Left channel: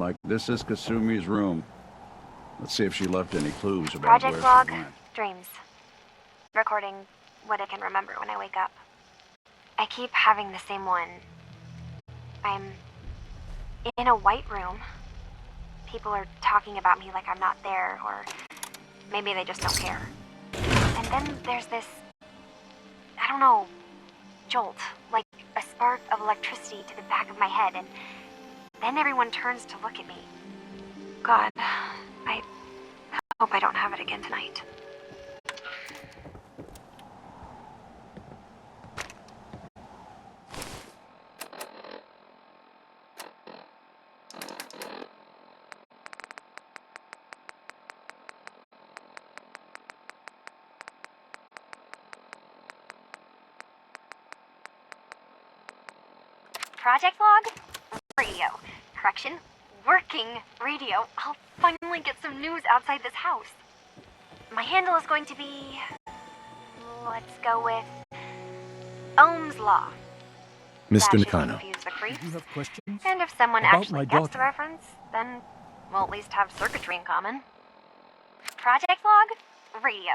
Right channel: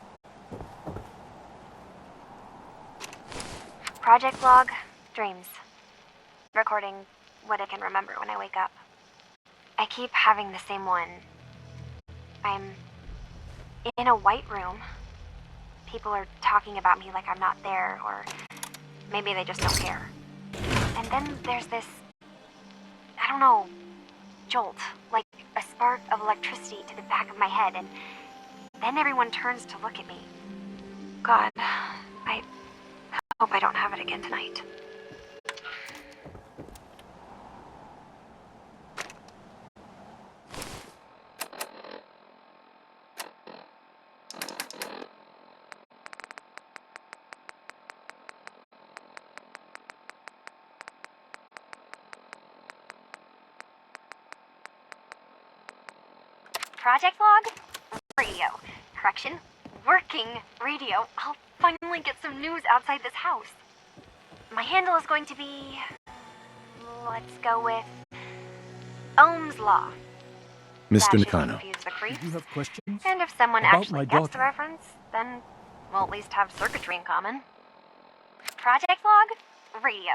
like this is Kasumi's room. Let's see if she left any clues about Project where log, she went. dreams. Recording what I can remember when I wake up. I keep having the same one. I'm in a white room. People are talking about me like I'm not there, or maybe they just don't care. And then there's this, I don't know, jolt, like a spark of electricity to the back of my head, and then everyone turns to look at me. God, I hope I don't have it again tonight. Project log? Radio. Correction. Working radio. I'll finally get some news outside this house. My handle is going to be... let's go with... Ohm's Law. Mr. That should Nakano. confuse the creeps. Do you have questions? And if someone About actually my gets the daughter? reference, then we'll at least have circuitry in common. Project log? Radio.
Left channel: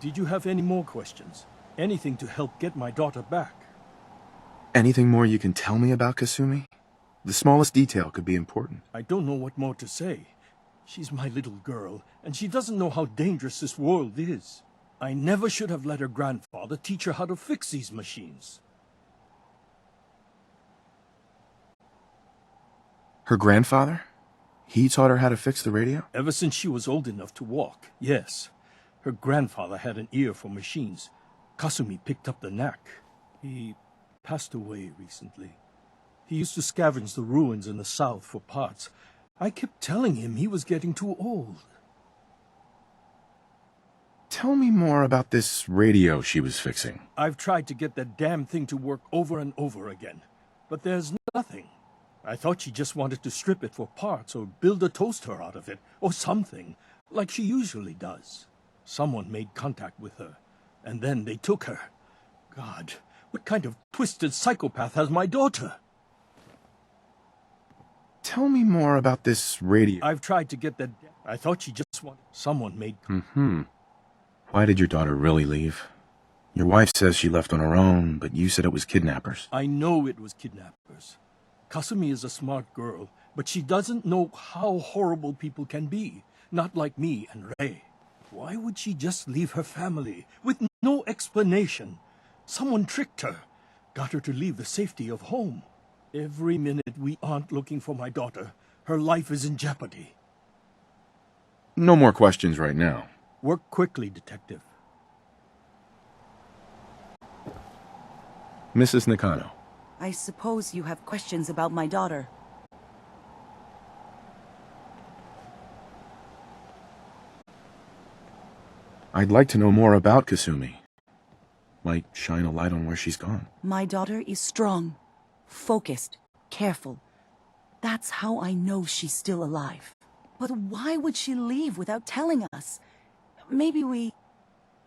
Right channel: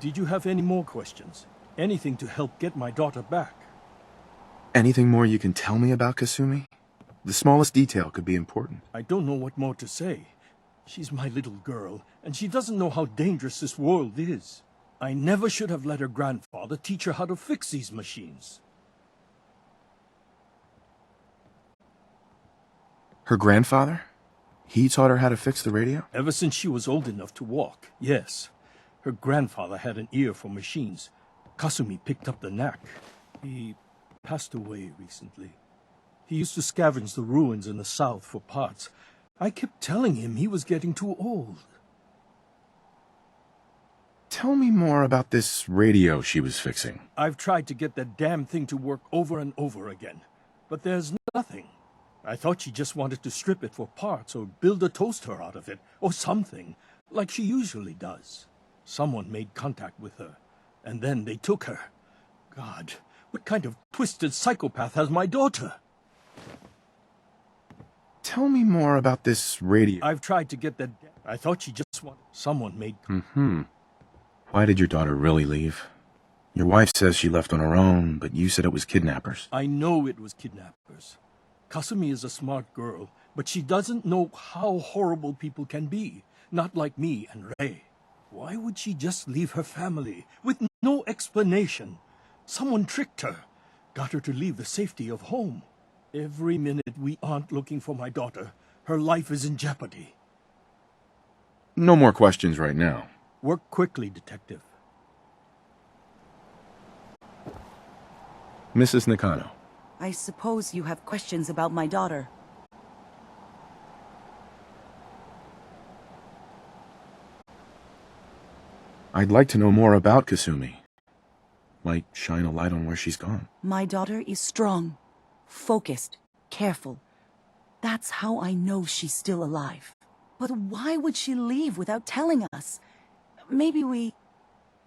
Did you have any more questions? Anything to help get my daughter back? Anything more you can tell me about Kasumi? The smallest detail could be important. I don't know what more to say. She's my little girl, and she doesn't know how dangerous this world is. I never should have let her grandfather teach her how to fix these machines. Her grandfather? He taught her how to fix the radio? Ever since she was old enough to walk, yes. Her grandfather had an ear for machines. Kasumi picked up the knack. He passed away recently. He used to scavenge the ruins in the south for parts. I kept telling him he was getting too old. Tell me more about this radio she was fixing. I've tried to get that damn thing to work over and over again, but there's nothing. I thought she just wanted to strip it for parts or build a toaster out of it, or something, like she usually does. Someone made contact with her, and then they took her. God, what kind of twisted psychopath has my daughter? Tell me more about this radio. I've tried to get that... I thought she just wanted... Someone made... Why did your daughter really leave? Your wife says she left on her own, but you said it was kidnappers. I know it was kidnappers. Kasumi is a smart girl, but she doesn't know how horrible people can be. Not like me and Ray. Why would she just leave her family with no explanation? Someone tricked her, got her to leave the safety of home. Every minute we aren't looking for my daughter, her life is in jeopardy. No more questions right now. Work quickly, Detective. Mrs. Nakano. I suppose you have questions about my daughter. I'd like to know more about Kasumi. Might shine a light on where she's gone. My daughter is strong, focused, careful. That's how I know she's still alive. But why would she leave without telling us? Maybe we...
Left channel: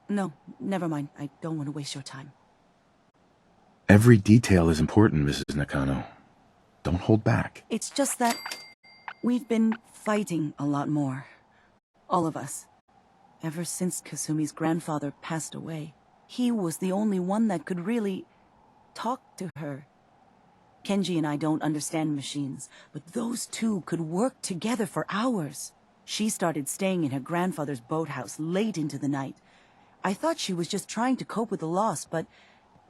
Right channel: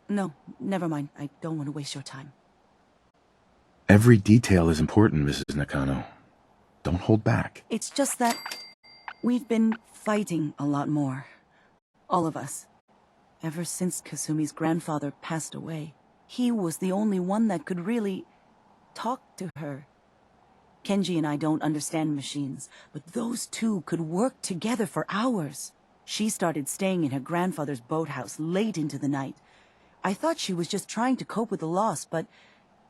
No, never mind. I don't want to waste your time. Every detail is important, Mrs. Nakano. Don't hold back. It's just that we've been fighting a lot more. All of us. Ever since Kasumi's grandfather passed away, he was the only one that could really talk to her. Kenji and I don't understand machines, but those two could work together for hours. She started staying in her grandfather's boathouse late into the night. I thought she was just trying to cope with the loss, but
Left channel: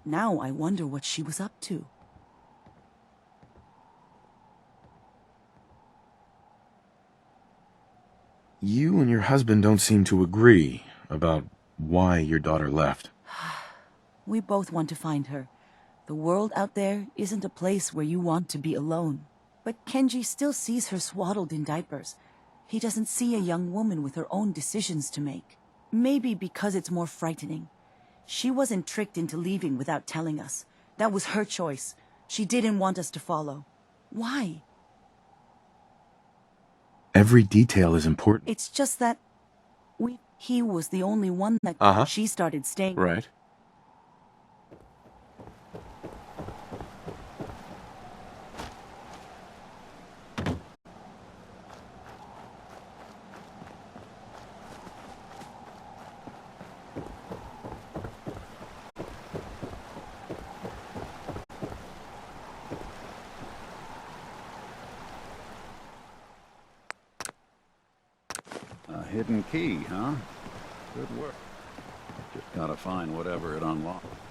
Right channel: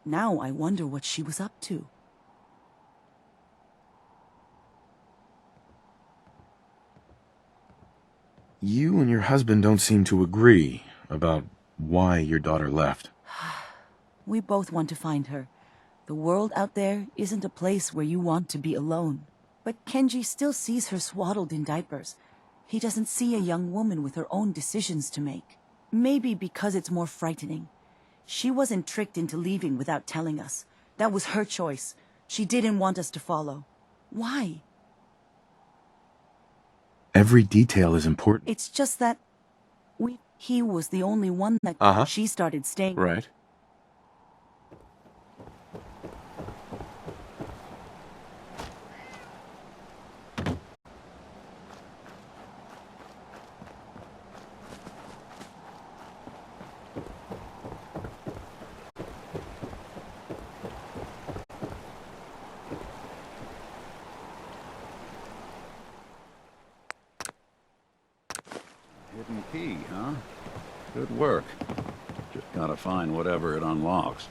now I wonder what she was up to. You and your husband don't seem to agree about why your daughter left. We both want to find her. The world out there isn't a place where you want to be alone. But Kenji still sees her swaddled in diapers. He doesn't see a young woman with her own decisions to make. Maybe because it's more frightening. She wasn't tricked into leaving without telling us. That was her choice. She didn't want us to follow. Why? Every detail is important. It's just that He was the only one that Uh-huh. she started staying. Right. A hidden key, huh? Good work. Just gotta find whatever it unlocks.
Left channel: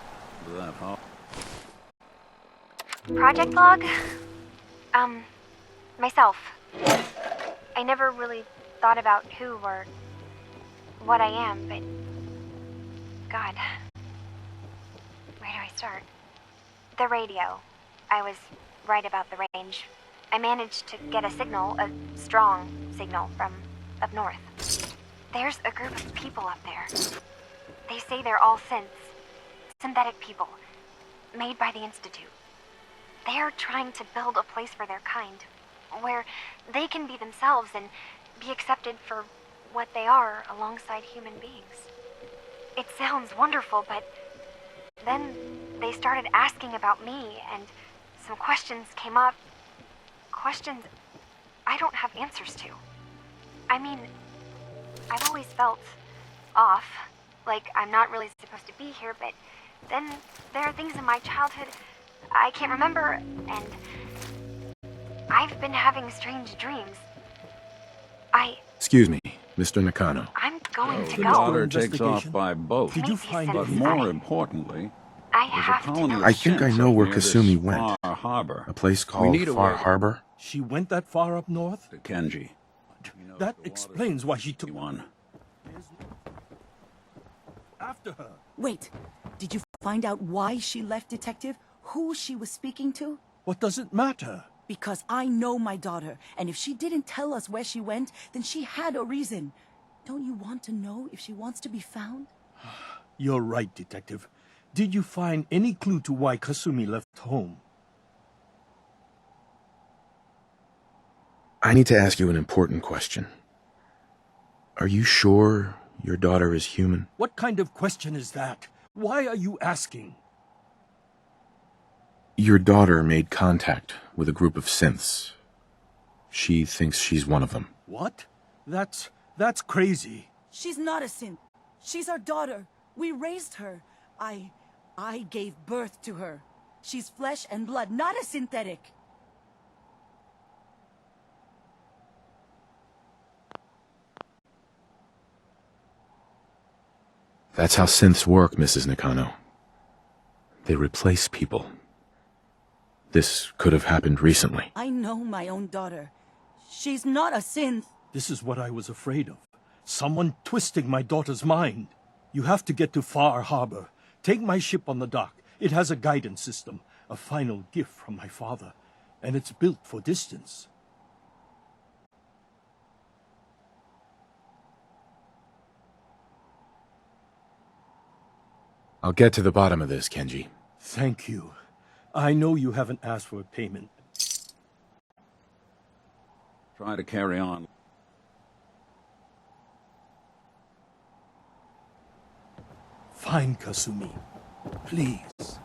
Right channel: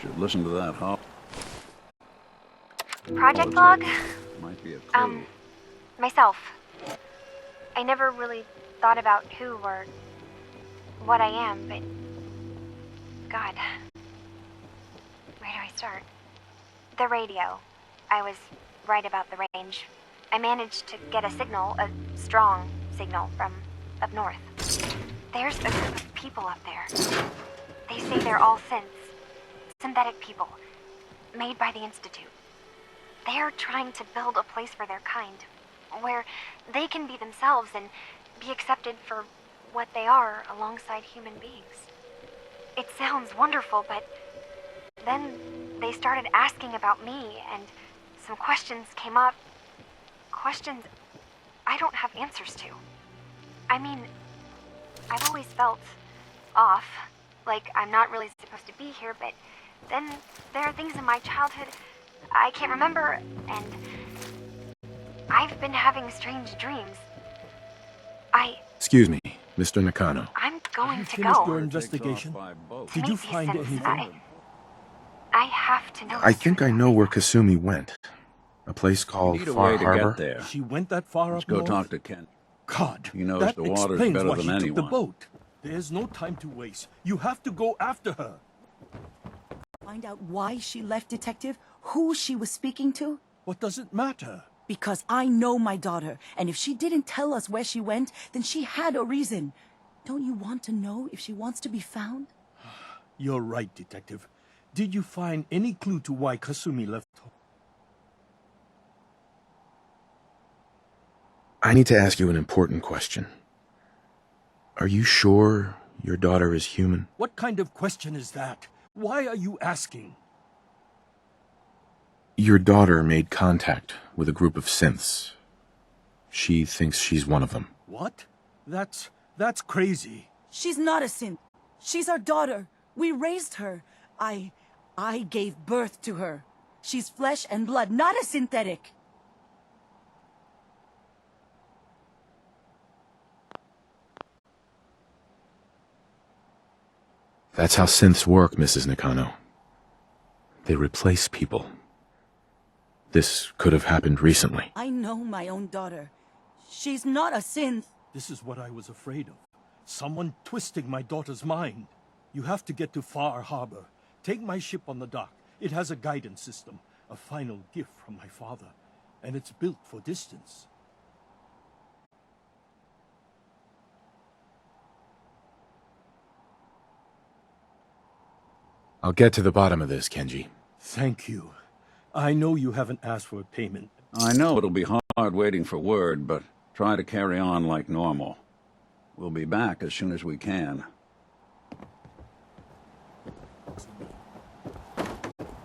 Should listen to that hop. Project log? Might be a clue. Myself. I never really thought about who or what I am, but God. Where do I start? The radio. I was right about the range. I managed to get a signal, a strong signal from up north. There's a group of people up there. They say they're all synths. Synthetic people. Made by the Institute. They're trying to build a place for their kind, where they can be themselves and be accepted for what they are alongside human beings. It sounds wonderful, but then they started asking about me, and some questions came up. Questions I don't have answers to. I mean, I've always felt off, like I'm not really supposed to be here, but then there are things in my childhood I can't remember, and I've been having strange dreams. Excuse me, Mr. Nakano. I'm going to Finished go. your Water takes off investigation? by boat. Did you Maybe find since any More more? importantly, I there's a have to colony know. of I think I ships know where near this Kasumi went. Far Harbor. A place We called need a Far way to Harbor? get there. She went that far Let's up go north? talk to Kenji. God, He knows that the waters explains better why than she took the anyone. boat. There's no time to waste. You have to go after her. Wait, did you find out why she left, Detective? Who she was speaking to? What does it matter? Because I know my daughter, and if she didn't tell us where she went, then she had a reason. Don't you want to know if she wants to be found? You're right, Detective. Did you find any clue to why Kasumi left home? I need to ask you an important question. Are you sure your daughter is human? What kind of question is that? Why are you asking? Your daughter made contact with a group of synths. She thinks she's one of them. What? That's crazy. She's not a synth. She's our daughter. We raised her. I gave birth to her. She's flesh and blood, not a synthetic. That's how synths work, Mrs. Nakano. They replace people. This could have happened recently. I know my own daughter. She's not a synth. This is what I was afraid of. Someone twisting my daughter's mind. You have to get to Far Harbor. Take my ship on the dock. It has a guidance system, a final gift from my father, and it's built for distance. I'll get to the bottom of this, Kenji. Thank you. I know you haven't asked for a payment. I know it'll be hard waiting for word, but try to carry on like normal. We'll be back as soon as we can. Fine, Kasumi. Please.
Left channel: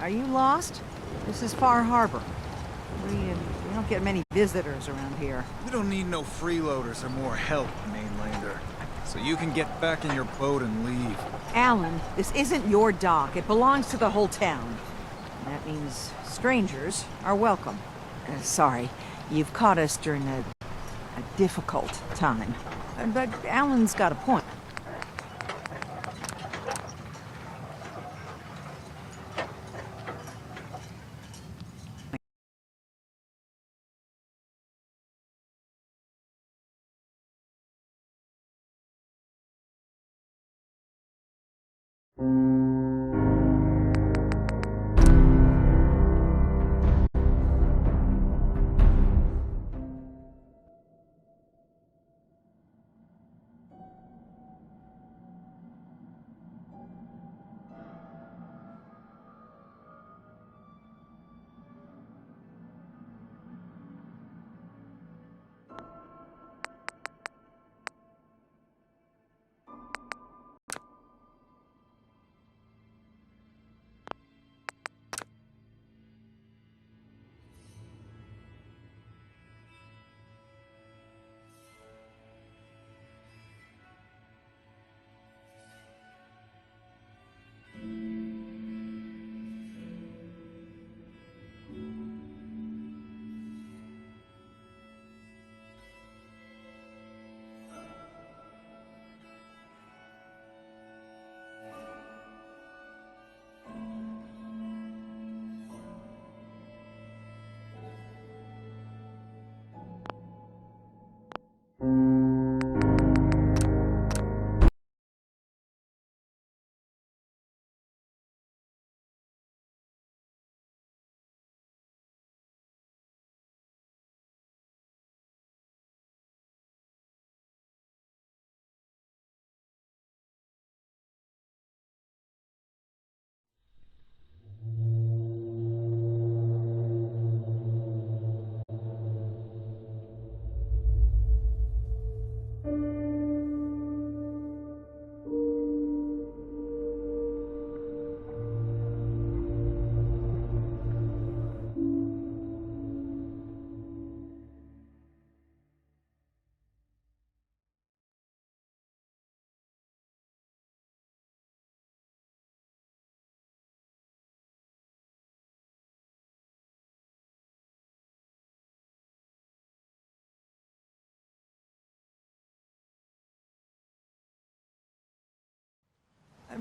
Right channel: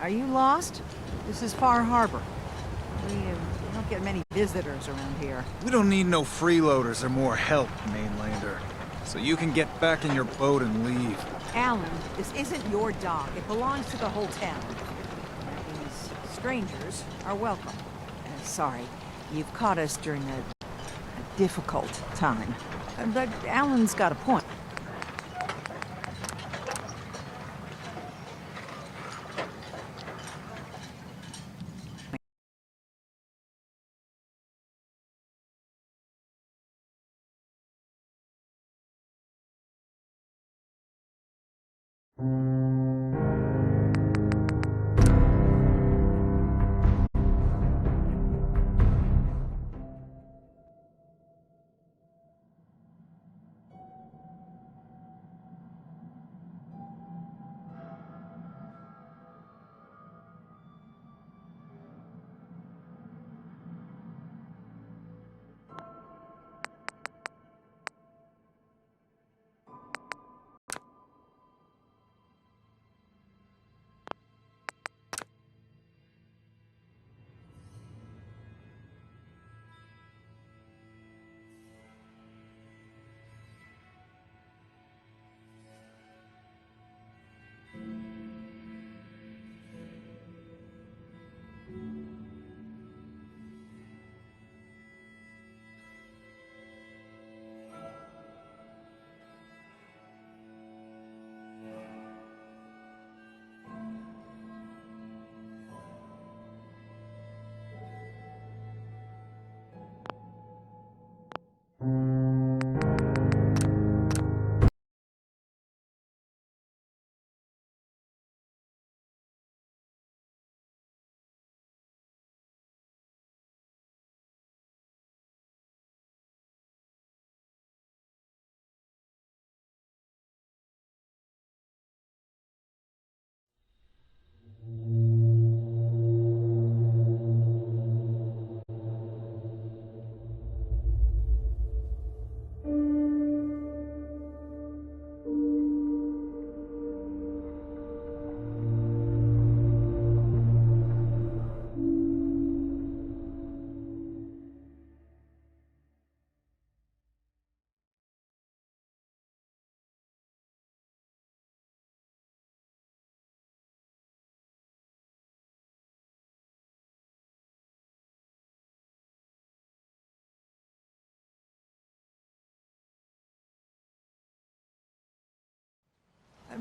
Are you lost? This is Far Harbor. We don't get many visitors around here. We don't need no freeloaders or more help, mainlander. So you can get back in your boat and leave. Alan, this isn't your dock. It belongs to the whole town. That means strangers are welcome. Sorry, you've caught us during a difficult time. But Alan's got a point.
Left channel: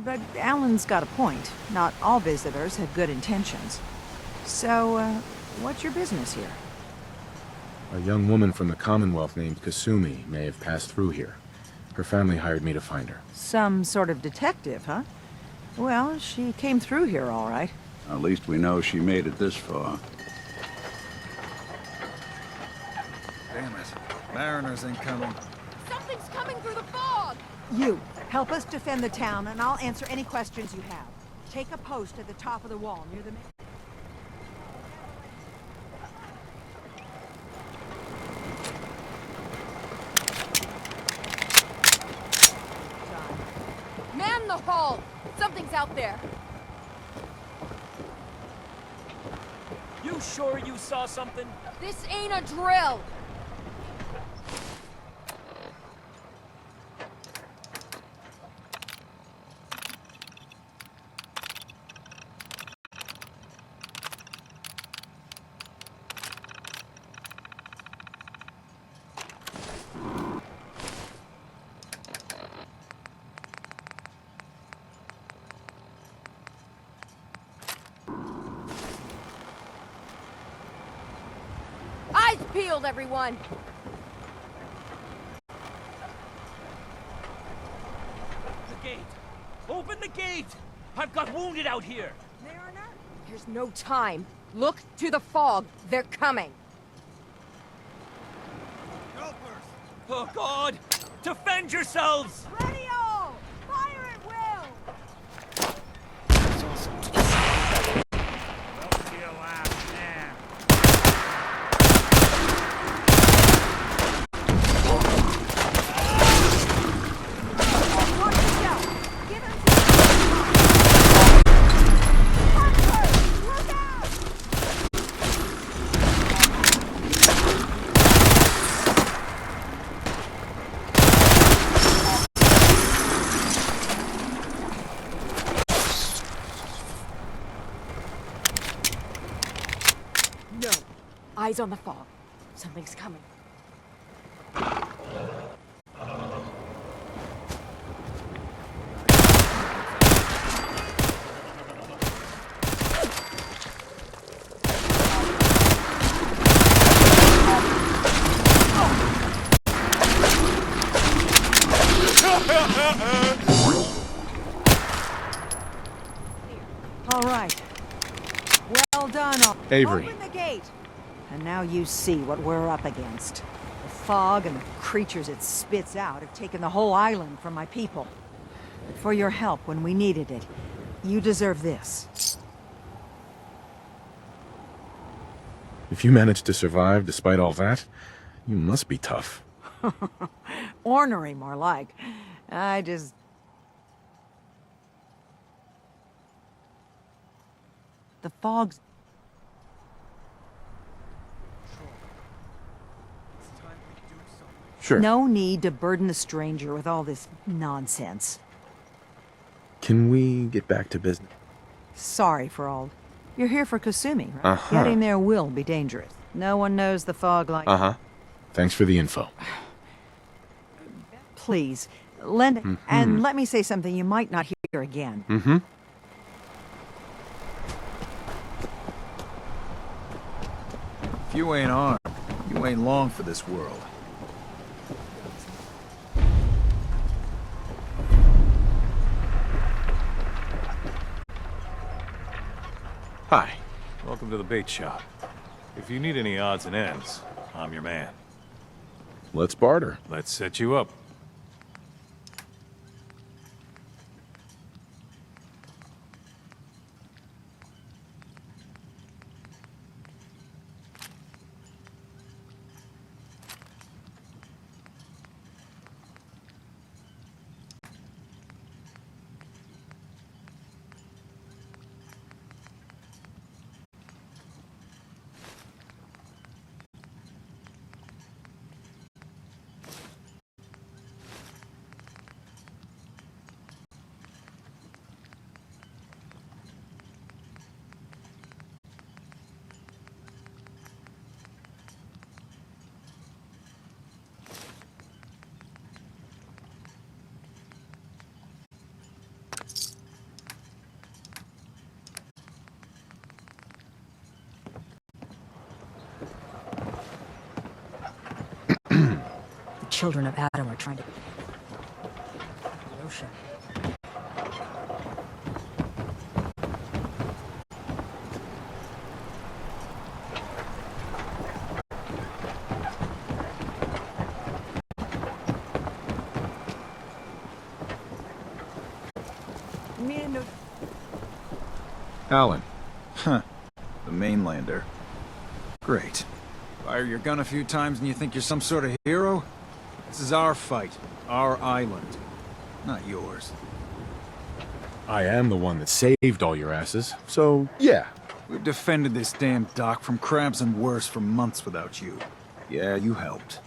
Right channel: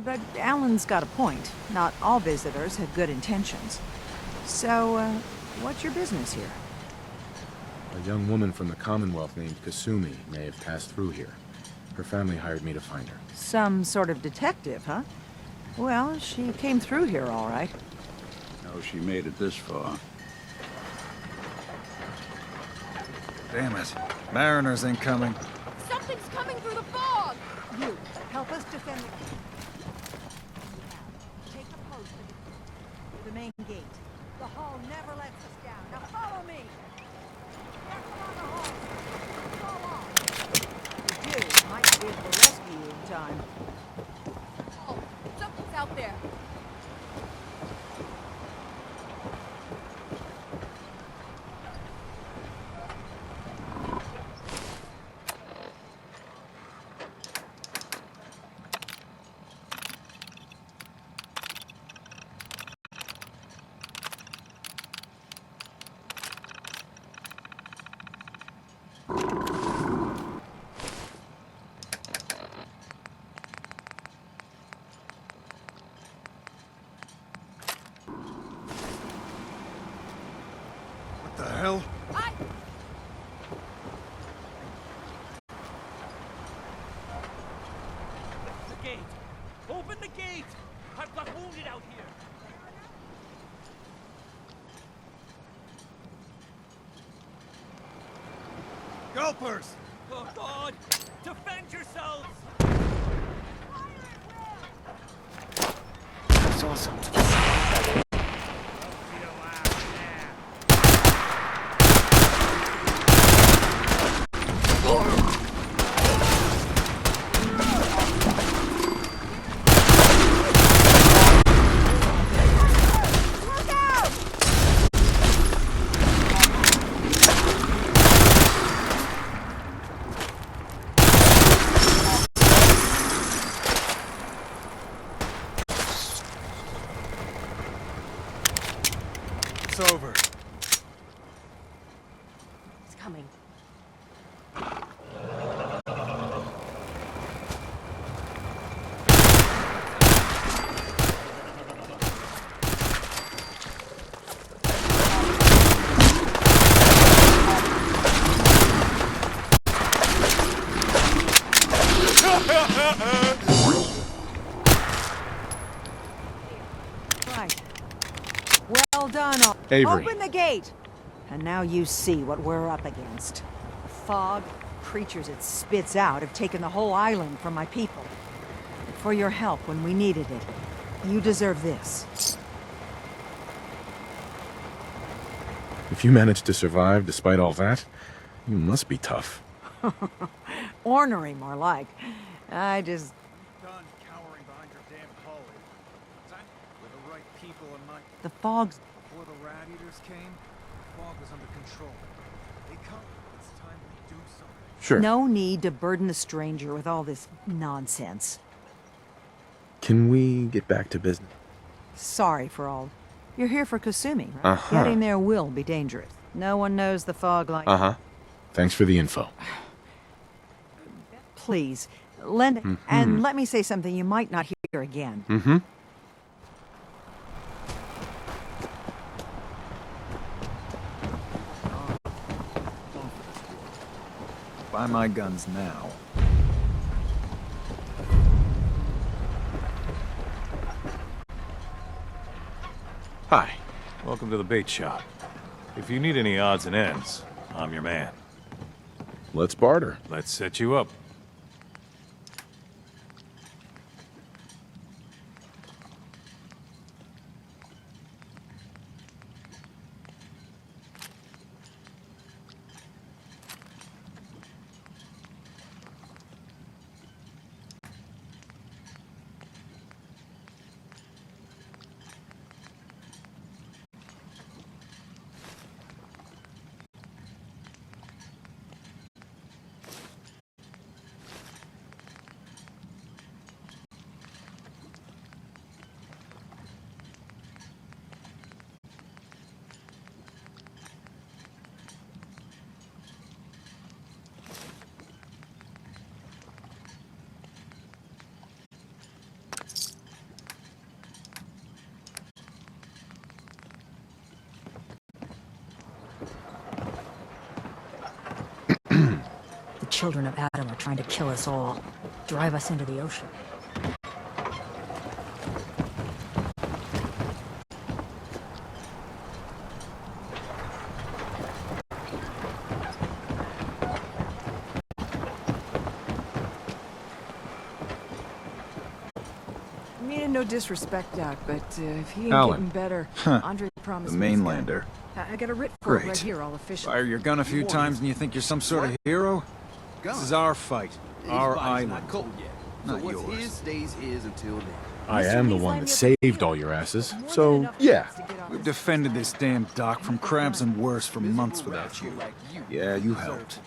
But Alan's got a point. Not all visitors have good intentions. So, what's your business here? A young woman from the Commonwealth named Kasumi may have passed through here. Her family hired me to find her. Some sort of detective, huh? Well, she came through here all right. At least we know she made it this far. Damn it. Mariners incoming. Something's coming through the fog! You, help us defend the town, and I'll answer any questions you have. Take a post at the top of the wall, near the main gate. The hall never lets us down. Now follow me! Done. Man the hall! Something's out there! You sure you saw something? This ain't a drill! Eyes peeled, everyone! The gate! Open the gate! I've got wounded out here! Mariner, there's no time. Look to the fog. They're coming. Gulpers! Oh, God! Defend yourselves! Ready on! Fire at will! That's awesome. Up to your last man. Eyes on the fog. Something's coming. All right. Well done, all. Avery. Open the gate! And now you see what we're up against. The fog and the creatures it spits out have taken the whole island from my people. But for your help when we needed it, you deserve this. If you managed to survive despite all that, you must be tough. Ornery, more like. I just... Done cowering behind your damn hull. With the right people in mind. The fog's... Before the rat eaters came, the fog was under control. They come. It's time we do something. Sure. No need to burden the stranger with all this nonsense. Can we get back to business? Sorry for all. You're here for Kasumi, right? Uh-huh. Getting there will be dangerous. No one knows the fog like... Uh-huh. Thanks for the info. Please, lend... And let me say something you might not hear again. Mm-hmm. If you ain't armed, you ain't long for this world. Buy my guns now. Hi. Welcome to the bait shop. If you need any odds and ends, I'm your man. Let's barter. Let's set you up. The children of Adam are trying to kill us all, drive us into the ocean. Meaning no disrespect, Doc, but if he ain't Alan. getting better, Huh. Andre promised The me- mainlander. I got a writ for it Great. right here, all official. Fire your gun a few times and you think you're some sort of hero? This is our fight. Our island. Not yours. I am the one that saved all your asses, so yeah. We've defended this damn dock from crabs and worse for months without you. Yeah, you helped.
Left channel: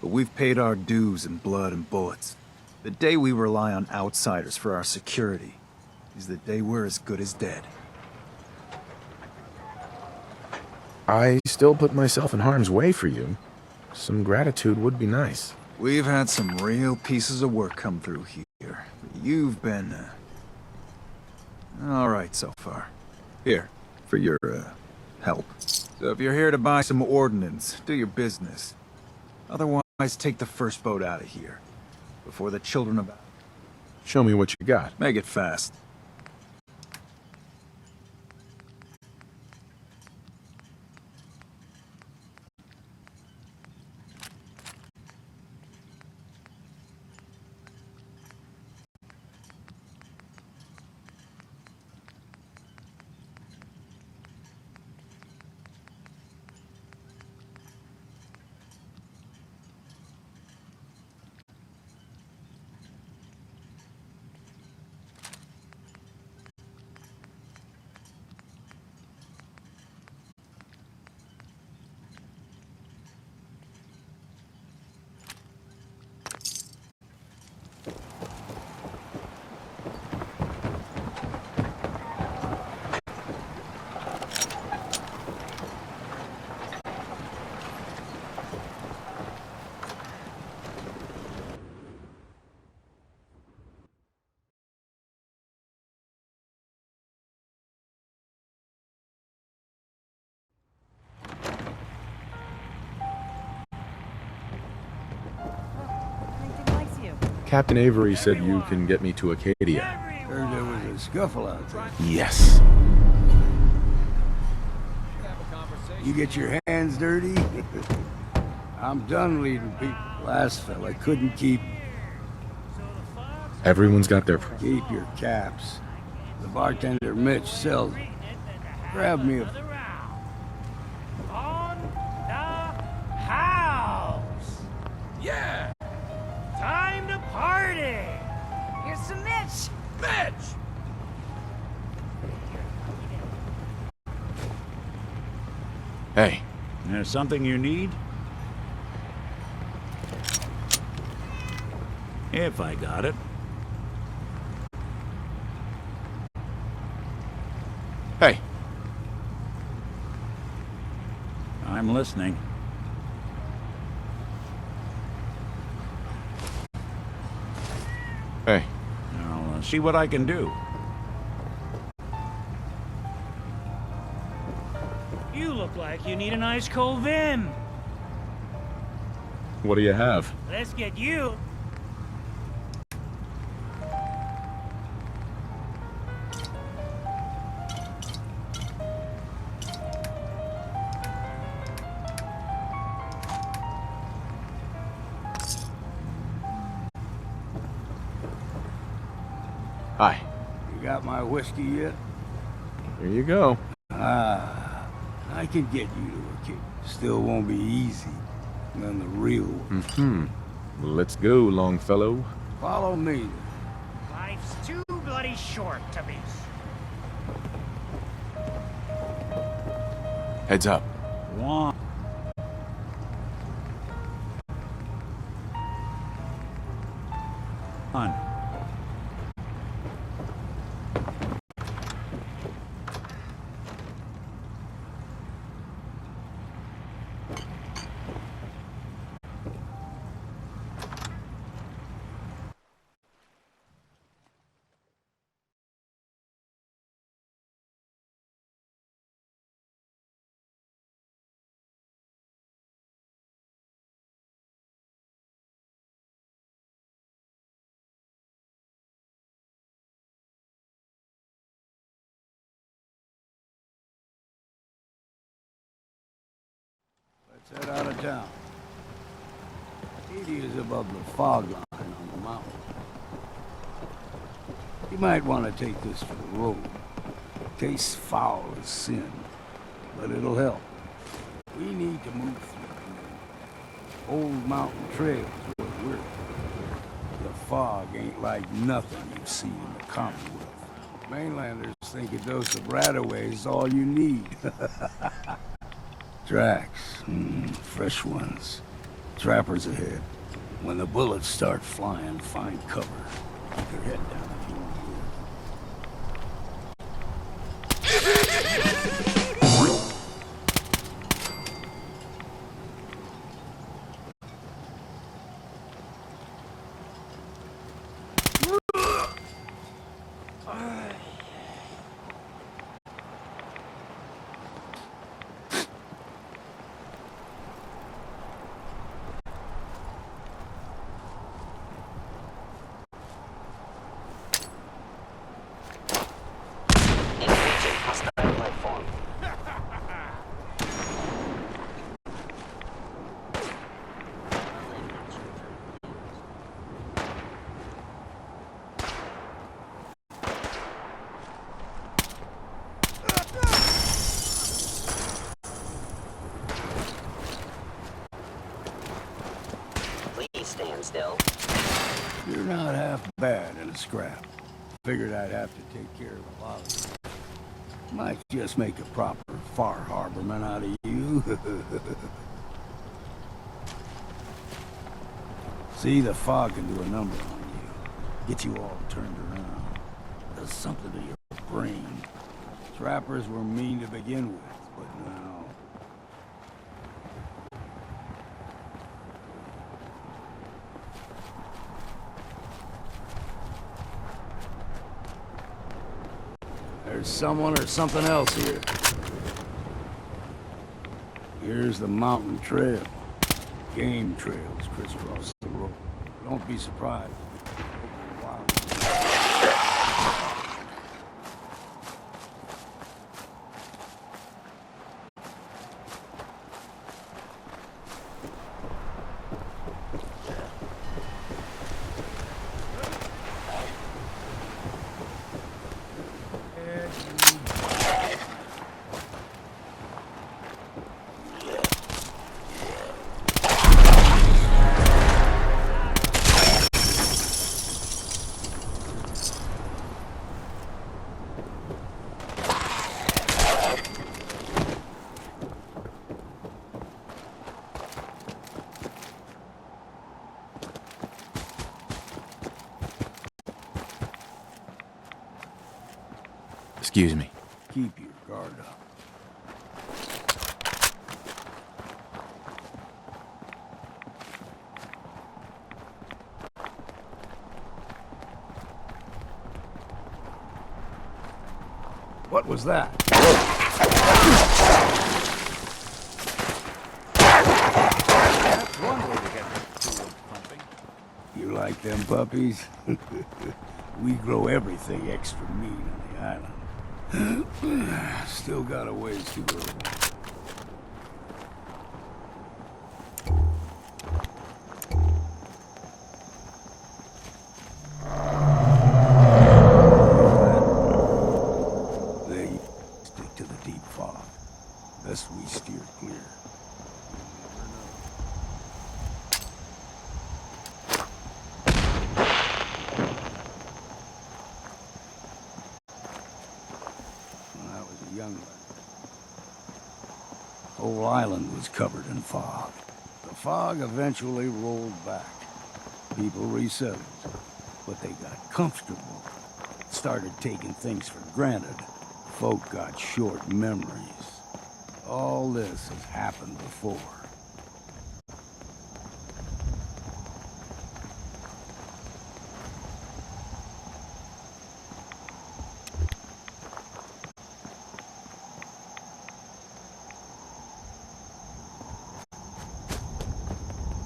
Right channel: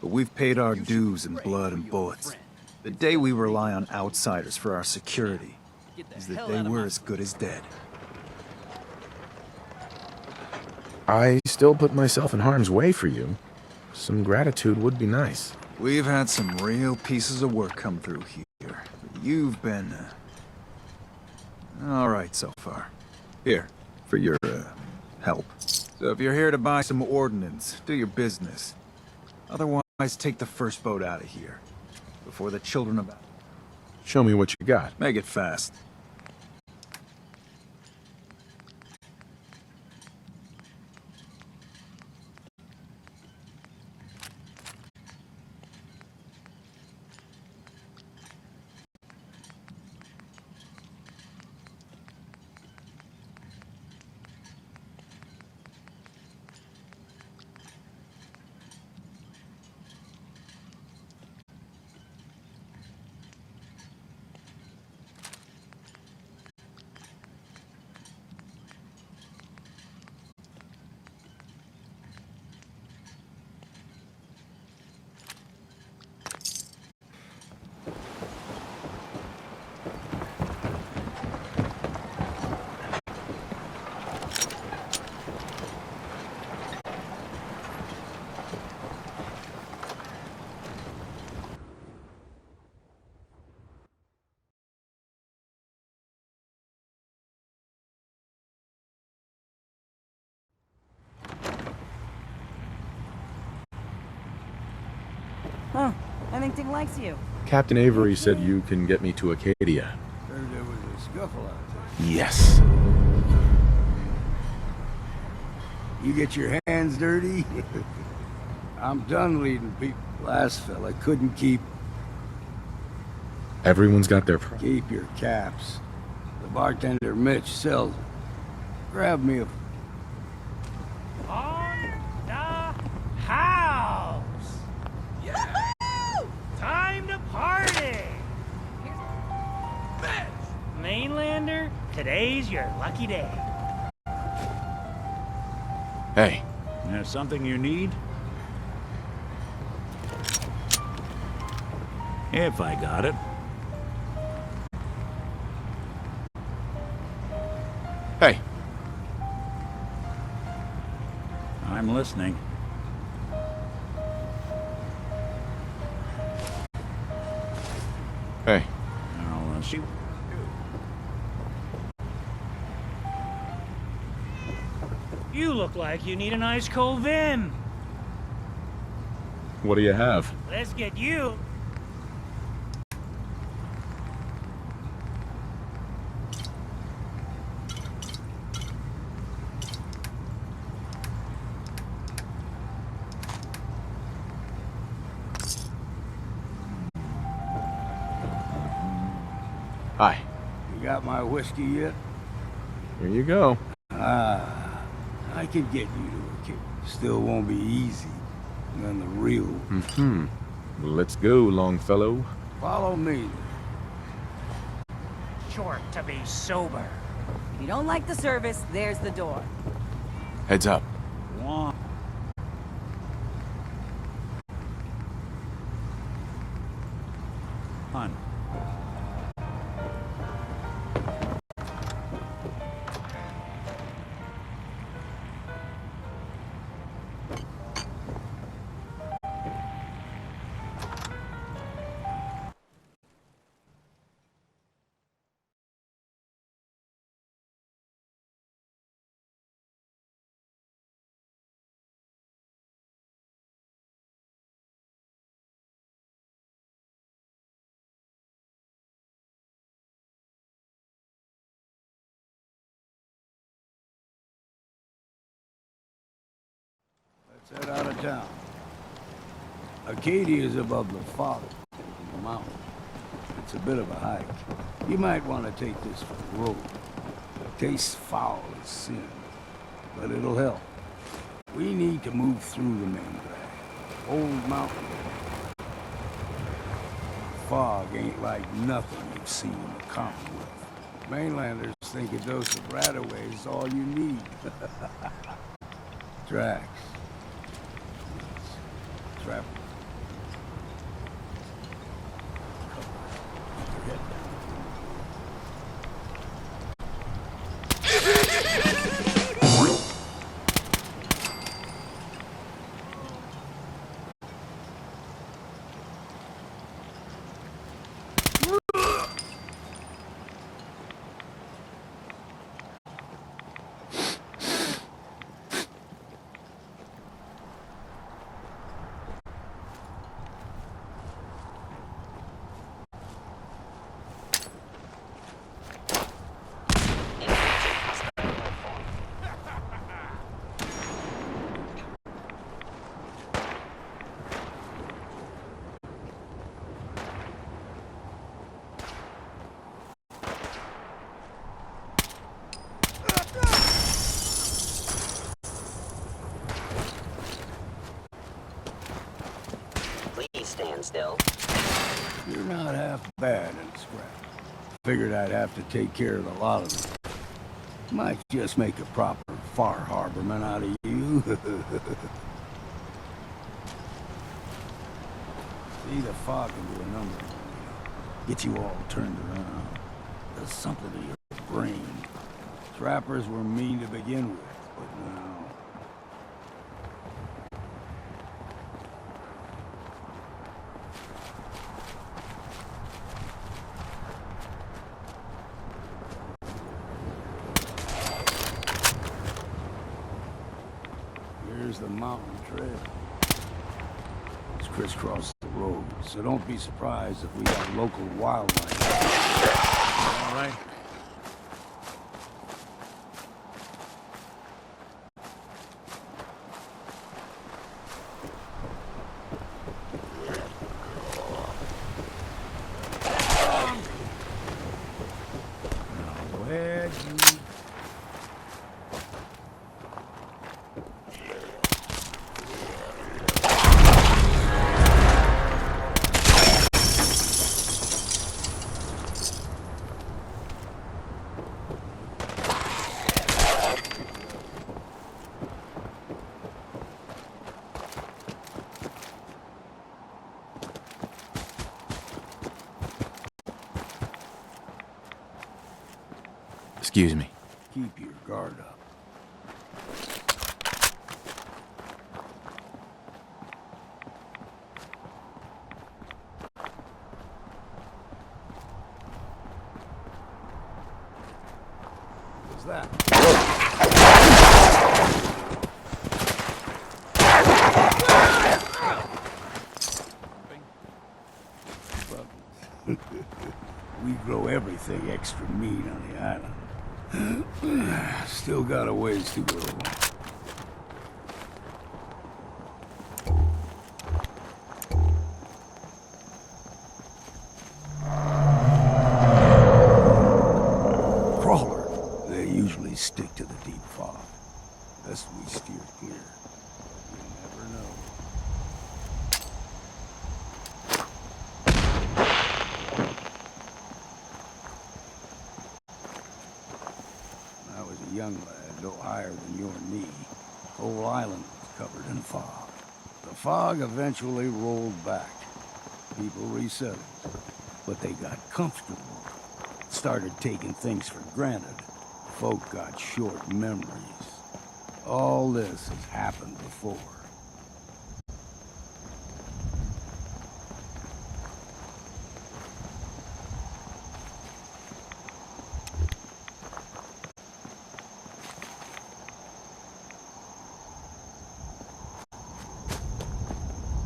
But we've paid our dues in blood and bullets. The day we rely on outsiders for our security is the day we're as good as dead. I still put myself in harm's way for you. Some gratitude would be nice. We've had some real pieces of work come through here. You've been, all right so far. Here, for your, help. So if you're here to buy some ordnance, do your business. Otherwise, take the first boat out of here. Before the children of... Show me what you got. Make it fast. Remington likes you. Captain Avery said you can get me to Acadia. Heard there was a scuffle out there. Yes. You get your hands dirty? I'm done leading people. Last fella couldn't keep... Everyone's got their... Keep your caps. The bartender Mitch sells them. Grab me a... On the house! Yeah! Time to party! Here's some Mitch. Mitch! Mainlander, today's your lucky day. Hey. There's something you need? If I got it. Hey. I'm listening. Hey. I'll see what I can do. You look like you need an ice cold Vim. What do you have? Let's get you. Hi. You got my whiskey yet? Here you go. Ah, I can get you to a kick. Still won't be easy. Than the real one. Mm-hmm. Let's go, Longfellow. Follow me. Life's too bloody short to be sober. If you don't like the service, there's the door. Heads up. One. On. Let's head out of town. Acadia is above the fog line on the mountain. It's a bit of a hike. You might want to take this for the road. Tastes foul as sin, but it'll help. We need to move through the main drag. Old mountain trail. The fog ain't like nothing you've seen in the Commonwealth. Mainlanders think a dose of Radaway is all you need. Tracks. Fresh ones. Trappers ahead. When the bullets start flying, find cover. Keep your head down if you want to live. Stand still. You're not half bad in a scrap. Figured I'd have to take care of a lot of them. Might just make a proper Far Harborman out of you. See, the fog can do a number on you. Get you all turned around. Does something to your brain. Trappers were mean to begin with, but now... Someone or something else here. Here's the mountain trail. Game trails crisscross the roads. so don't be surprised if we got local wildlife. Excuse me. Keep your guard up. What was that? You like them puppies? We grow everything extra meat on the island. Still got a ways to go. Crawler. They usually stick to the deep fog. Best we steer clear. You never know. Young lad, no higher than your knee. Whole island was covered in fog. The fog eventually rolled back. People resettled, but they got comfortable. Started taking things for granted. Folk got short memories. All this has happened before.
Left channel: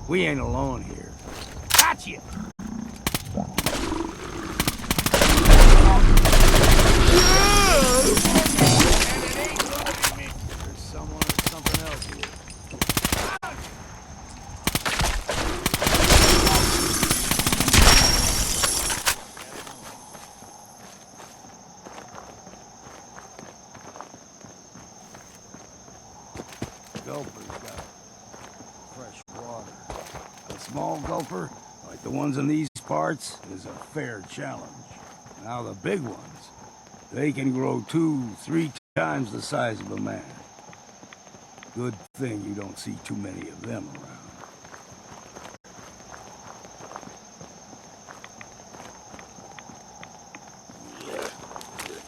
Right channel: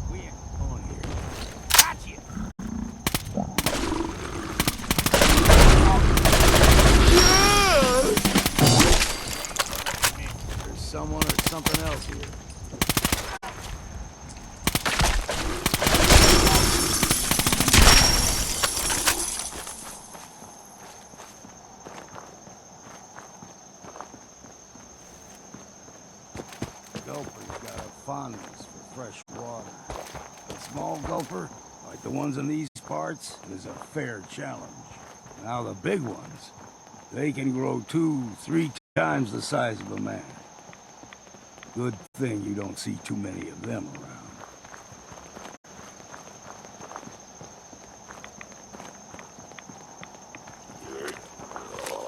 We ain't alone here. Gotcha! There's someone or something else here. Gulper's got a fondness for fresh water. A small gulper, like the ones in these parts, is a fair challenge. Now the big ones, they can grow 2-3 times the size of a man. Good thing you don't see too many of them around.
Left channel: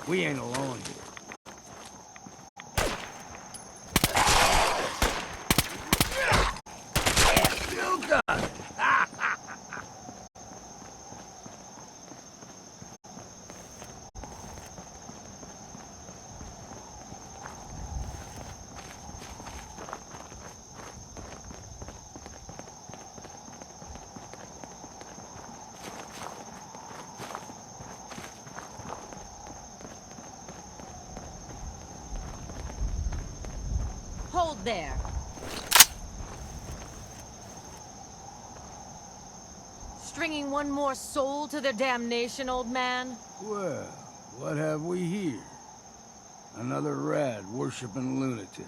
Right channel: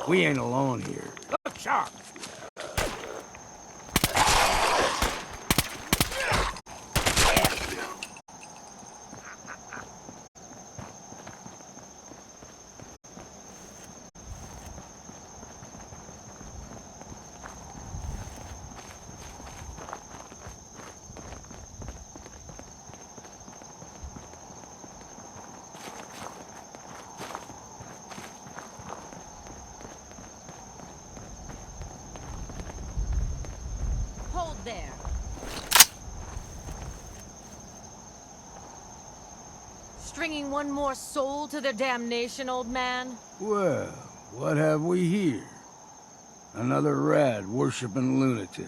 We ain't alone here. Look sharp! Still done! Hold there. Stringing one more soul to their damnation, old man? Well, what have we here? Another rad worshipping lunatic.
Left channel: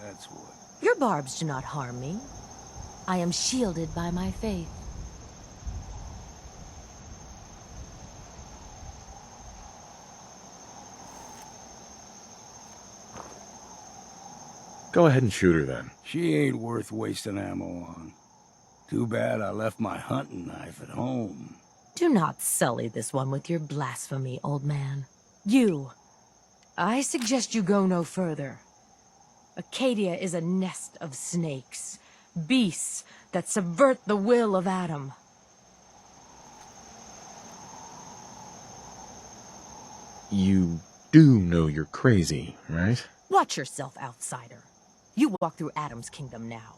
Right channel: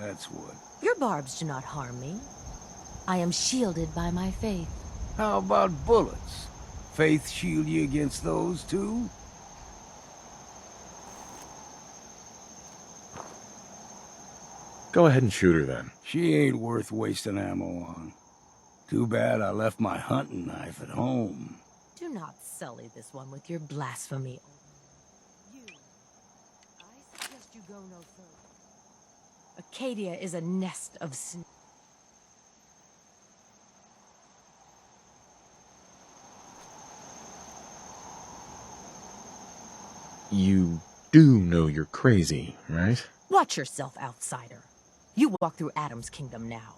That's what. Your barbs do not harm me. I am shielded by my faith. How about bullets? Faith shield you against those too? Go ahead and shoot her then. She ain't worth wasting ammo on. Too bad I left my hunting knife at home. Do not sully this one with your blasphemy, old man. I suggest you go no further. Acadia is a nest of snakes, beasts that subvert the will of Adam. You do know you're crazy, right? Watch yourself, outsider. You walk through Adam's kingdom now.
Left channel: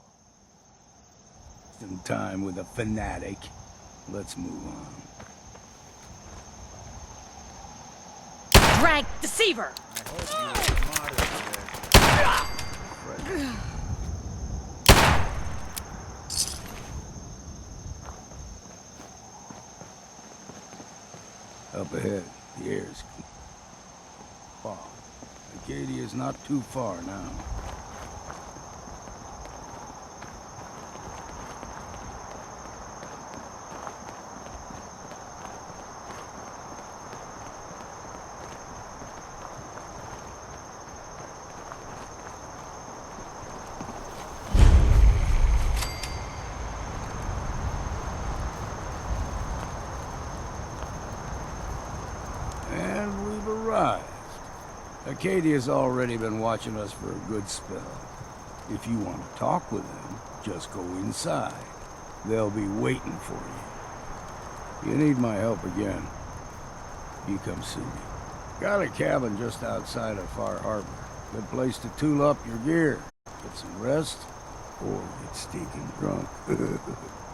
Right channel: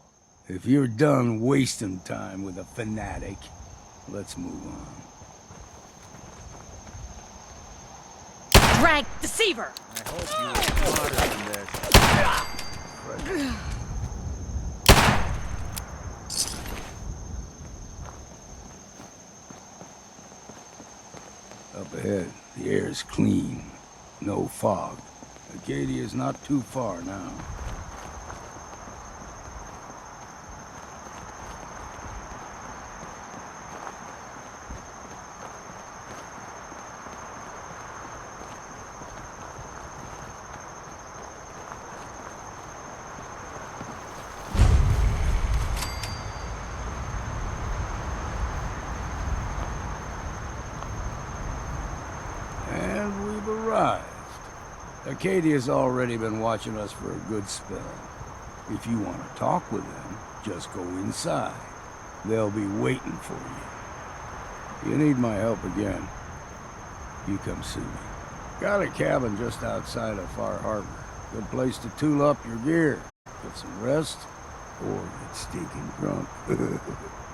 If you're done wasting time with a fanatic, let's move on. Drag deceiver! I hope you were smarter than this. Up ahead, the air's clean. No fog. Acadia's not too far now. And we've arrived. Acadia's already been watching us for a good spell. If you want to talk with them, just go inside. They'll be waiting for you. You need my help again, you come see me. Got a cabin just outside of Far Harbor. Good place to tool up your gear, get some rest, or get stinking drunk.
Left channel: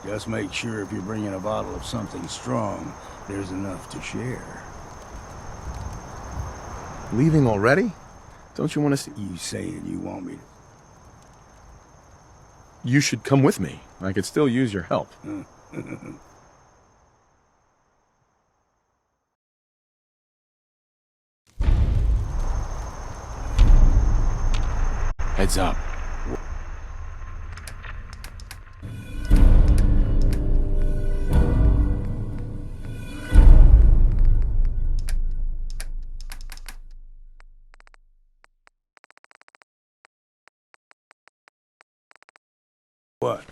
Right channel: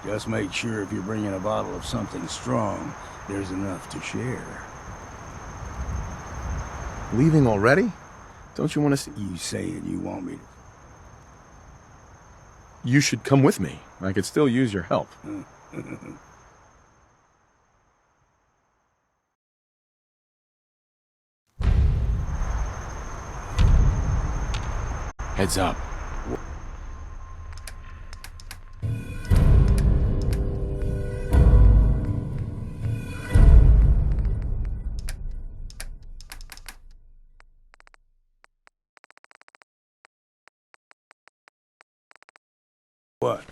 Just make sure if you're bringing a bottle of something strong, there's enough to share. Leaving already? Don't you want to see... You saying you want me to... You should come with me. I could still use your help. Heads up. What?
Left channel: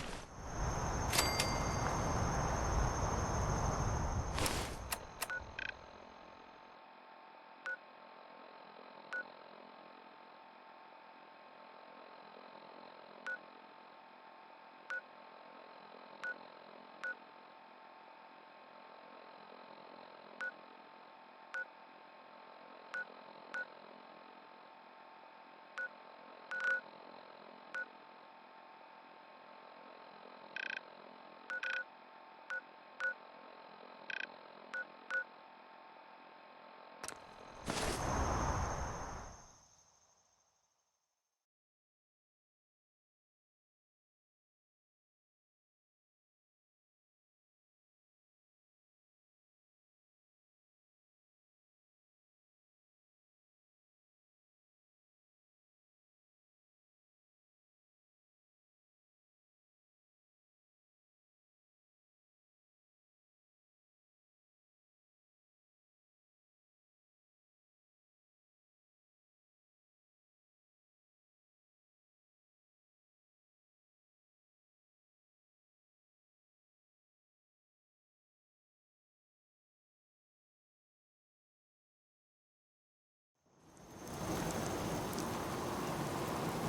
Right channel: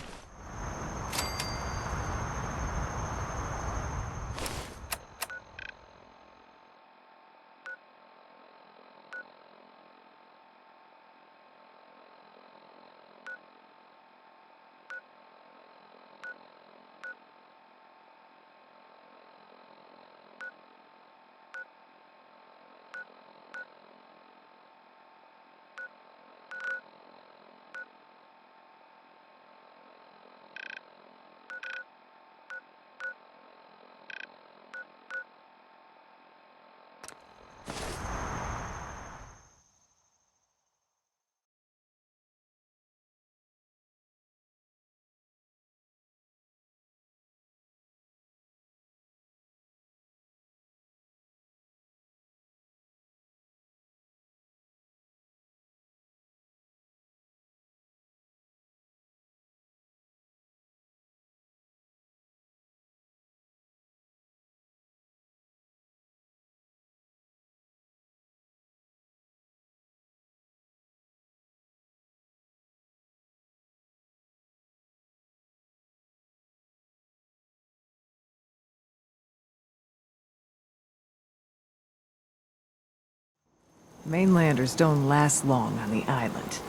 Mainlanders don't last long on the island.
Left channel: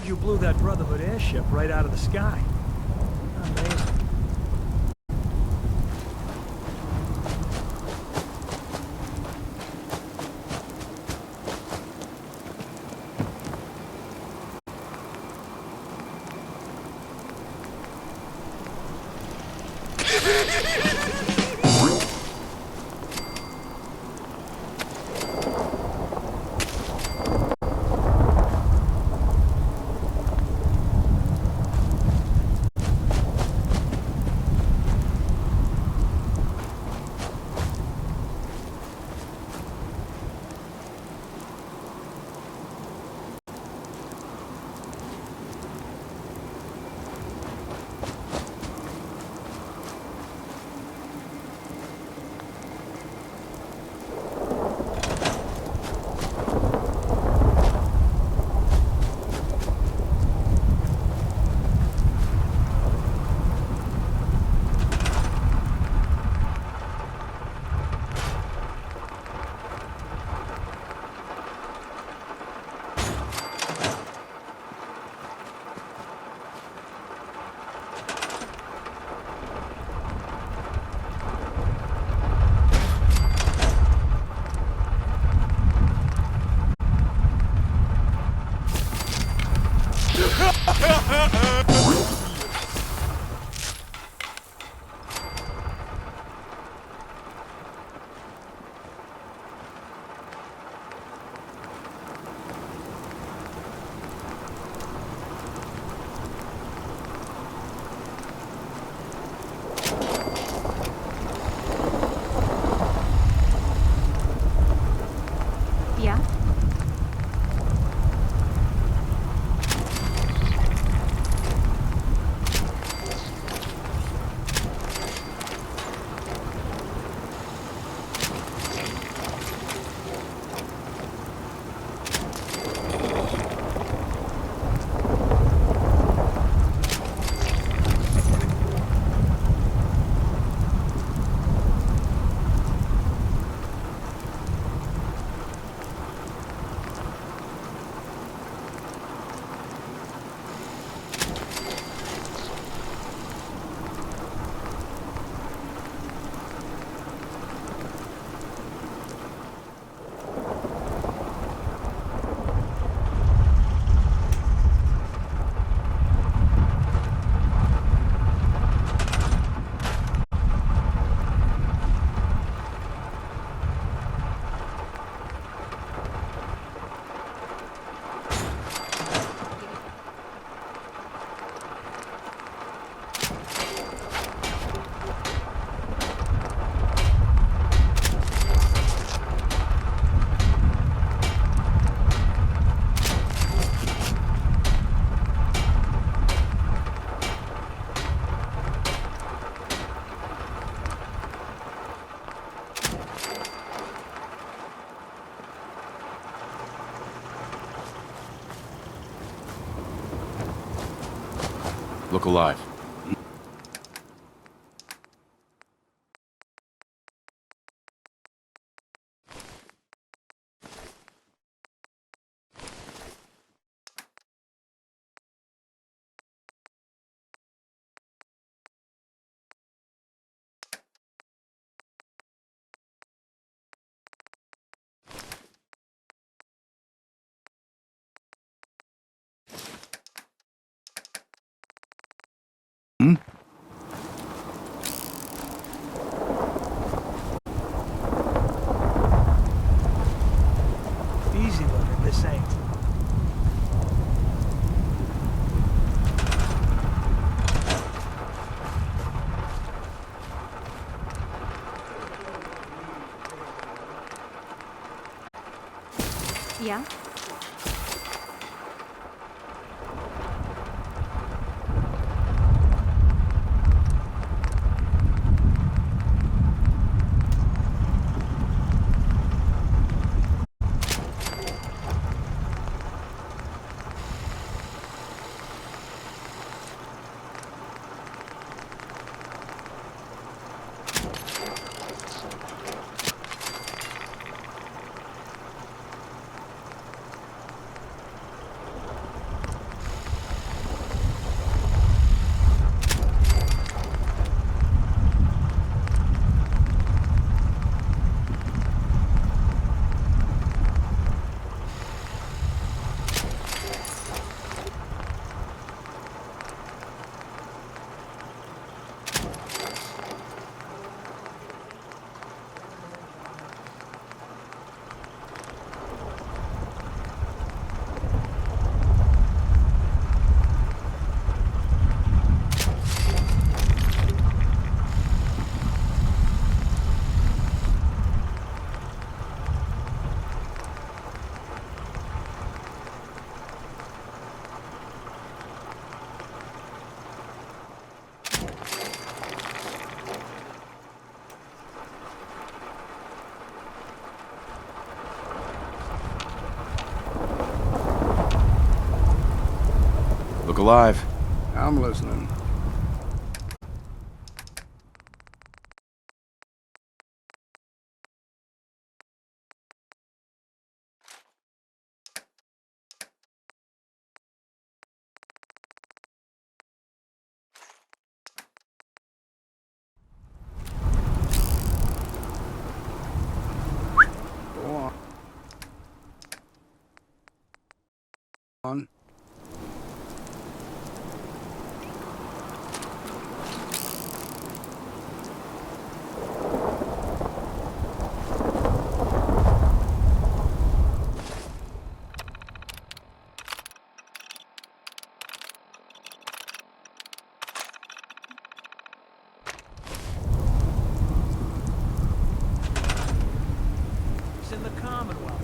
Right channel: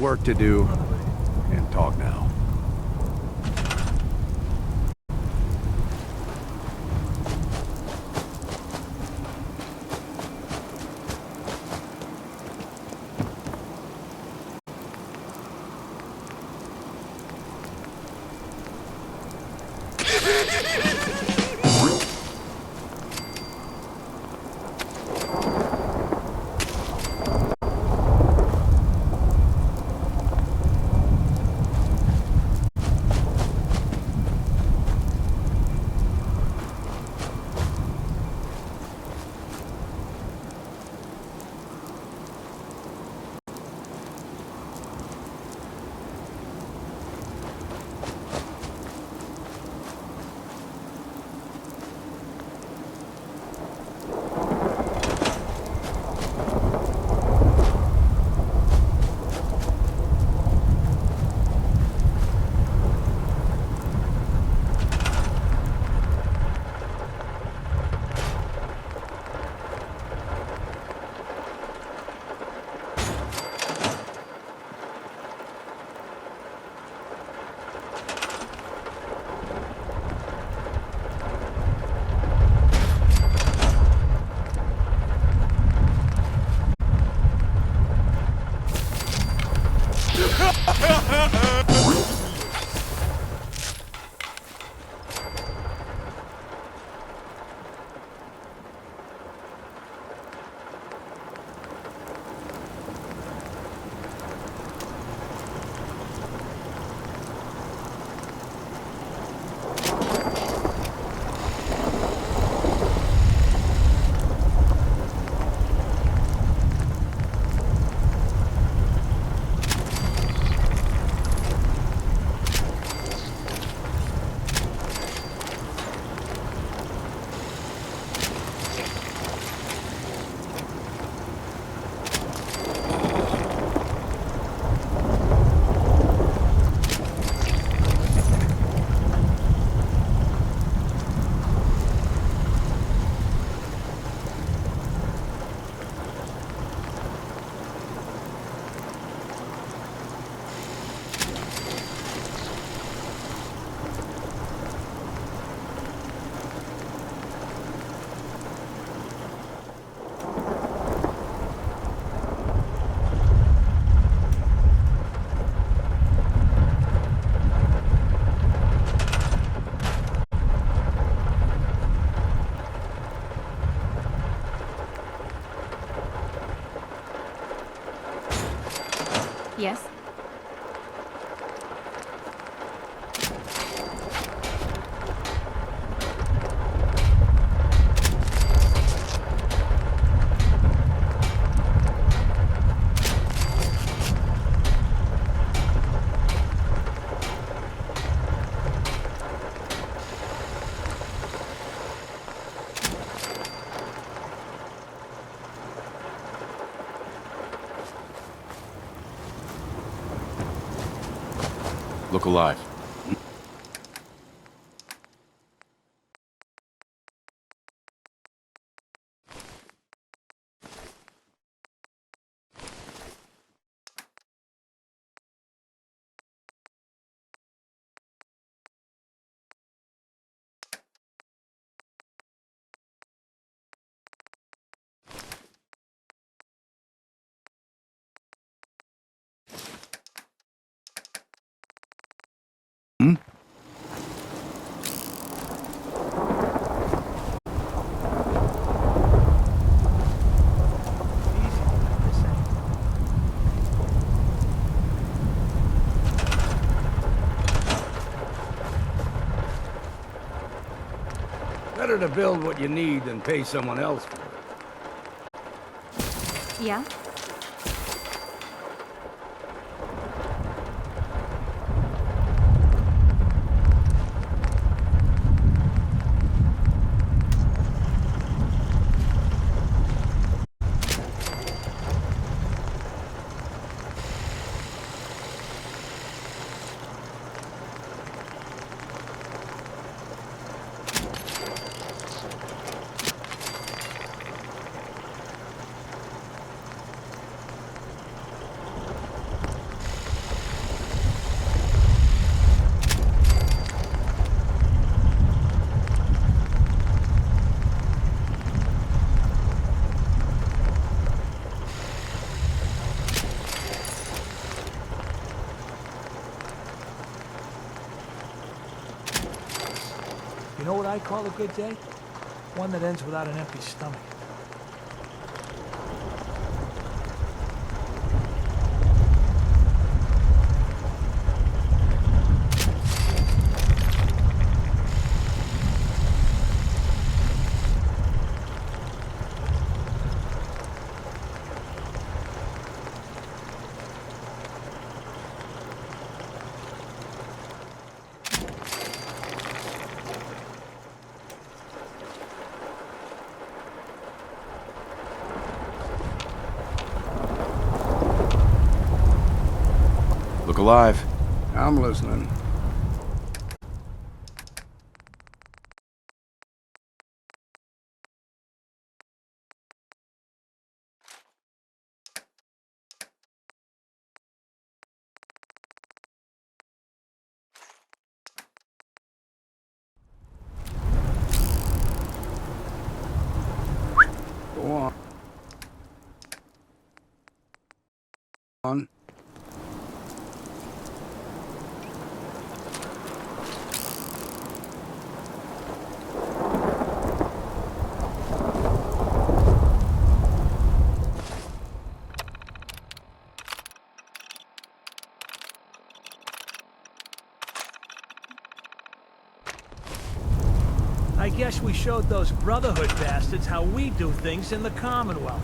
work to do. Brotherhood airship right out of the Talk now. sky. Yeah? Yes? Look alive. Easy looking, this ain't. Better to build what you need than pay someone else for it. Yeah? know what I call a good day? One that ends without an empty stomach. Look alive. I'm listening. Go on. On. I guess we showed those Brotherhood bastards how we do things in the Commonwealth.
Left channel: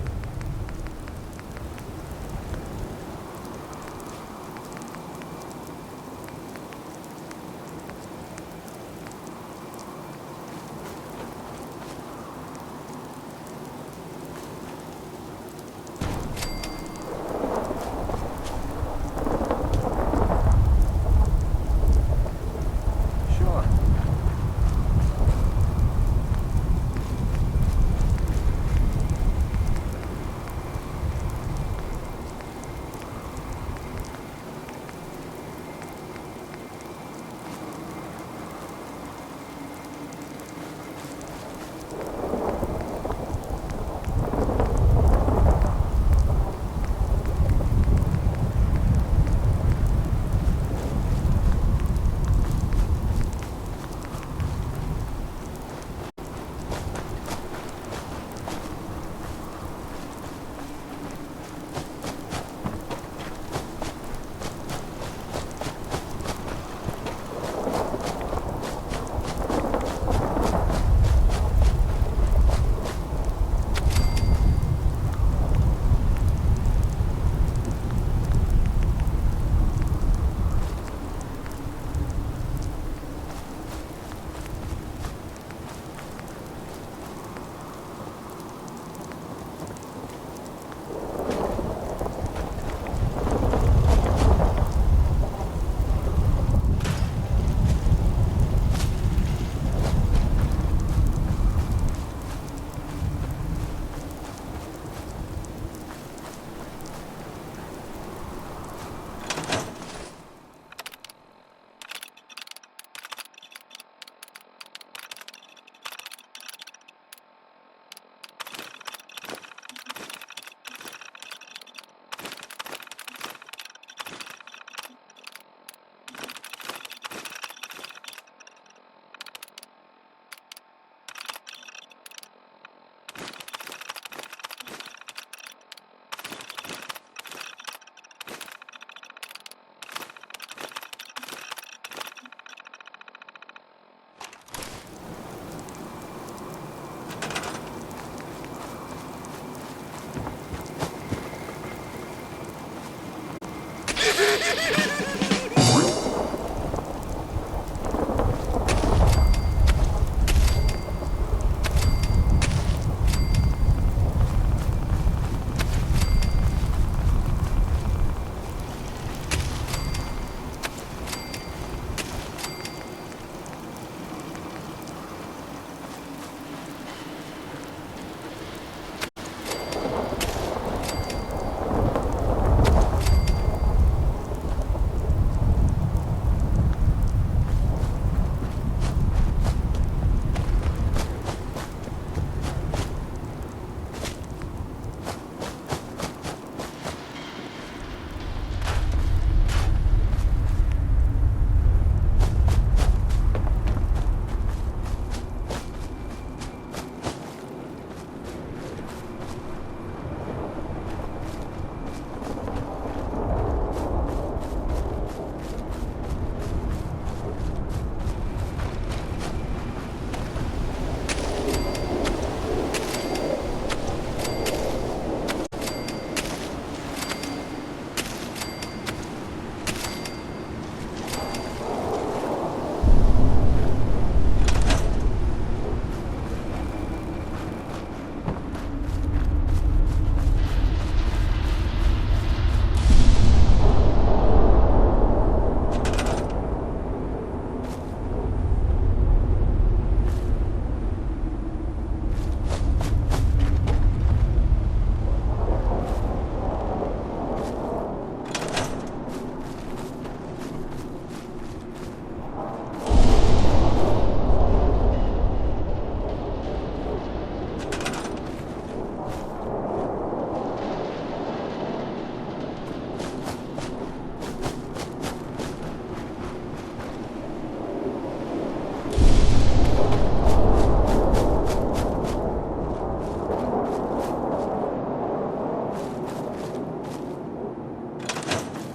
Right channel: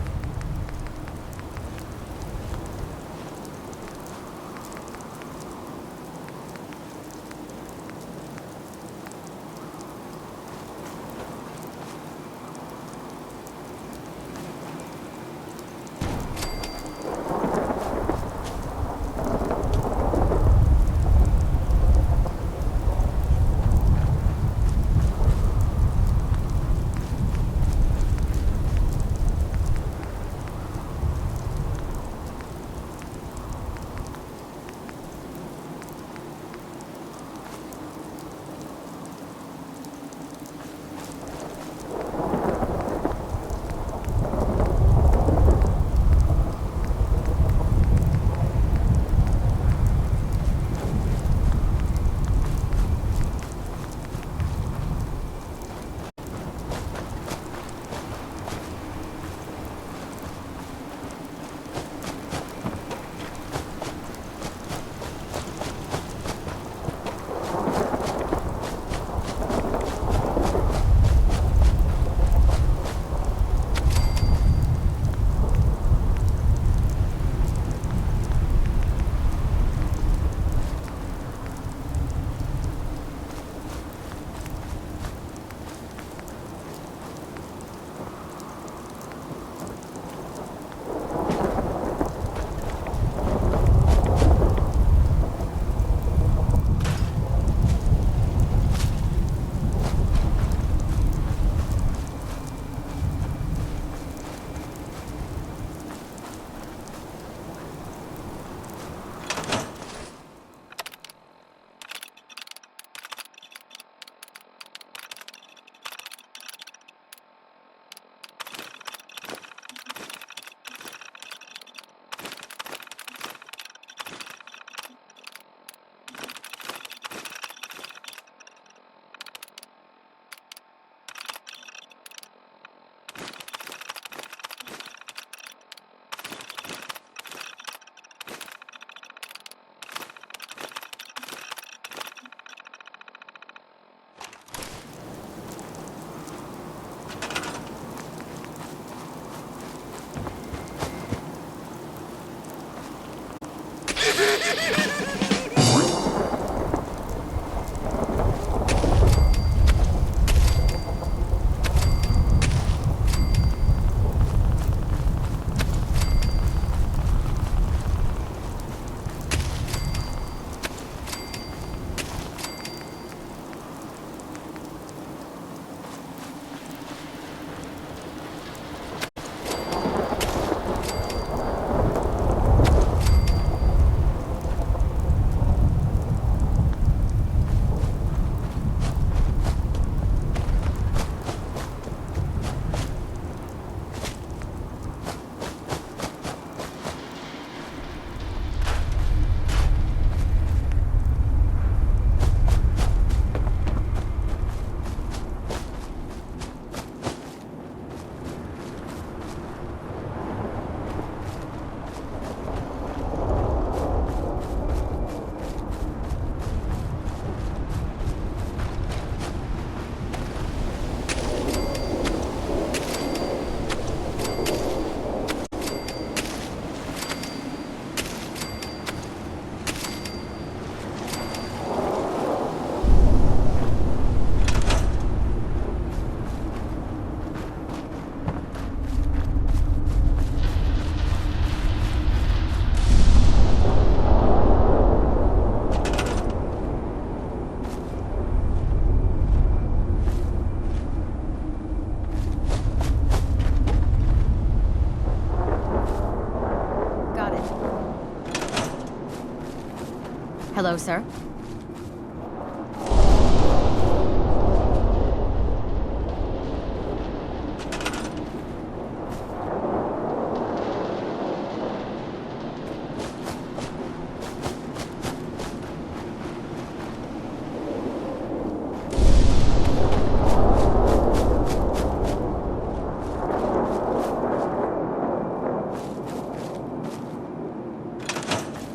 Hello, sir.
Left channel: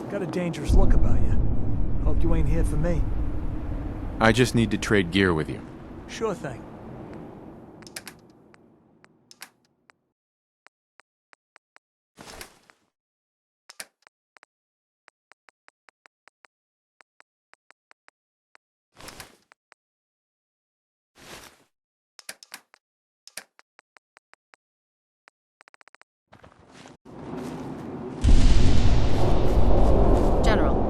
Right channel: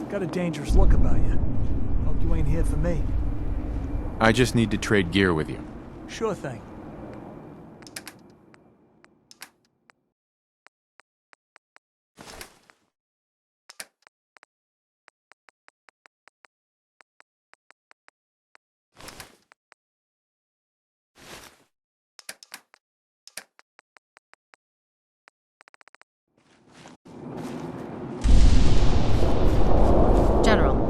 Got a dangerous look about you. Hope you ain't here for me. I just need to trade gear with you. Sure thing. General.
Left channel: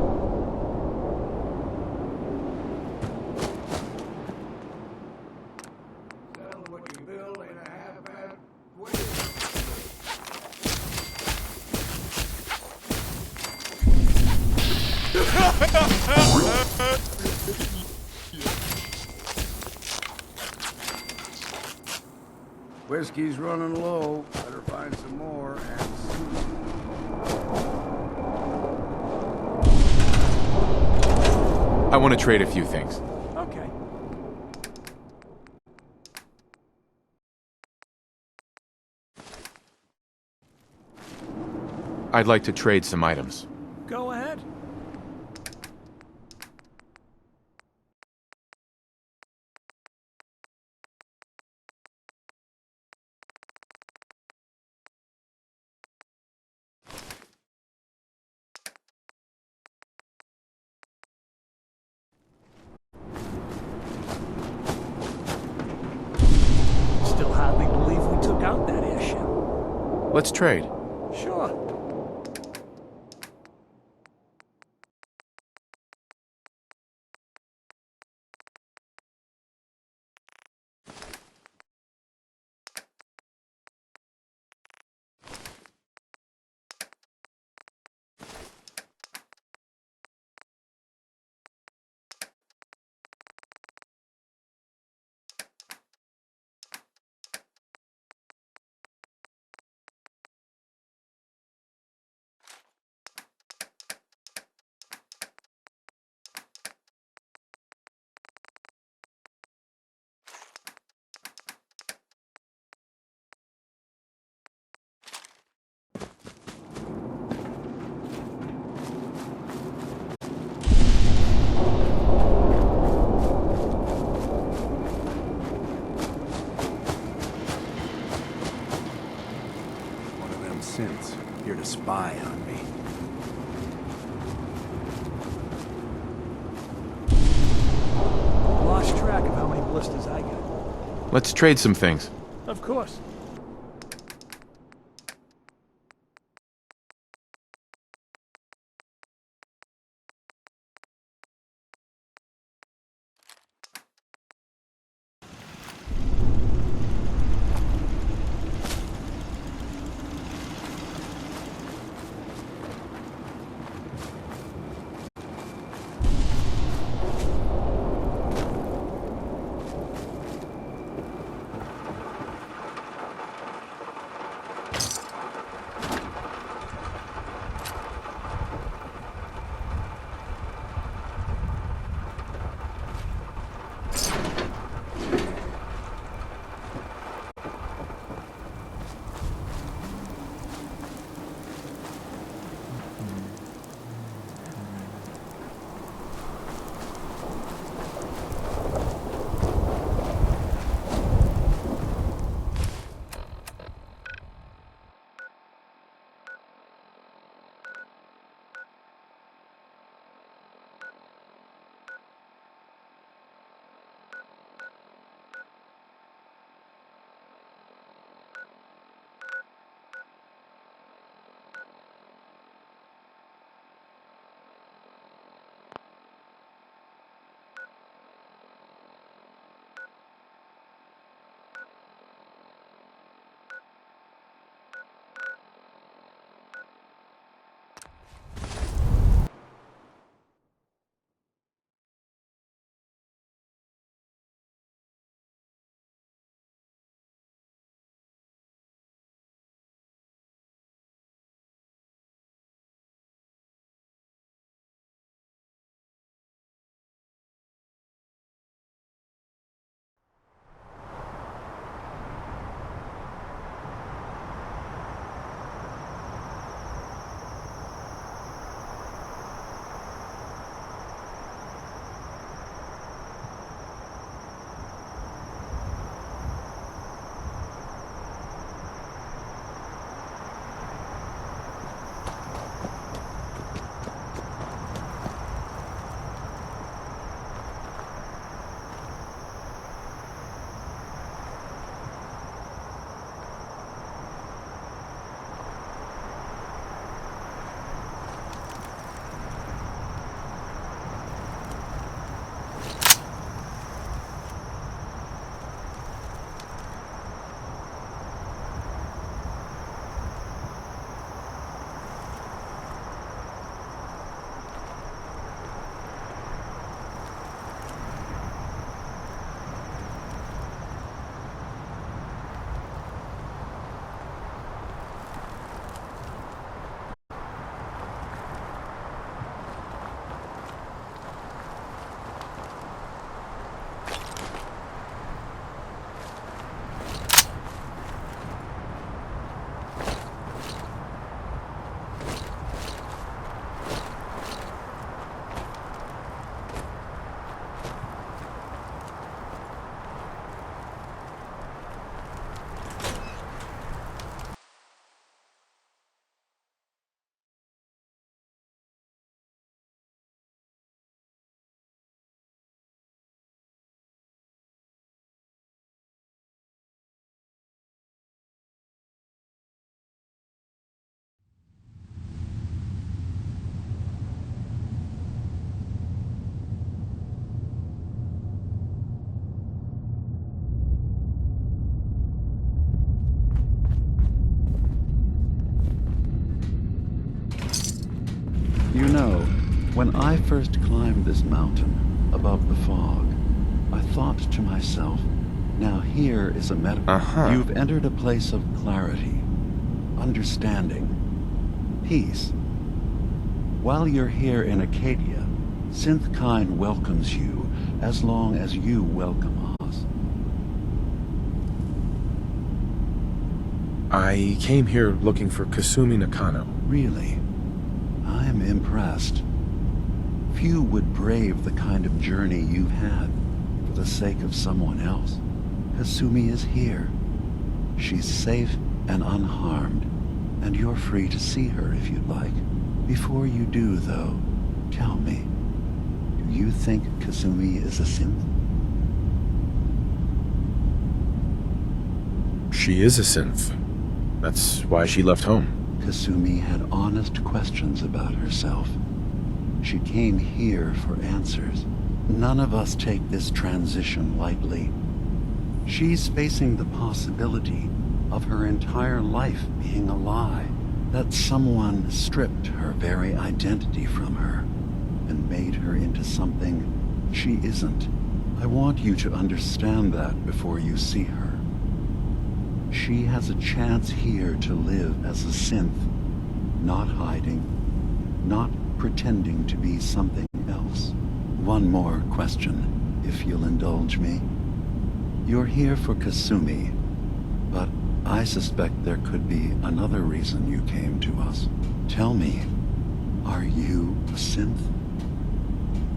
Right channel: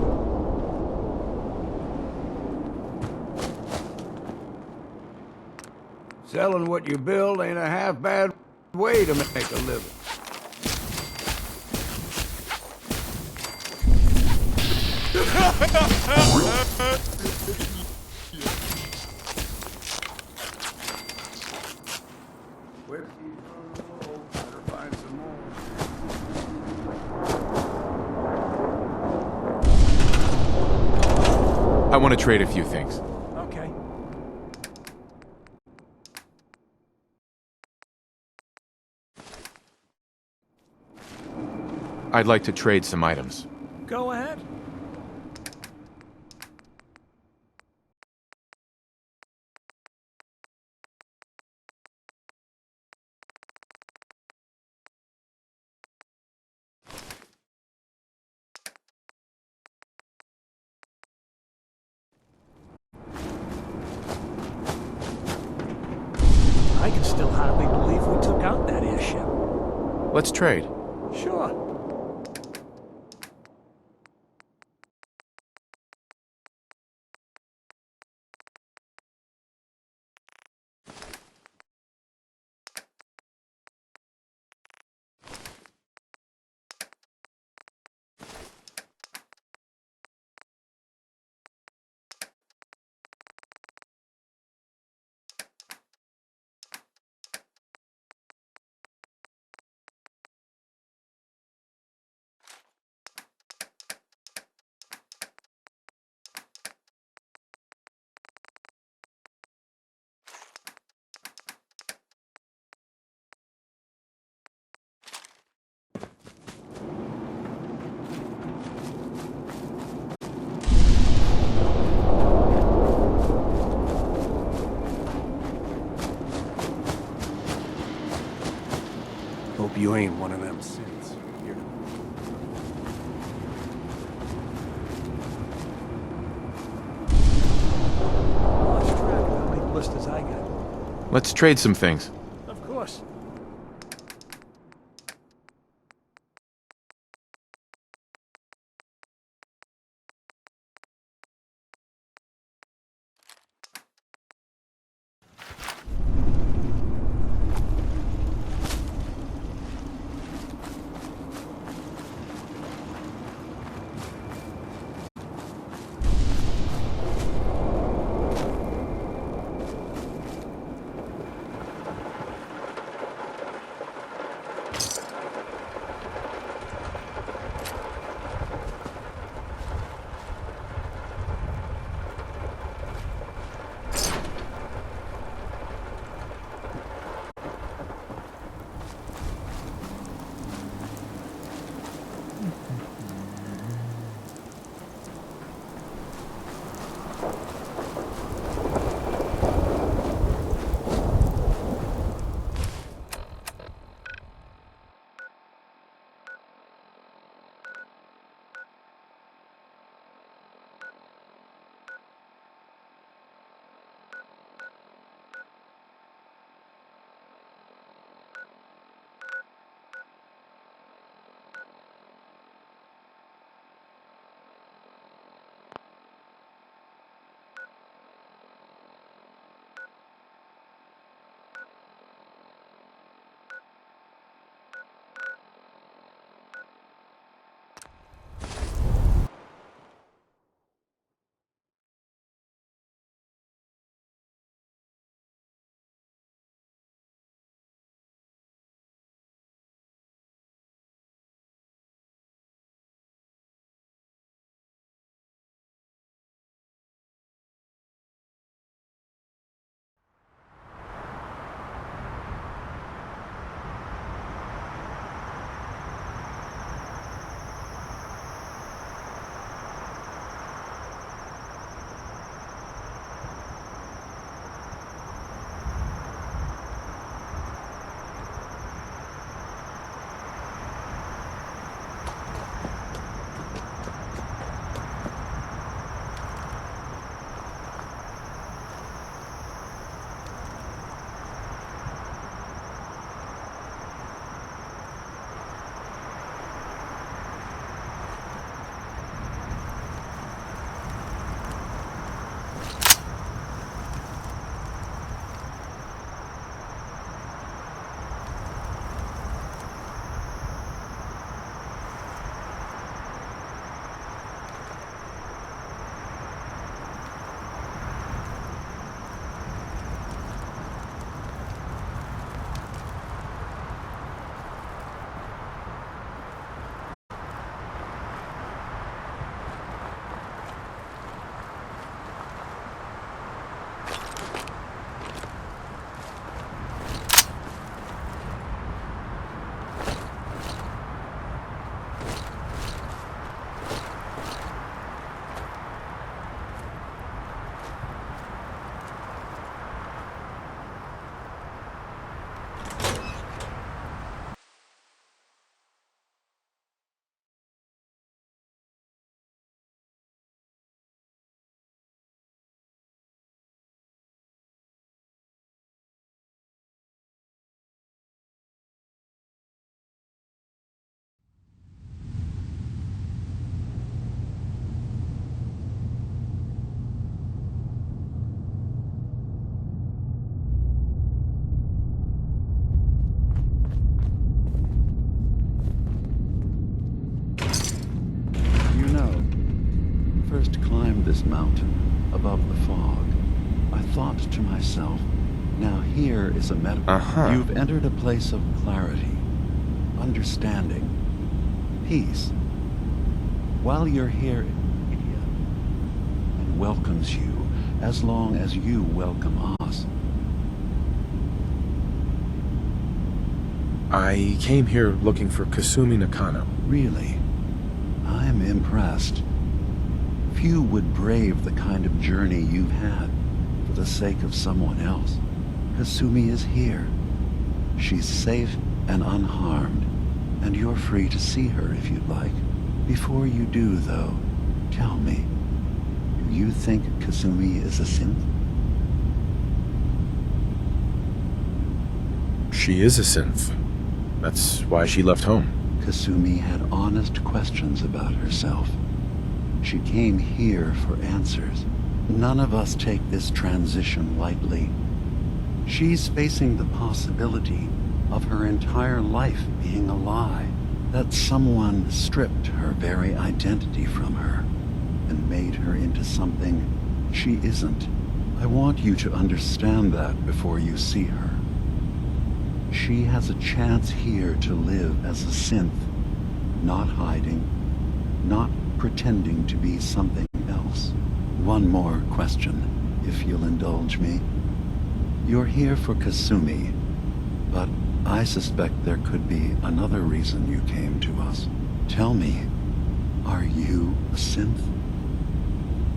Selling what you build ain't a half bad way to make a living. Whiskey's running low. Better find some more. I want to trade a few things. Okay. I'd like to trade some items. Go ahead. I can still hardly believe we took out that airship. Let's trade. Sure. Hope you ain't one of them synths here to spy on me. Lost track of how many blisters I got. Let's trade some things. Of course. first climbed this mountain above the fog, I thought to myself, now here is a metaphor. You've entered a place of clarity, understanding, peace. While you're here in Acadia, Synthkind welcomes you as long as you welcome us. I came here looking for Kasumi Nakano. Really? I'm impressed. Few would brave the kind of journey you've had for the sake of someone else. Kasumi is here. She's safe and unharmed, and you're free to see her if you'd like. Before you do, though, tell me, do you think Kasumi is a synth? She is a synth. That's why she left home. Kasumi had honest questions about herself. She came here for answers. None of us take this transition lightly. She's facing the possibility of her entire life being a lie, that someone stripped her very identity from her and made her into something she isn't. I want you to understand that before you see her. She has a chance here to live as a synth, not hiding, not pretending to be something else. One more question, if you'll indulge me. You're here for Kasumi, but I suspect there could be another reason you came to us. Tell me, are you a synth?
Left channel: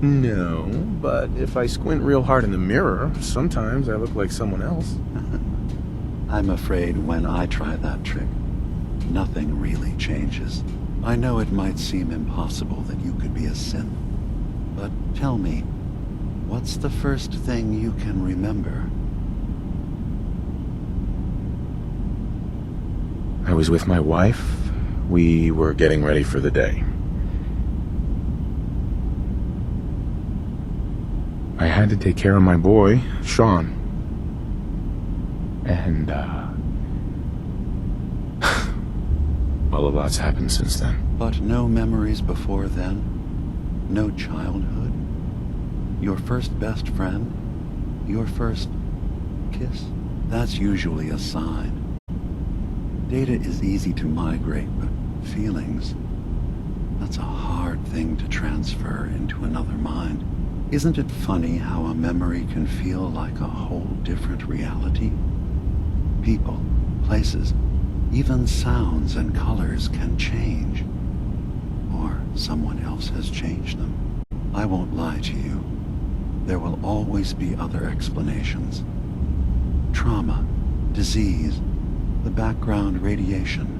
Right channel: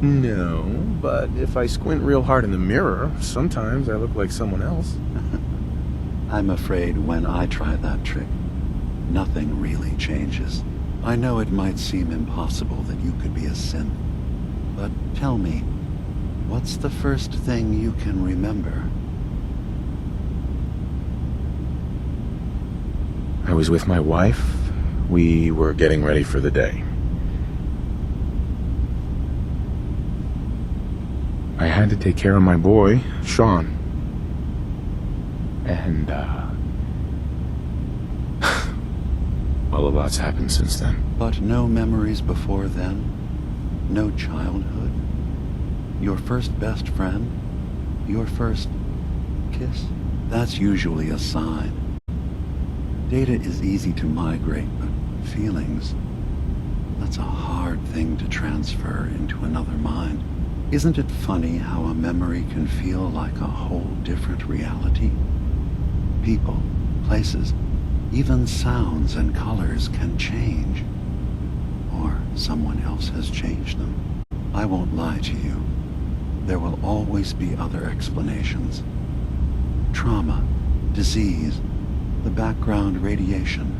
No, but if I squint real hard in the mirror, sometimes I look like someone else. I'm afraid when I try that trick, nothing really changes. I know it might seem impossible that you could be a synth, but tell me, what's the first thing you can remember? I was with my wife. We were getting ready for the day. I had to take care of my boy, Sean. And, well, a lot's happened since then. But no memories before then? No childhood? Your first best friend? Your first kiss? That's usually a sign. Data is easy to migrate, but feelings, that's a hard thing to transfer into another mind. Isn't it funny how a memory can feel like a whole different reality? People, places, even sounds and colors can change. Or someone else has changed them. I won't lie to you. There will always be other explanations. Trauma, disease, the background radiation.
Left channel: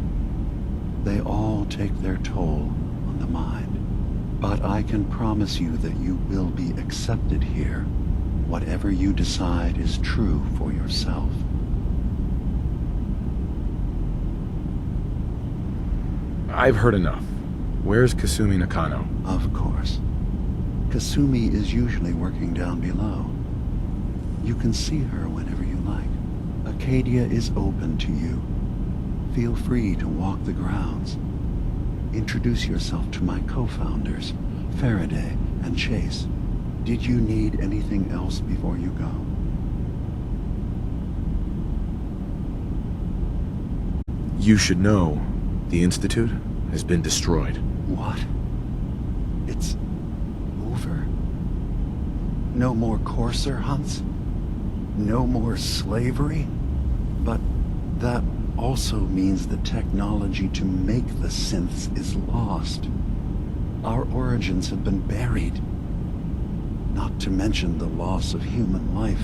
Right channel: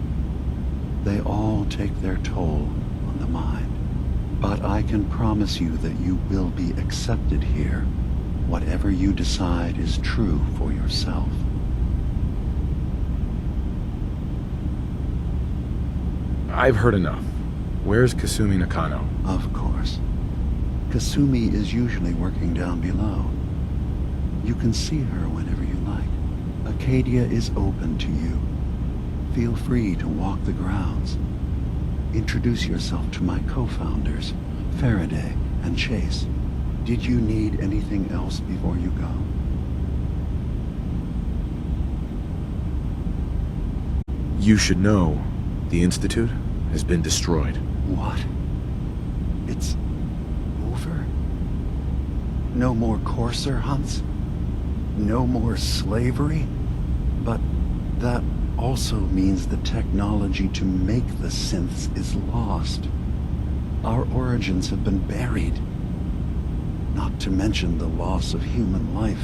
They all take their toll on the mind. But I can promise you that you will be accepted here, whatever you decide is true for yourself. I've heard enough. Where's Kasumi Nakano? Of course. Kasumi is usually working down below. You can see her whenever you like. Acadia is open to you. Feel free to walk the grounds. Introduce yourself to my co-founders, Faraday and Chase. Did you need anything else before you go? You should know, the Institute has been destroyed. What? It's over? No more courser hunts? No more slavery? But that also means the technology to make the synths is lost. Our origins have been buried. Not to mention the loss of human life.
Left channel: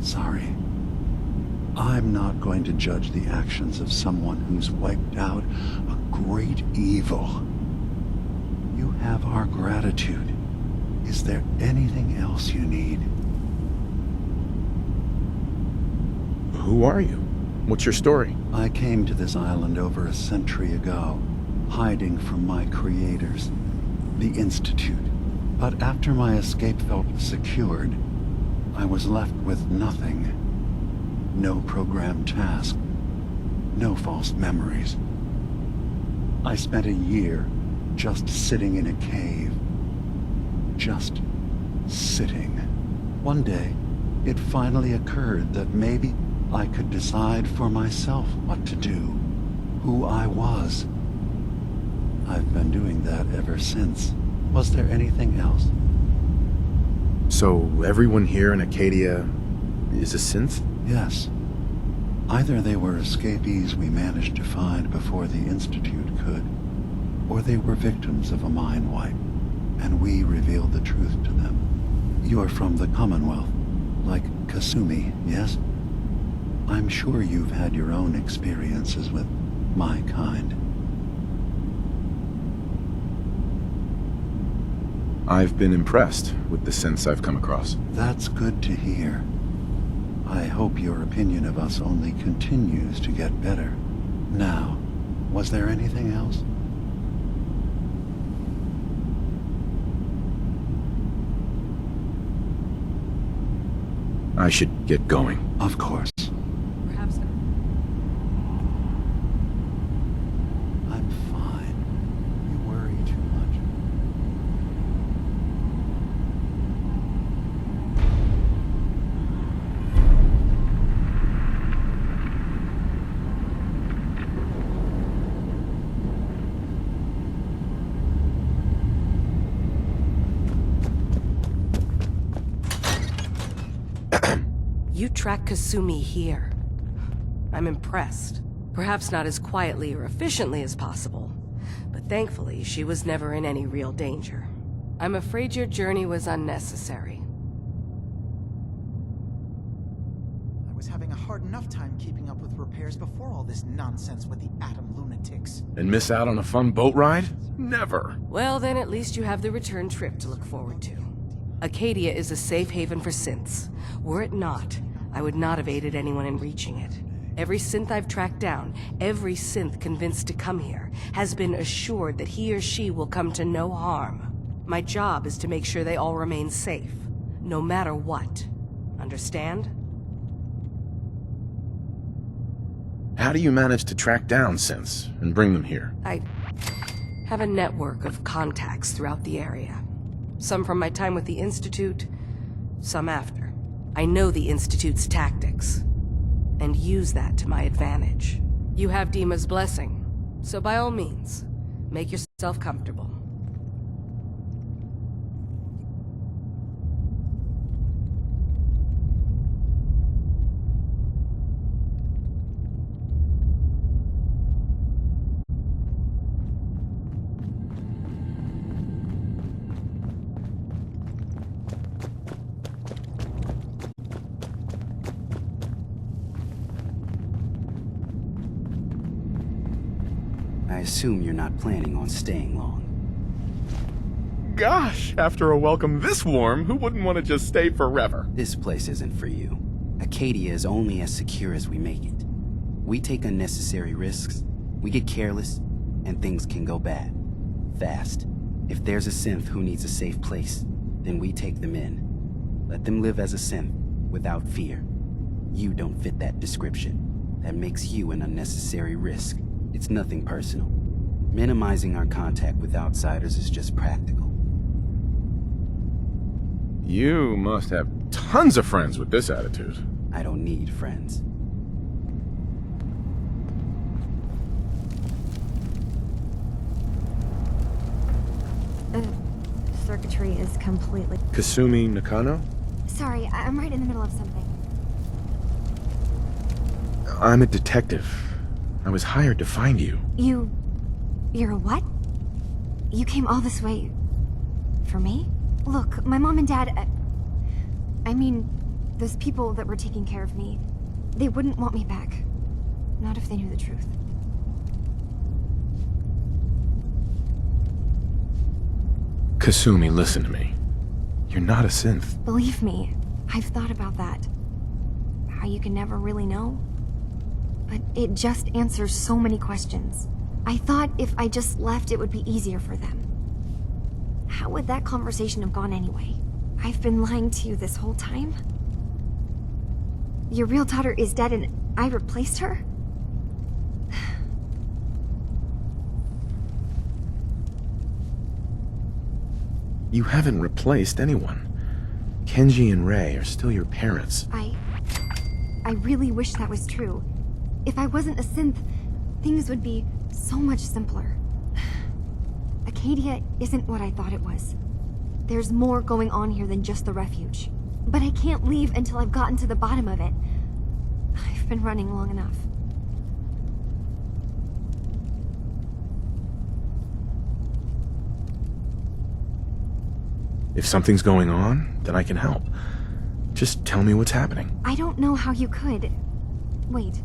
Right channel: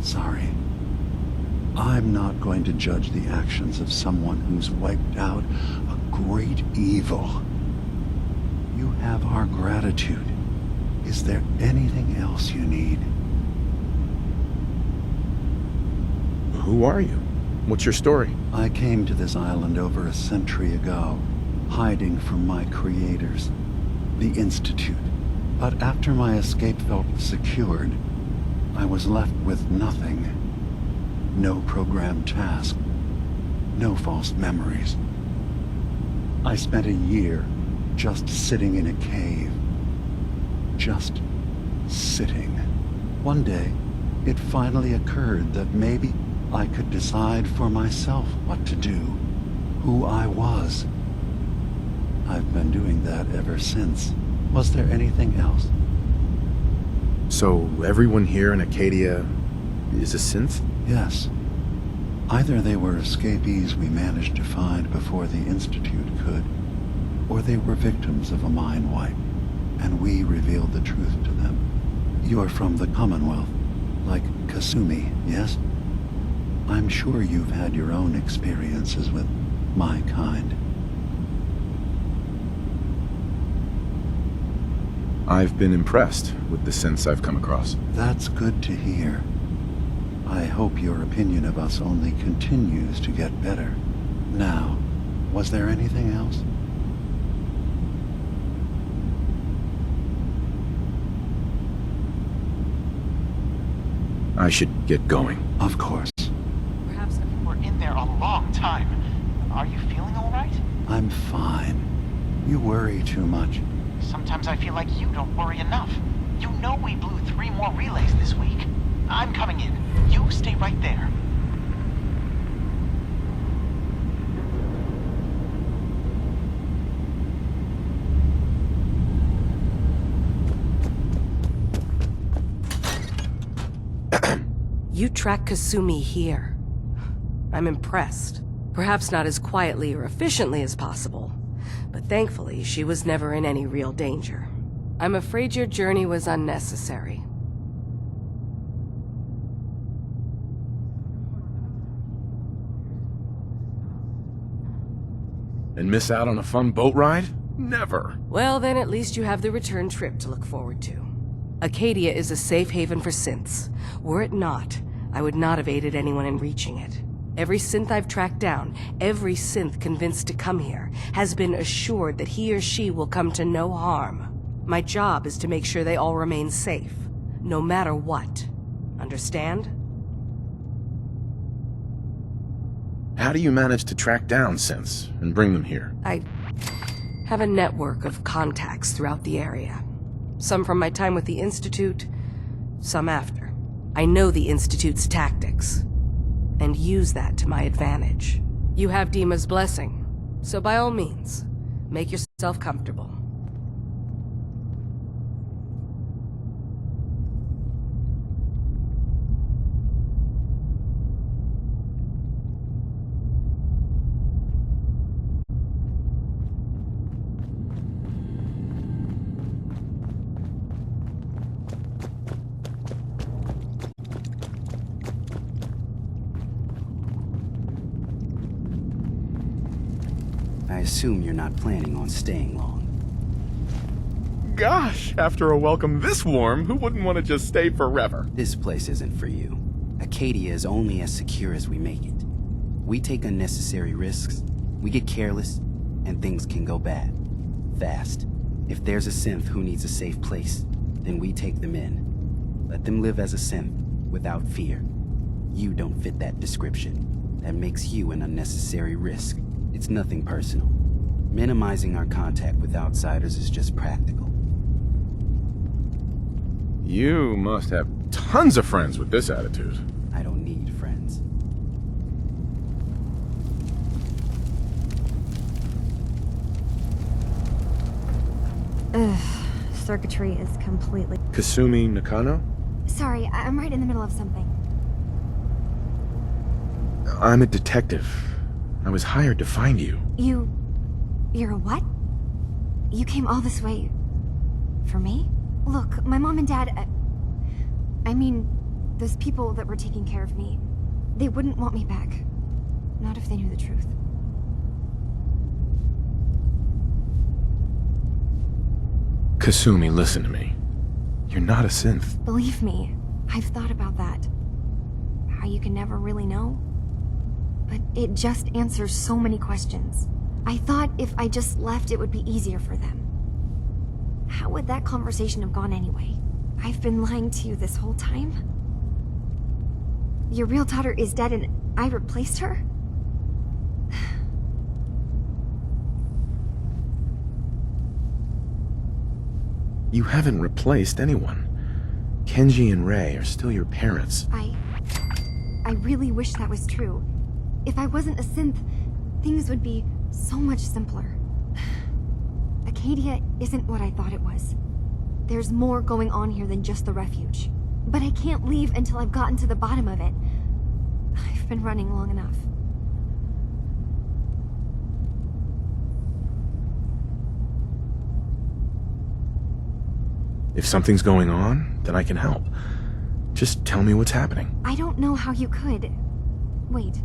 Sorry. I'm not going to judge the actions of someone who's wiped out a great evil. You have our gratitude. Is there anything else you need? Who are you? What's your story? I came to this island over a century ago, hiding from my creators, the Institute. But after my escape felt secured, I was left with nothing. No programmed task. No false memories. I spent a year just sitting in a cave. just sitting. One day, it finally occurred that maybe I could decide for myself what to do, who I was. I've been doing that ever since. Was there anything else? So everyone here in Acadia is a synth? Yes. Either they were escapees we managed to find before the Institute could, or they were victims of a mind wipe, and we revealed the truth to them. You're from the Commonwealth, like Kasumi, yes? I'm sure you've had your own experiences with my kind. I've been impressed with the synths I've come across. That's good to hear. I hope your opinion of us only continues to get better. Now, was there anything else? I should get going. Of course. Perhaps we're in there a long time. Are you feeling all right? I'm fine. You worry too much. Sometimes I feel like you don't worry enough. You know we blew 3 more relays this week. I'm coming in. You stay right there. You track Kasumi here. I'm impressed. Perhaps not as quietly or efficiently as possible, but thankfully she was never in any real danger. I'm afraid your journey was unnecessary. I was having a hard enough time keeping up with repairs before all this nonsense with the atom lunatics. And miss out on a fun boat ride? Never. Well, then at least you have the return trip to look forward to. Acadia is a safe haven for synths. Were it not, I would not have aided anyone in reaching it. Every synth I've tracked down, every synth convinced to come here, has been assured that he or she will come to no harm. My job is to make sure they all remain safe, no matter what. Understand? How do you manage to track down synths and bring them here? I have a network of contacts throughout the area. Some from my time with the Institute, some after. I know the Institute's tactics, and use that to my advantage. You have Dima's blessing, so by all means, make yourself comfortable. I assume you're not planning on staying long. Gosh, after a welcome this warm, who wouldn't want to just stay forever? This place isn't for you. Acadia is only as secure as we make it. We take unnecessary risks, we get careless, and things can go bad. Fast. If there's a synth who needs a safe place, then we take them in. Let them live as a synth, without fear. You don't fit that description. That makes you an unnecessary risk. It's nothing personal. Minimizing our contact with outsiders is just practical. You must have tons of friends with this attitude. I don't need friends. Ugh, circuitry is completely... Kasumi Nakano? Sorry, I'm right in the middle of something. I'm a detective. I was hired to find you. You're a what? You came all this way... for me? Look, my mom and dad... I mean, those people that were taking care of me, they wouldn't want me back. Not if they knew the truth. Kasumi, listen to me. You're not a synth. Believe me, I've thought about that. How you can never really know. But it just answers so many questions. I thought if I just left, it would be easier for them. How would that conversation have gone anyway? I've been lying to you this whole time? Your real daughter is dead and I replaced her? You haven't replaced anyone. Kenji and Rei are still your parents. I really wish that was true. If I wasn't a synth, things would be so much simpler. Acadia isn't what I thought it was. There's more going on here than just the refuge. But I can't leave until I've gotten to the bottom of it. I've been running long enough. If something's going on, then I can help. Just tell me what's happening. I don't know how you could. Wait,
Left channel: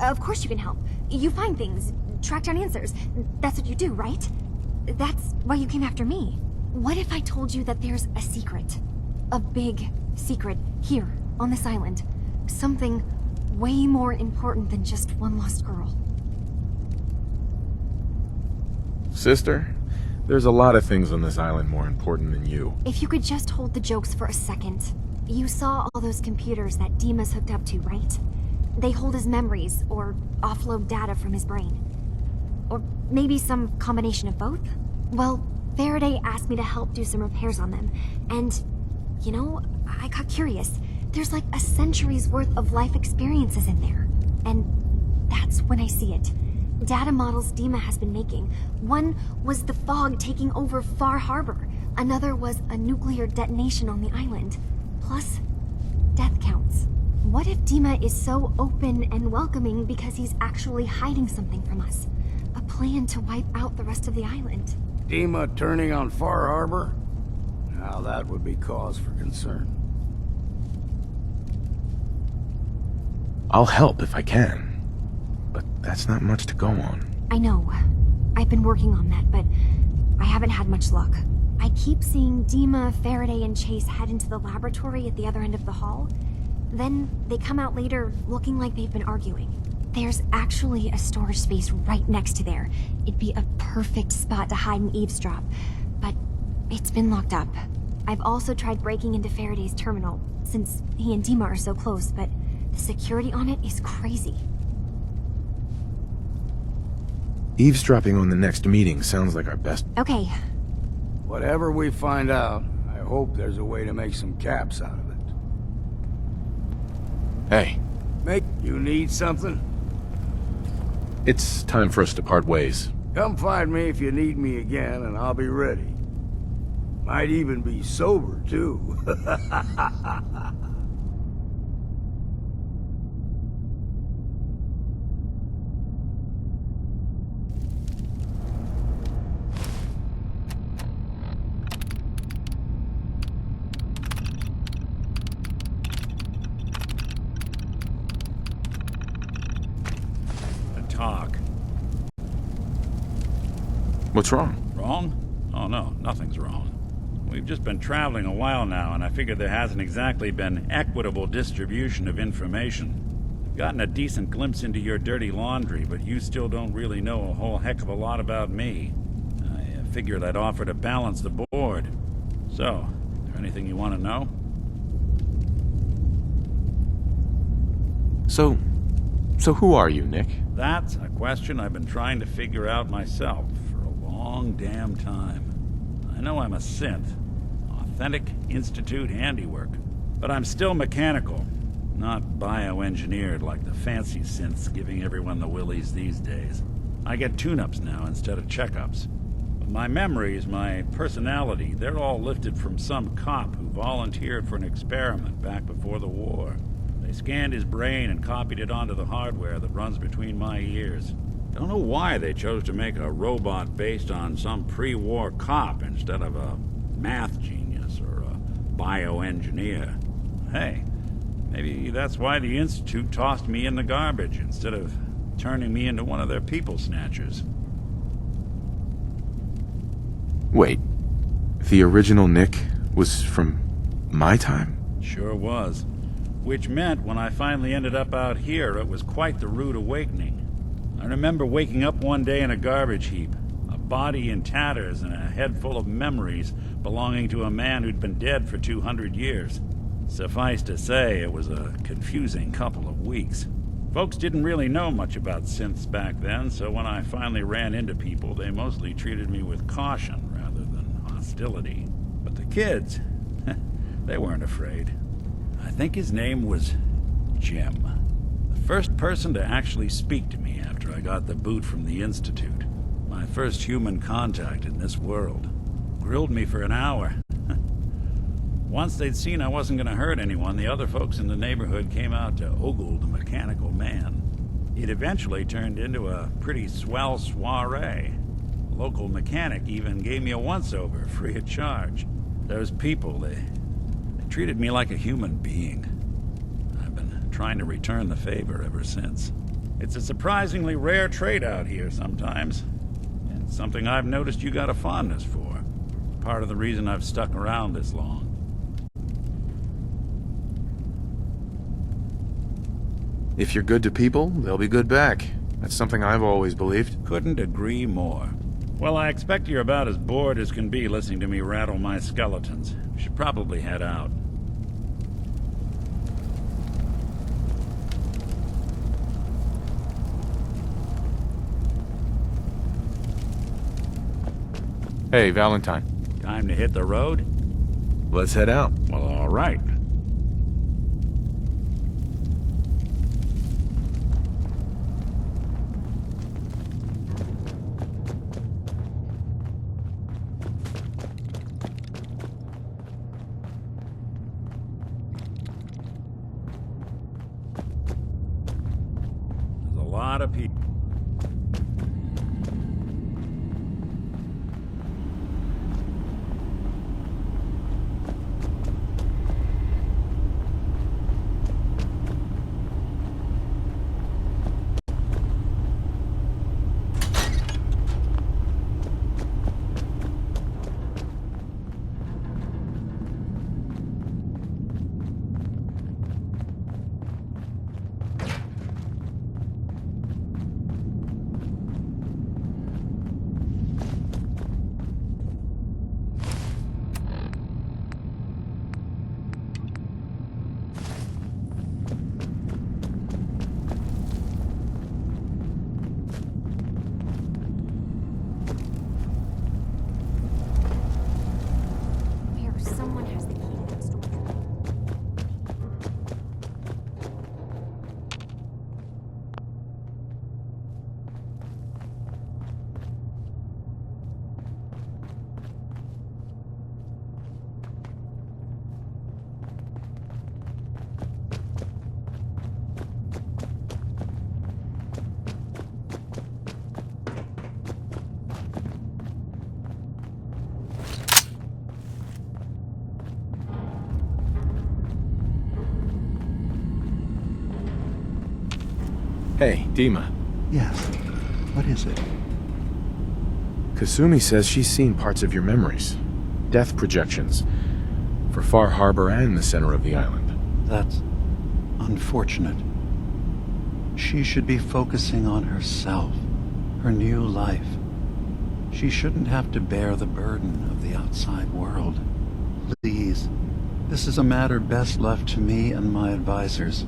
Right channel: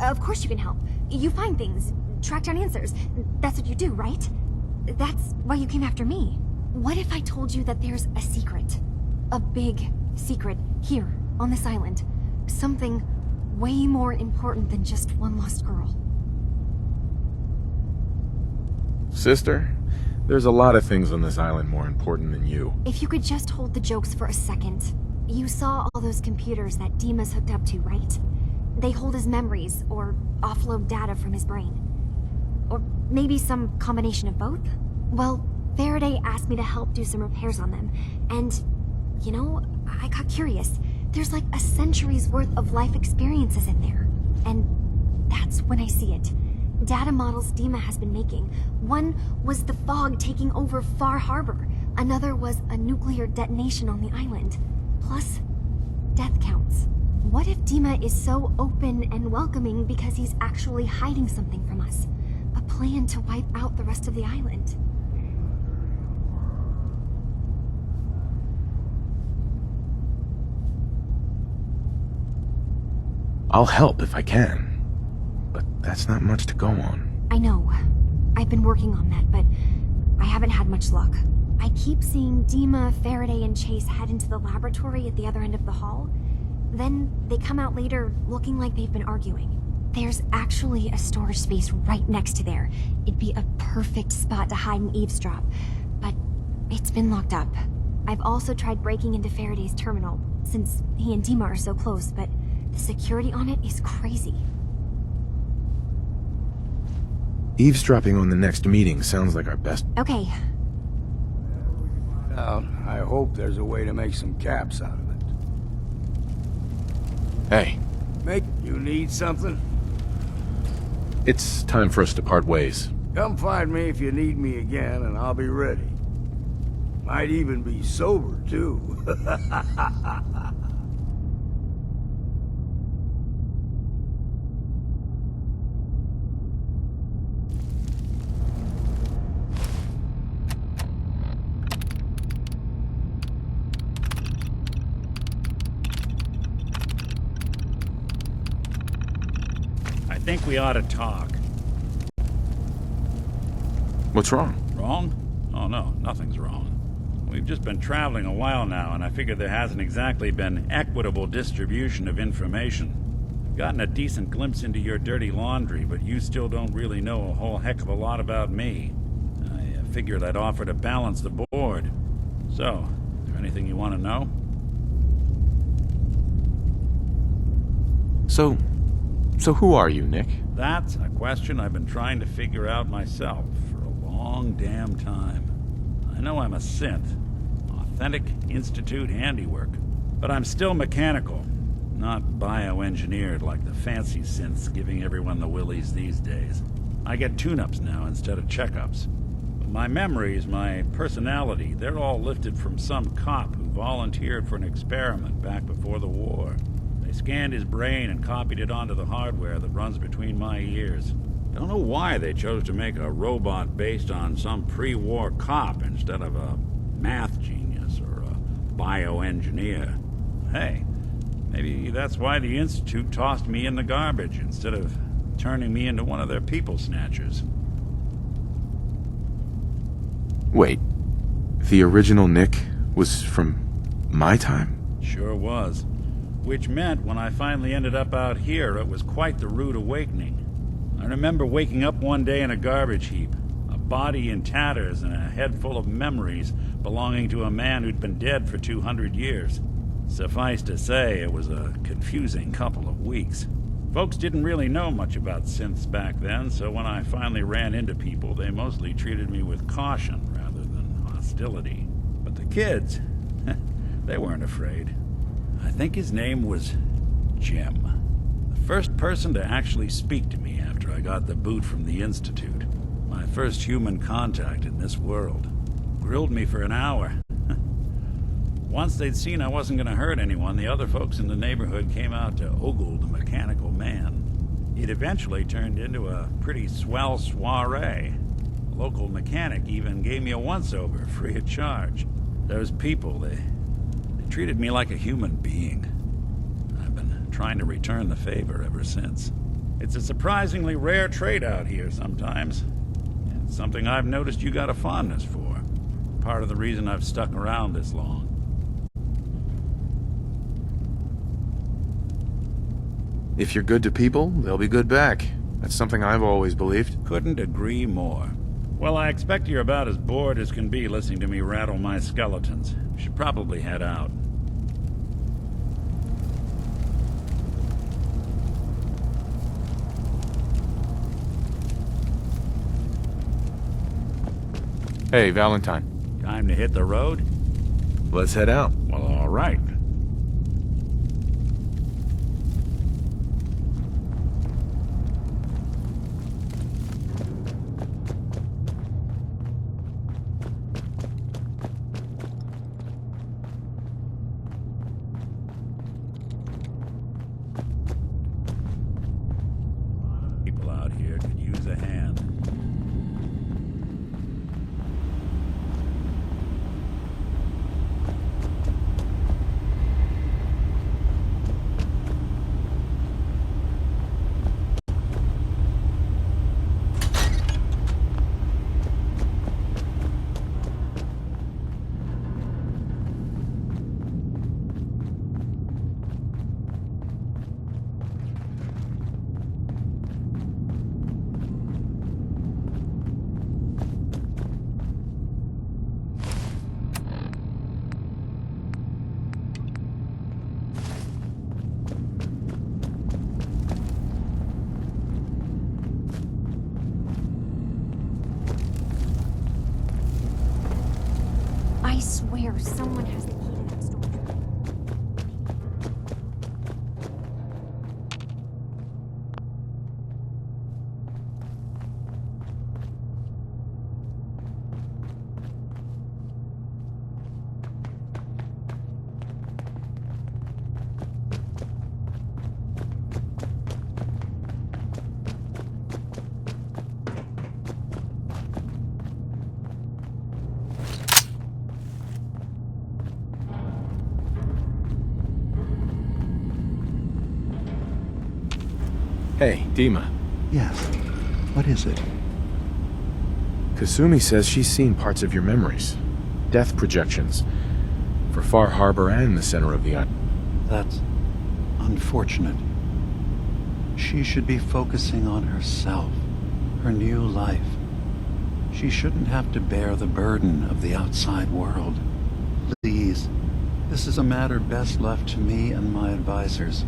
of course you can help. You find things, track down answers. That's what you do, right? That's why you came after me. What if I told you that there's a secret? A big secret here, on this island. Something way more important than just one lost girl. Sister, there's a lot of things on this island more important than you. If you could just hold the jokes for a second. You saw all those computers that Dima's hooked up to, right? They hold his memories, or offload data from his brain. Or maybe some combination of both? Well, Faraday asked me to help do some repairs on them, and, you know, I got curious. There's like a century's worth of life experiences in there. And that's when I see it. Data models Dima has been making. One was the fog taking over Far Harbor. Another was a nuclear detonation on the island. Plus, death counts. What if Dima is so open and welcoming because he's actually hiding something from us? A plan to wipe out the rest of the island. Dima turning on Far Harbor? Now that would be cause for concern. I'll help if I can. But that's not much to go on. I know. I've been working on that, but I haven't had much luck. I keep seeing Dima, Faraday, and Chase head into the laboratory at the other end of the hall. Then they come out later looking like they've been arguing. There's actually a storage space right next to there. It'd be a perfect spot to hide and eavesdrop, but it's been locked up. I've also tried breaking into Faraday's terminal, since he and Dima are so close, but the security on it is crazy. Eavesdropping on the next meeting sounds like our best... Okay. Whatever we find out, I hope there's a way to make some caps out of it. Hey. You need something? It's time for us to part ways. Come find me if you need me again, and I'll be ready. Might even be sober, too. I think we ought to talk. What's wrong? Wrong? Oh no, nothing's wrong. We've just been traveling a while now, and I figured there hasn't exactly been equitable distribution of information. I've gotten a decent glimpse into your dirty laundry, but you still don't really know a whole heck of a lot about me. I figured I'd offer to balance the board. So, is there anything you want to know? So who are you, Nick? That's a question I've been trying to figure out myself for a long damn time. I know I'm a synth, authentic Institute handiwork, but I'm still mechanical, not bioengineered like the fancy synths giving everyone the willies these days. I get tune-ups now instead of checkups. But my memories, my personality, they're all lifted from some cop who volunteered for an experiment back before the war. They scanned his brain and copied it onto the hardware that runs between my ears. Don't know why they chose to make a robot based on some pre-war cop instead of a math genius or a bioengineer. Hey, maybe that's why the Institute tossed me in the garbage instead of turning me into one of their people snatchers. Wait, the original Nick was from my time? Sure was. Which meant when I finally ended up out here, it was quite the rude awakening. I remember waking up one day in a garbage heap, a body in tatters and a head full of memories belonging to a man who'd been dead for 200 years. Suffice to say, it was a confusing couple of weeks. Folks didn't really know much about synths back then, so when I finally ran into people, they mostly treated me with caution rather than hostility. hostility. But the kids, they weren't afraid. I think his name was Jim. The first person to actually speak to me after I got the boot from the Institute. My first human contact in this world. Grilled me for an hour. Once they'd seen I wasn't going to hurt anyone, the other folks in the neighborhood came out to ogle the mechanical man. It eventually turned into a pretty swell soiree. A local mechanic even gave me a once-over, free of charge. Those people, they treated me like a human being. I've been trying to return the favor ever since. It's a surprisingly rare trait out here sometimes. And something I've noticed you got a fondness for. Part of the reason I've stuck around this long. If you're good to people, they'll be good back. That's something I've always believed. Couldn't agree more. Well, I expect you're about as bored as can be listening to me rattle my skeletons. We should probably head out. Hey, Valentine. Time to hit the road? Let's head out. Well, all right. There's a lot of people out here could use a hand. I swear someone has the key to that storage room. Hey, Dima. Yes. What is it? Kasumi says she's seen parts of your memories. Death projections. For Far Harbor and the center of the island. That's unfortunate. She should be focusing on herself, her new life. She shouldn't have to bear the burden of the outside world. Please, this is a matter best left to me and my advisors.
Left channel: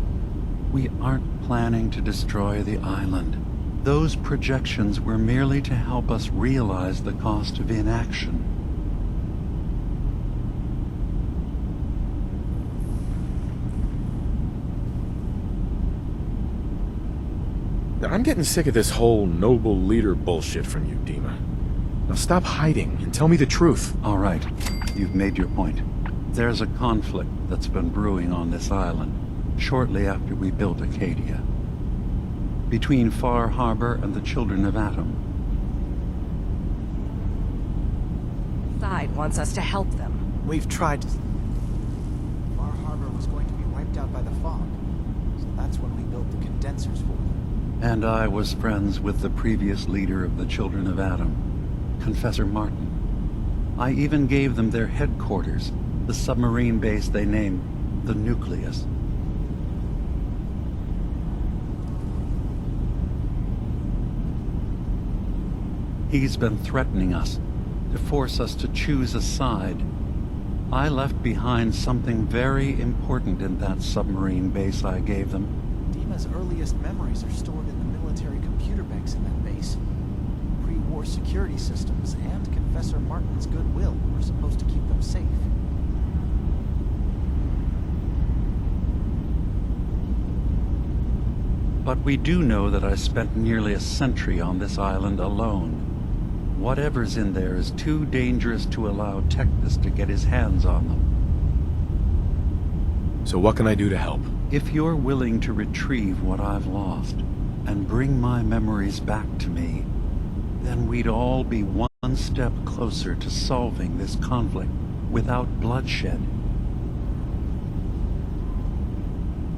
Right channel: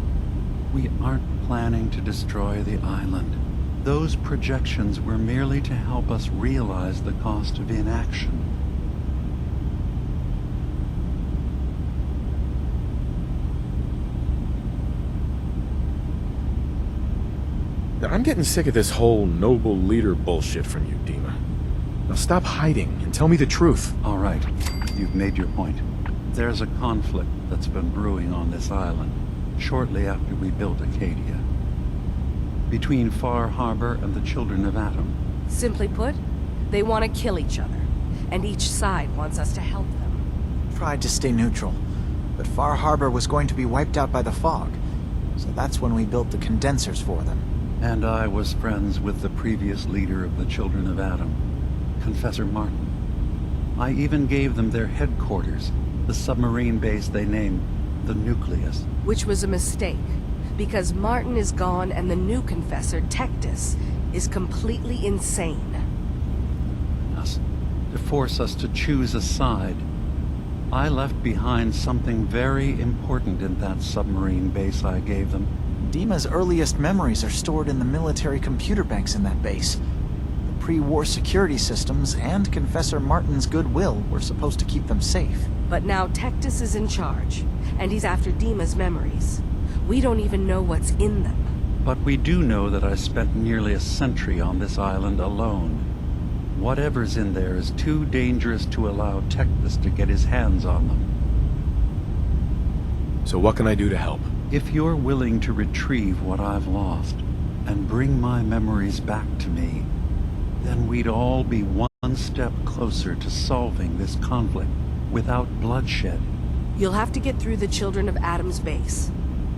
We aren't planning to destroy the island. Those projections were merely to help us realize the cost of inaction. I'm getting sick of this whole noble leader bullshit from you, Dima. Now stop hiding and tell me the truth. All right, you've made your point. There's a conflict that's been brewing on this island shortly after we built Acadia. Between Far Harbor and the Children of Atom. Simply put, they want to kill each other, and each side wants us to help them. We've tried to stay neutral, but Far Harbor was going to be wiped out by the fog, so that's when we built the condensers for them. And I was friends with the previous leader of the Children of Atom, Confessor Martin. I even gave them their headquarters, the submarine base they named the Nucleus. Which was a mistake, because Martin is gone and the new Confessor, Tectus, is completely insane. He's been threatening us, to force us to choose a side. I left behind something very important in that submarine base I gave them. Dima's earliest memories are stored in the military computer banks in that base. The pre-war security systems and Confessor Martin's goodwill were supposed to keep them safe. But now Tectus is in charge, and he's after Dima's memories. We don't even know what's in them. But we do know that I spent nearly a century on this island alone. Whatever's in there is too dangerous to allow Tectus to get his hands on them. So what can I do to help? If you're willing to retrieve what I've lost and bring my memories back to me, then we'd all be one step closer to solving this conflict without bloodshed. You'll have to get through the Children of Adam's base.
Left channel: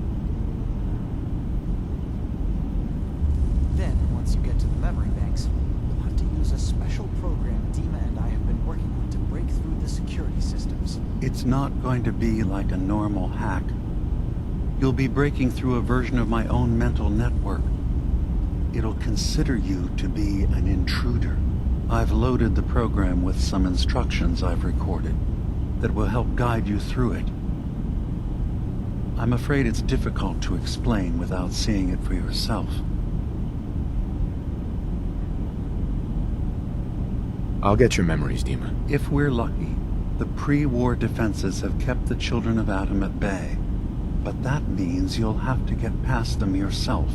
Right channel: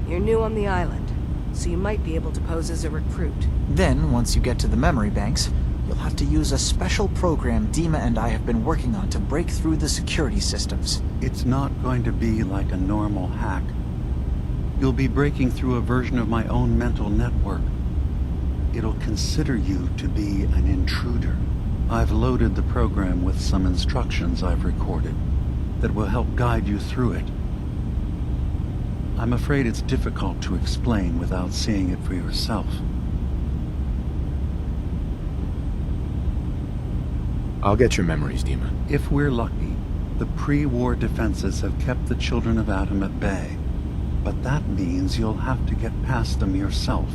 You're new on the island, so you might be able to pose as a recruit. Then, once you get to the memory banks, you'll have to use a special program Dima and I have been working on to break through the security systems. It's not going to be like a normal hack. You'll be breaking through a version of my own mental network. It'll consider you to be an intruder. I've loaded the program with some instructions I've recorded that will help guide you through it. I'm afraid it's difficult to explain without seeing it for yourself. I'll get your memories, Dima. If we're lucky, the pre-war defenses have kept the Children of Adam at bay. But that means you'll have to get past them yourself.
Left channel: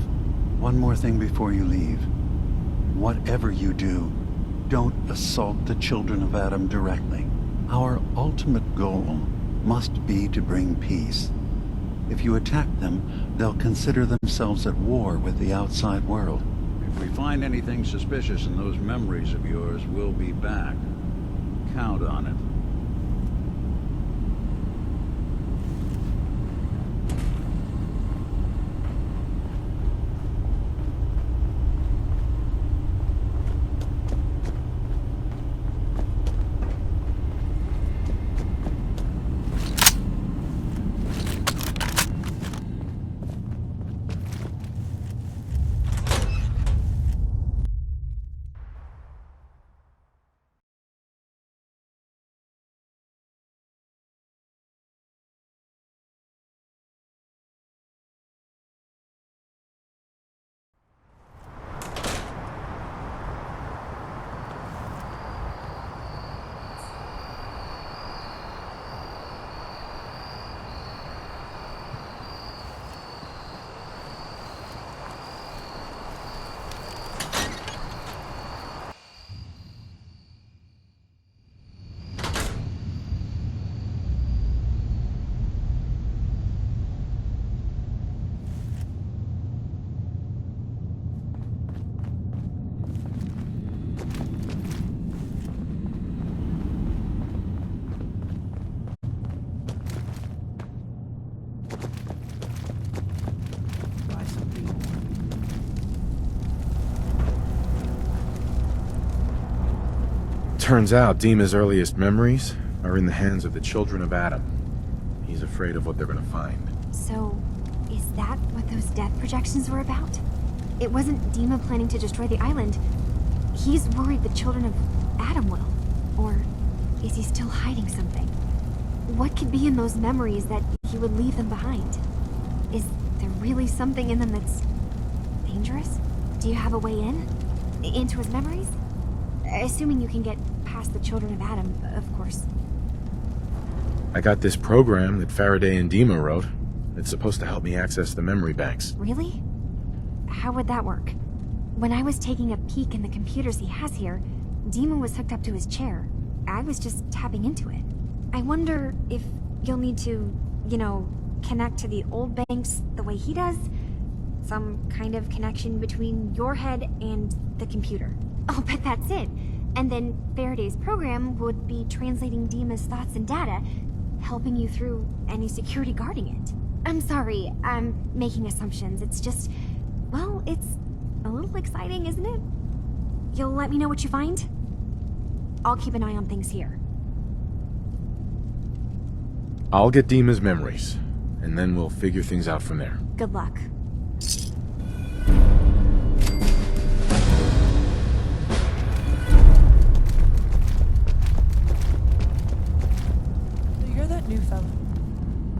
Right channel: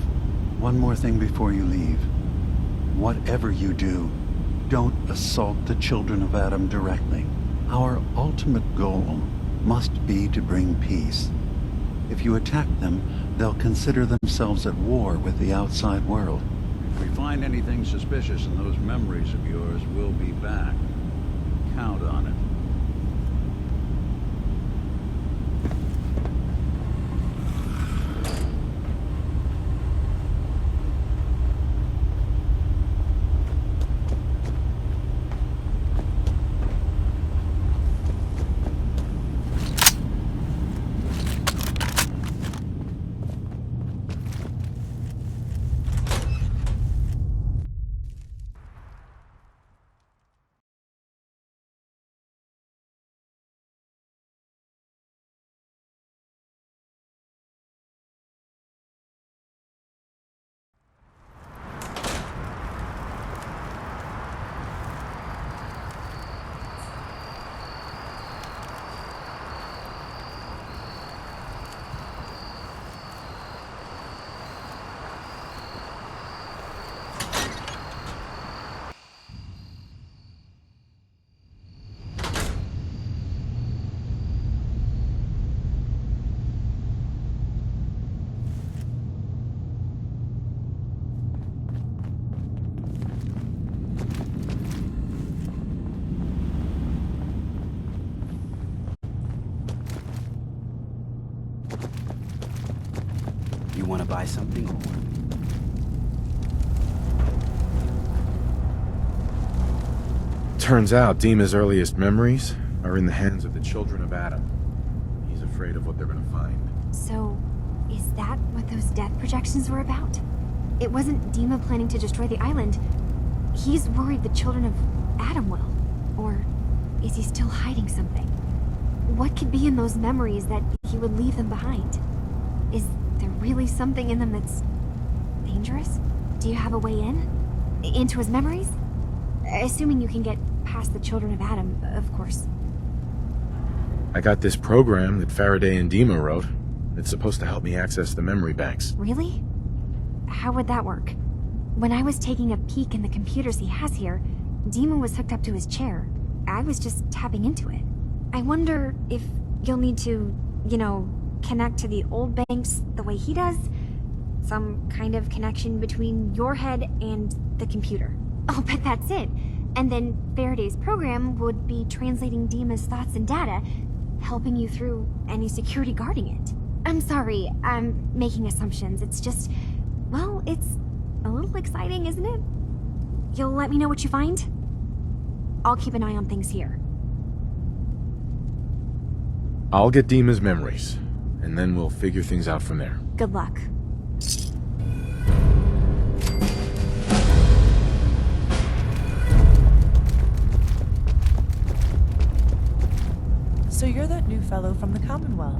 One more thing before you leave. Whatever you do, don't assault the Children of Adam directly. Our ultimate goal must be to bring peace. If you attack them, they'll consider themselves at war with the outside world. If we find anything suspicious in those memories of yours, we'll be back. Count on it. Buy something or what? Turns out Dima's earliest memories are in the hands of the Children of Adam. He's afraid of what they're gonna find. So, is that what those death projections were about? It wasn't Dima planning to destroy the island. He's worried the Children of Adam will. Or is he still hiding something? What could be in those memories that he would leave them behind? Is there really something in them that's dangerous? Do you have a way in? Into his memories? Assuming you can get past the Children of Adam, of course. I got this program that Faraday and Dima wrote. It's supposed to help me access the memory banks. Really? How would that work? When I was taking a peek in the computers he has here, Dima was hooked up to his chair. I was just tapping into it. I wonder if you'll need to, connect to the old banks the way he does? Some kind of connection between your head and the computer. I'll bet that's it. And then Faraday's program would be translating Dima's thoughts and data, helping you through any security guarding it. I'm sorry, I'm making assumptions. It's just, well, it's a little exciting, isn't it? You'll let me know what you find? I'll keep an eye on things here. I'll get Dima's memories, and then we'll figure things out from there. Good luck. So you're that new fellow from the Commonwealth.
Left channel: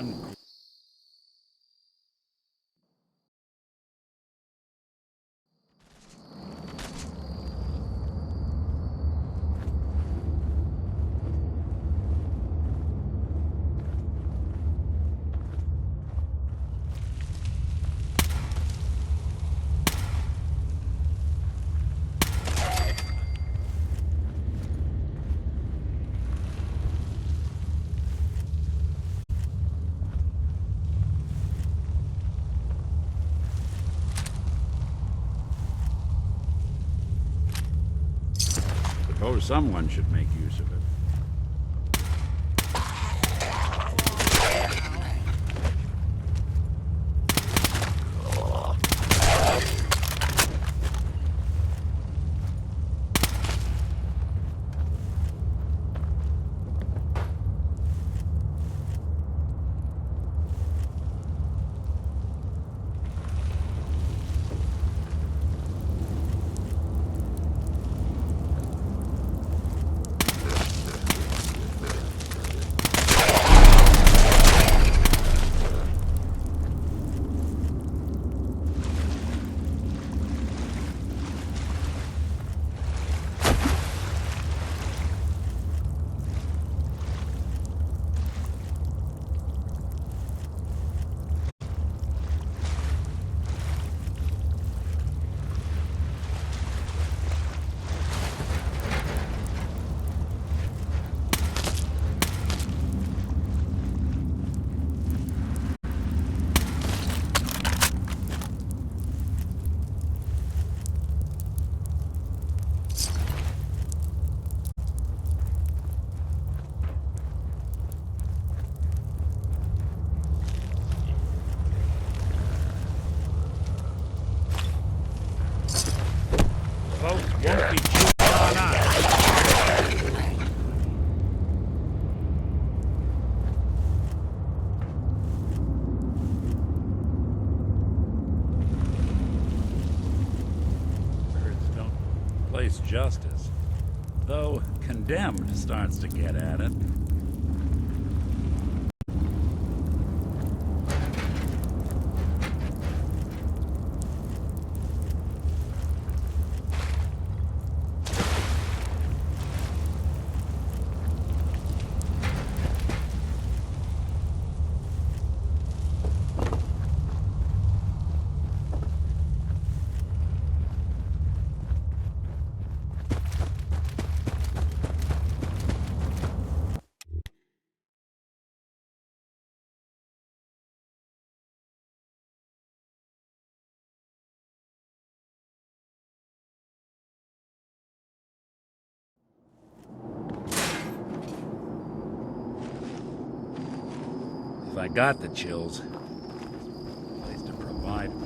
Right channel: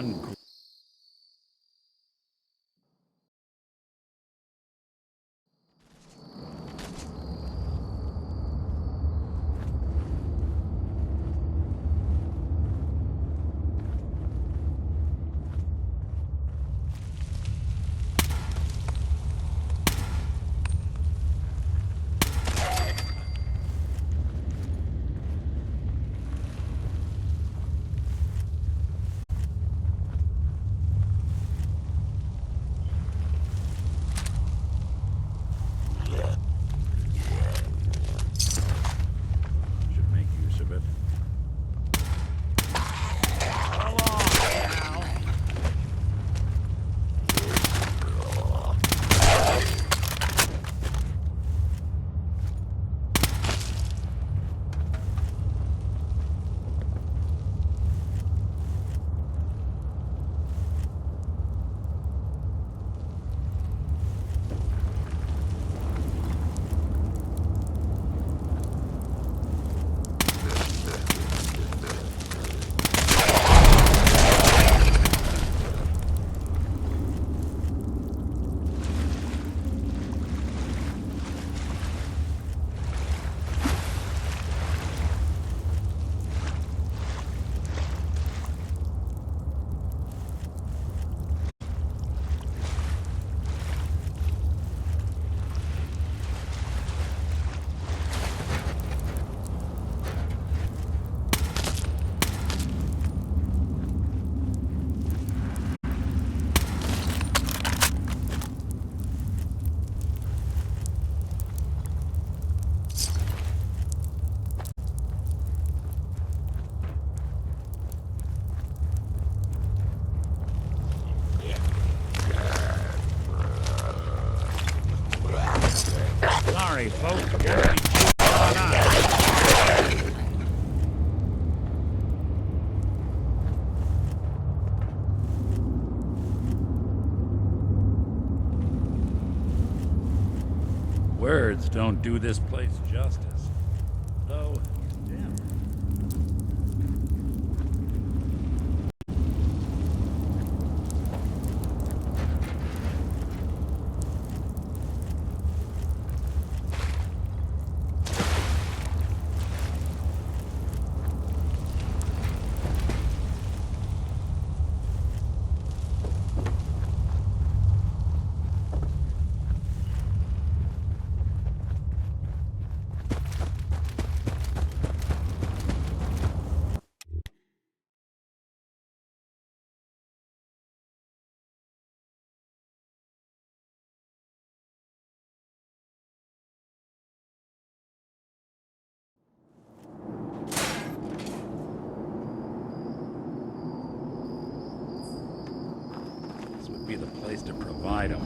one. Suppose someone should make use of it. Sorry, folks. Won't be too far now. Words don't do this place justice, though condemned starts to get at it. If I got the chills, this would be the place to provide them.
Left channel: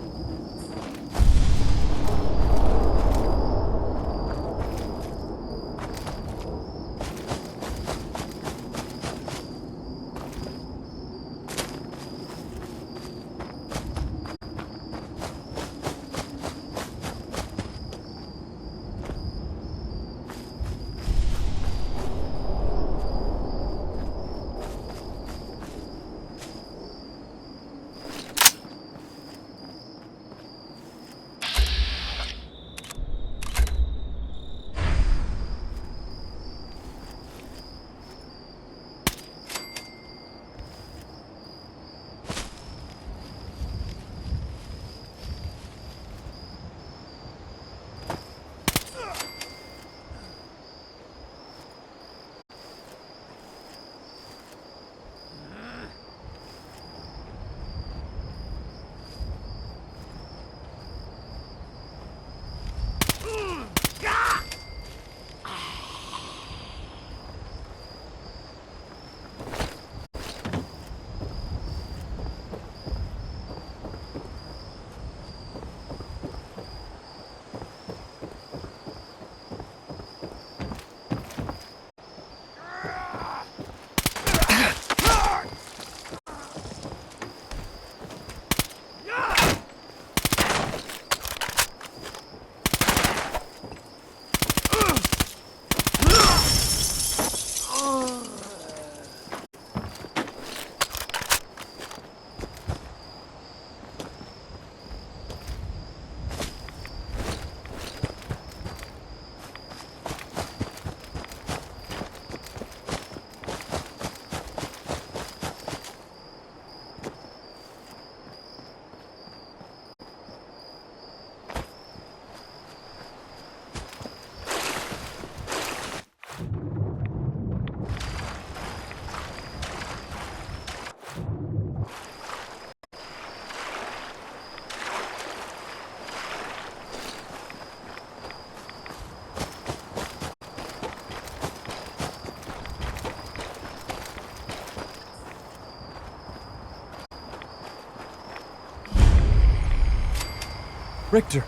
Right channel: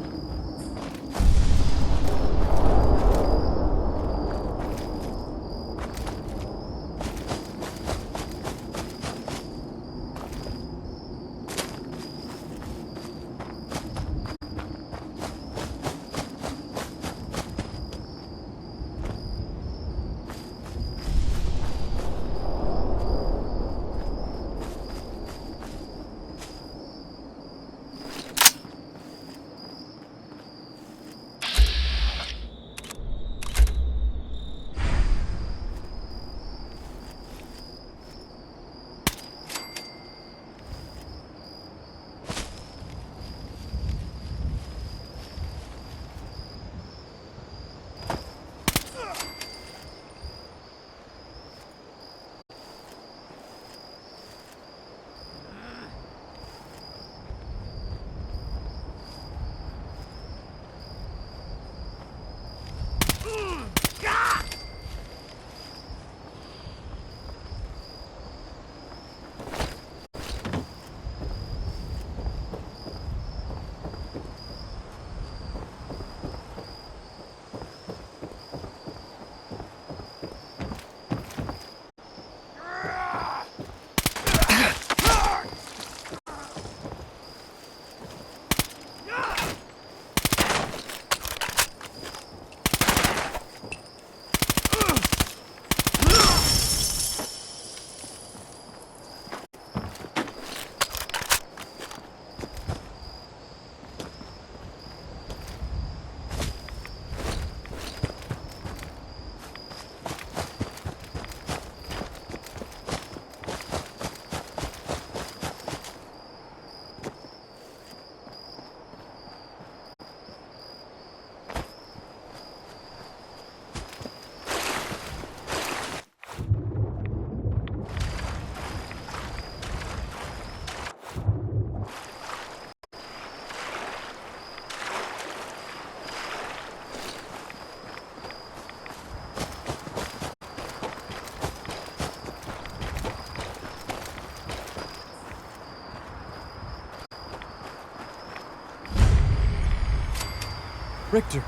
Richter,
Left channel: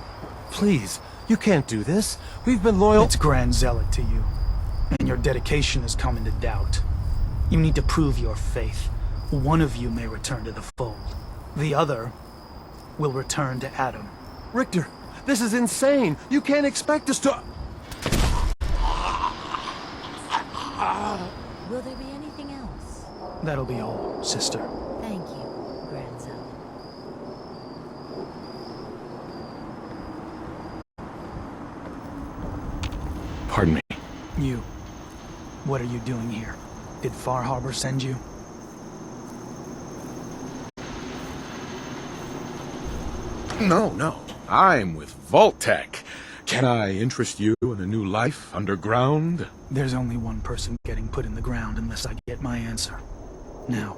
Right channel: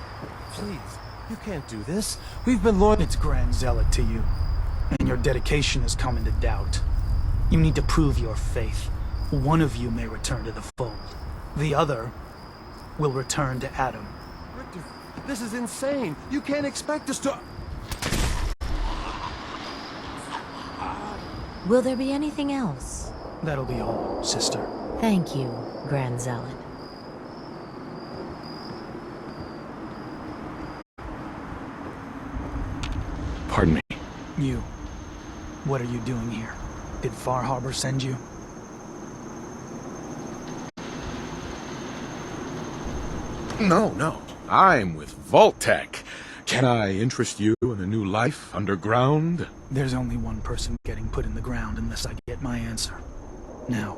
please, you can't do this. We've been loyal— It's Grand Zealot to you, and your dedication has come into doubt. You need to prove your faith. One of you may return to the fold. The other will return to Adam. Richter, this is insane. You can't expect us to— Will there be anything else? That'll be all, sister. Thank you, Grand Zealot. Pardon me. You. What are you doing here? Did Far Harbor send you? No. I'm with Vault-Tec. Can I interest you in a new life underground? There's only one person getting put in the ground unless I get my answer. Now,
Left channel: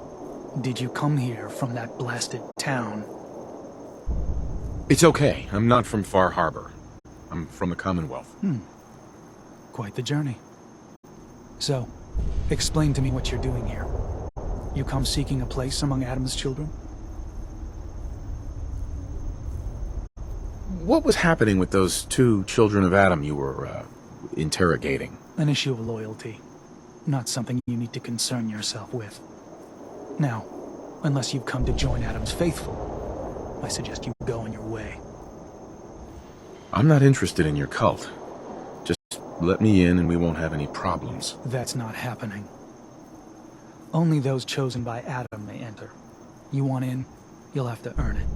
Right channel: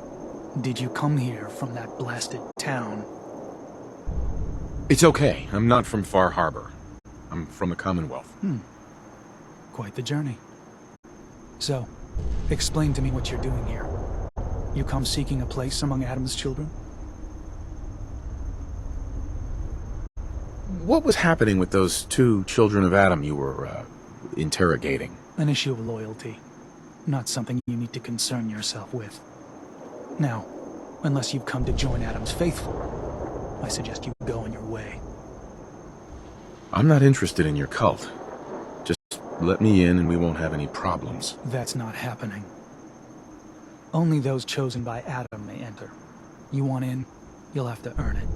did you come here from that blasted town? It's okay. I'm not from Far Harbor. I'm from the Commonwealth. Quite the journey. So, explain to me what you're doing here. You come seeking a place among Adam's children? What was happening with those 2 children of Adam you were, interrogating? An issue of loyalty. Not something you need to concern yourself with. Now, unless you've come to join Adam's faithful, I suggest you go on your way. I'm not interested in your cult. Just let me in and we won't have any problems. That's not happening. Only those chosen by Adam may enter. You want in, you'll have to earn it.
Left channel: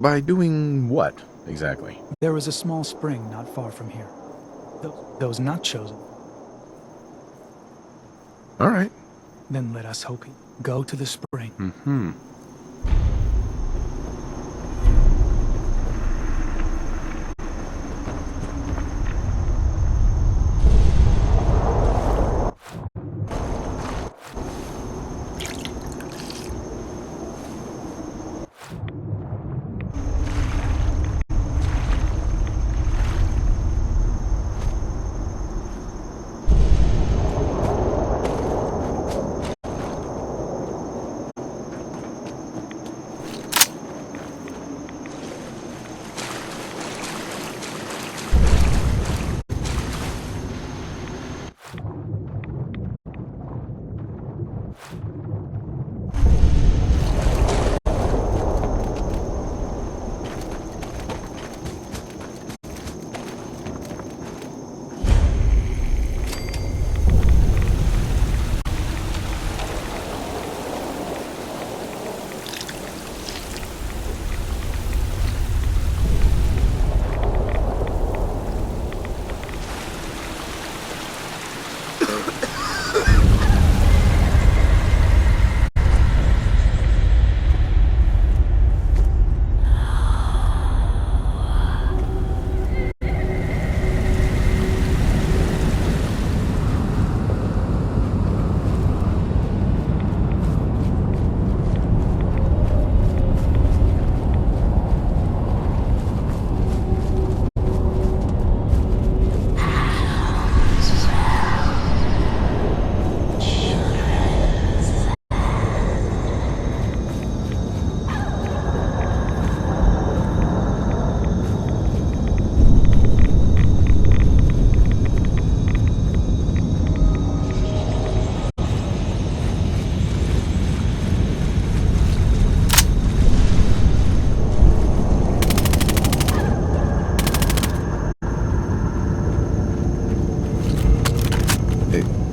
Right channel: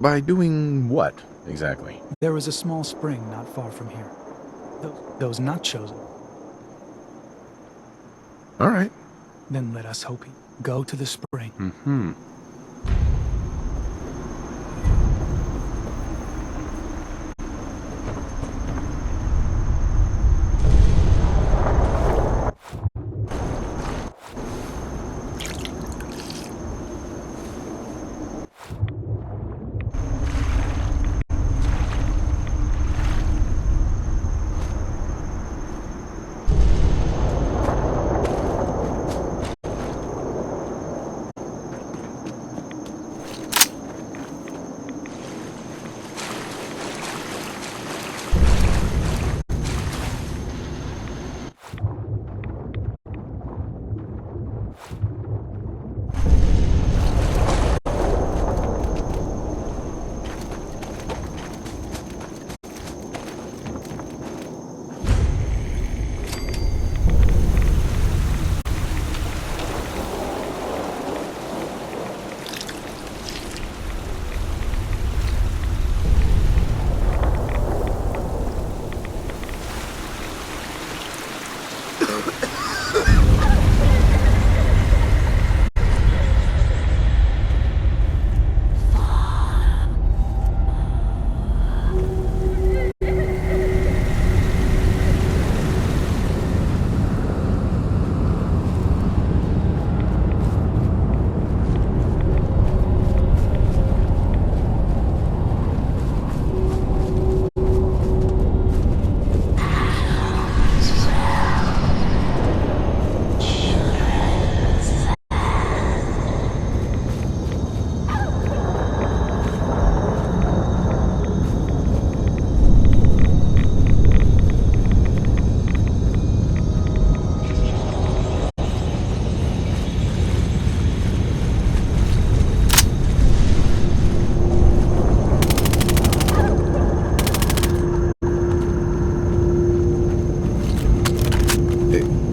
By doing what, exactly? There is a small spring not far from here. Those not chosen. All right. Then let us hope. Go to the spring.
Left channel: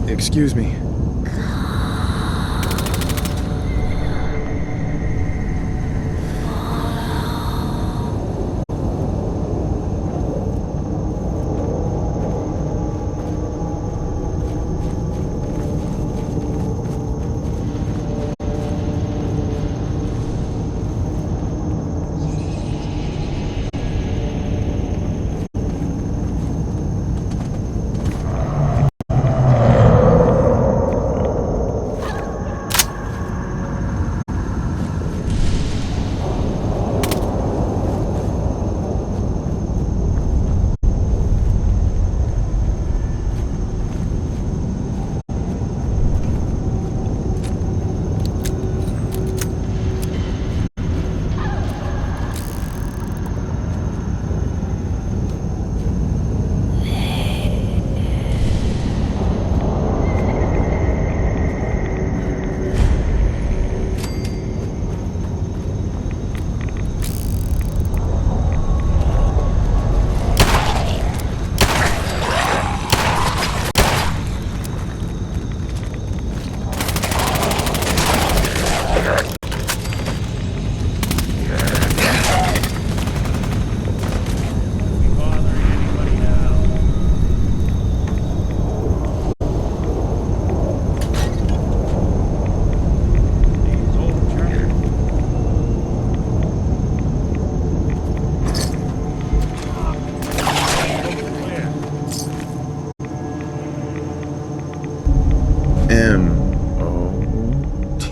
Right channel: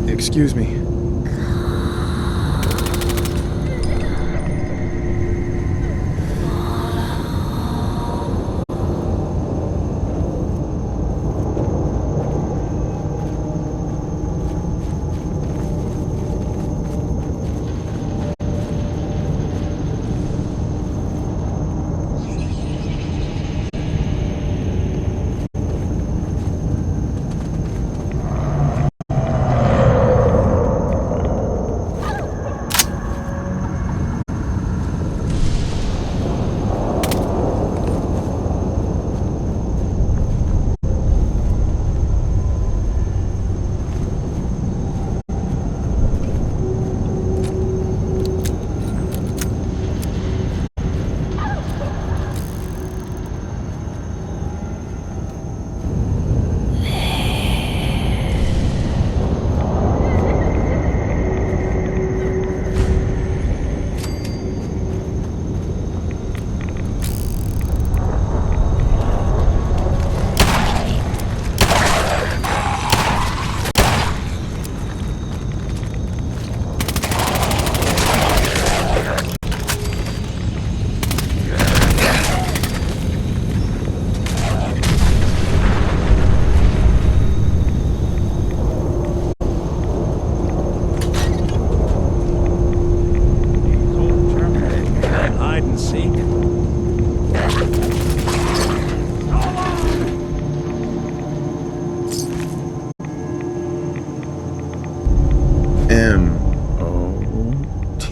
Excuse me.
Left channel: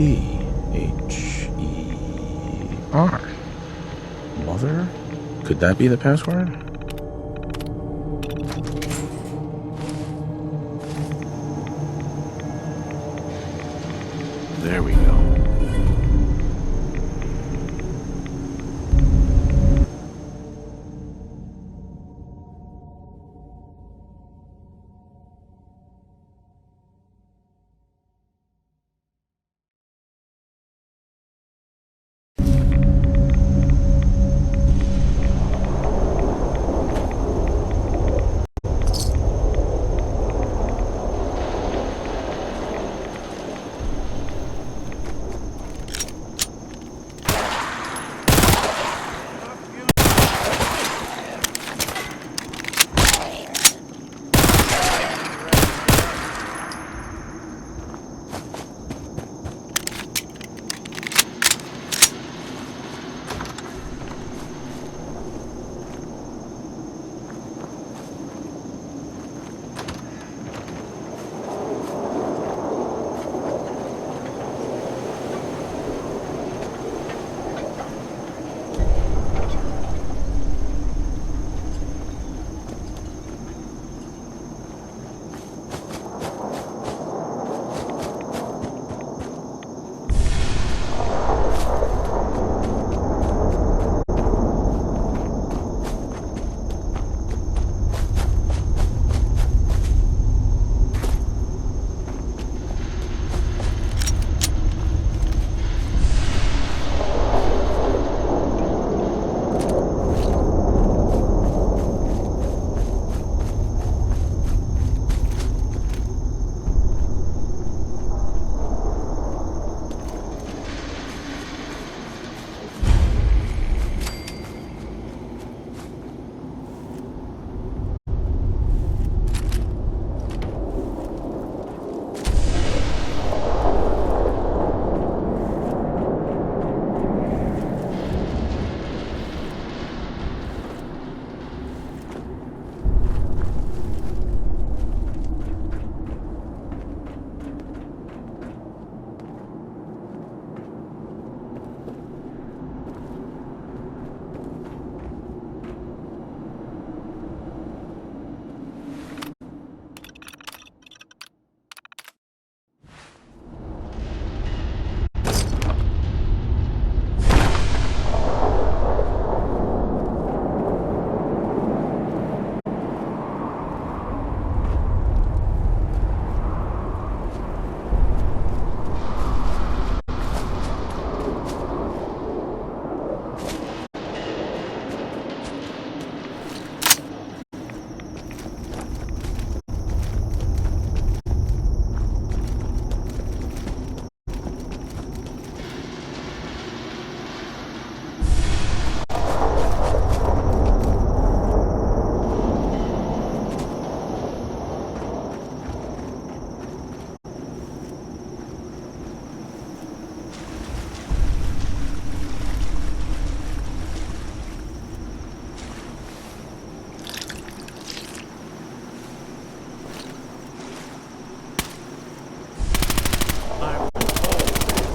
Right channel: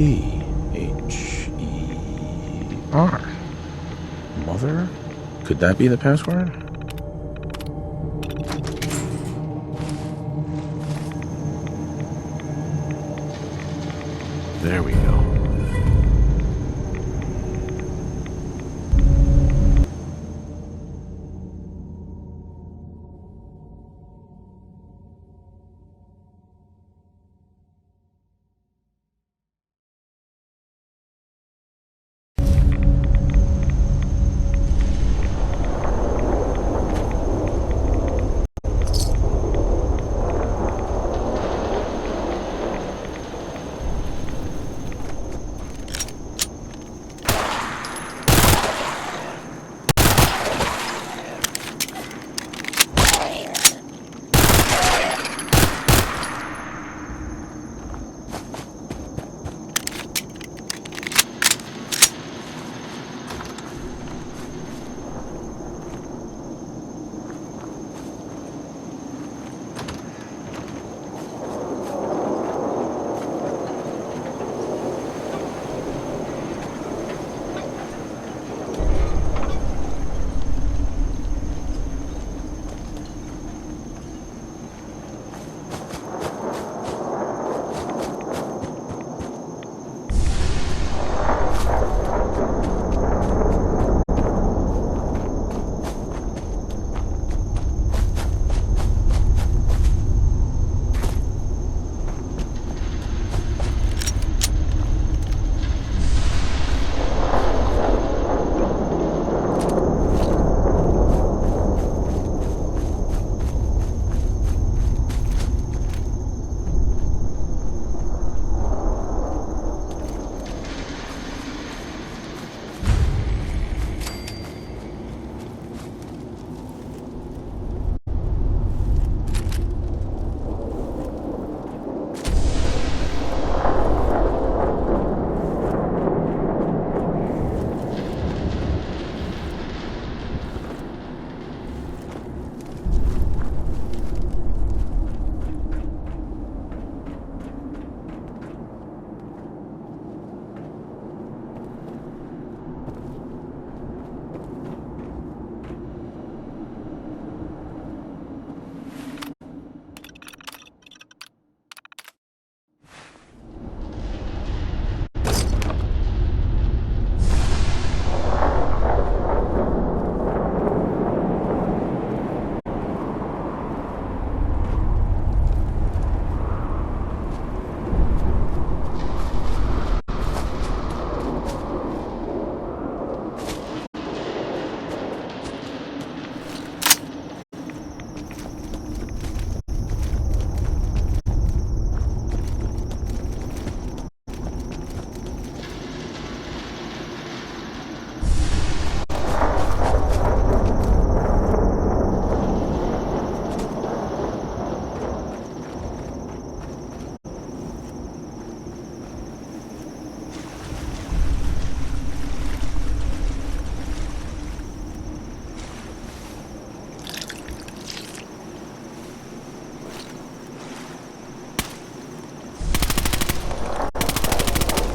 T-H-E-R. Mother? Could that be the password? There we go.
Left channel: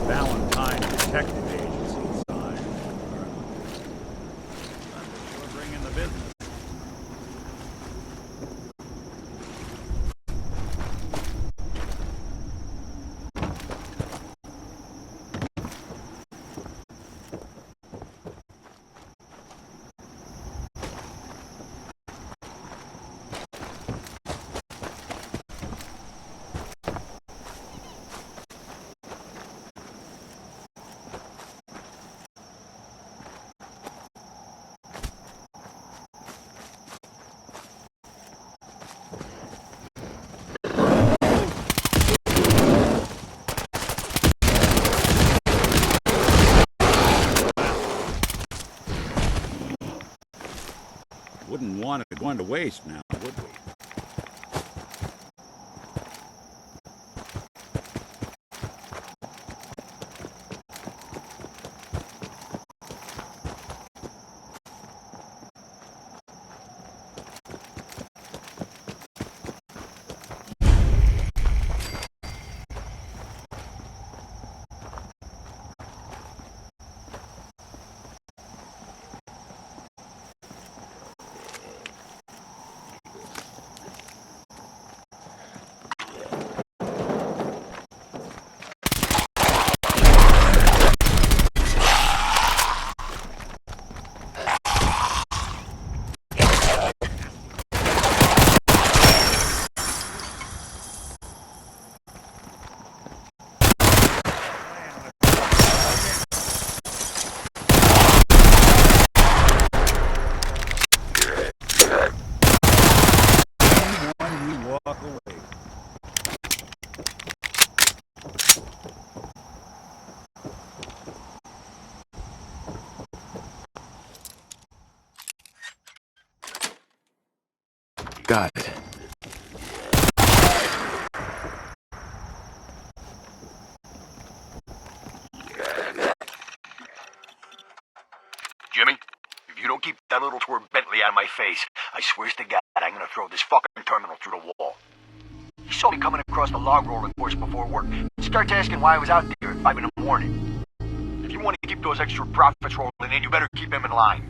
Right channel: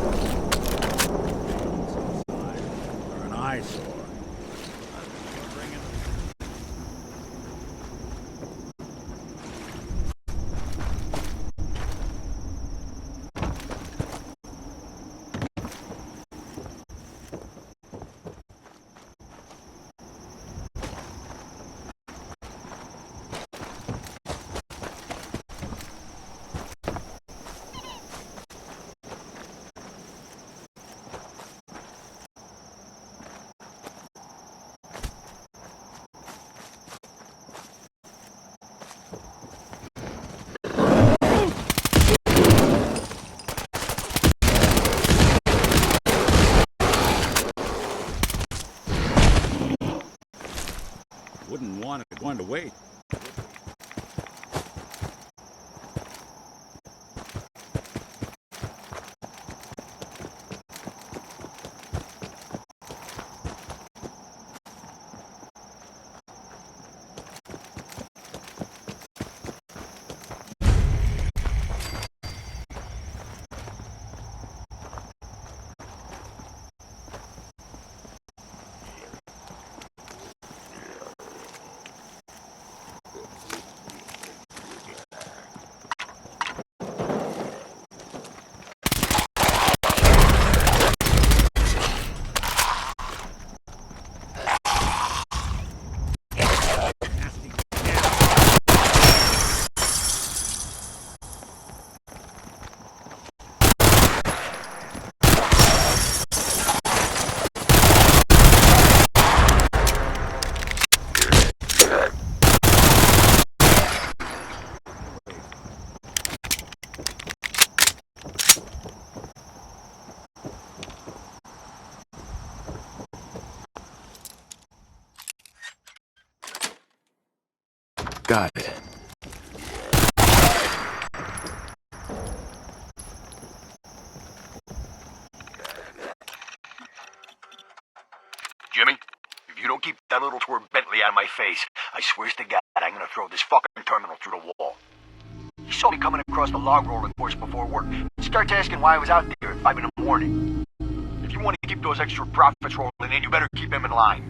Valentine Detective Agency side are an eyesore. We're bringing the business. Wouldn't want it going to waste now, would we? Got it. Jimmy, if you don't keep that little twerp Bentley out of my face, I swear to God I'm gonna throw this fucking terminal through the wall. He saw me coming across the log rolling course before work. He starts asking why I was out there at 5 in the morning. If you want to keep those extra profits rolling in, you better keep him in line.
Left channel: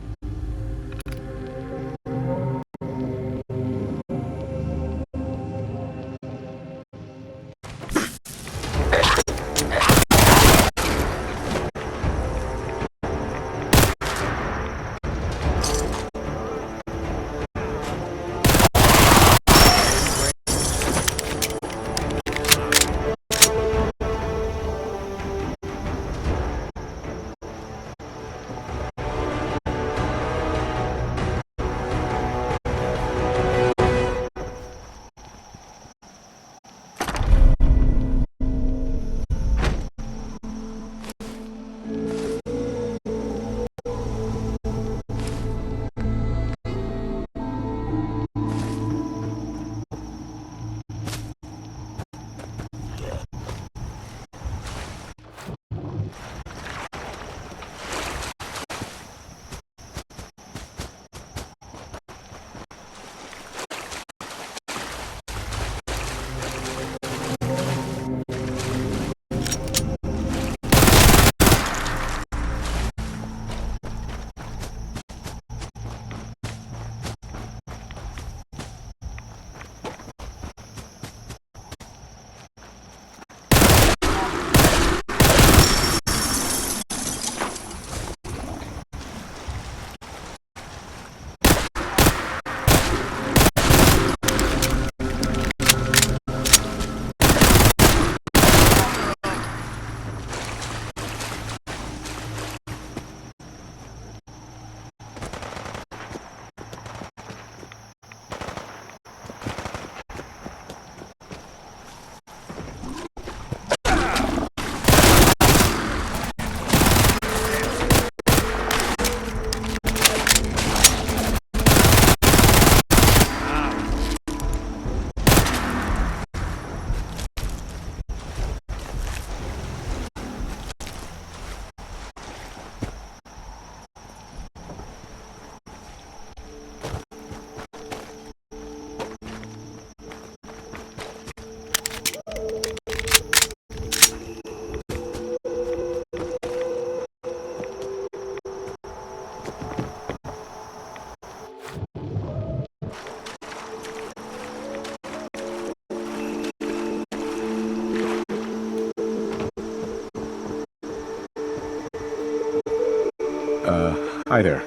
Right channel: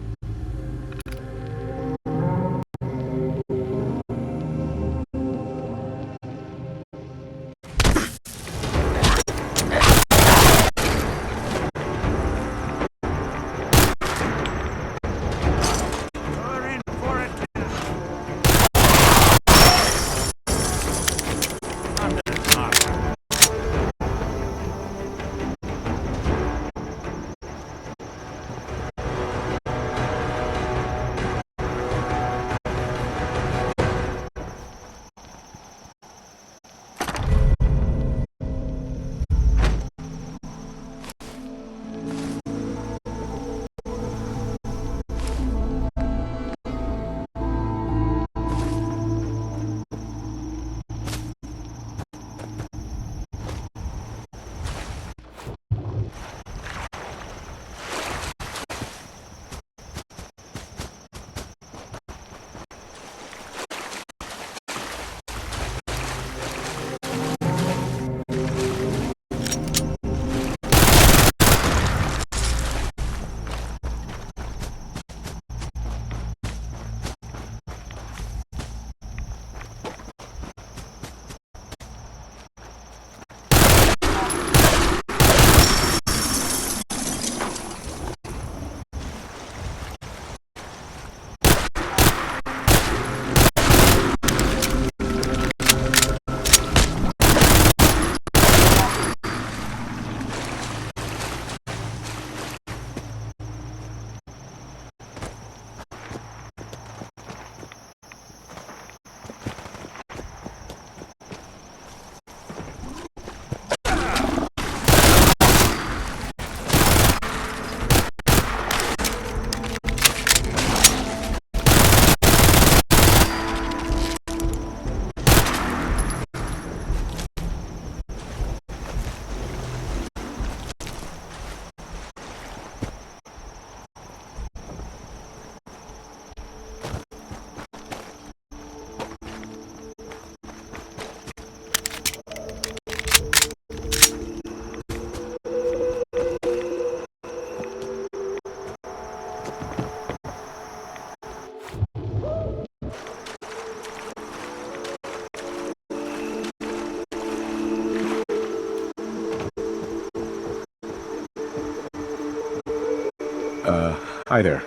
Hi there.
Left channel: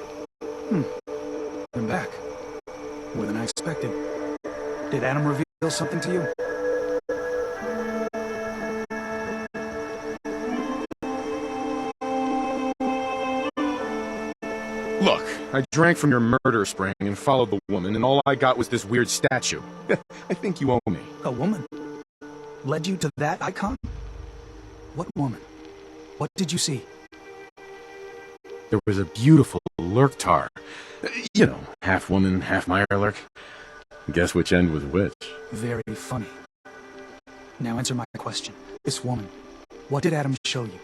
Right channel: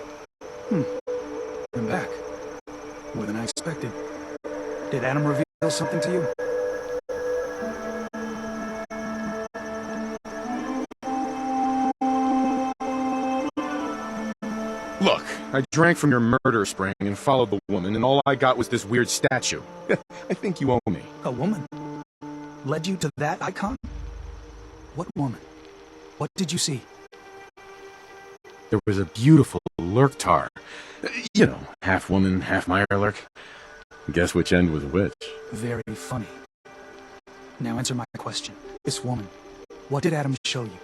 I'm back. More than I expected. Did Adam reveal something to you? Look, I drank from your murder spring and followed the woman, and all I got was this weird statue. I think you owe me. A woman? Led you to that icon? What woman? What did you see? There was a beautiful Lurktar. You know, half woman, half Mirelurk. Guess which end was which? Very funny. Now answer my question. This woman, what did Adam show you?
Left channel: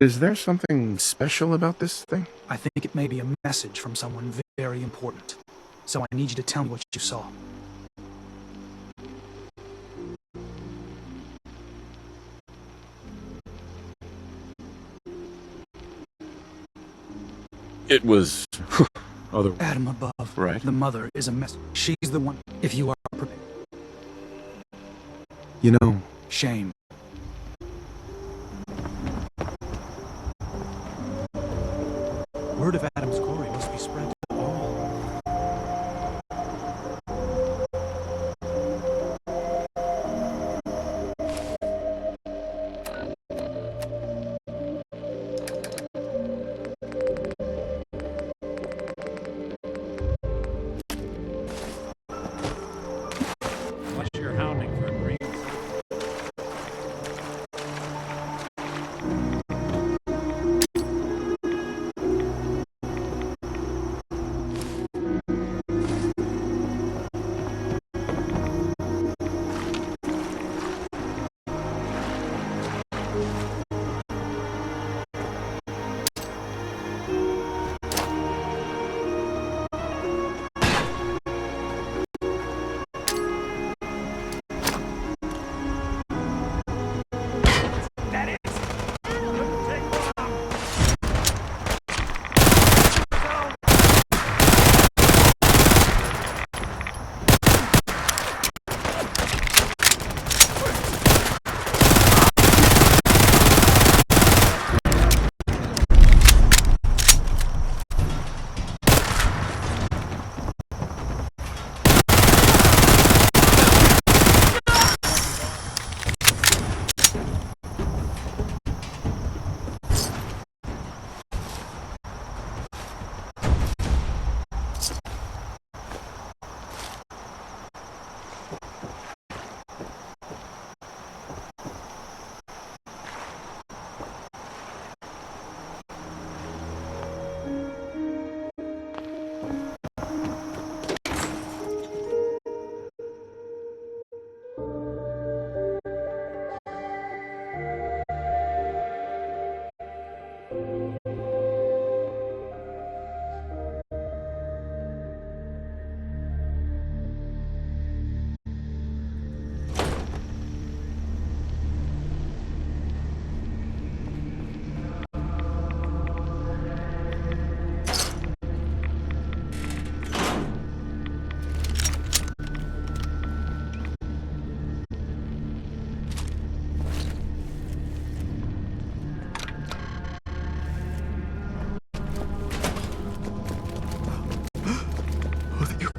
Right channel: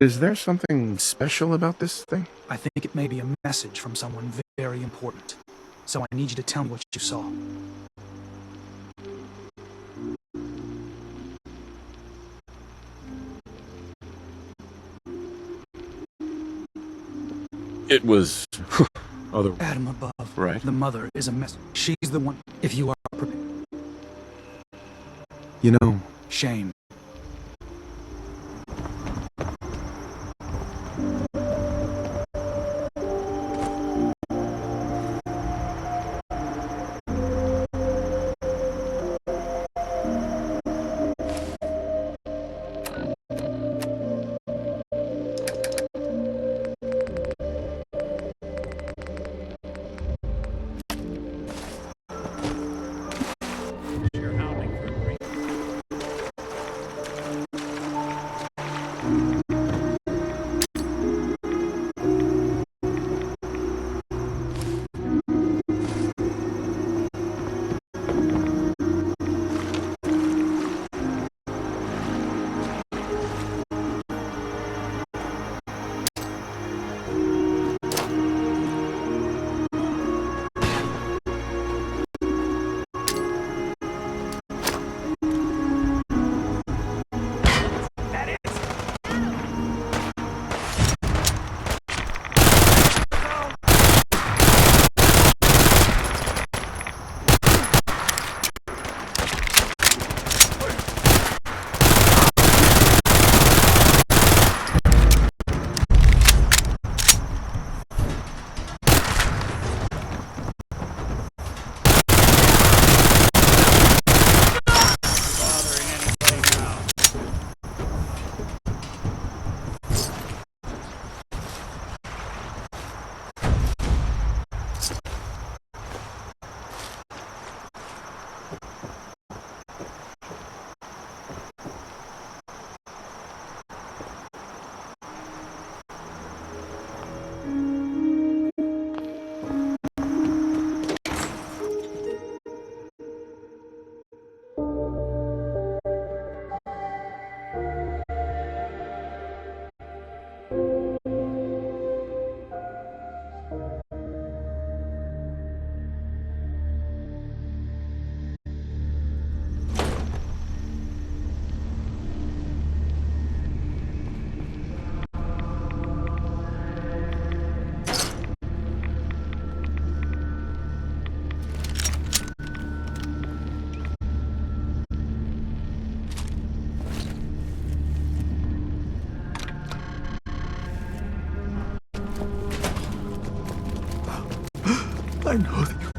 Is there something special about this thing? I think it may be a message from someone very important. So I need you to tell me what you saw. It was other. Adam above. Right. The mother is a mess. She's the one. If you are prepared. You know. Shame. Word of Adam's glory must be spread to all. Unless you're hounding for a green.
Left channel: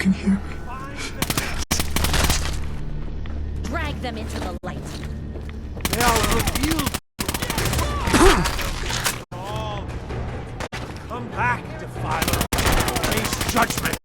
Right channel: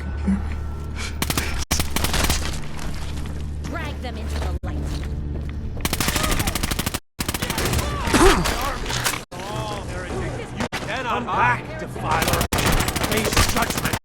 can hear me. Drag them into the light. Come back, defiler. Face judgment.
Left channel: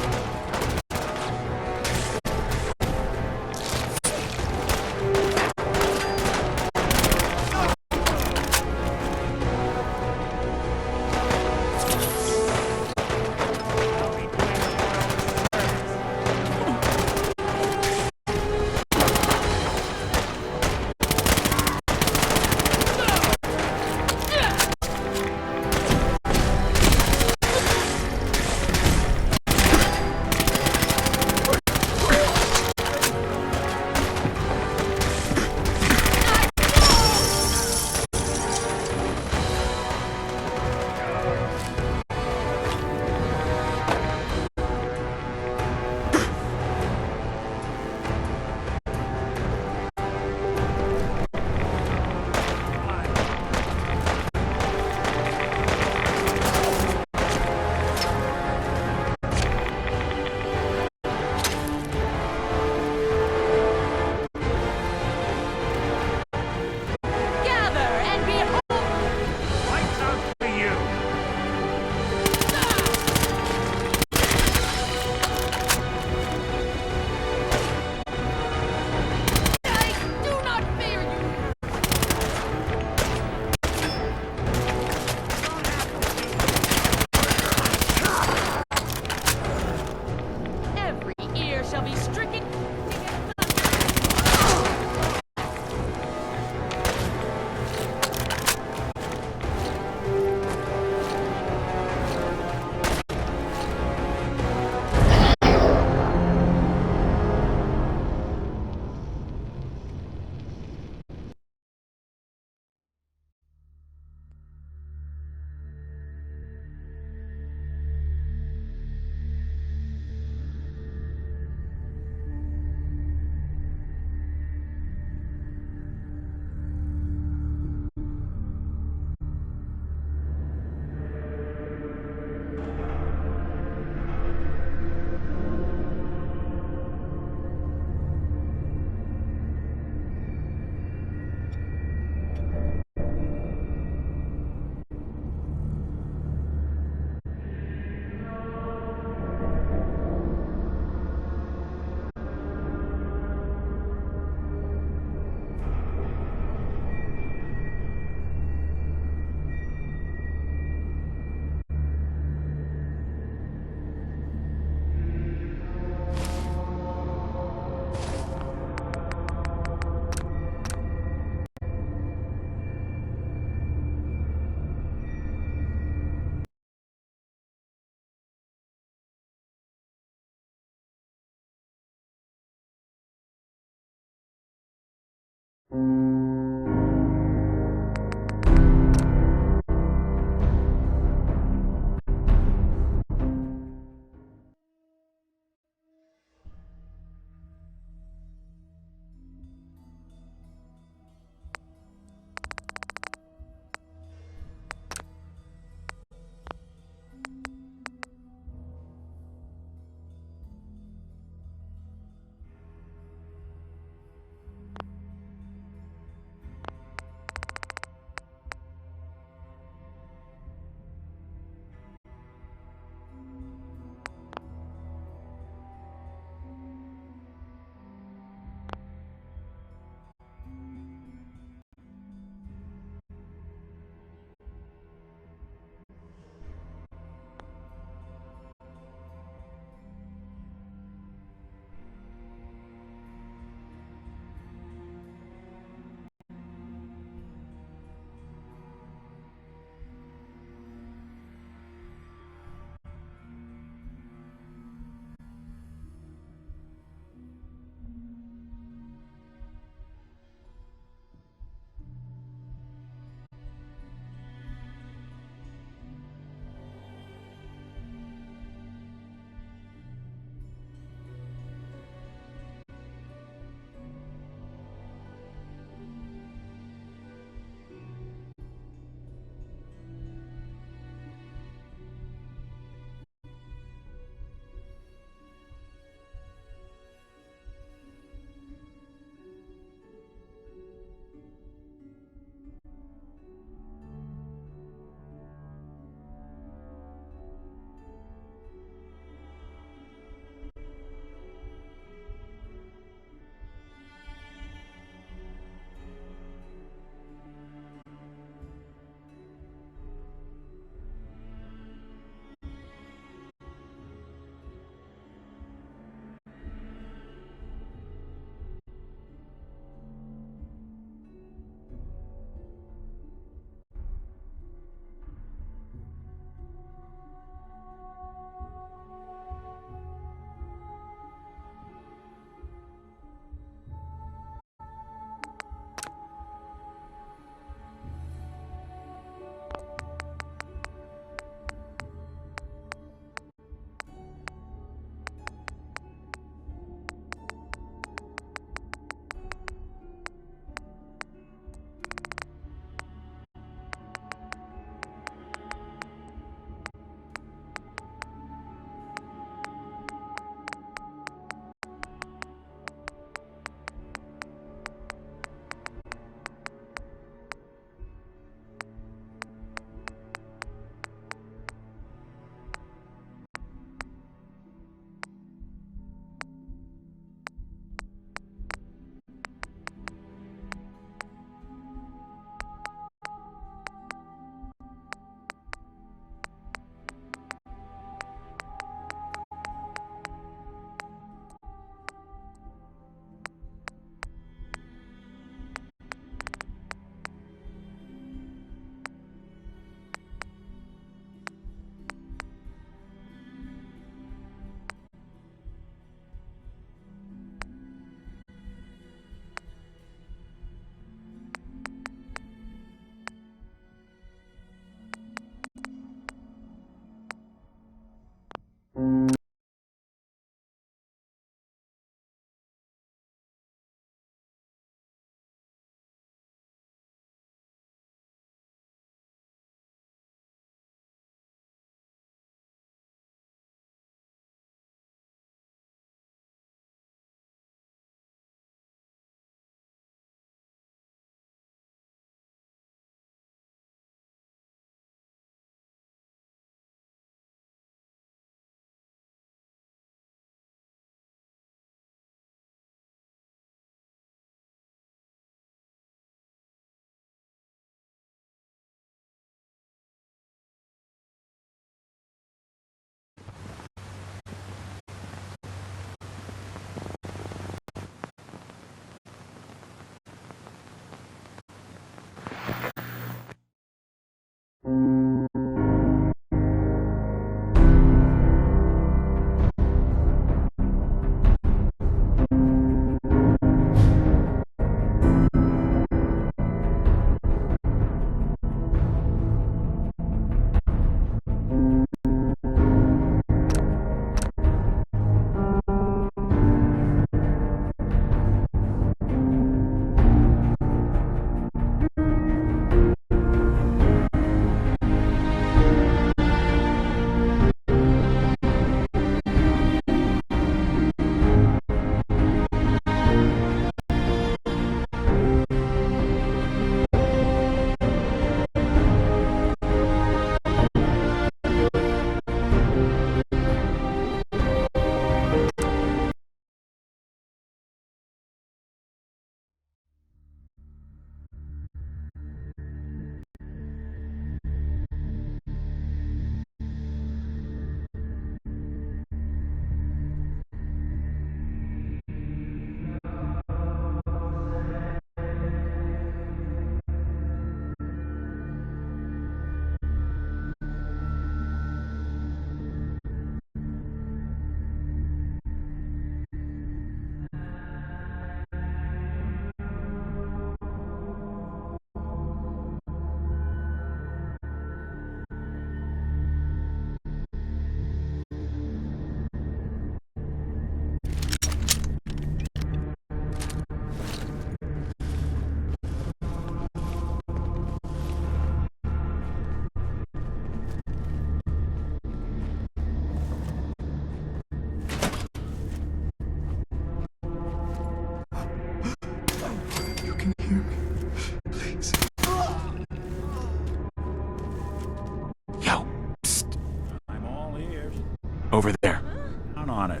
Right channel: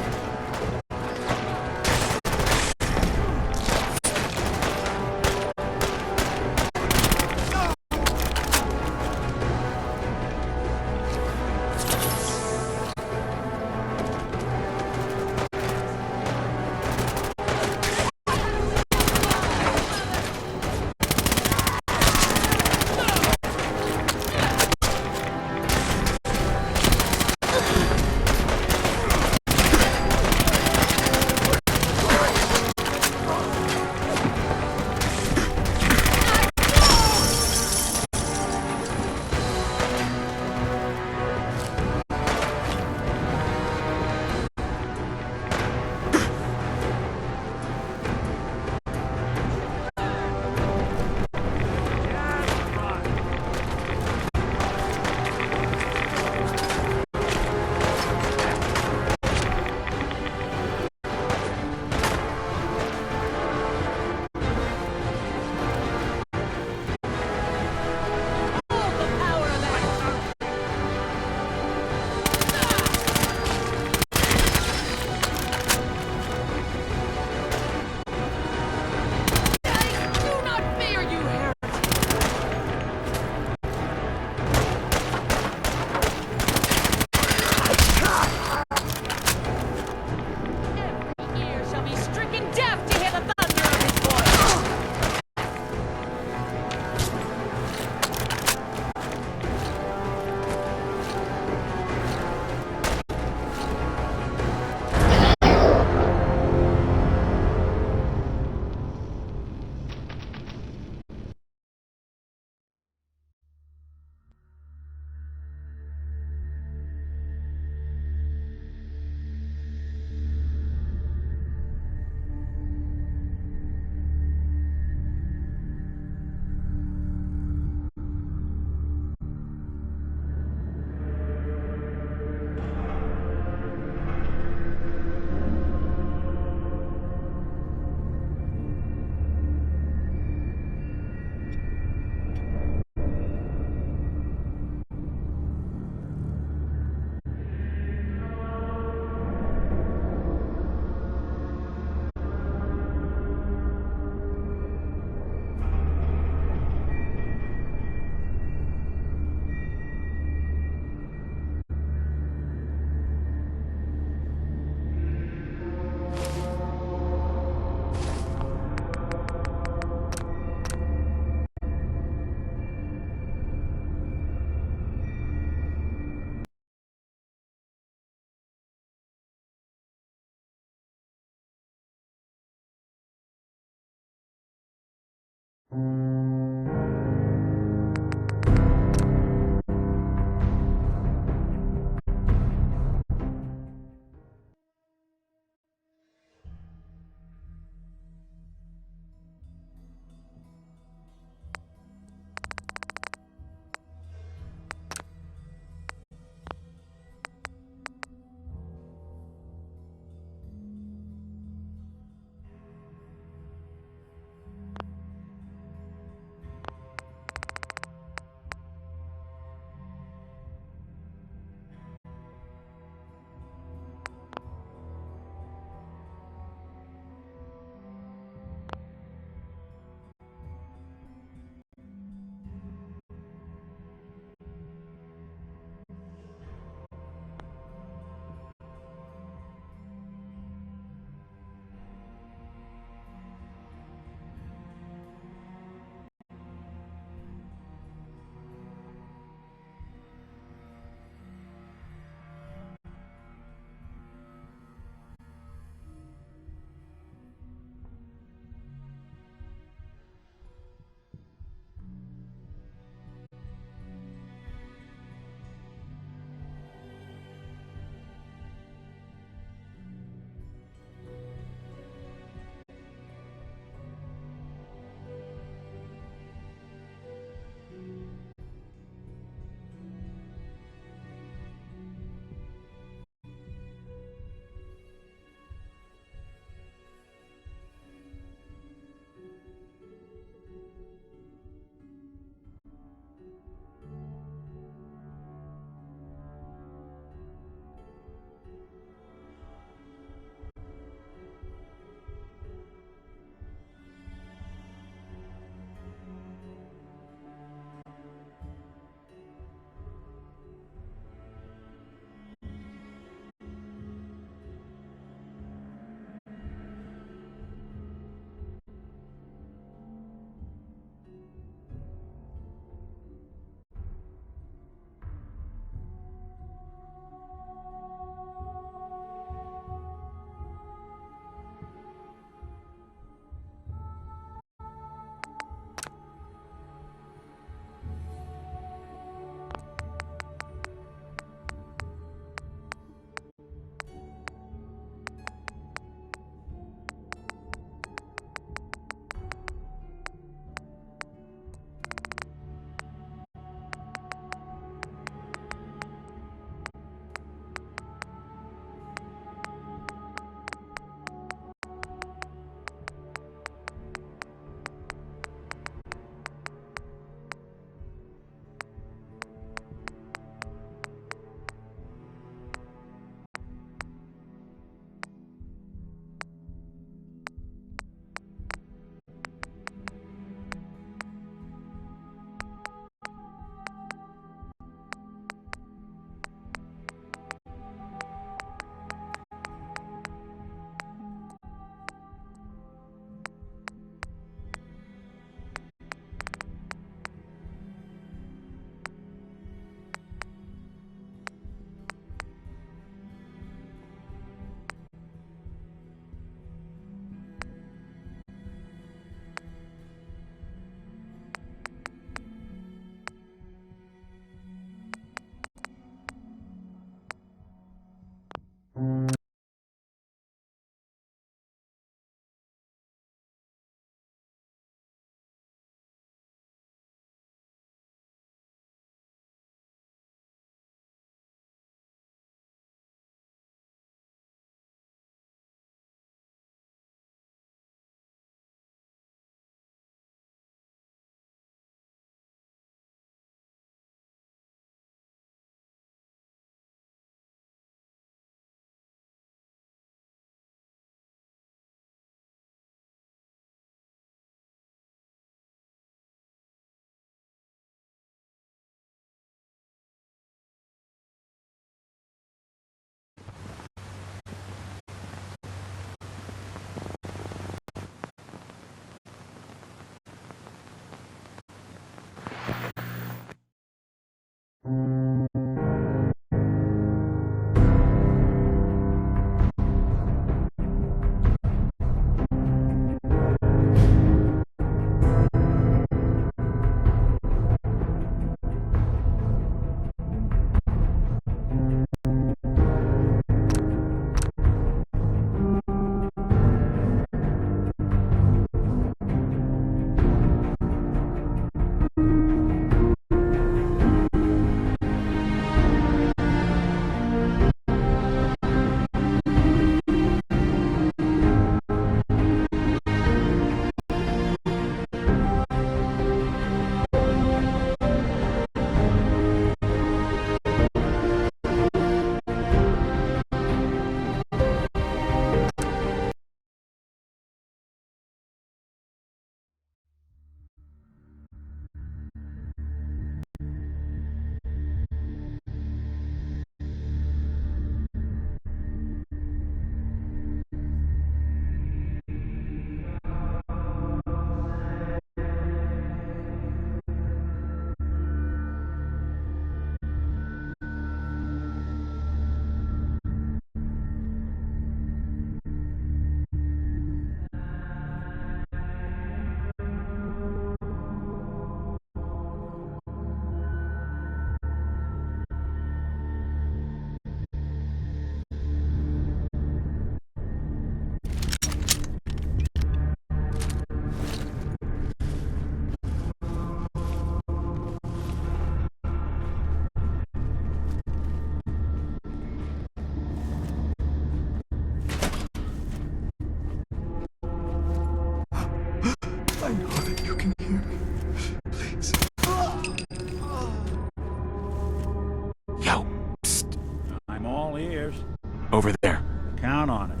Over there. Count on it.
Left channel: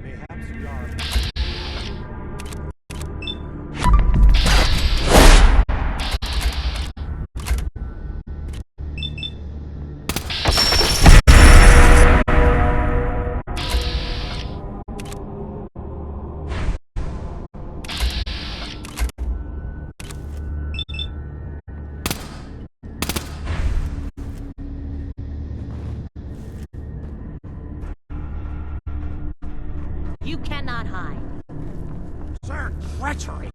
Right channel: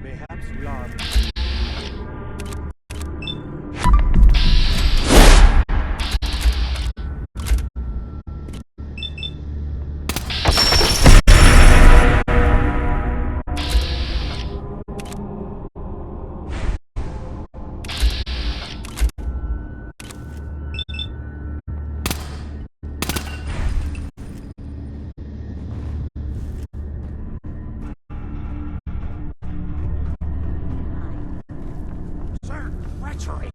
Perhaps we are... You cannot hide. Sir, treachery!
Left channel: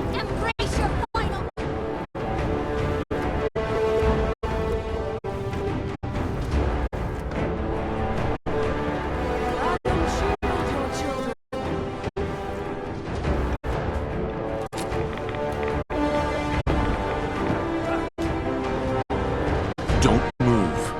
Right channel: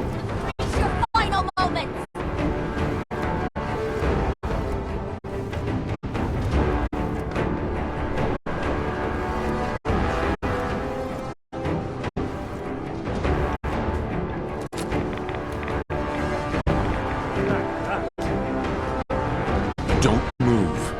Embrace your final moment. Don't move.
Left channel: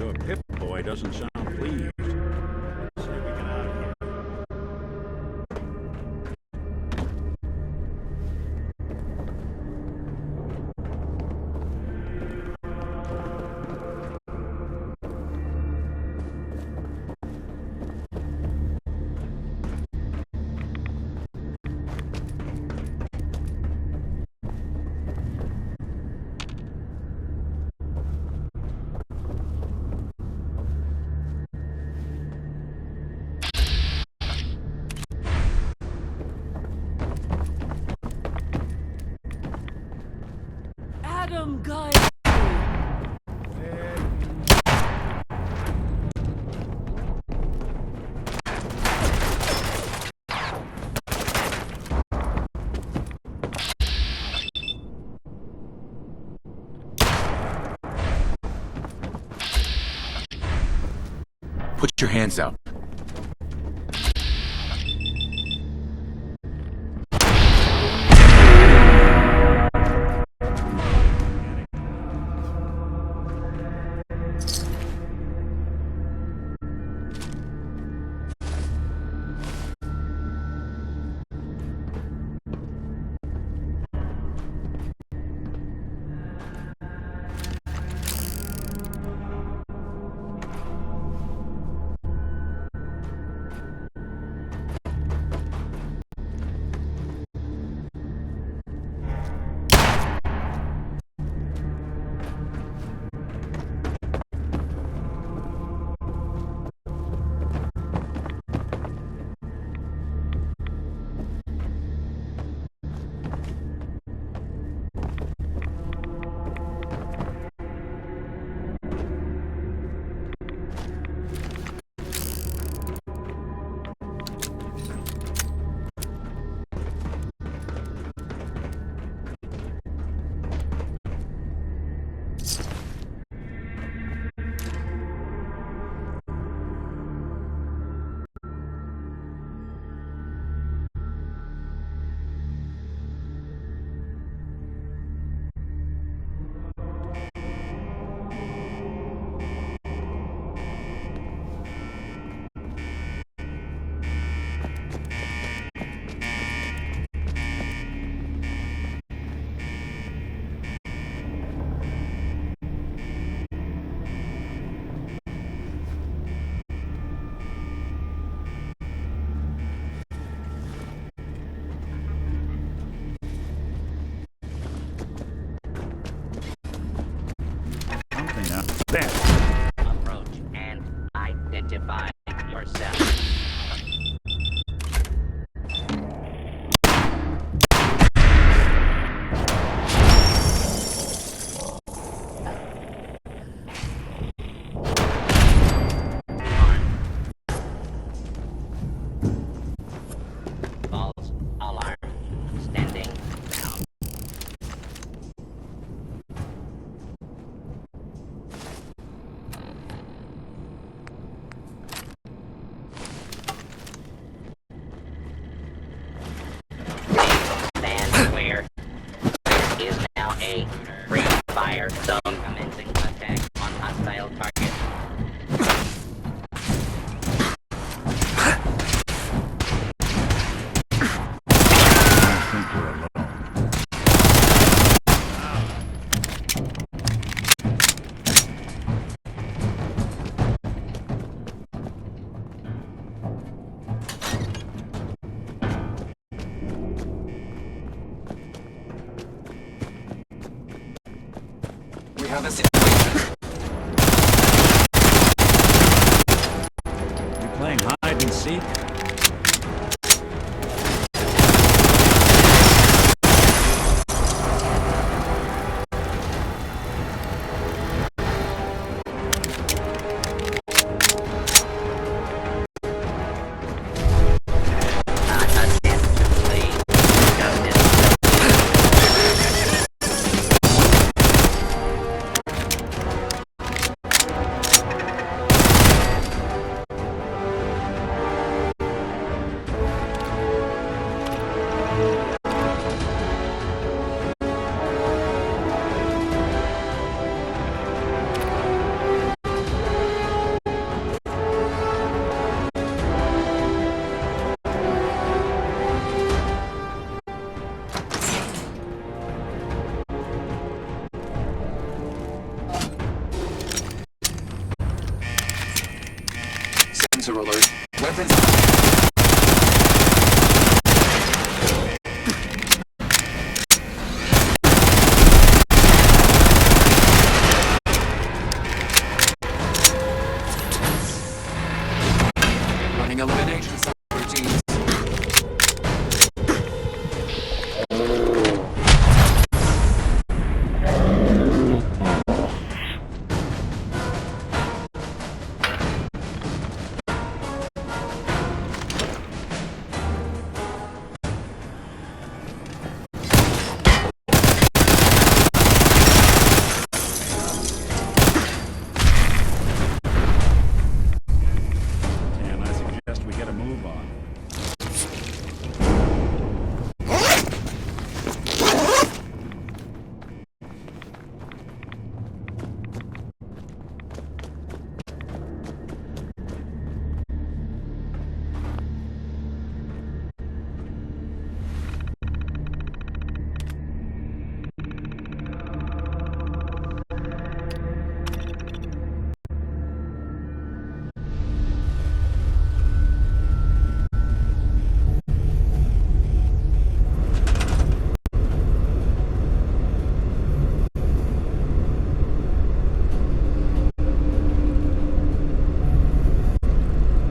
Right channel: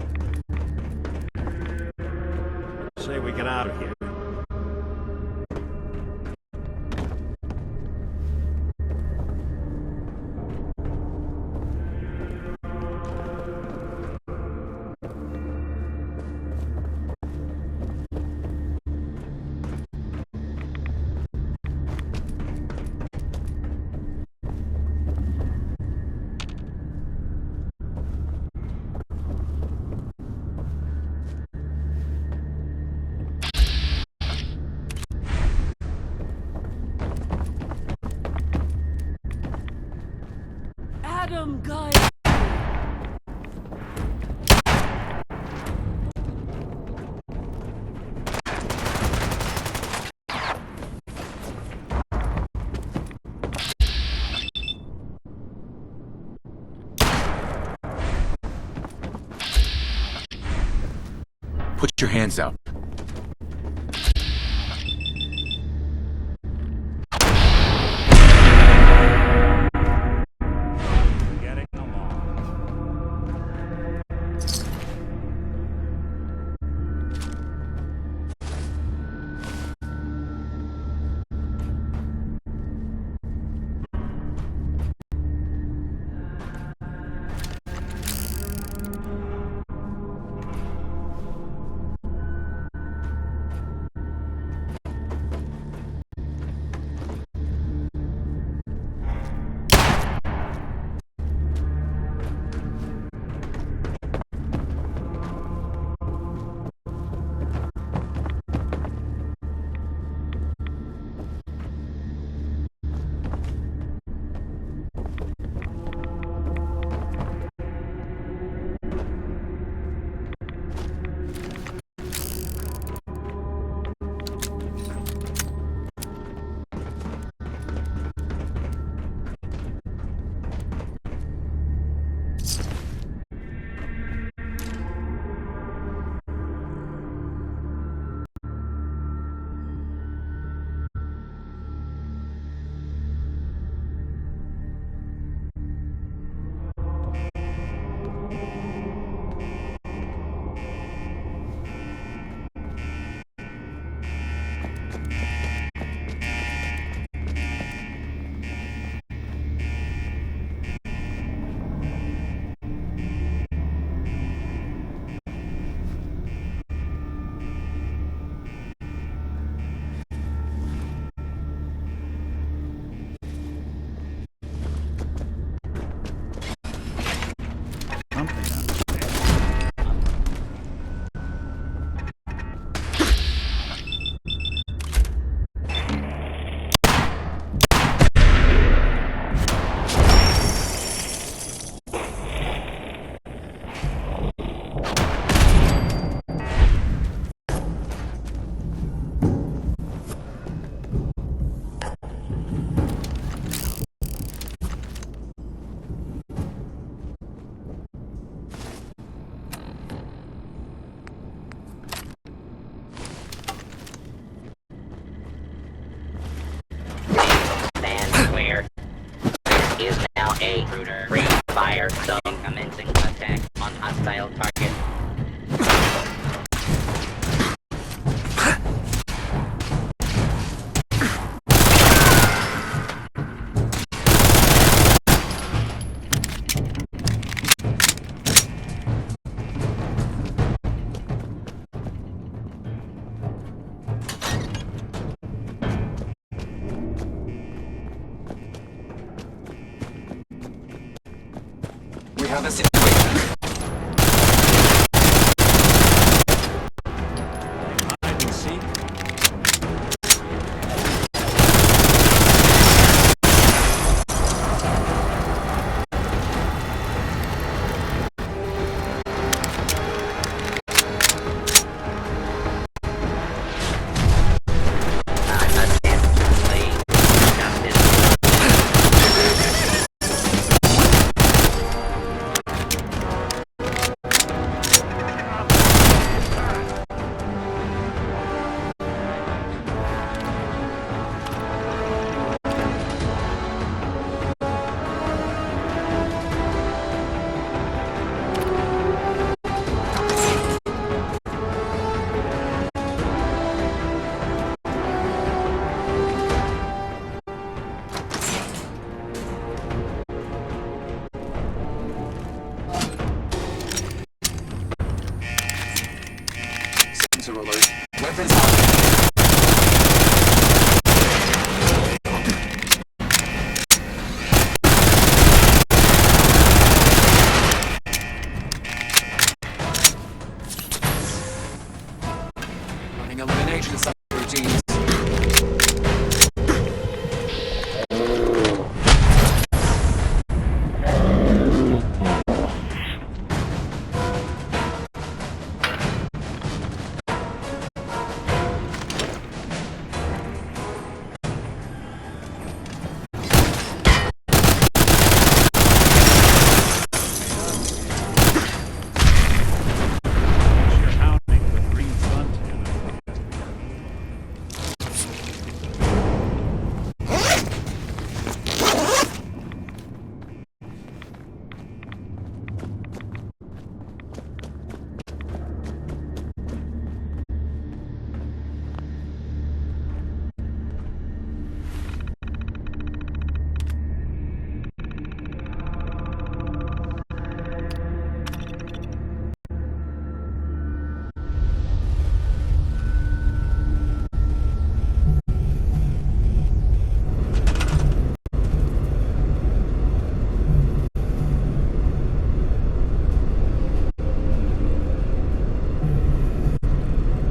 Your Pip-Boy doesn't sound pleased. Let's say we get out of here. Adam, guy. Put your hands out. Getting along. clear the situation. You playing hide and seek? Sensor alert. Weapons on. Running elimination subroutines.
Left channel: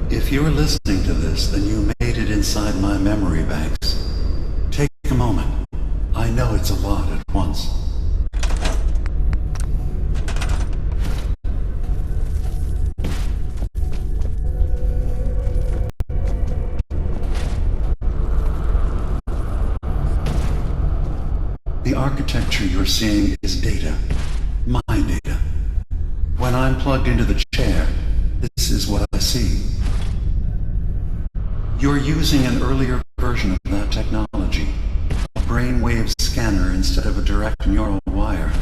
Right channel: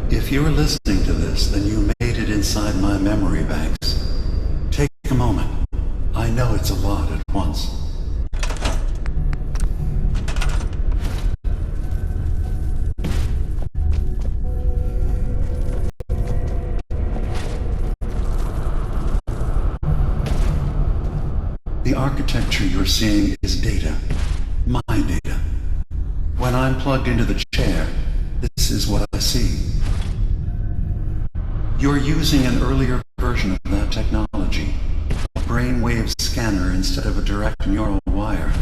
If you're listening to this, then you made it inside my memory banks. Take a moment. I know it's a lot at once. The architecture you're seeing is data. My data. When I'm plugged into the chair, this is what I see. You're using an earlier version of that technology, a brainwave scanner instead of a direct neural wire.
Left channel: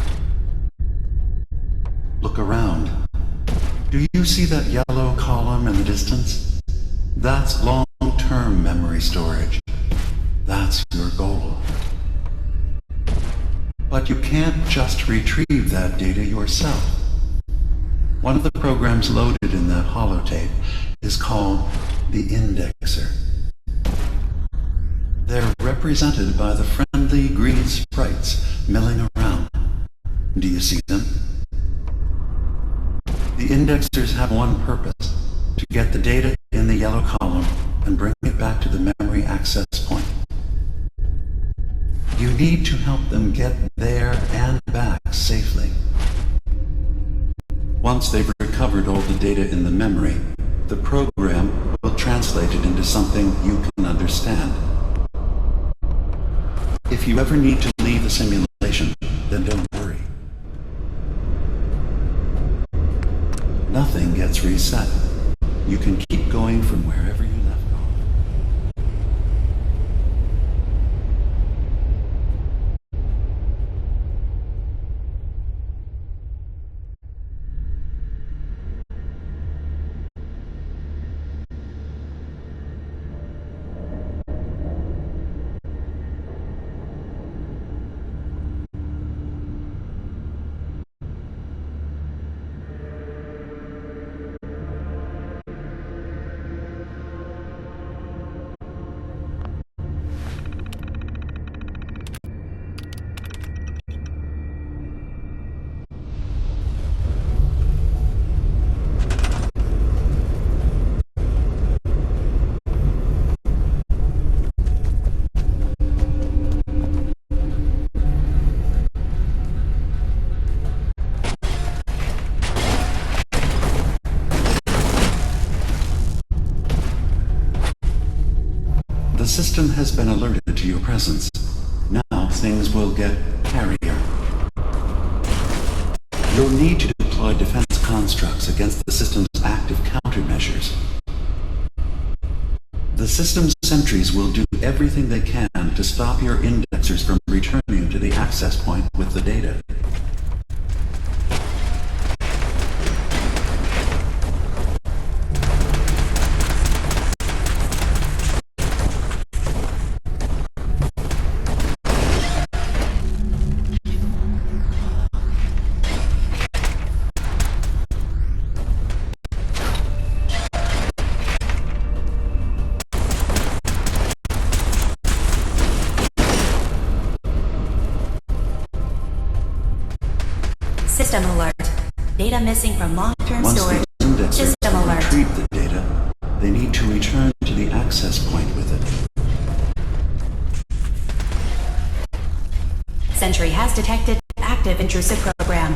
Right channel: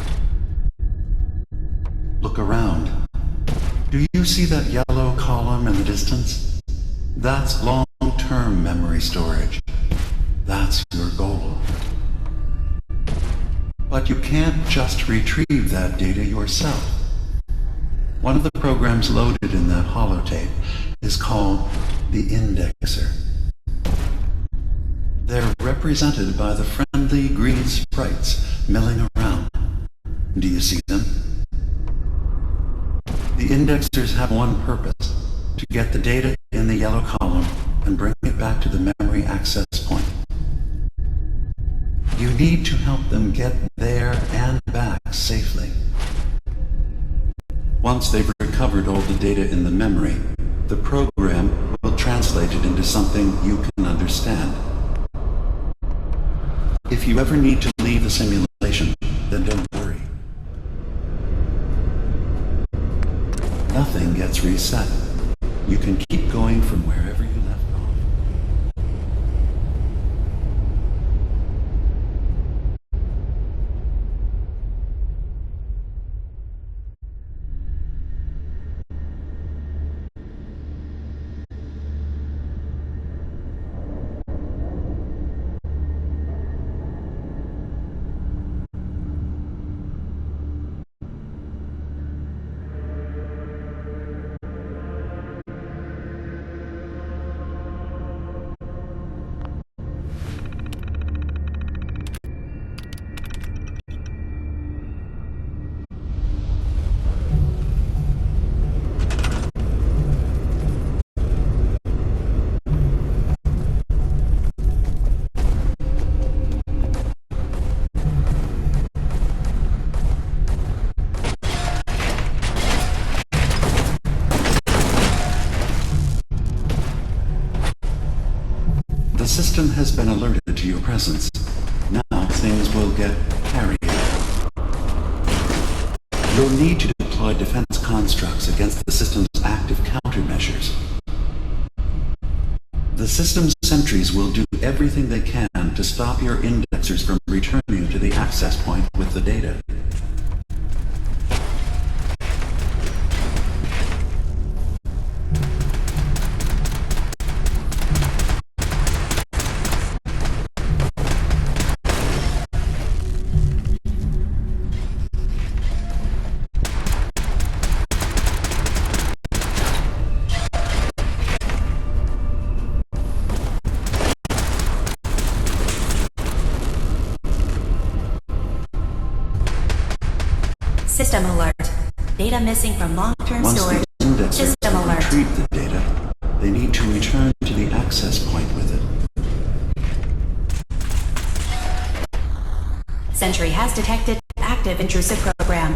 Look around. Do you see that yellow column in the distance? That's long-term memory storage. That's your goal. But you can't just retrieve that data yourself. One of the programs loaded in that holotape is called the indexer. They're represented by the friendly green sprites milling around. Do you see them? The indexers have one purpose: to get the data in the yellow column and bring it back to the memory access point. You need to help them get there and back safely. Once they've recovered all the data in the memory, the program will translate it into something you can understand. If you ever need to leave the simulation, then don't worry. Nothing gets reset. You can keep going from wherever you left off. system has been alerted to your presence. Now things will get hairier. You'll need to deploy defense constructs against the system's active countermeasures. The system's sentries will do everything they can to stop your indexers from returning to the access point with the data. System alert. Data missing from long-term Once storage. the indexers System alert. retrieve the data, they need to return to the access point with it. Sentry has detected active intrusive program.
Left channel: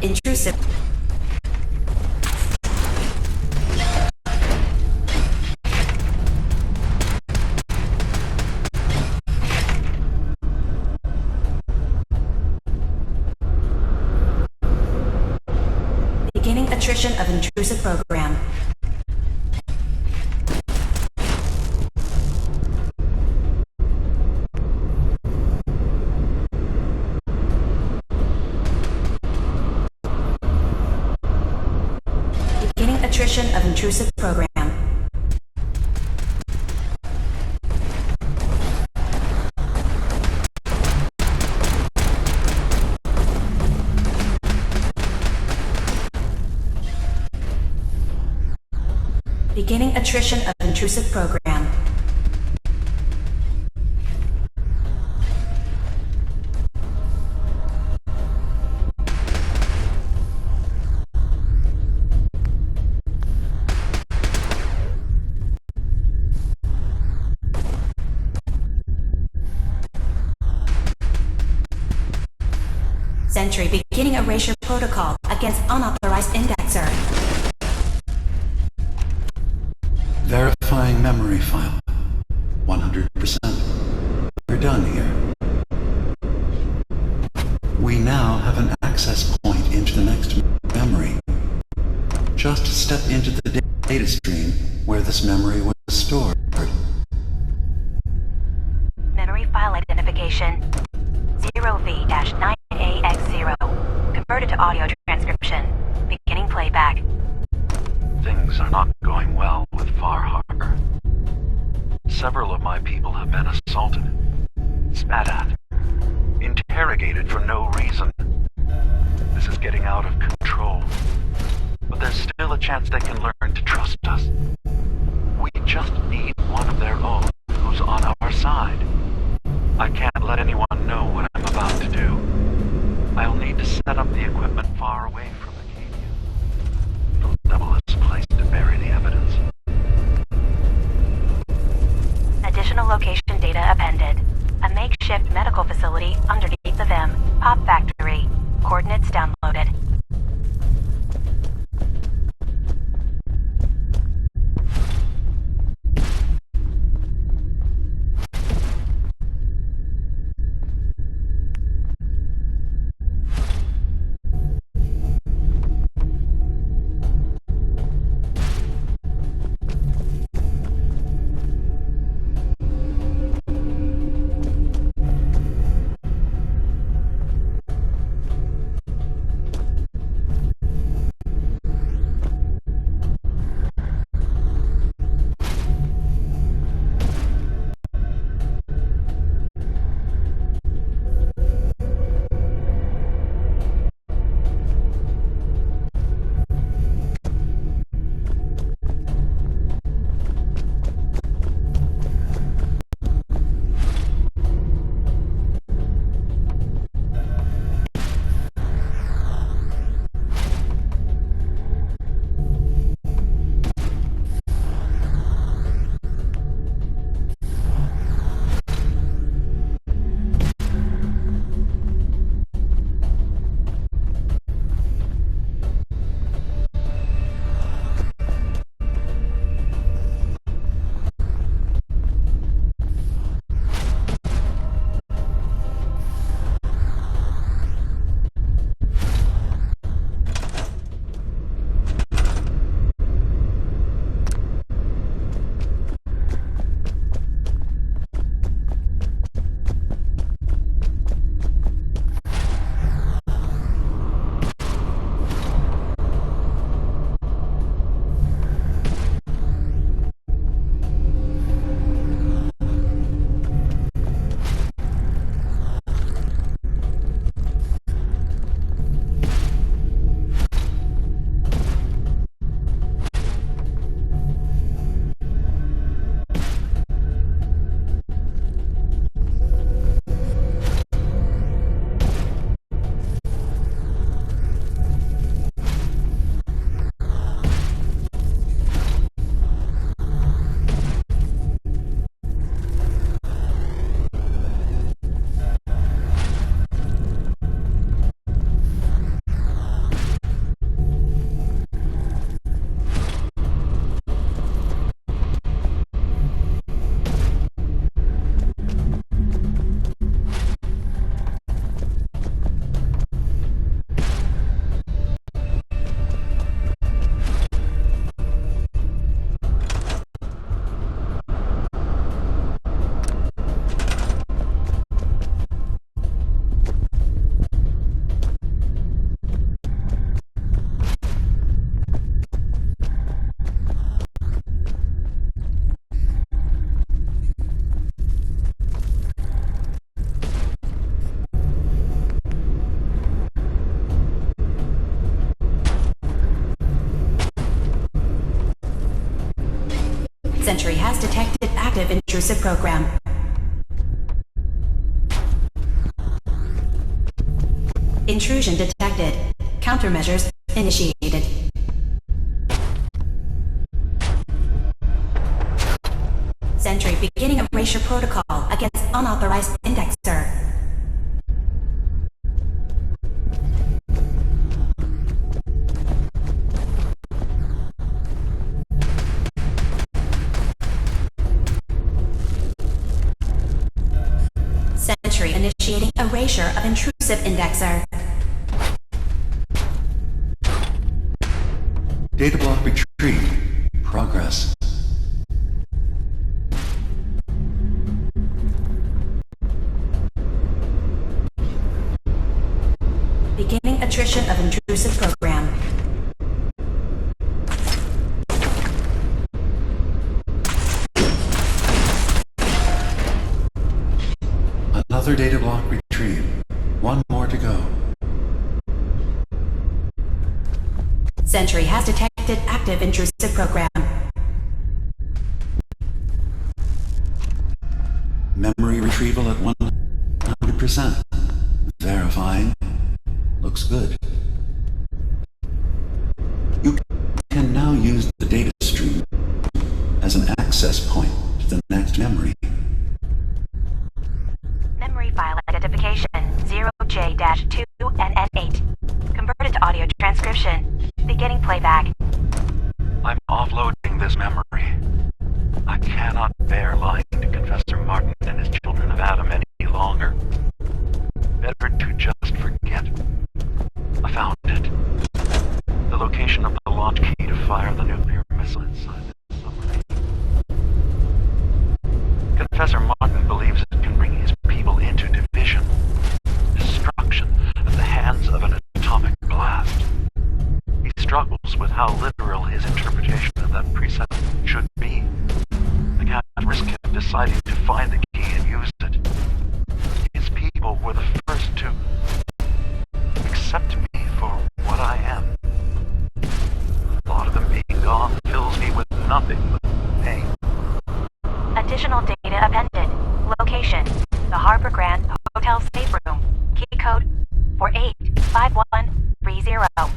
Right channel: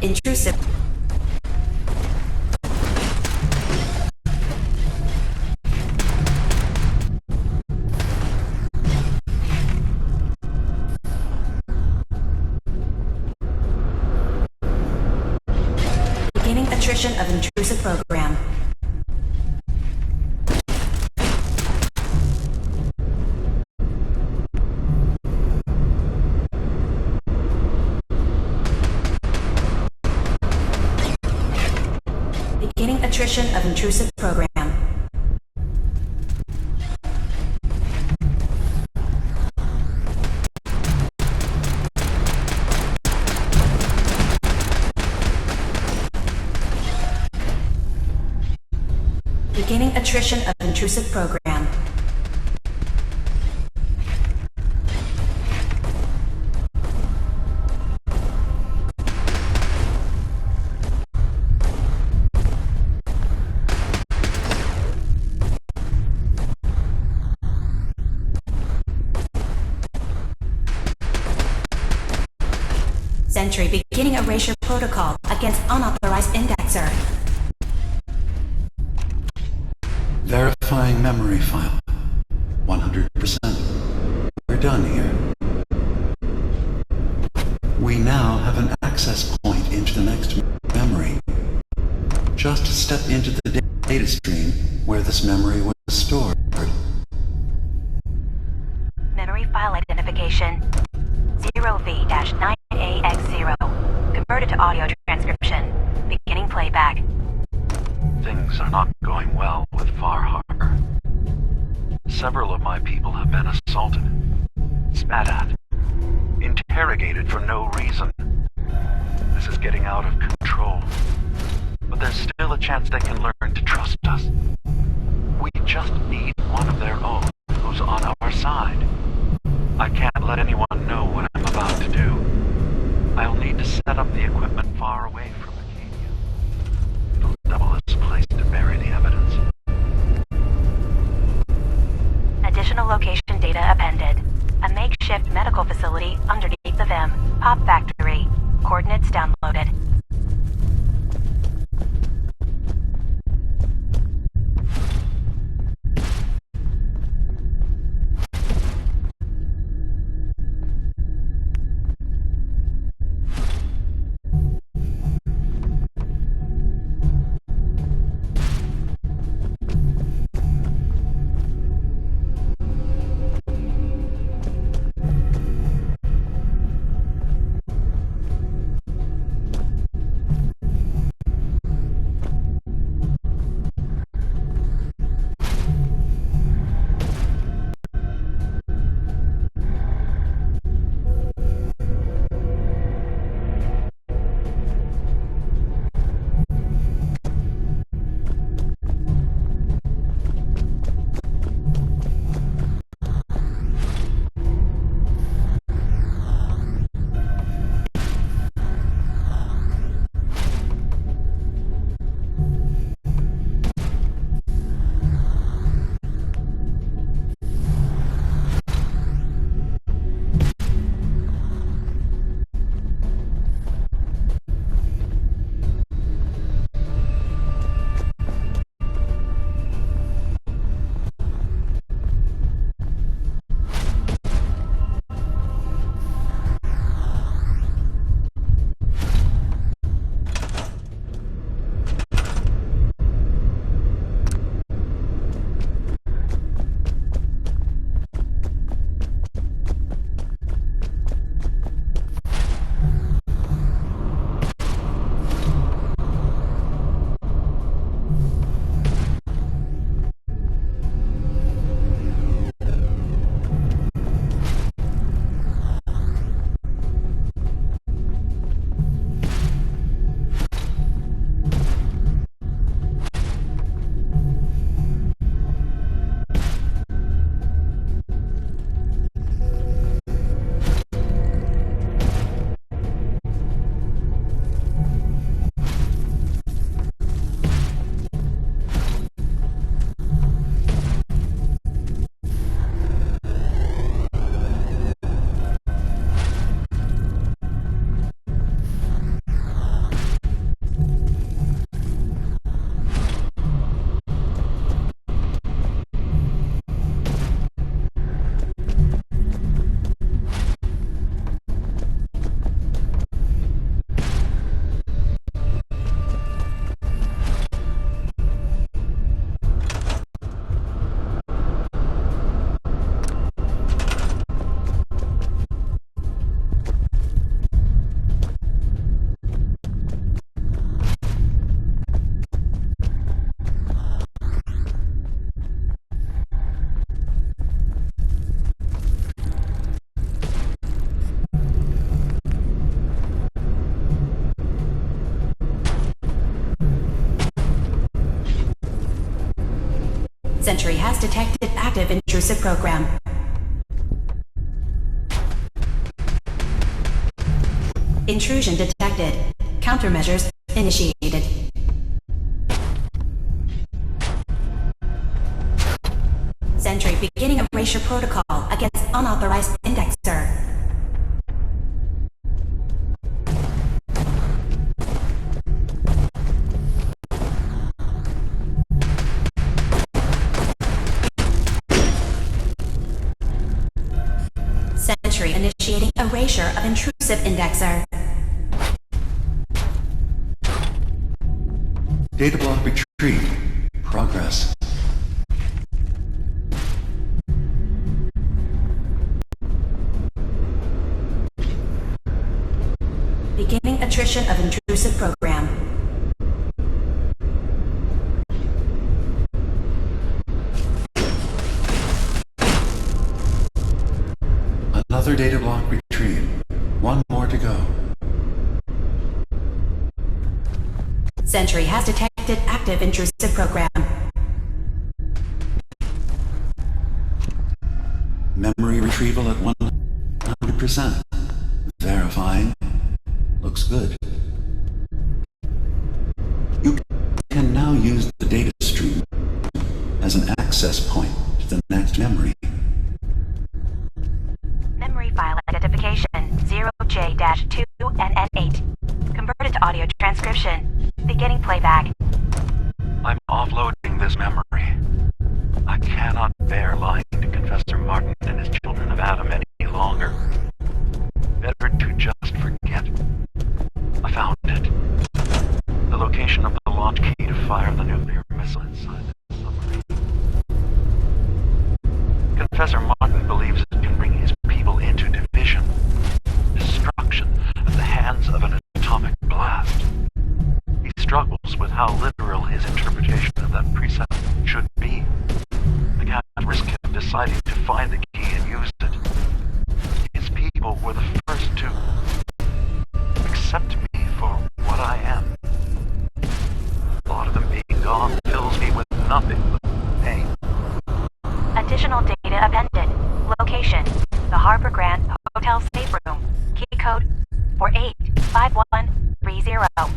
Intrusive. Beginning attrition of intrusive program. Beginning attrition of intrusive program. Beginning attrition of intrusive program. Sentry beginning erasure protocol against unauthorized indexer. Verifying memory file. 100%. We're done here. We now have an access point into the next memory. Just step into the data stream where this memory was stored. Memory file identification 0V-9AX0. Converted to audio transcription. Beginning playback. Things are not going well with Far Harbor. Several of my people have been assaulted, spat at, interrogated for no reason. This is getting out of control. But there's still a chance they can learn to trust us. We just need one of their own who's on our side. I can't let anyone know what I'm about to do. I'll need to set up the equipment far away from Acadia. It'll double as a place to bury the evidence. Additional location data appended. A makeshift medical facility underneath the VIM. Pop factory. Coordinates downloaded. Sentry has detected active intrusive program. Intrusion detected. Countermeasures initiated. Sentry beginning erasure protocol against unauthorized indexer. Sentry initiating erasure of intrusive indexer. Data block retrieved. Progress. Beginning attrition of intrusive program. Another data block retrieved. One more to go. Sentry has detected active intrusive program. Memory retrieval at 100%. Verifying. Looks good. You can now use the data stream as an access point to the next memory. Memory file identification 0J-2NN8. Converted to audio transcription. Beginning playback. I'm offloading this memory. I cannot bear lying to Confessor Martin and his children of Adam any longer. Better to just forget. I found it. The location of the launch key to fire the nuclear missile inside the submarine. Confessor Martin believes it can bring his people into division, destruction at the hands of an atomic blast. He struggles with how literal his interpretation of that precept should be. I can't risk him deciding to find the key and use it. His people were the first to accept me for what I am. The thought of them being gone fills me with nothing but pain. Additional data appended. Location: the Harbor Grand Hotel safe room. Key code 485130.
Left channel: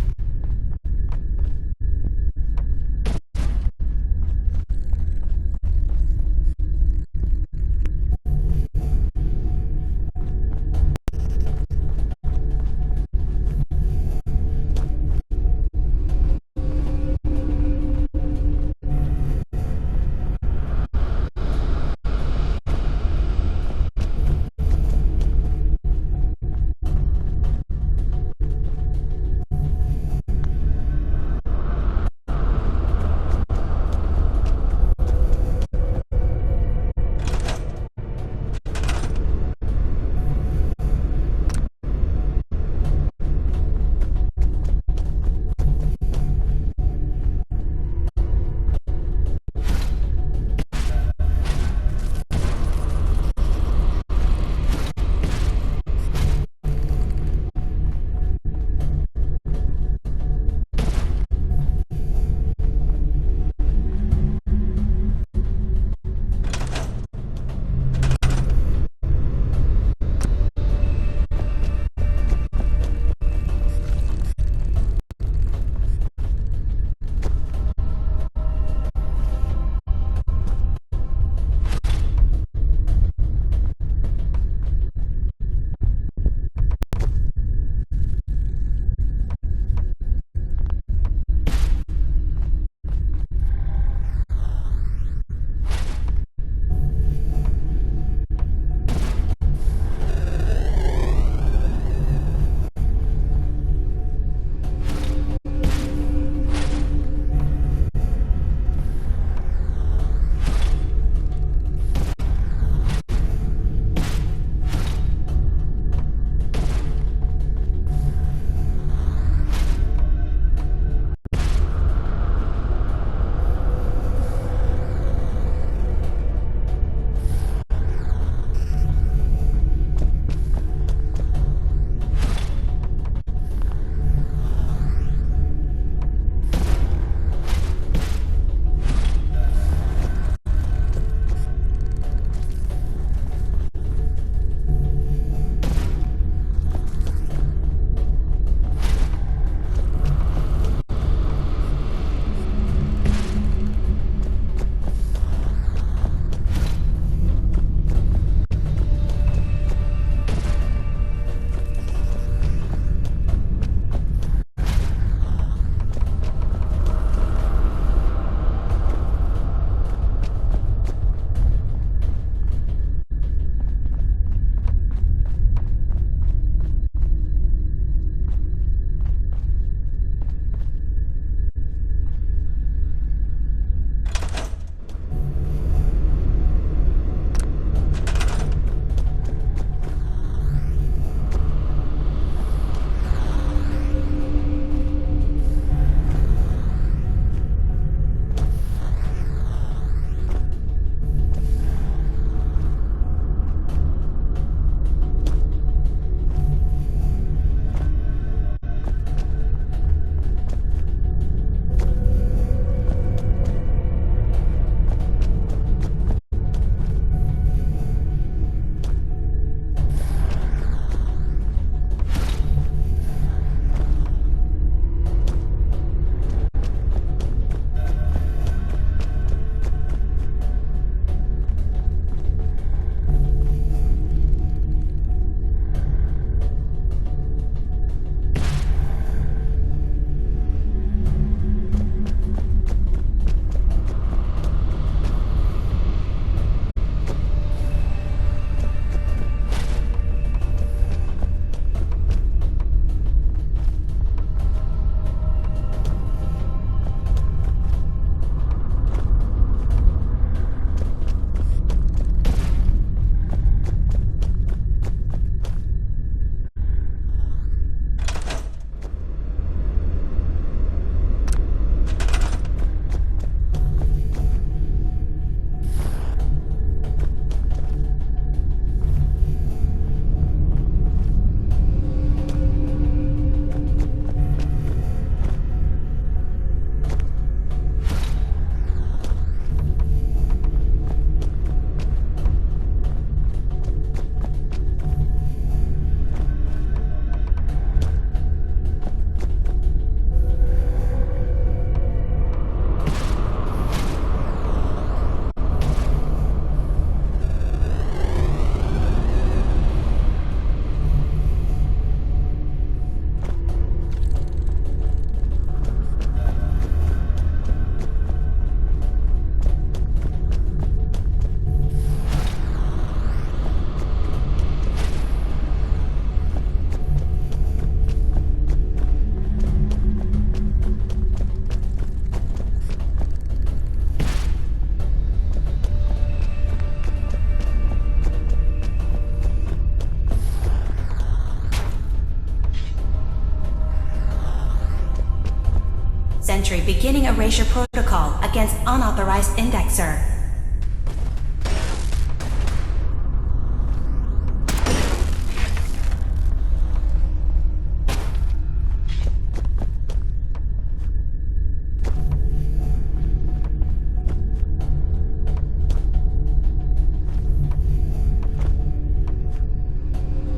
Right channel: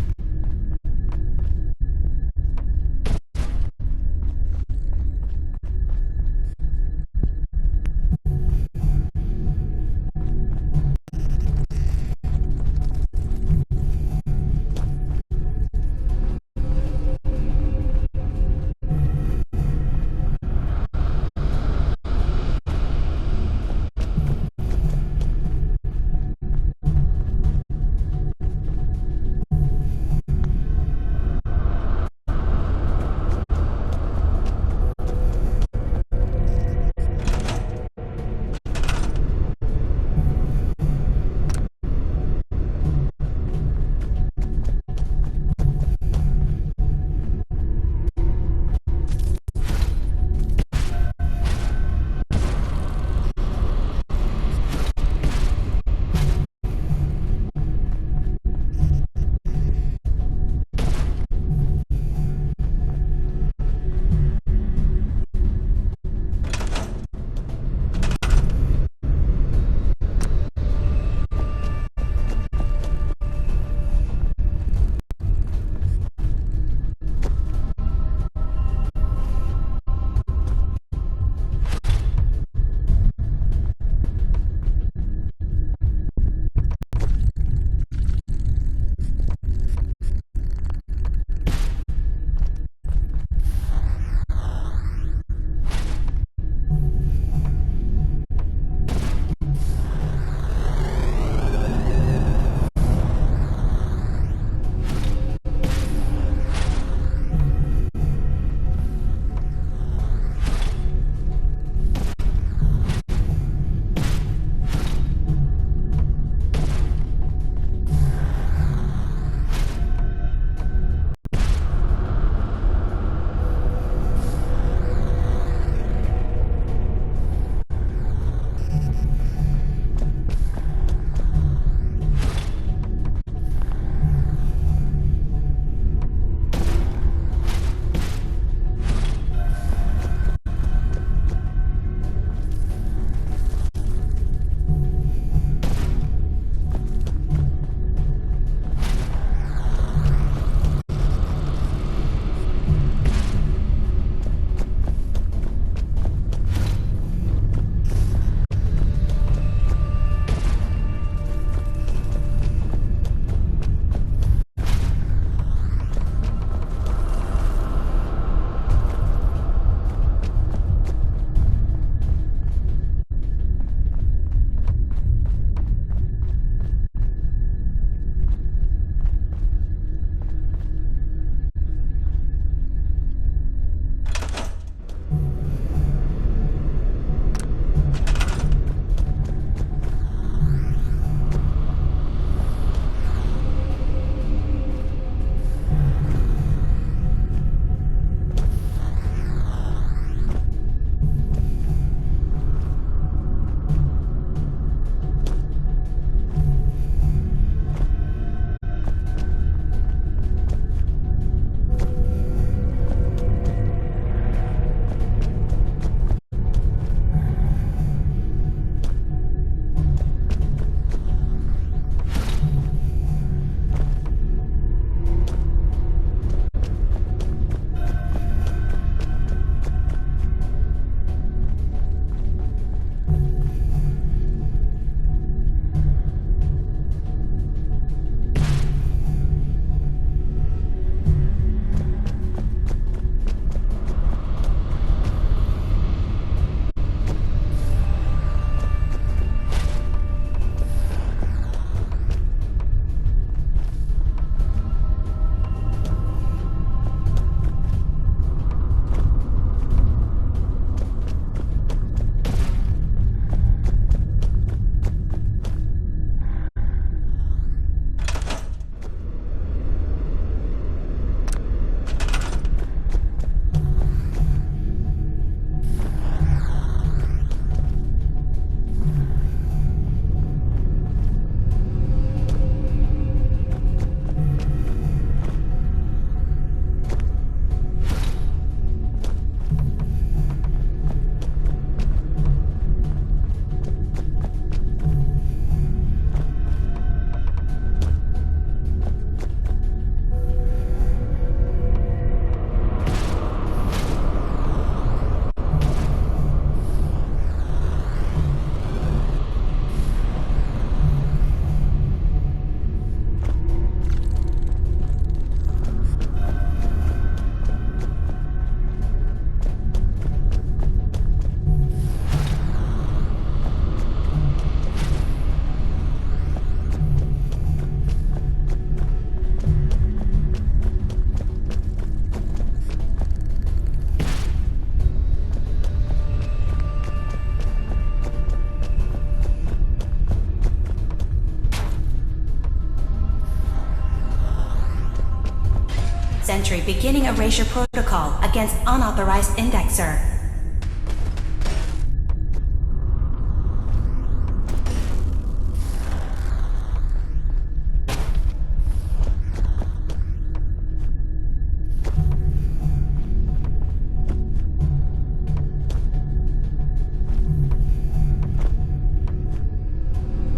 Sentry beginning erasure protocol against unauthorized indexer.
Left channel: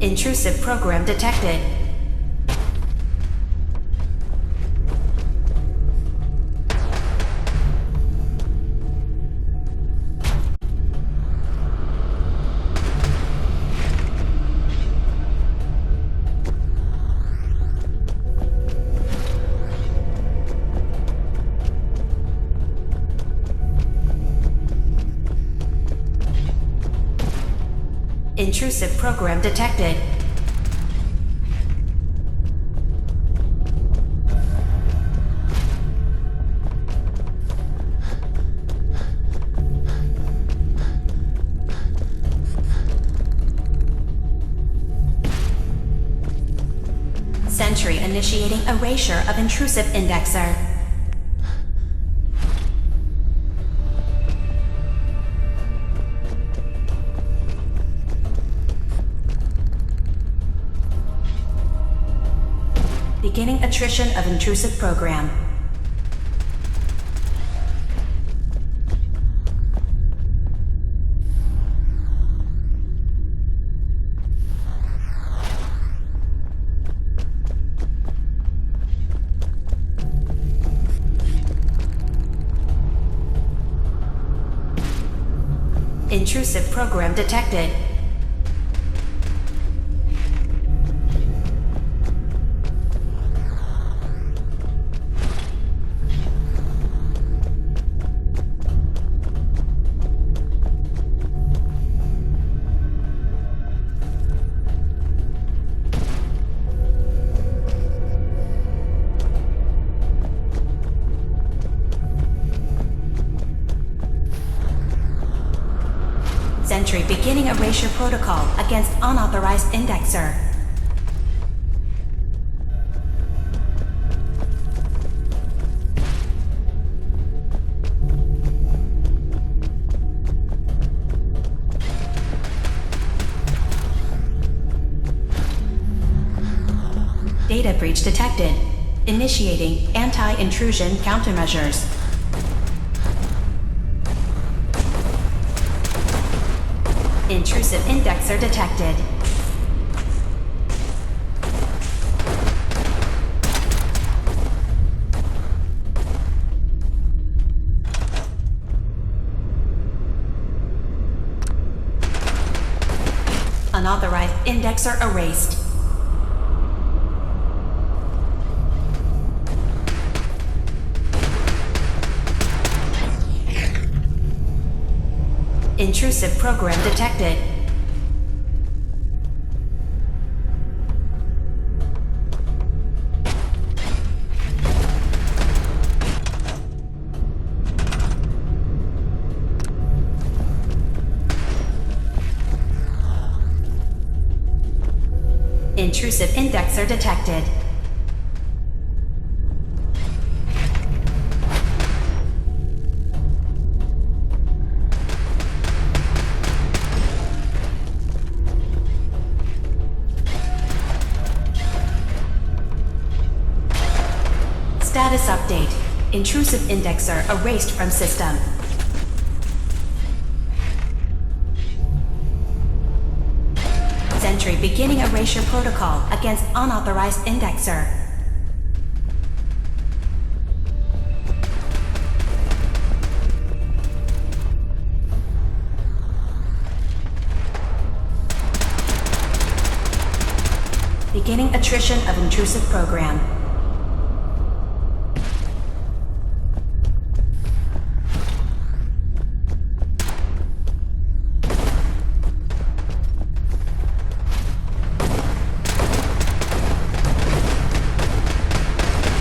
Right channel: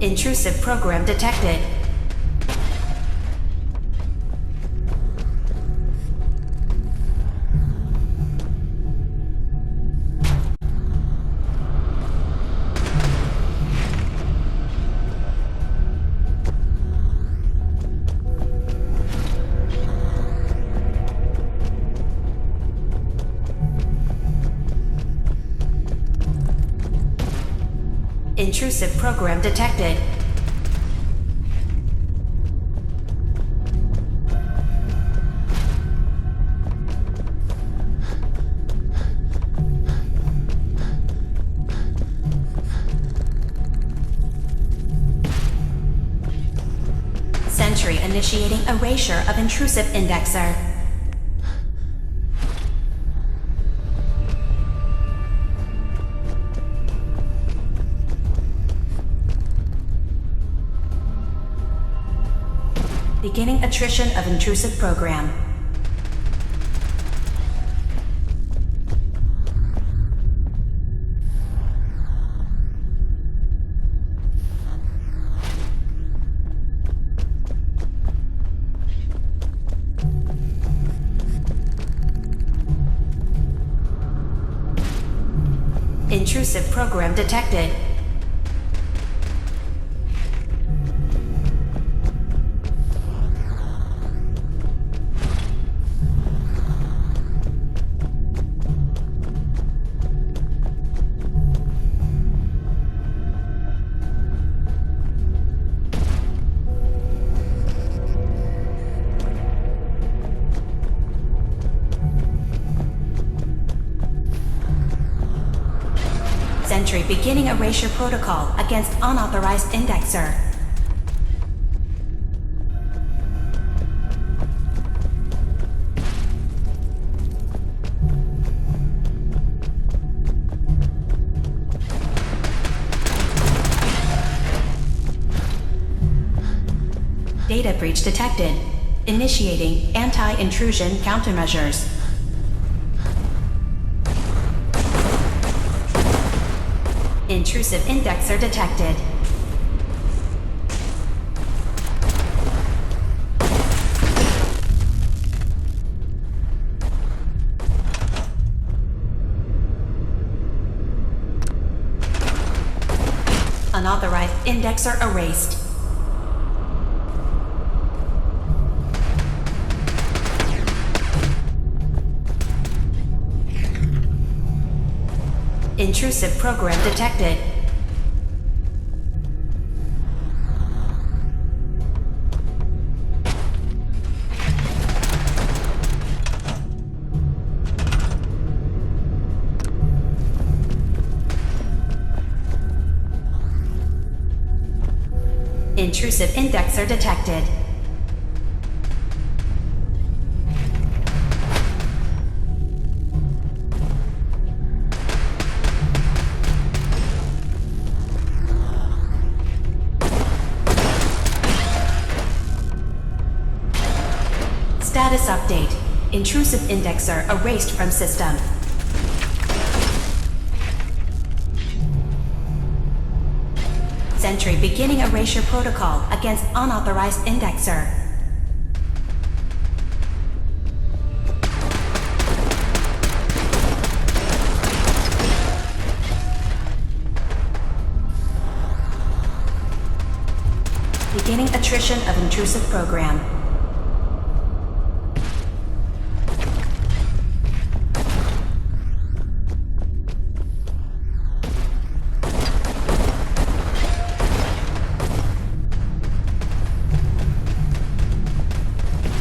Intrusive program detected. Intrusive program detected. Sentry initiating erasure of intrusive indexer. Beginning attrition of intrusive program. Intrusive program detected. Sentry beginning erasure protocol against unauthorized indexer. Data breach detected. Initiating anti-intrusion countermeasures. Intrusive indexer detected. Unauthorized indexer erased. Intrusive program detected. Intrusive indexer detected. Status update. Intrusive indexer erased from system. Sentry beginning erasure protocol against unauthorized indexer. Beginning attrition of intrusive program.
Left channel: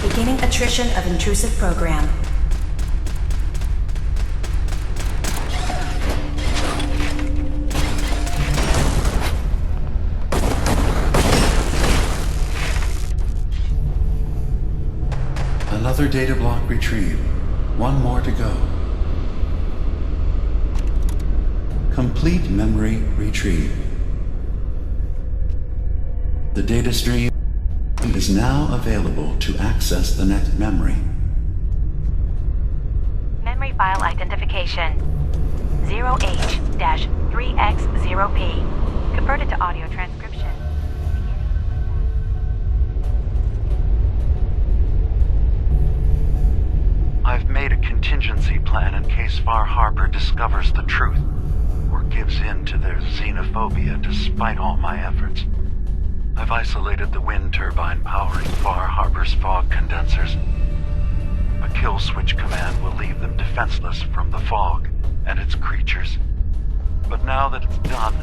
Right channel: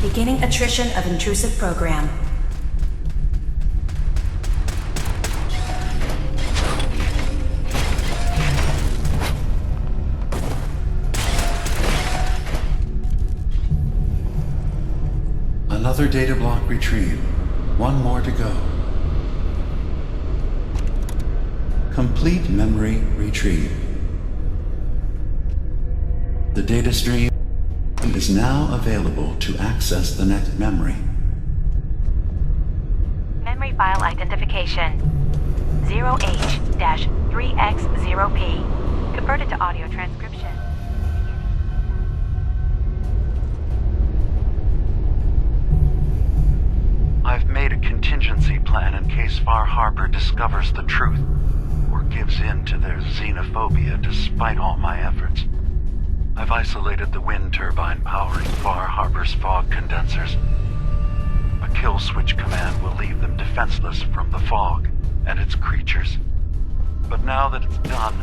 Beginning attrition of intrusive program. Another data block retrieved. One more to go. Complete memory retrieved. The data stream is now available to access the next memory. Memory file identification 0H-3X0P. Converted to audio transcription. I've made a contingency plan in case Far Harbor discovers the truth or gives in to their xenophobia despite all my efforts. I've isolated the wind turbine powering Far Harbor's fog condensers. A kill switch command will leave them defenseless from the fog and its creatures. But now that it's done,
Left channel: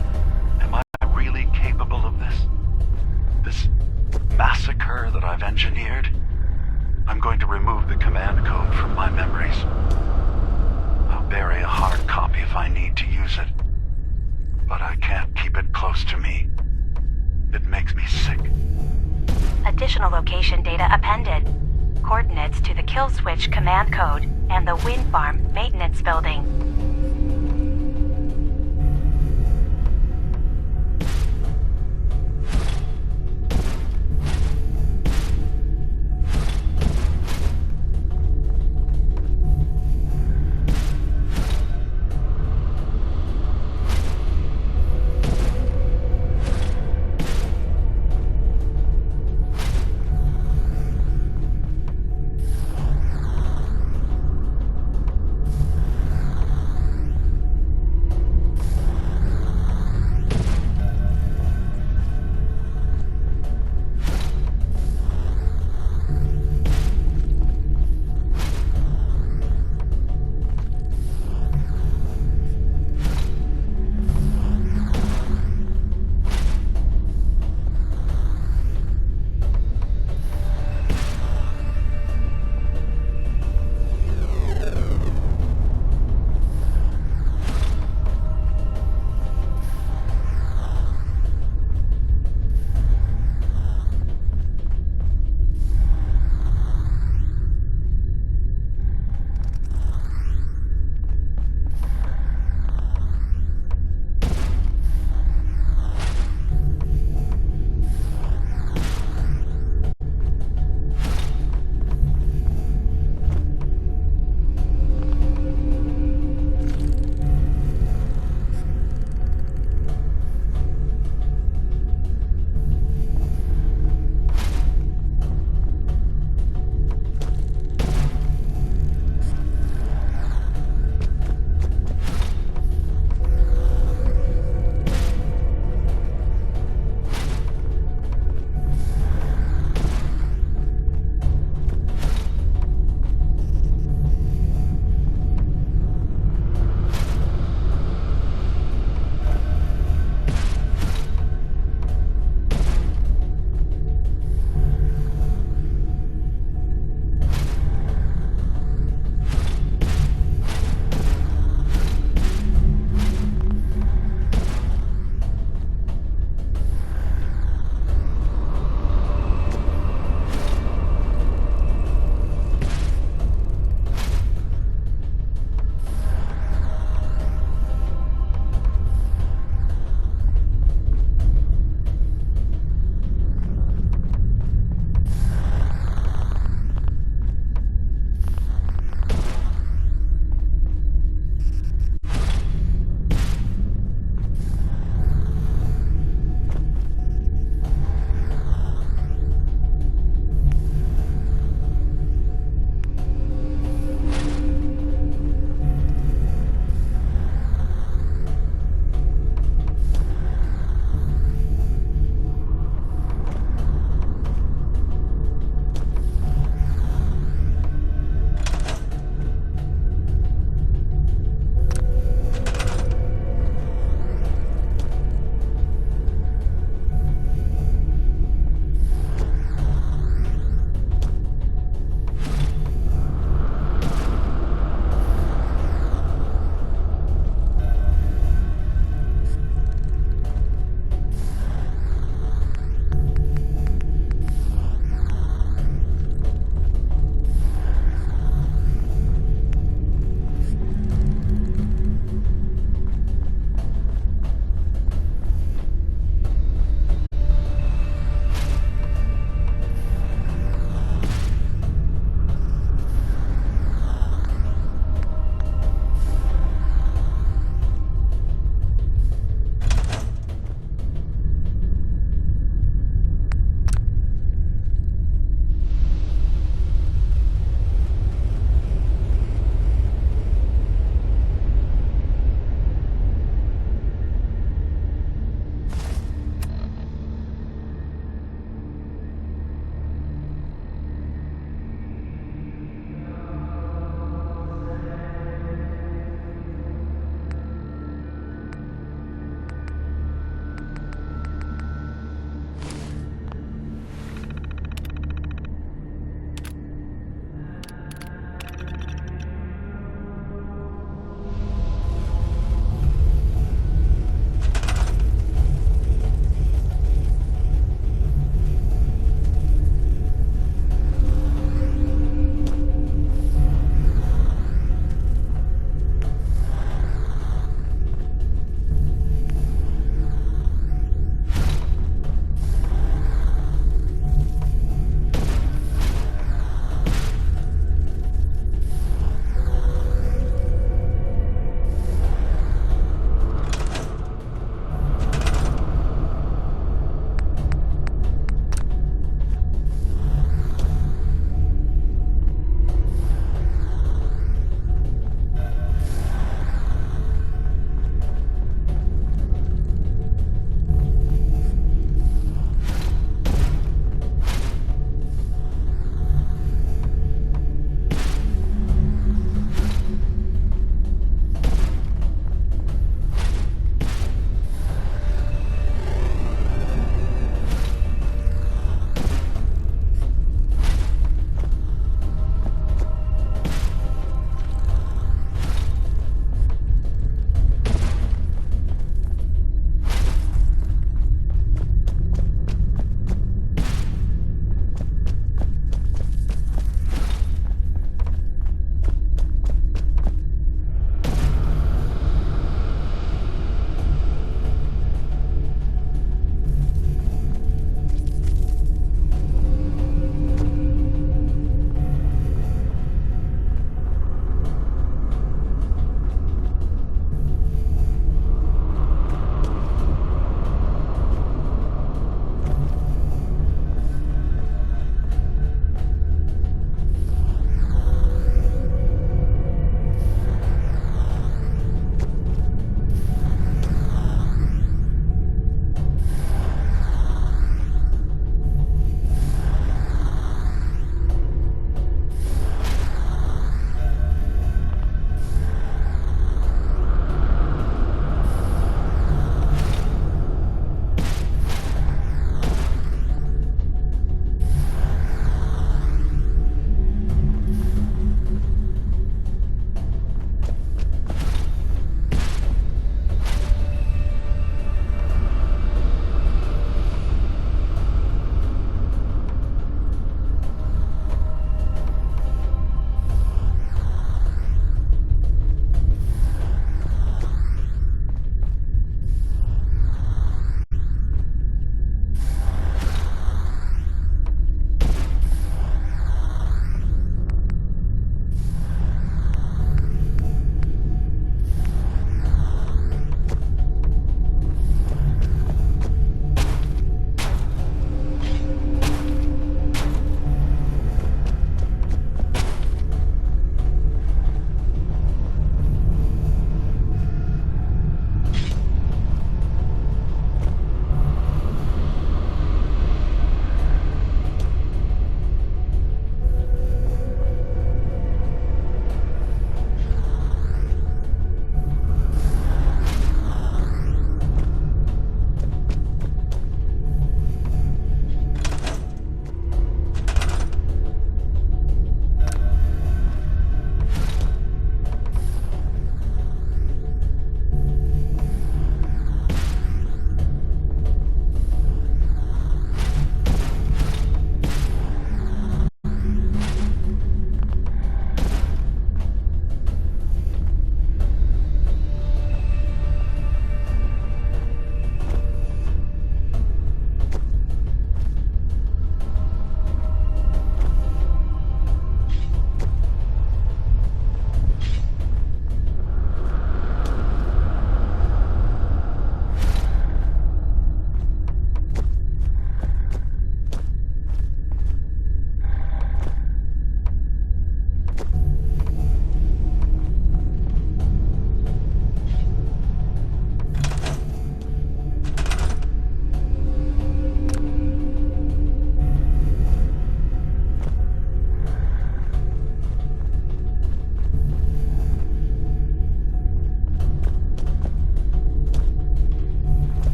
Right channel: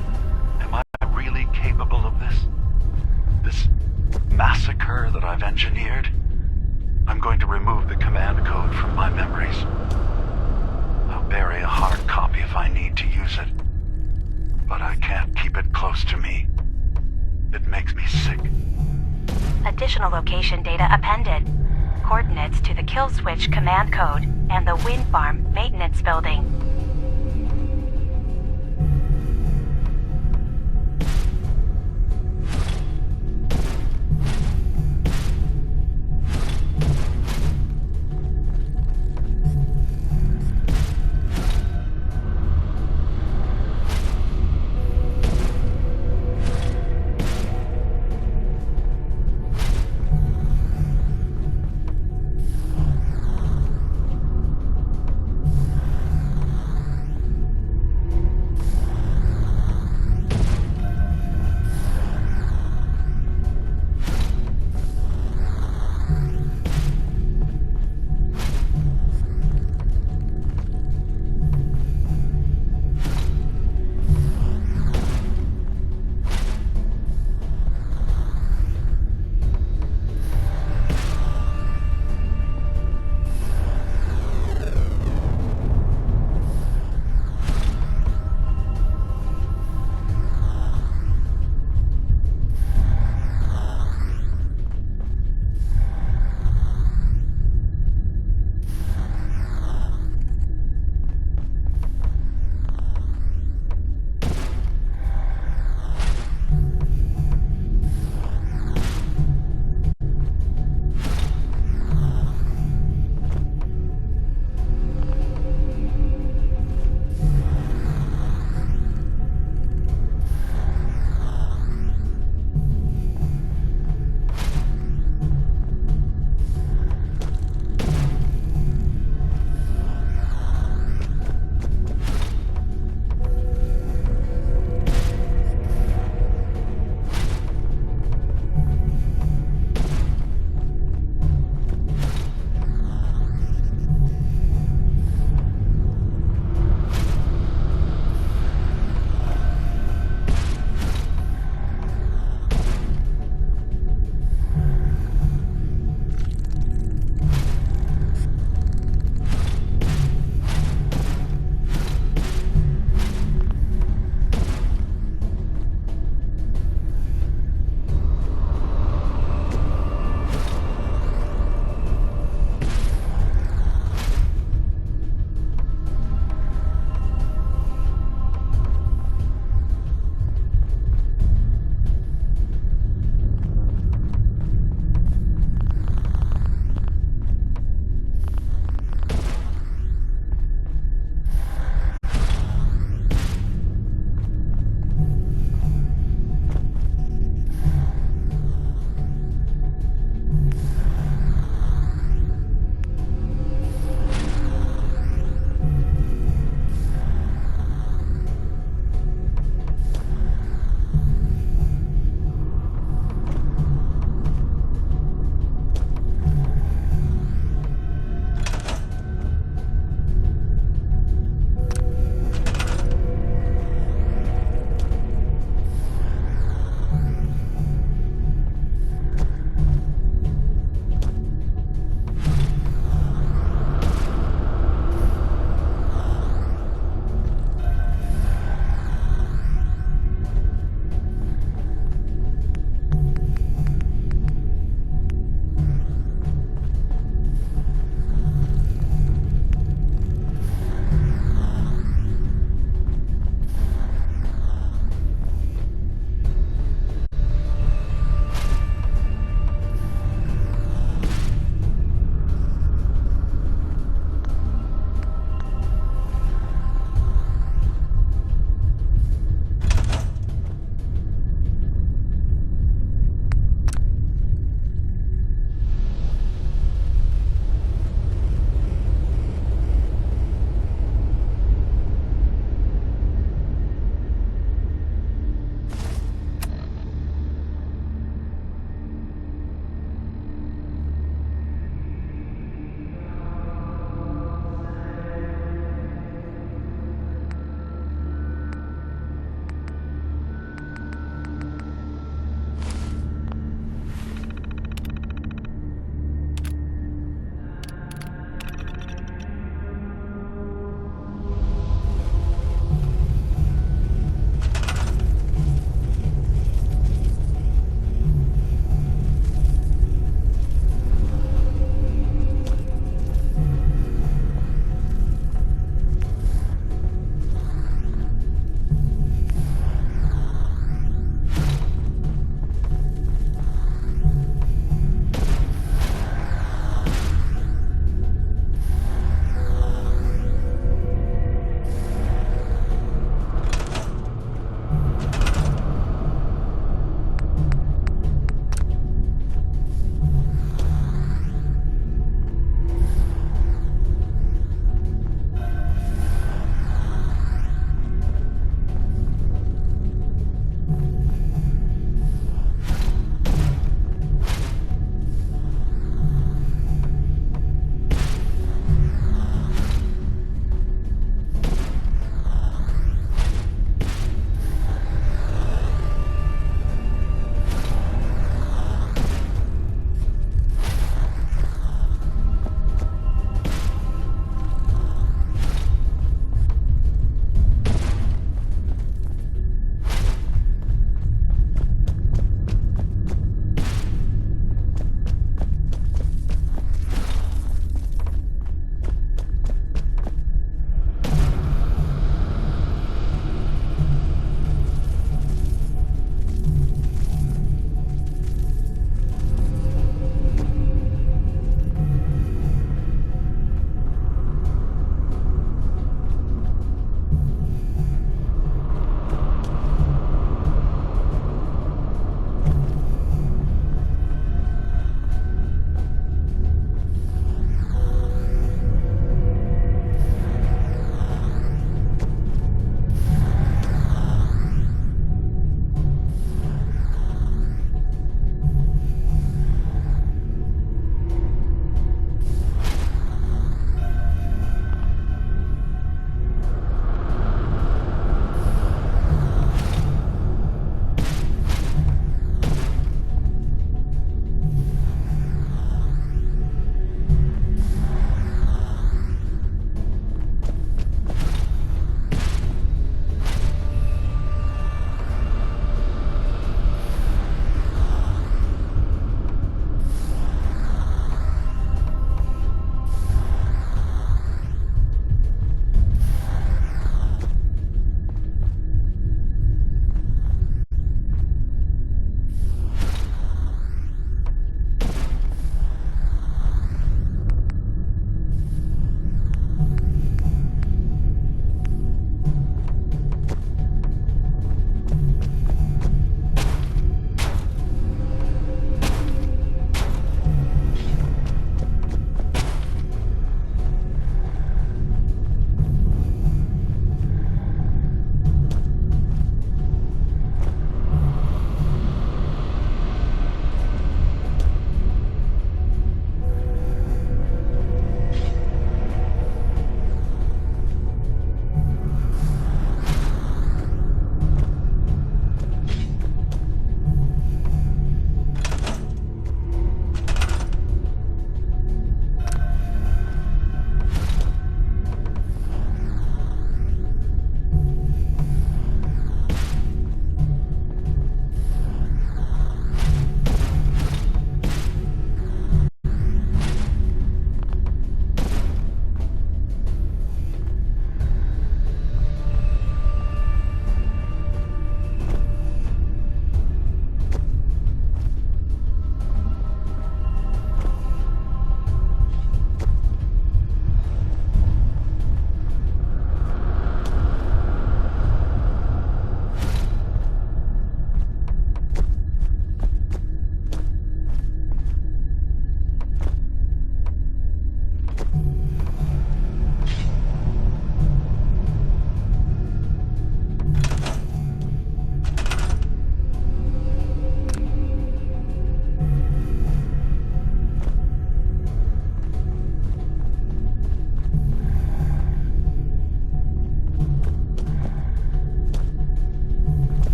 am I really capable of this? This massacre that I've engineered? I'm going to remove the command code from my memories. I'll bury a hard copy if I need to use it. But I can't keep it close to me. It makes me sick. Additional location data appended. Coordinates to the kill switch command code and the wind farm maintenance building.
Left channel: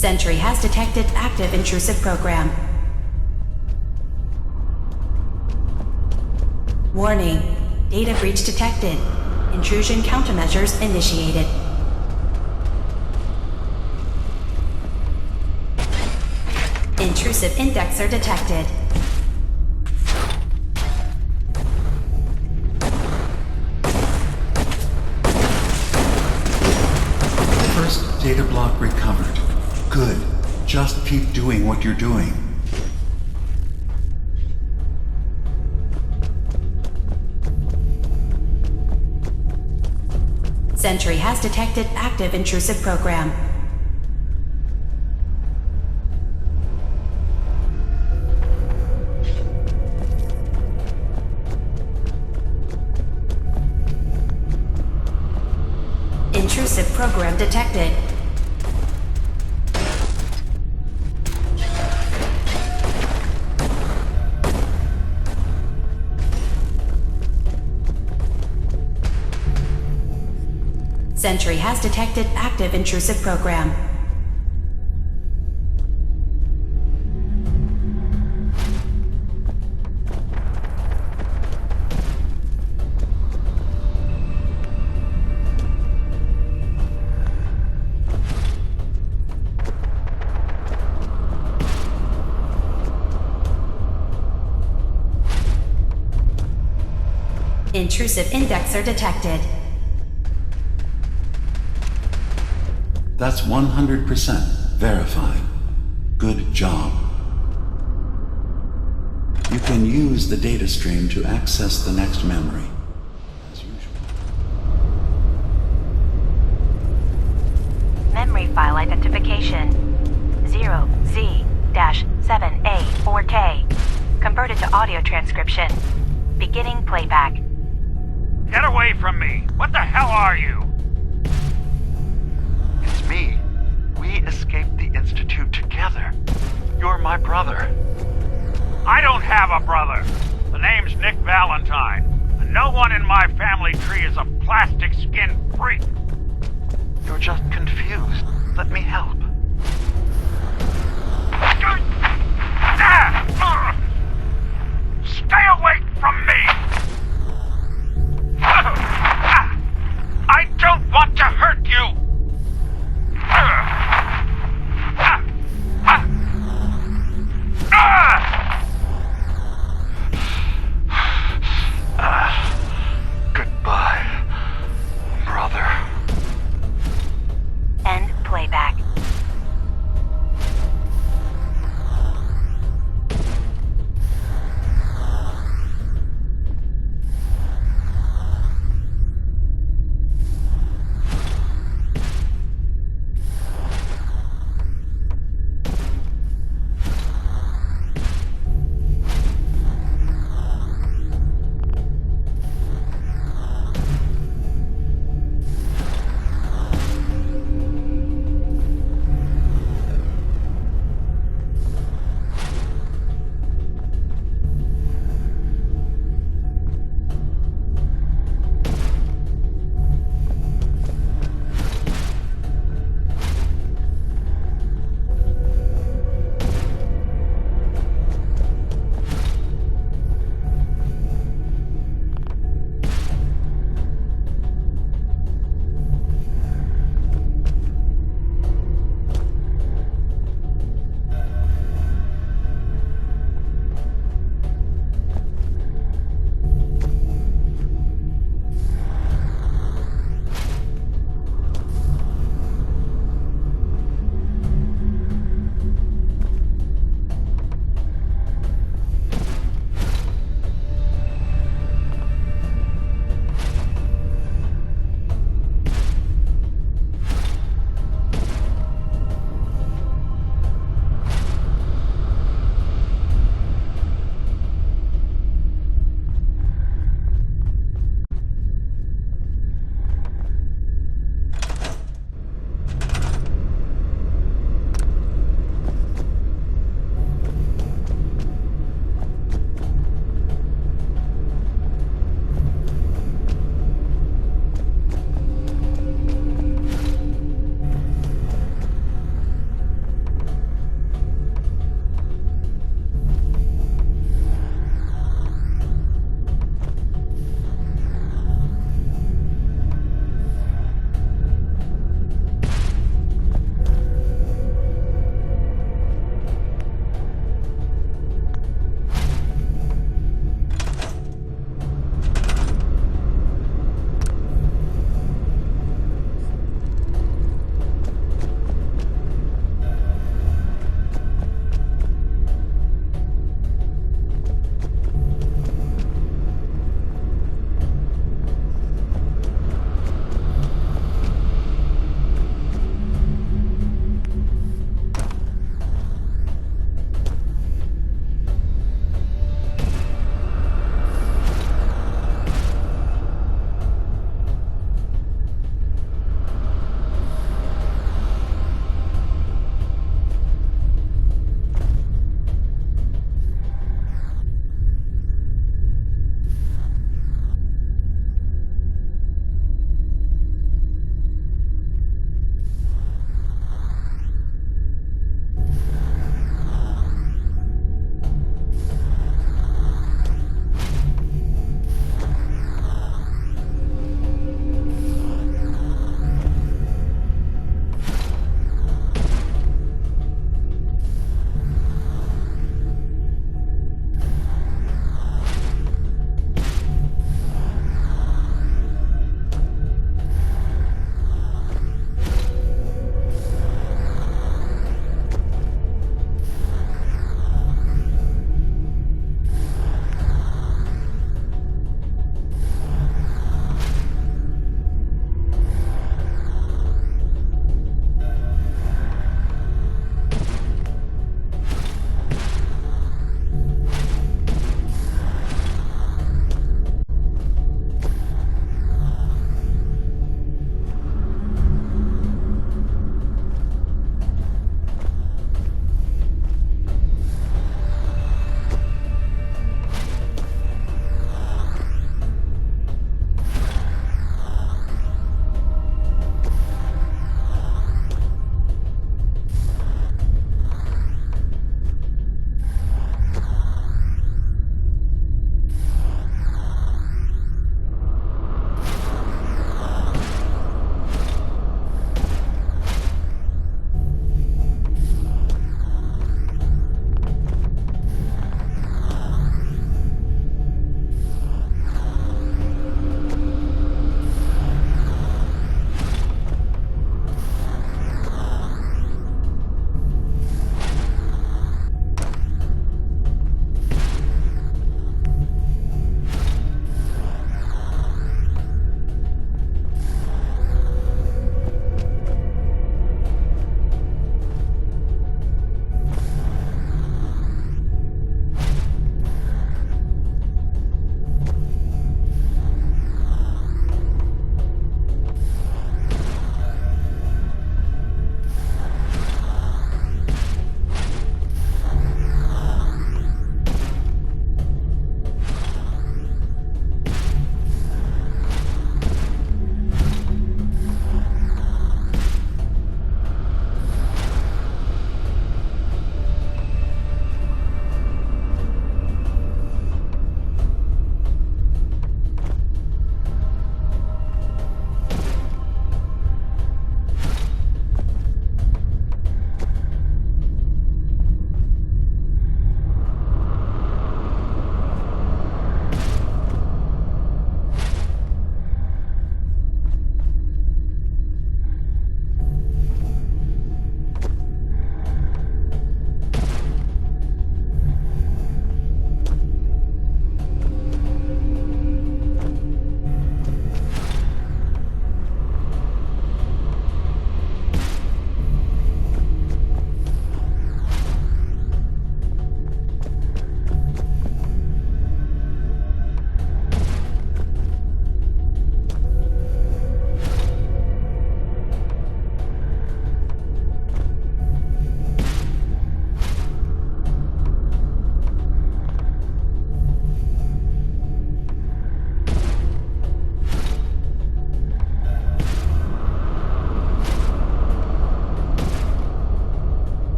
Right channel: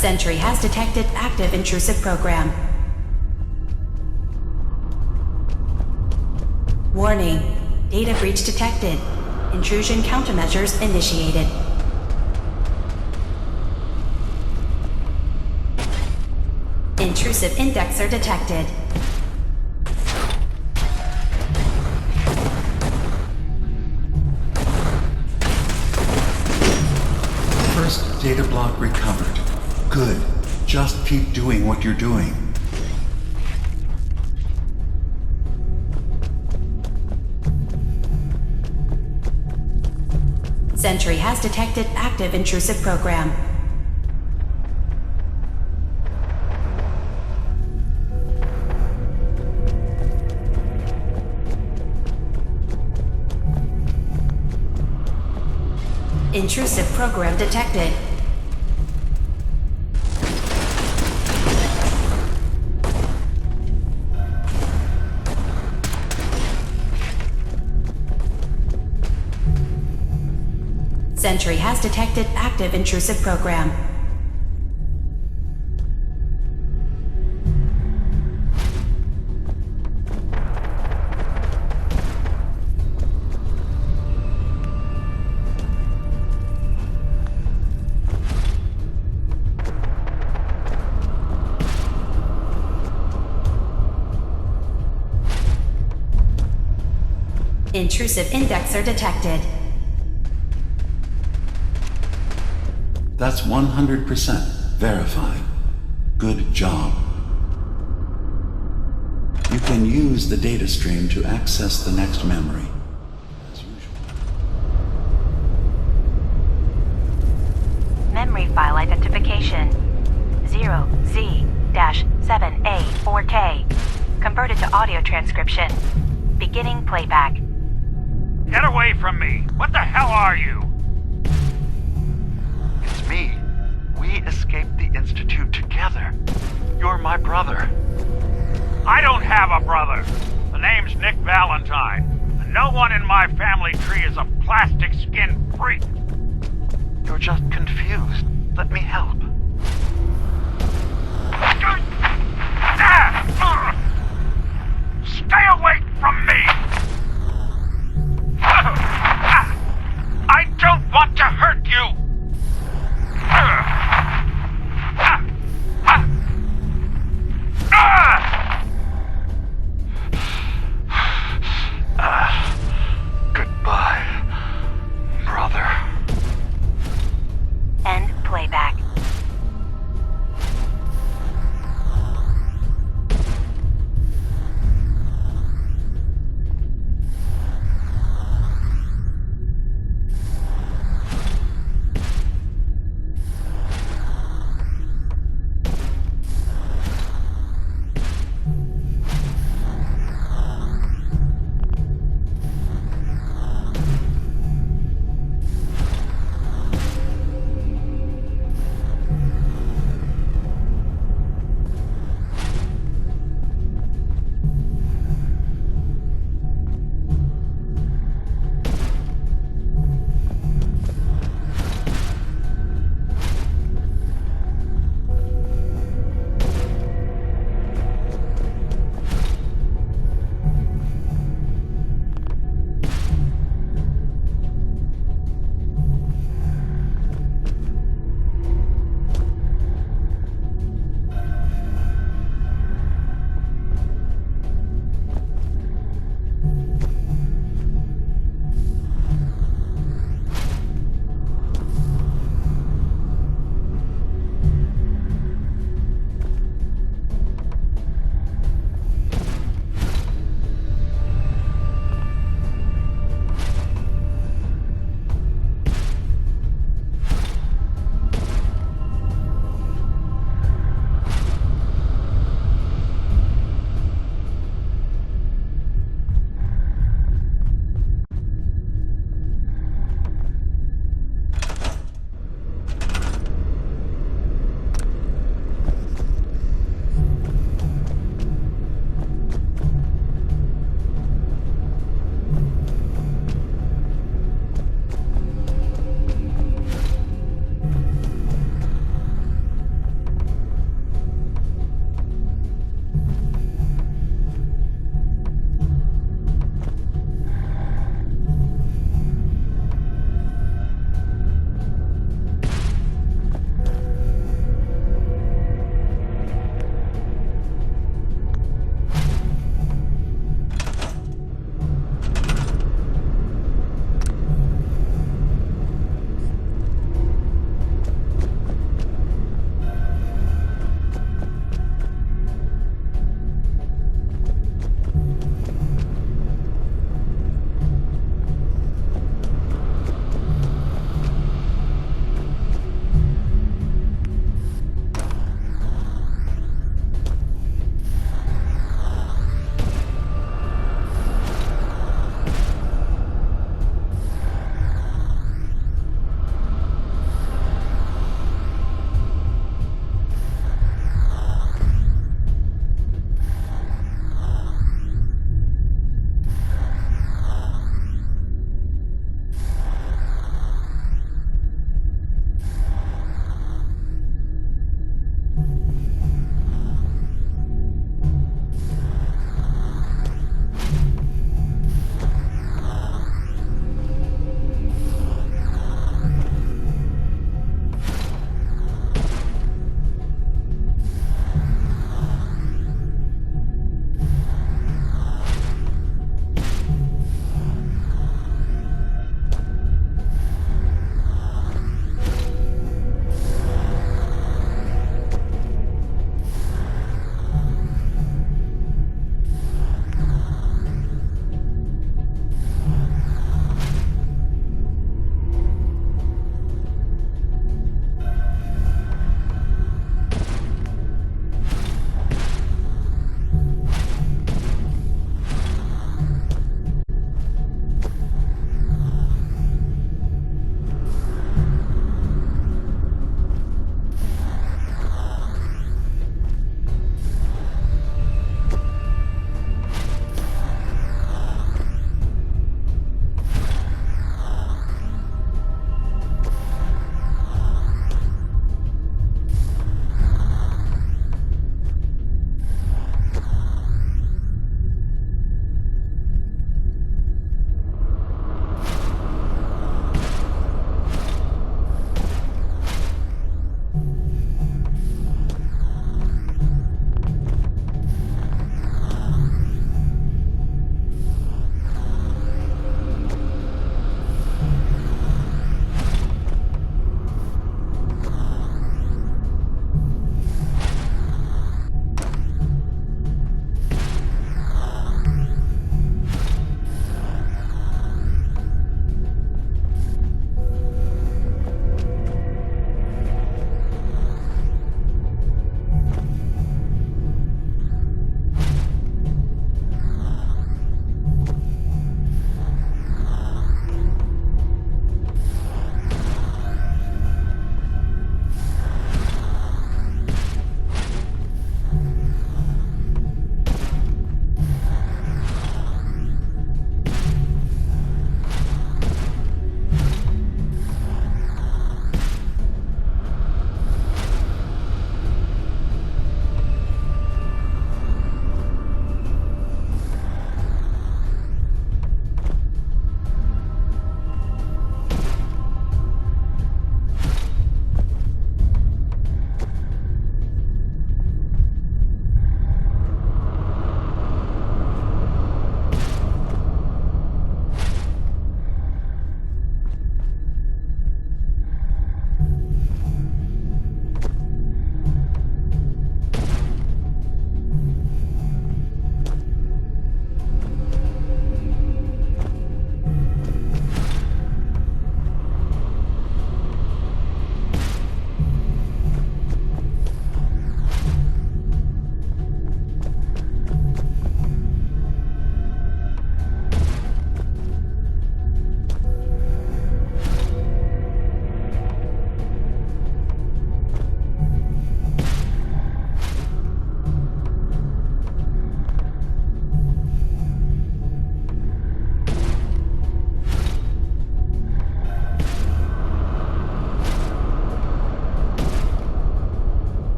Sentry has detected active intrusive program. Warning. Data breach detected. Intrusion countermeasures initiated. Intrusive indexer detected. First data block recovered. Good. Just keep doing what you're doing. Sentry has detected active intrusive program. Intrusive program detected. Sentry has detected active intrusive program. Intrusive indexer detected. That's 100% verified. Good job. You can use the data stream to access the next memory, as usual. Memory file identification 0Z-7A4K. Converted to audio transcription. Beginning playback. Get away from me! What the hell are you? It's me. We escaped the Institute together. You're my brother. I don't have a brother. The name's Nick Valentine. A No one in my family tree is a plastic skin freak. You're just confused. Let me help. Stay away from me! I don't want to hurt you! Goodbye, brother. End playback.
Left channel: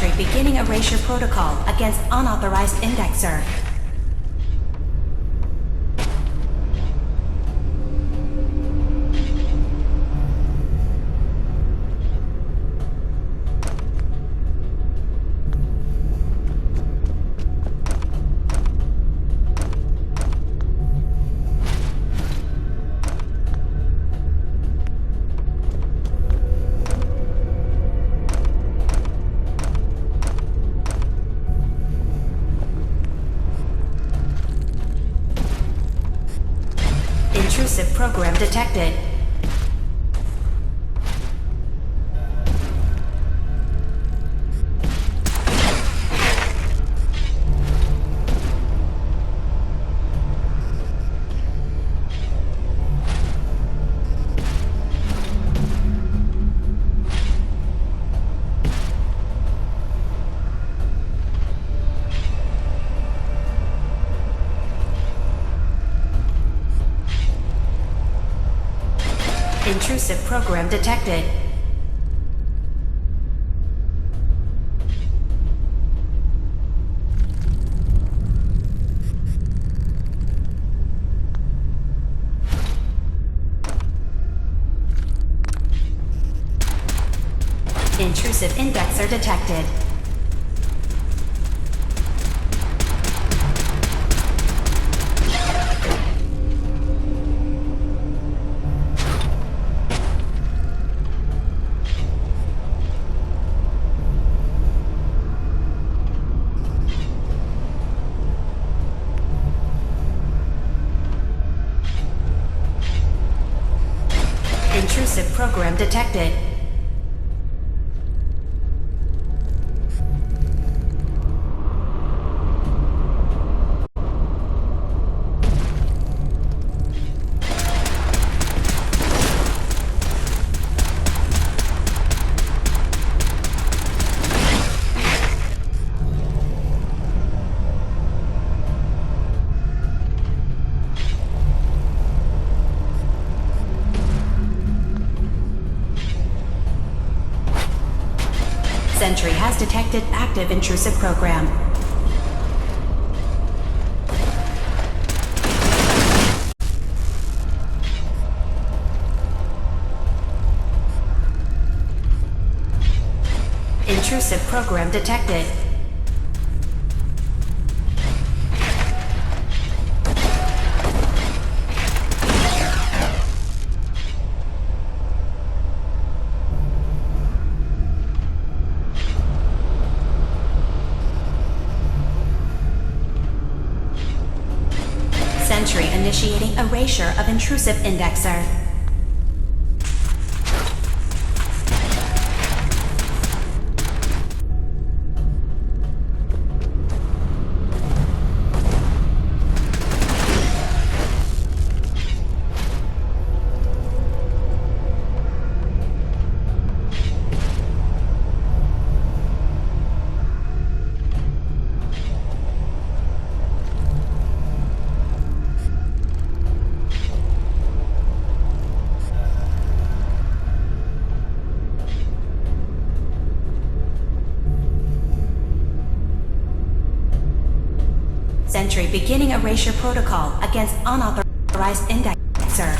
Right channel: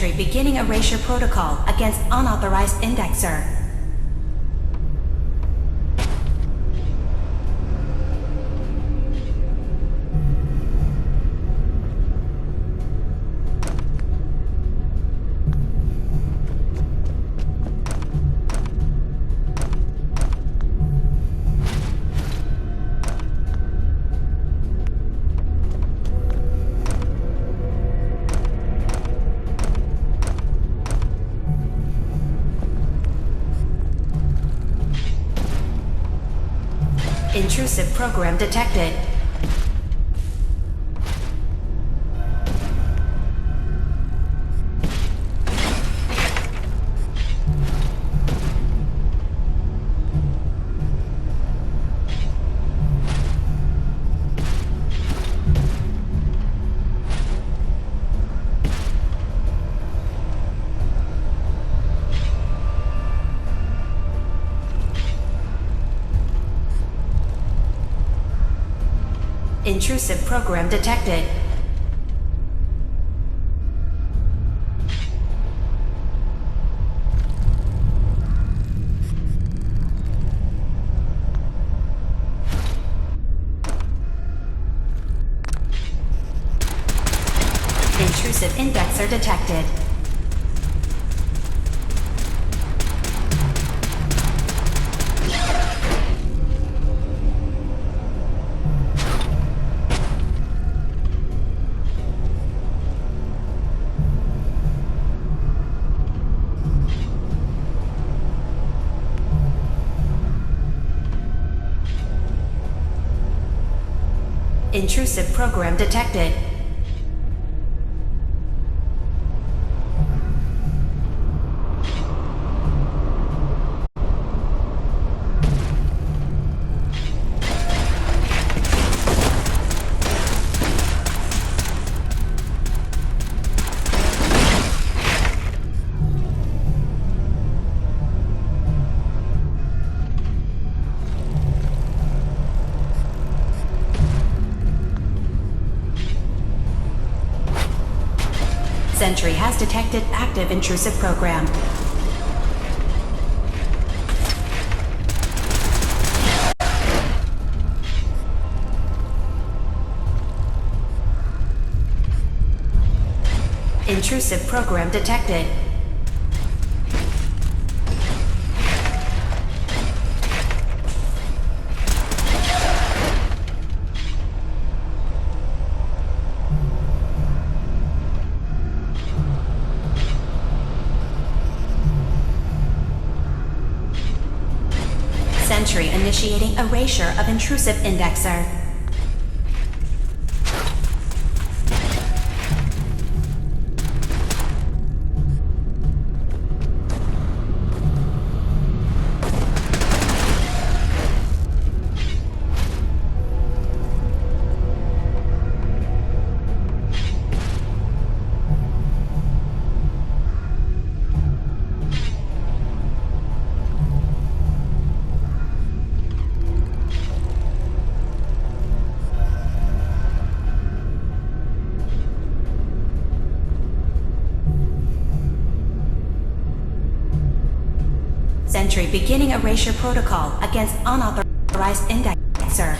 Sentry beginning erasure protocol against unauthorized indexer. Intrusive program detected. Intrusive program detected. Intrusive indexer detected. Intrusive program detected. Sentry has detected active intrusive program. Intrusive program detected. Sentry initiating erasure of intrusive indexer. Sentry beginning erasure protocol against unauthorized indexer.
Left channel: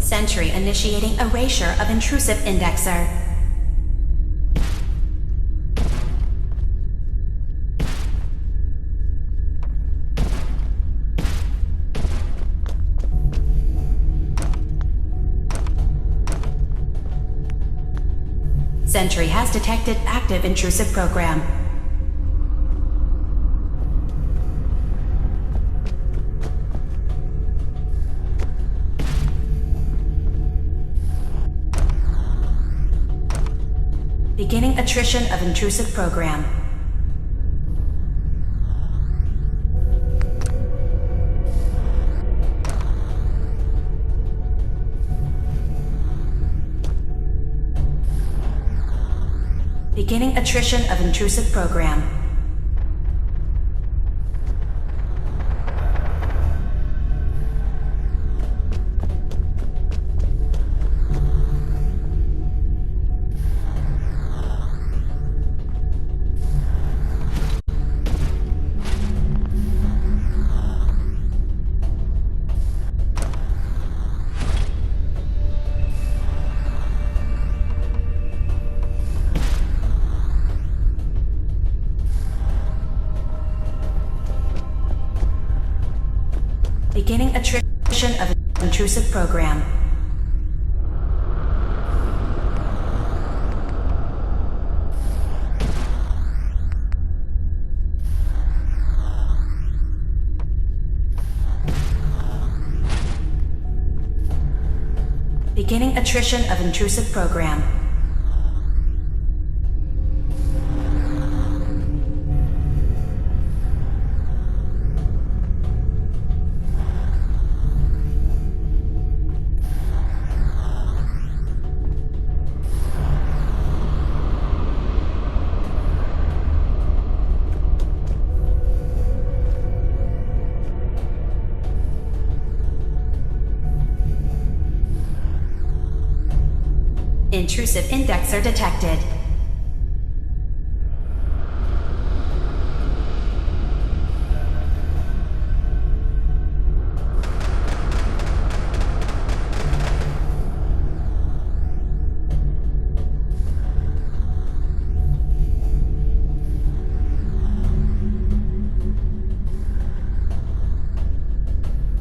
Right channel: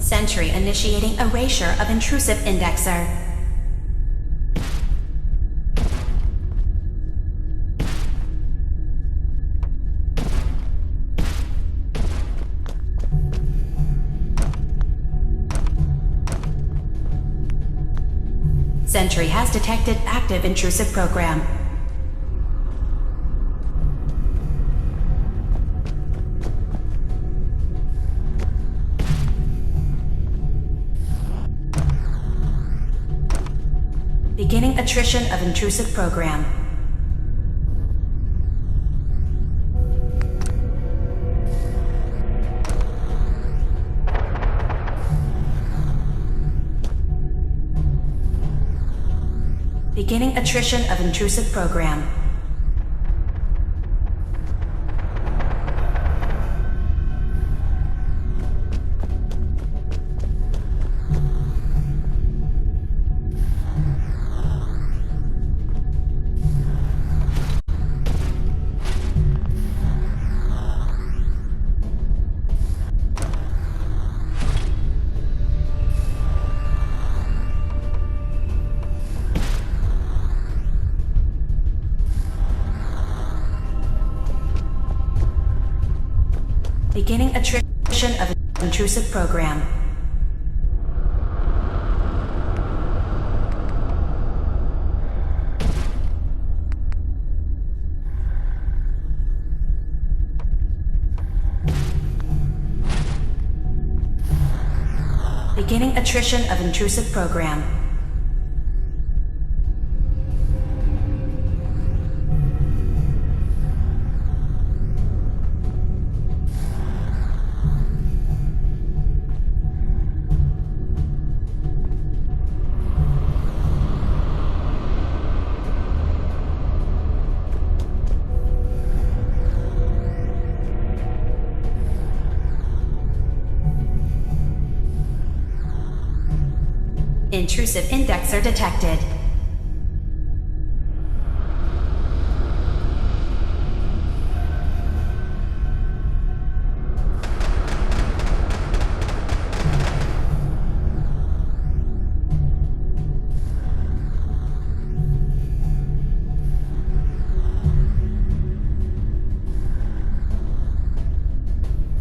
Sentry initiating erasure of intrusive indexer. Sentry has detected active intrusive program. Beginning attrition of intrusive program. Beginning attrition of intrusive program. Beginning attrition of intrusive program. Beginning attrition of intrusive program. Intrusive indexer detected.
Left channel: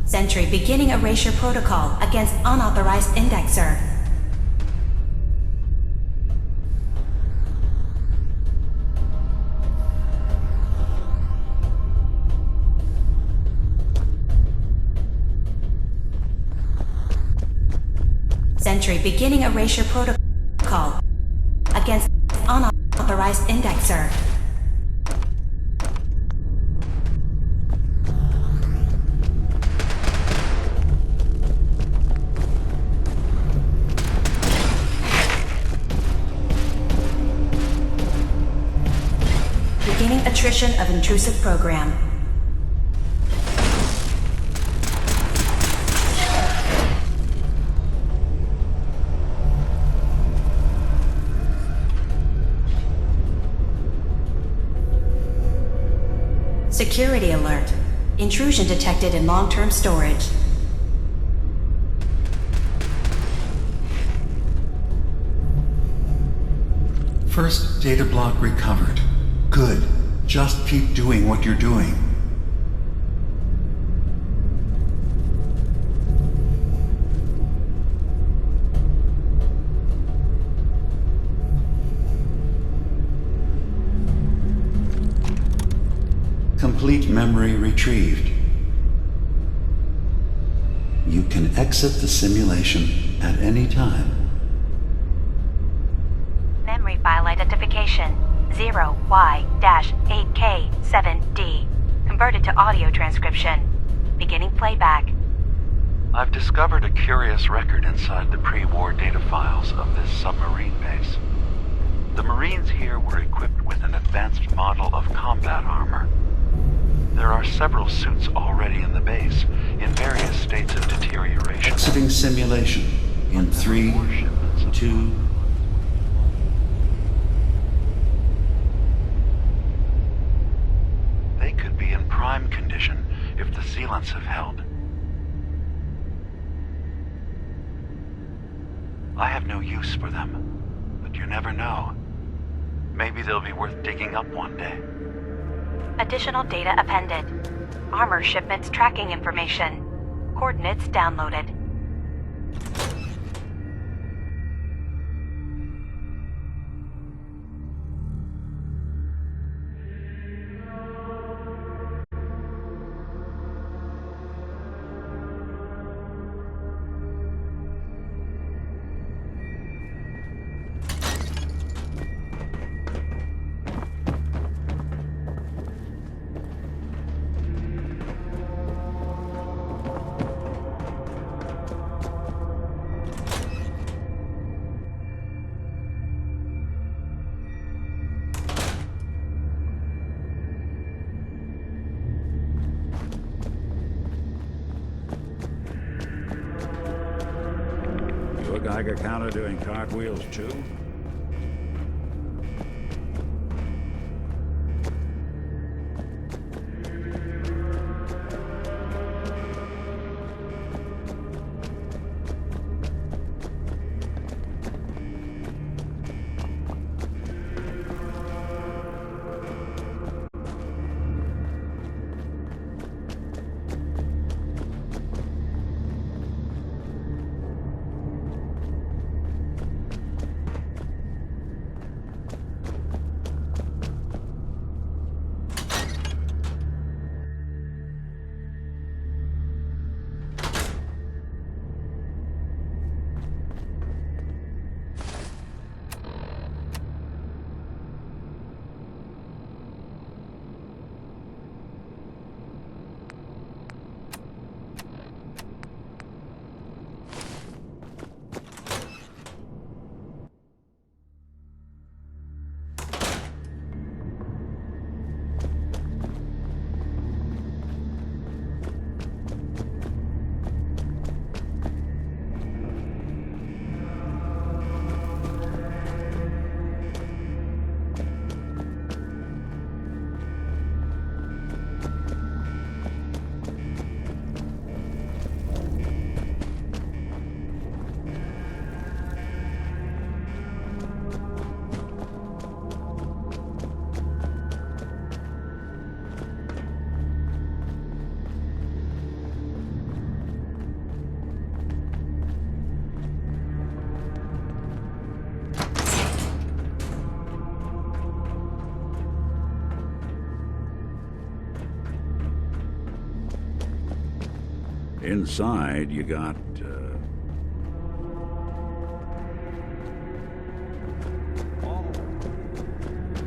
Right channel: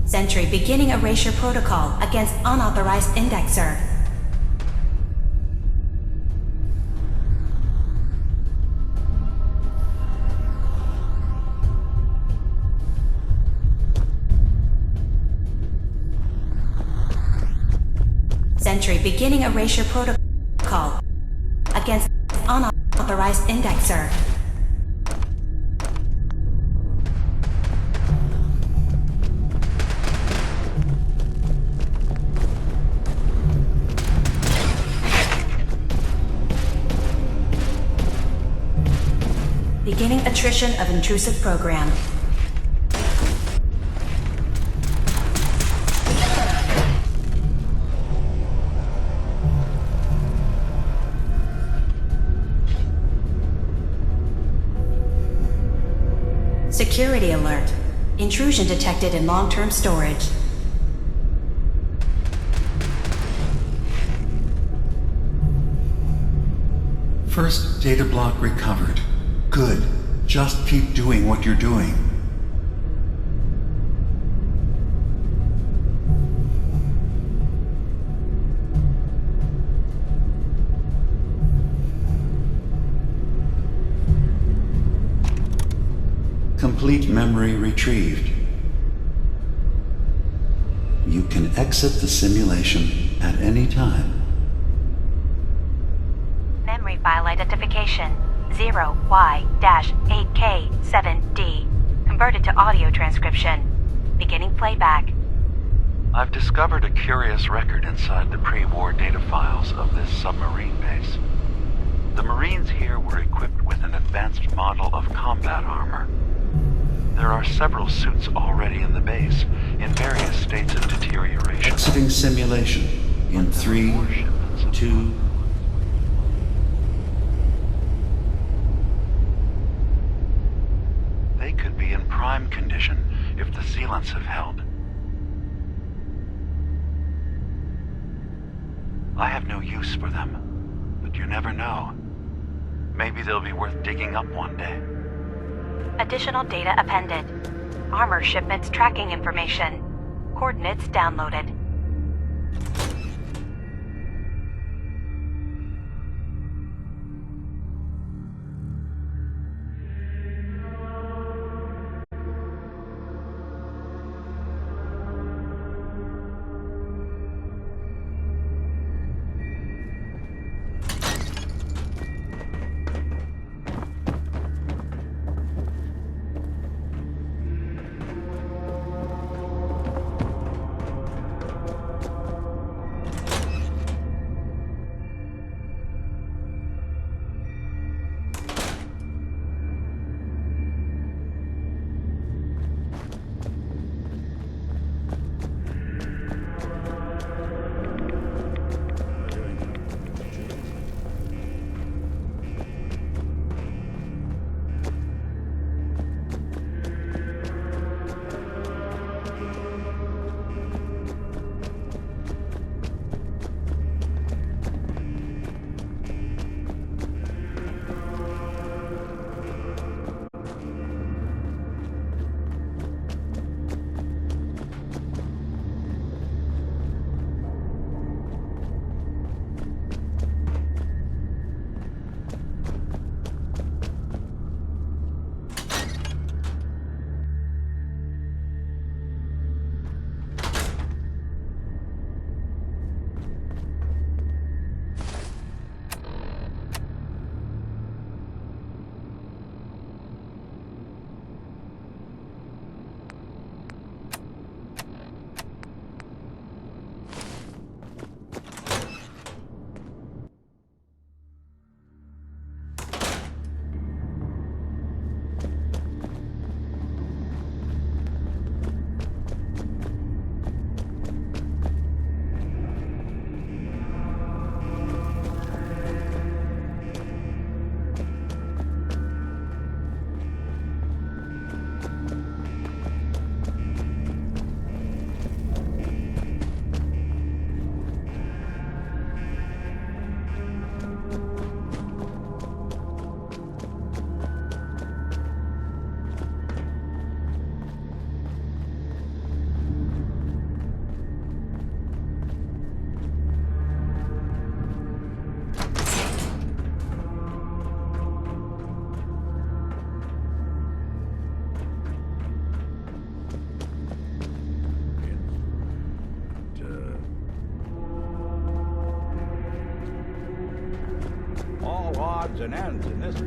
Sentry beginning erasure protocol against unauthorized indexer. Sentry beginning erasure protocol against unauthorized indexer. Beginning attrition of intrusive program. Security alert. Intrusion detected in long-term storage. First data block recovered. Good. Just keep doing what you're doing. Complete memory retrieved. You can exit the simulation at any time. Memory file identification 0Y-8K7D. Converted to audio transcription. Beginning playback. I've discovered a curious record inside the pre-war data files of this submarine base. The Marines here were equipped with an advanced model of combat armor. There are several suits already in the base, in various states of deterioration. Exiting simulation in 3, 2... They could be in prime condition if the sealants have held. I have no use for them, but you never know. Maybe they'll be worth digging up one day. Additional data appended. Armor shipments tracking information. Coordinates downloaded. shooting? Inside, you got, All odds and ends in this.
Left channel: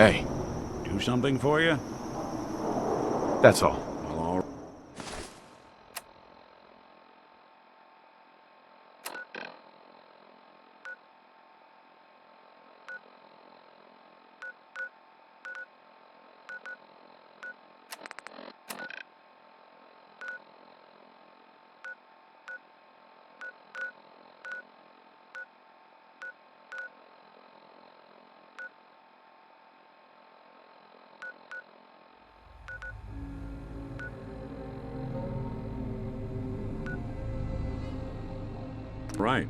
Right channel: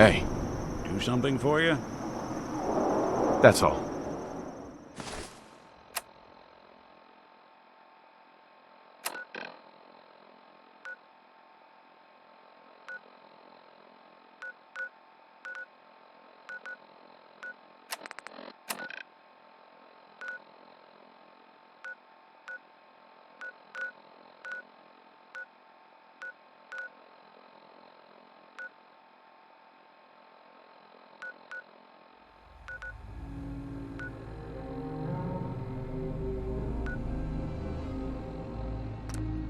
Hey, Do something for you? that's all. Right.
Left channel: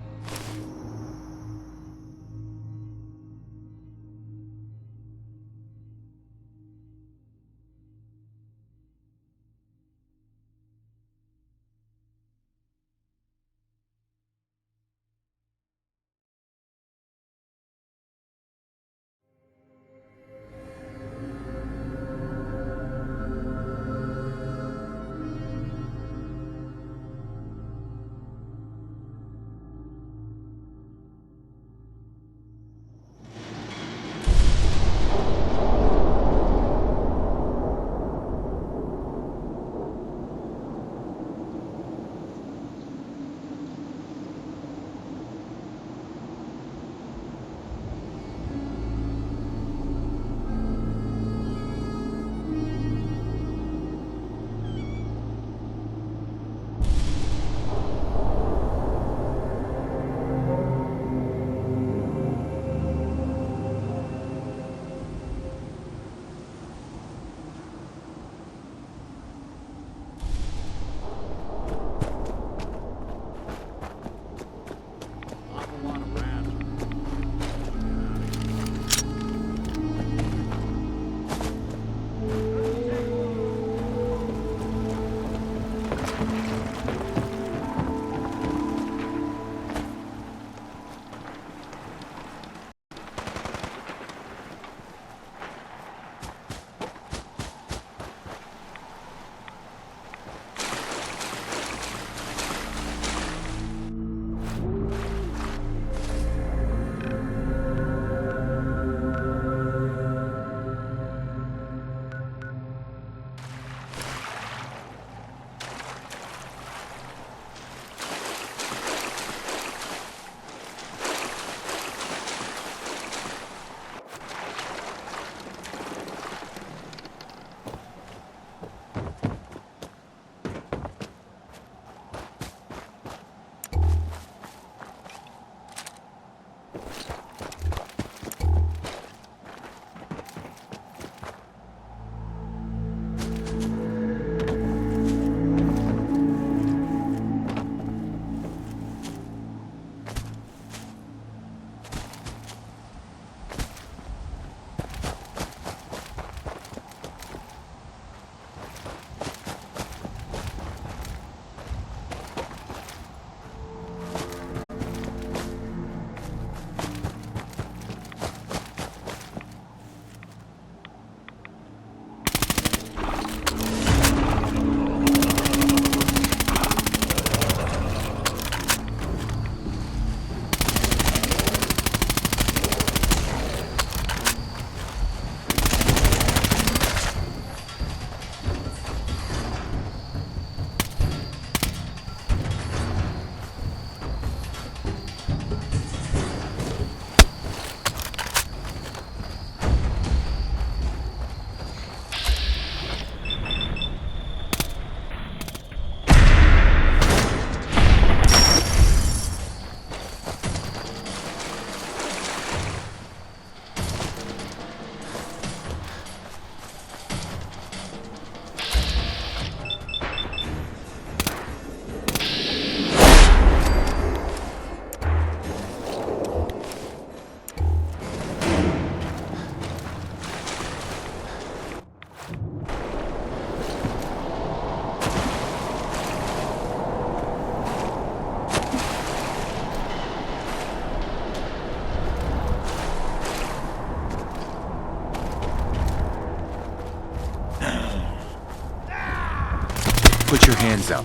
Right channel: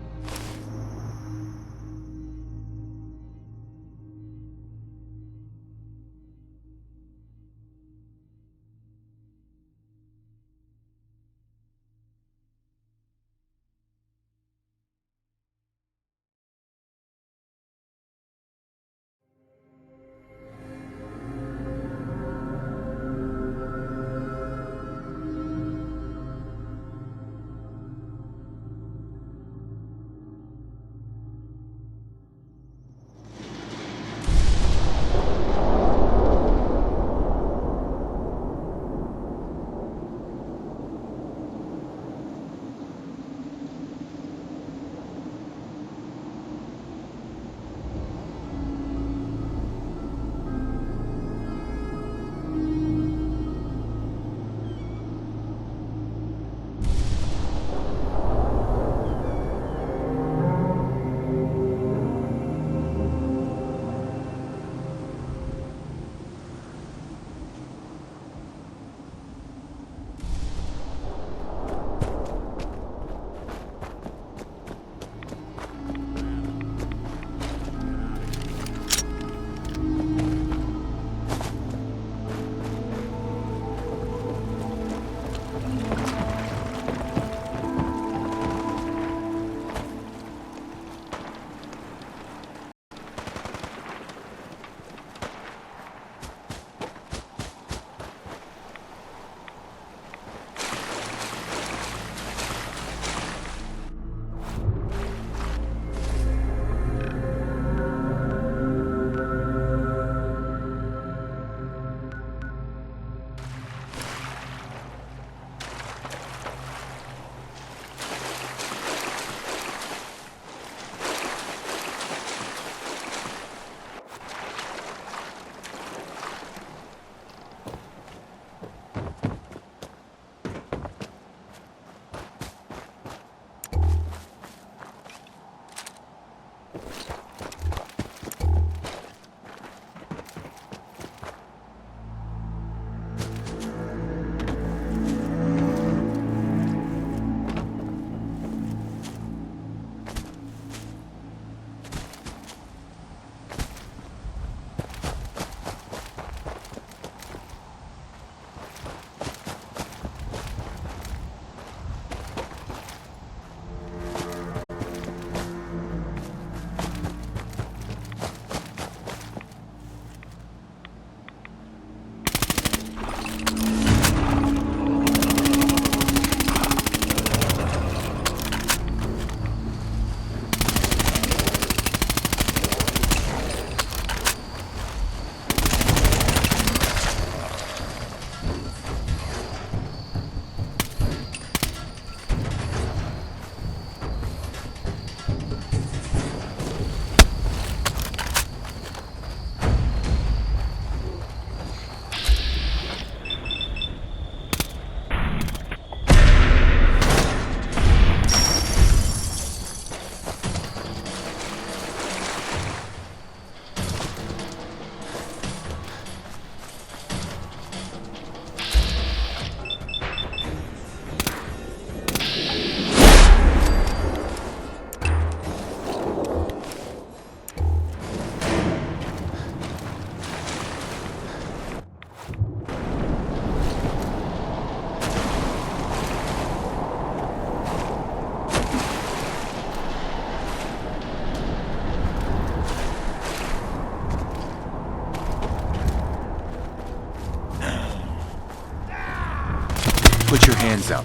Put your hands up.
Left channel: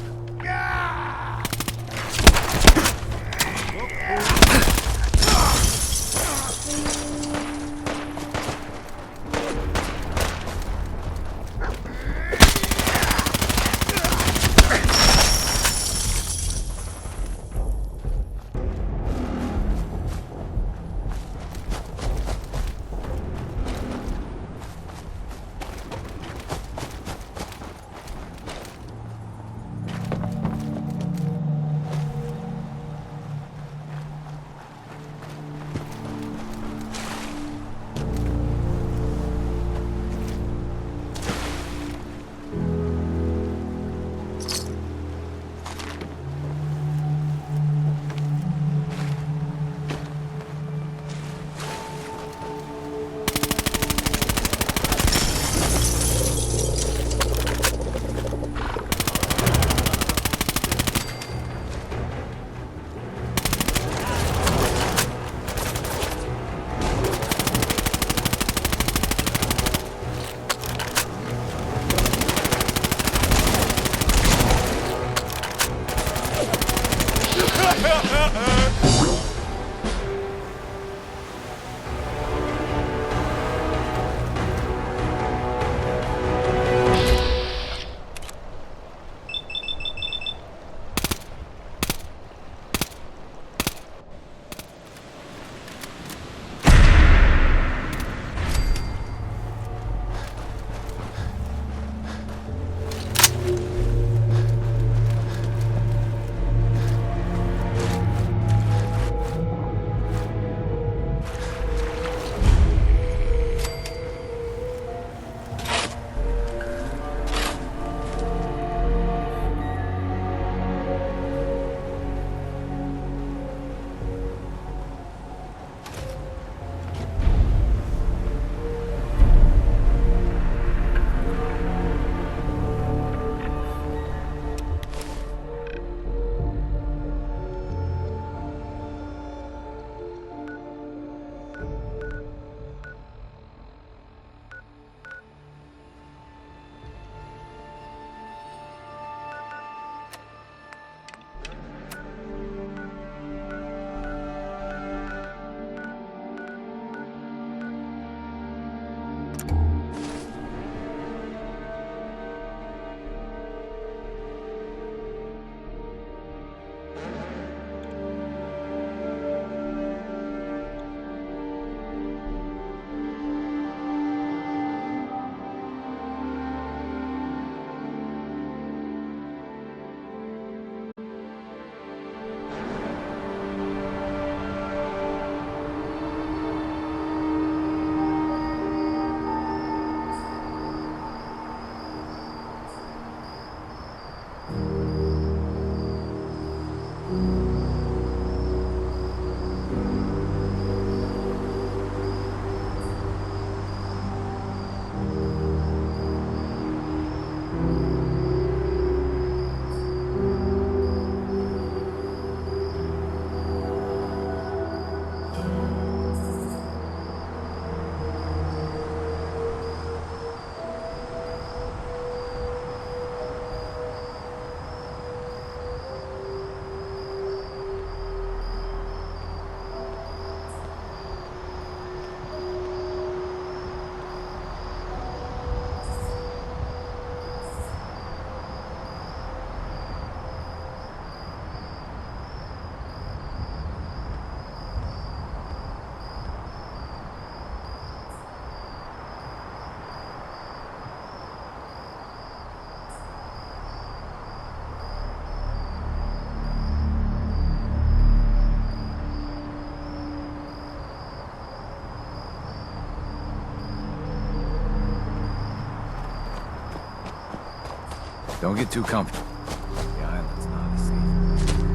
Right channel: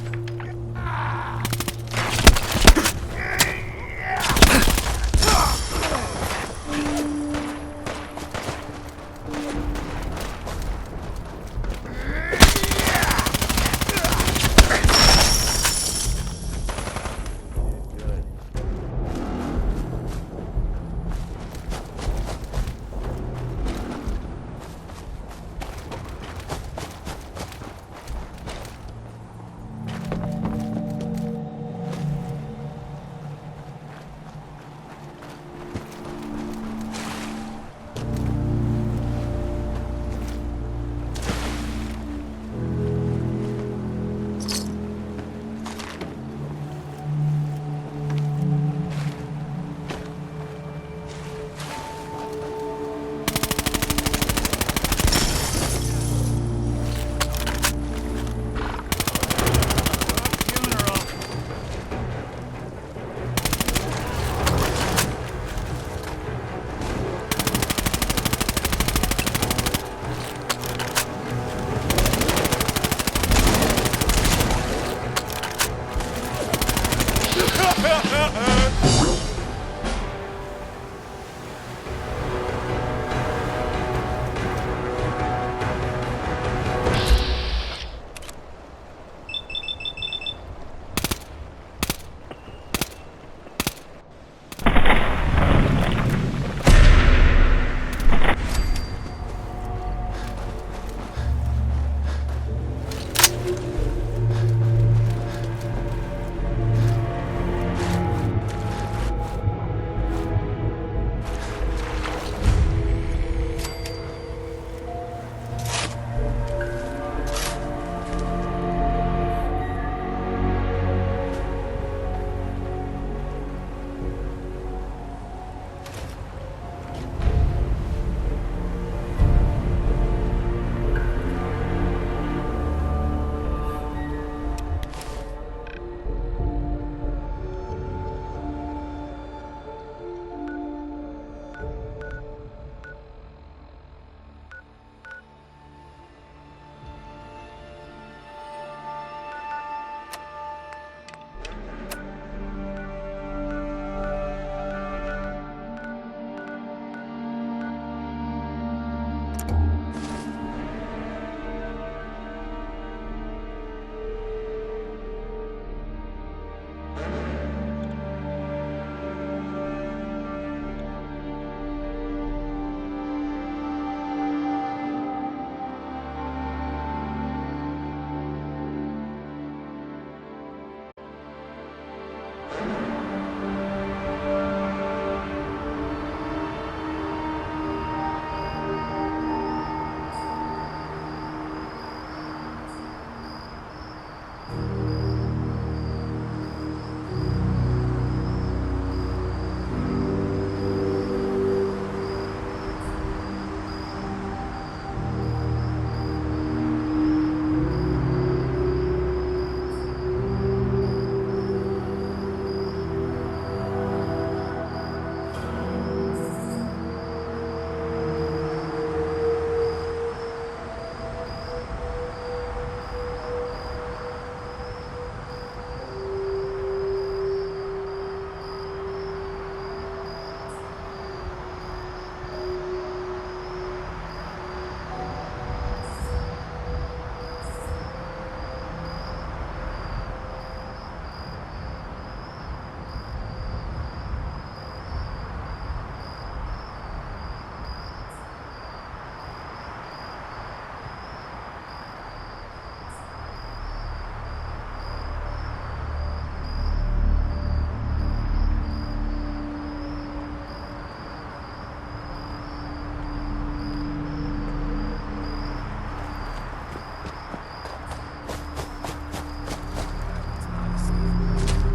Don't get too comfortable. The island's not a safe place.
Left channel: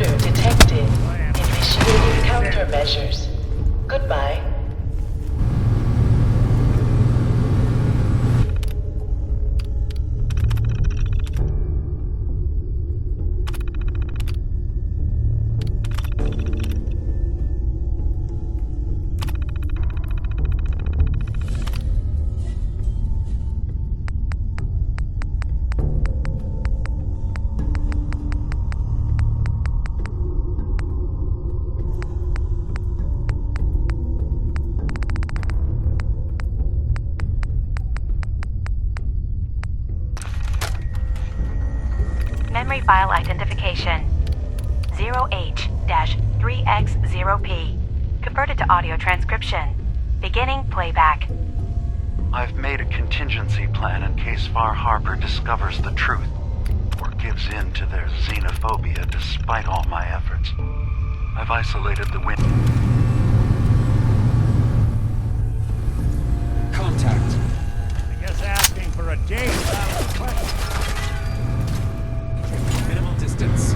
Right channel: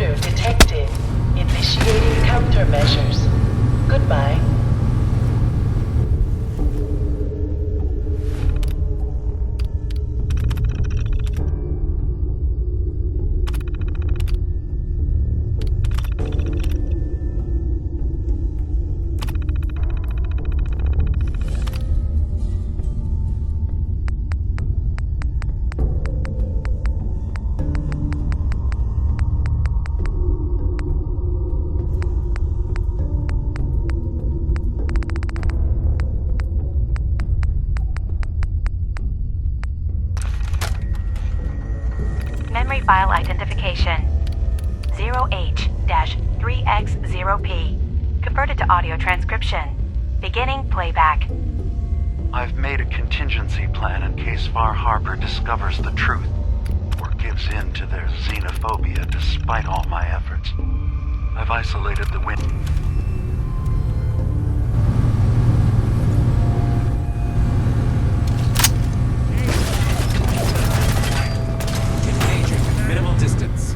Intruder detected. Initiating countermeasures. Goodbye. Memory file identification 0H-3X0P. Converted to audio transcription. Beginning playback. I've made a contingency plan in case Far Harbor discovers the truth or gives in to their xenophobia despite all my efforts. I've isolated the wind. Contact. Just asking for a date. Engaging. Minimal distance.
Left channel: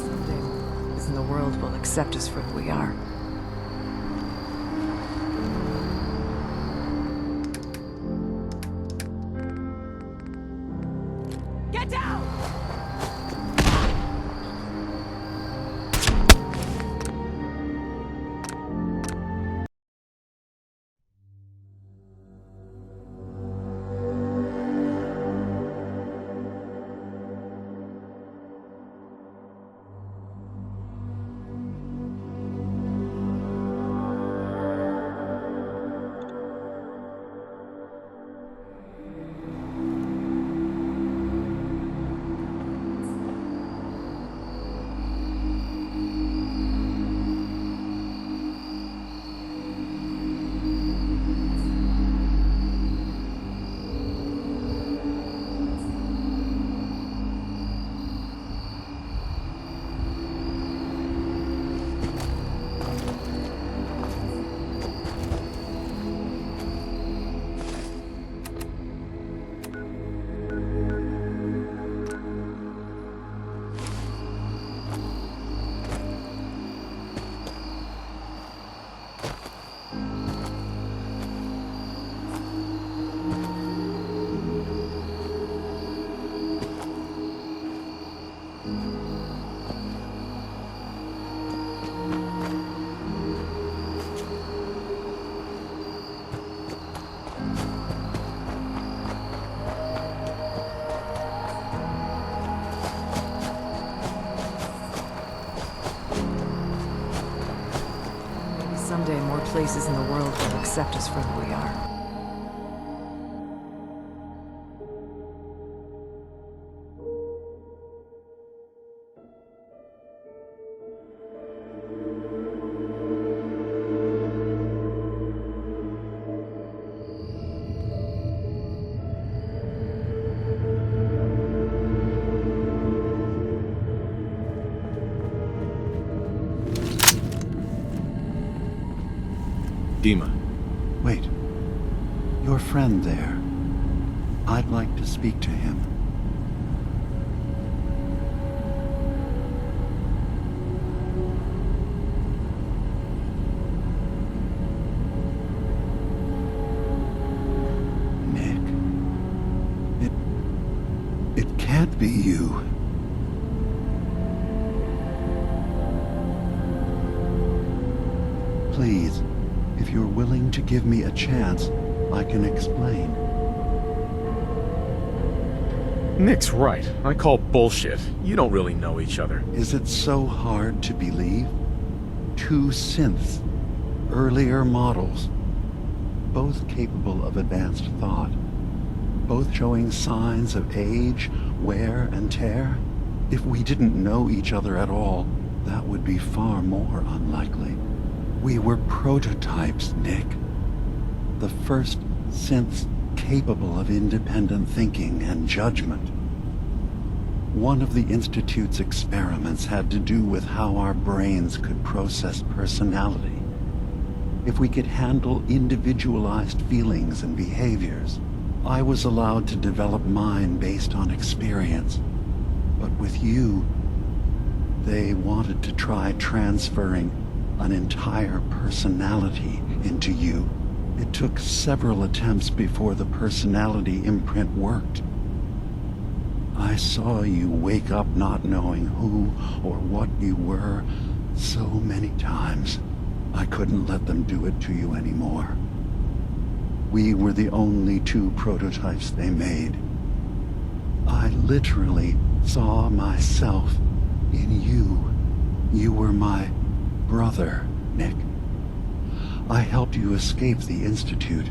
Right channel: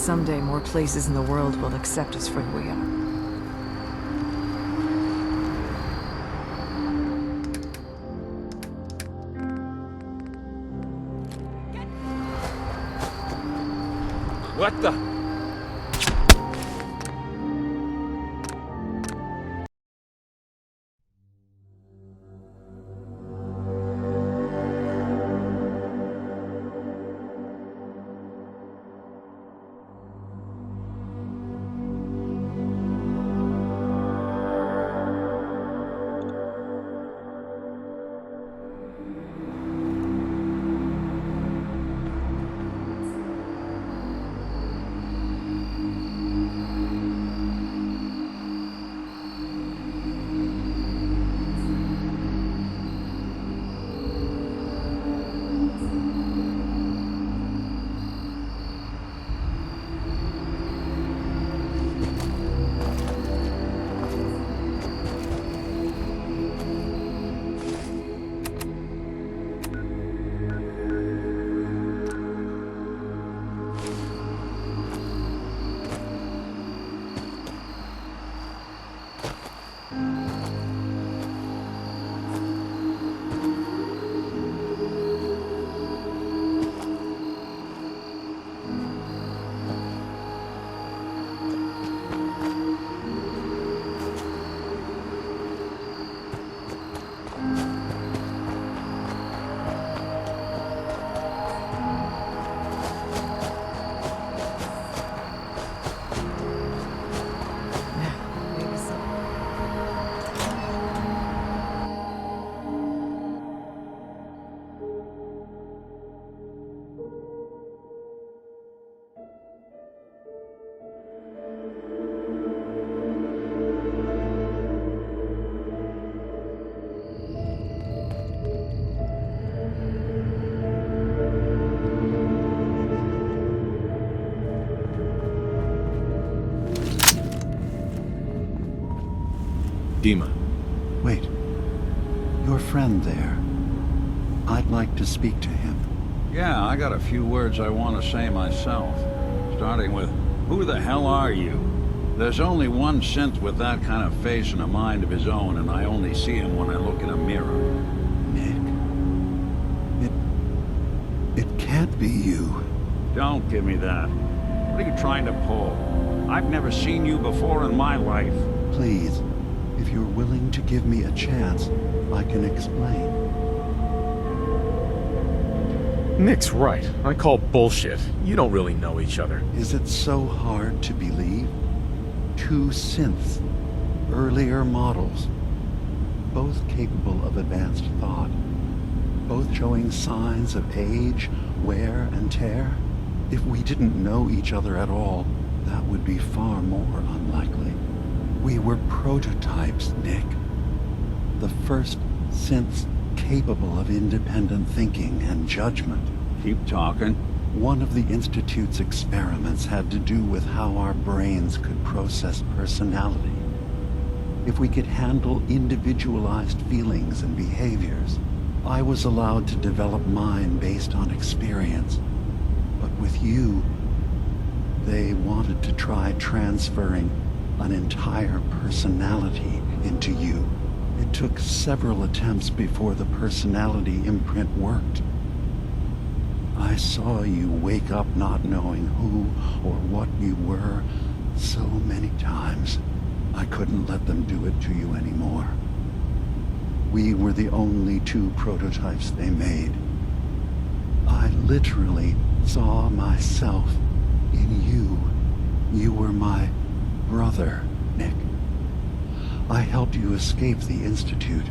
someday more places in the world will accept us for who we are. Get down! What the? Maybe someday more places in the world will accept us for who we are. Dima. Wait. Your friend there. I'd like to speak to him. Yeah, I got a few words I want to say myself. Starting with, who the hell are you? There's only one synth with that kind of face and a mind of his own, and I only see him when I look in a mirror. Nick. It can't be you. Don't give me that. What are you trying to pull? I've never seen you before in my life. Please, if you're willing to give me a chance, I can explain. Nick's right. I call bullshit. You don't really know each other. Is it so hard to believe? Two synths, earlier models, both capable of advanced thought, both showing signs of age, wear, and tear. If we didn't know each other at all, that would be far more unlikely. We were prototypes, Nick. The first synths capable of independent thinking and judgment. Keep talking. One of the Institute's experiments had to do with how our brains could process personality. If we could handle individualized feelings and behaviors, I was allowed to develop mine based on experience. But with you, they wanted to try transferring an entire personality into you. It took several attempts before the personality imprint worked. I saw you wake up not knowing who or what you were so many times. I couldn't let them do it to you anymore. We were the only two prototypes they made. I literally saw myself in you. You were my brother, Nick. I helped you escape the Institute.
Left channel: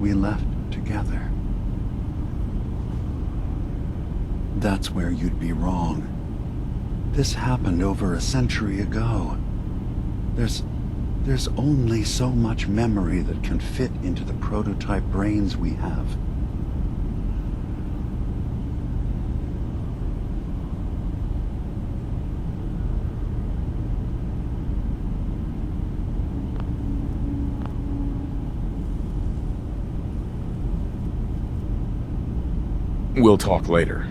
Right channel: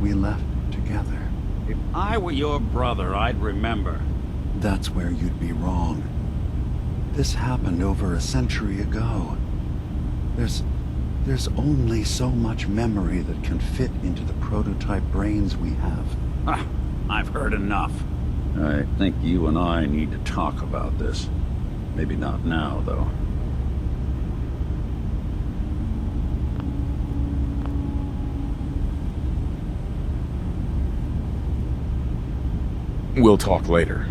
We left together. If I were your brother, I'd remember. That's where you'd be wrong. This happened over a century ago. There's only so much memory that can fit into the prototype brains we have. I've heard enough. I think you and I need to talk about this. Maybe not now, though. We'll talk later.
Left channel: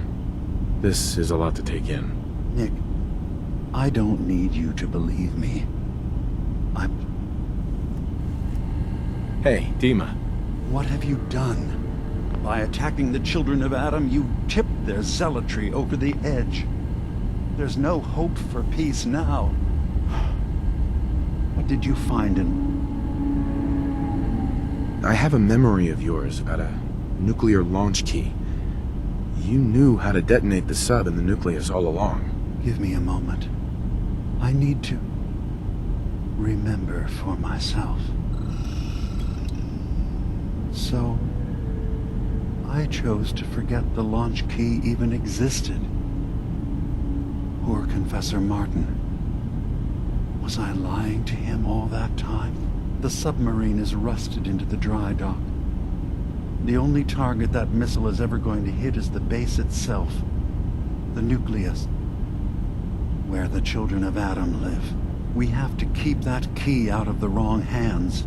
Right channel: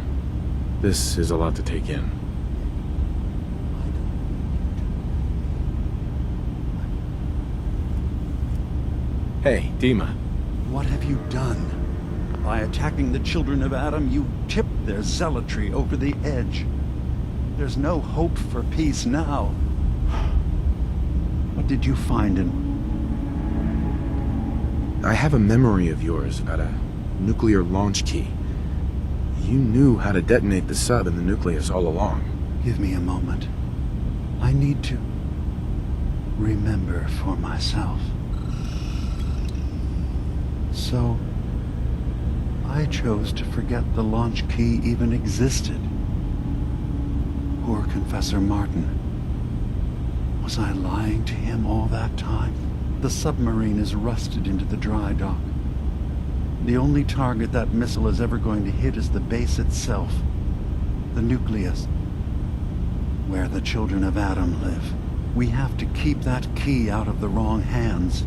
This is a lot to take in. Nick, I don't need you to believe me. Hey, Dima. What have you done? By attacking the children of Adam, you tipped their zealotry over the edge. There's no hope for peace now. What did you find in... I have a memory of yours about a nuclear launch key. You knew how to detonate the sub in the nucleus all along. Give me a moment. I need to remember for myself. So, I chose to forget the launch key even existed. Poor Confessor Martin. Was I lying to him all that time? The submarine is rusted into the dry dock. The only target that missile is ever going to hit is the base itself. The nucleus. Where the children of Adam live. We have to keep that key out of the wrong hands.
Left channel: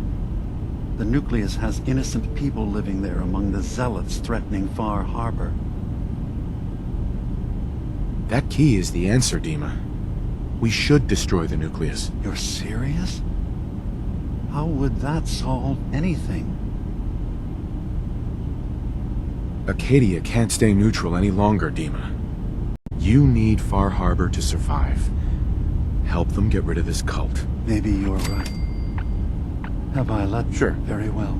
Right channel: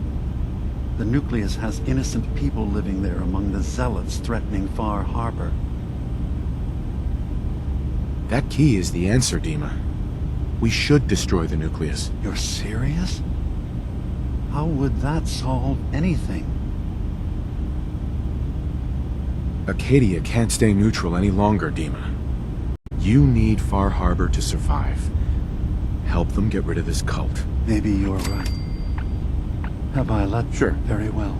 The nucleus has innocent people living there among the zealots threatening Far Harbor. That key is the answer, Dima. We should destroy the nucleus. You're serious? How would that solve anything? Acadia can't stay neutral any longer, Dima. You need Far Harbor to survive. Help them get rid of this cult. Maybe you're right. Have I let... Sure. Very well.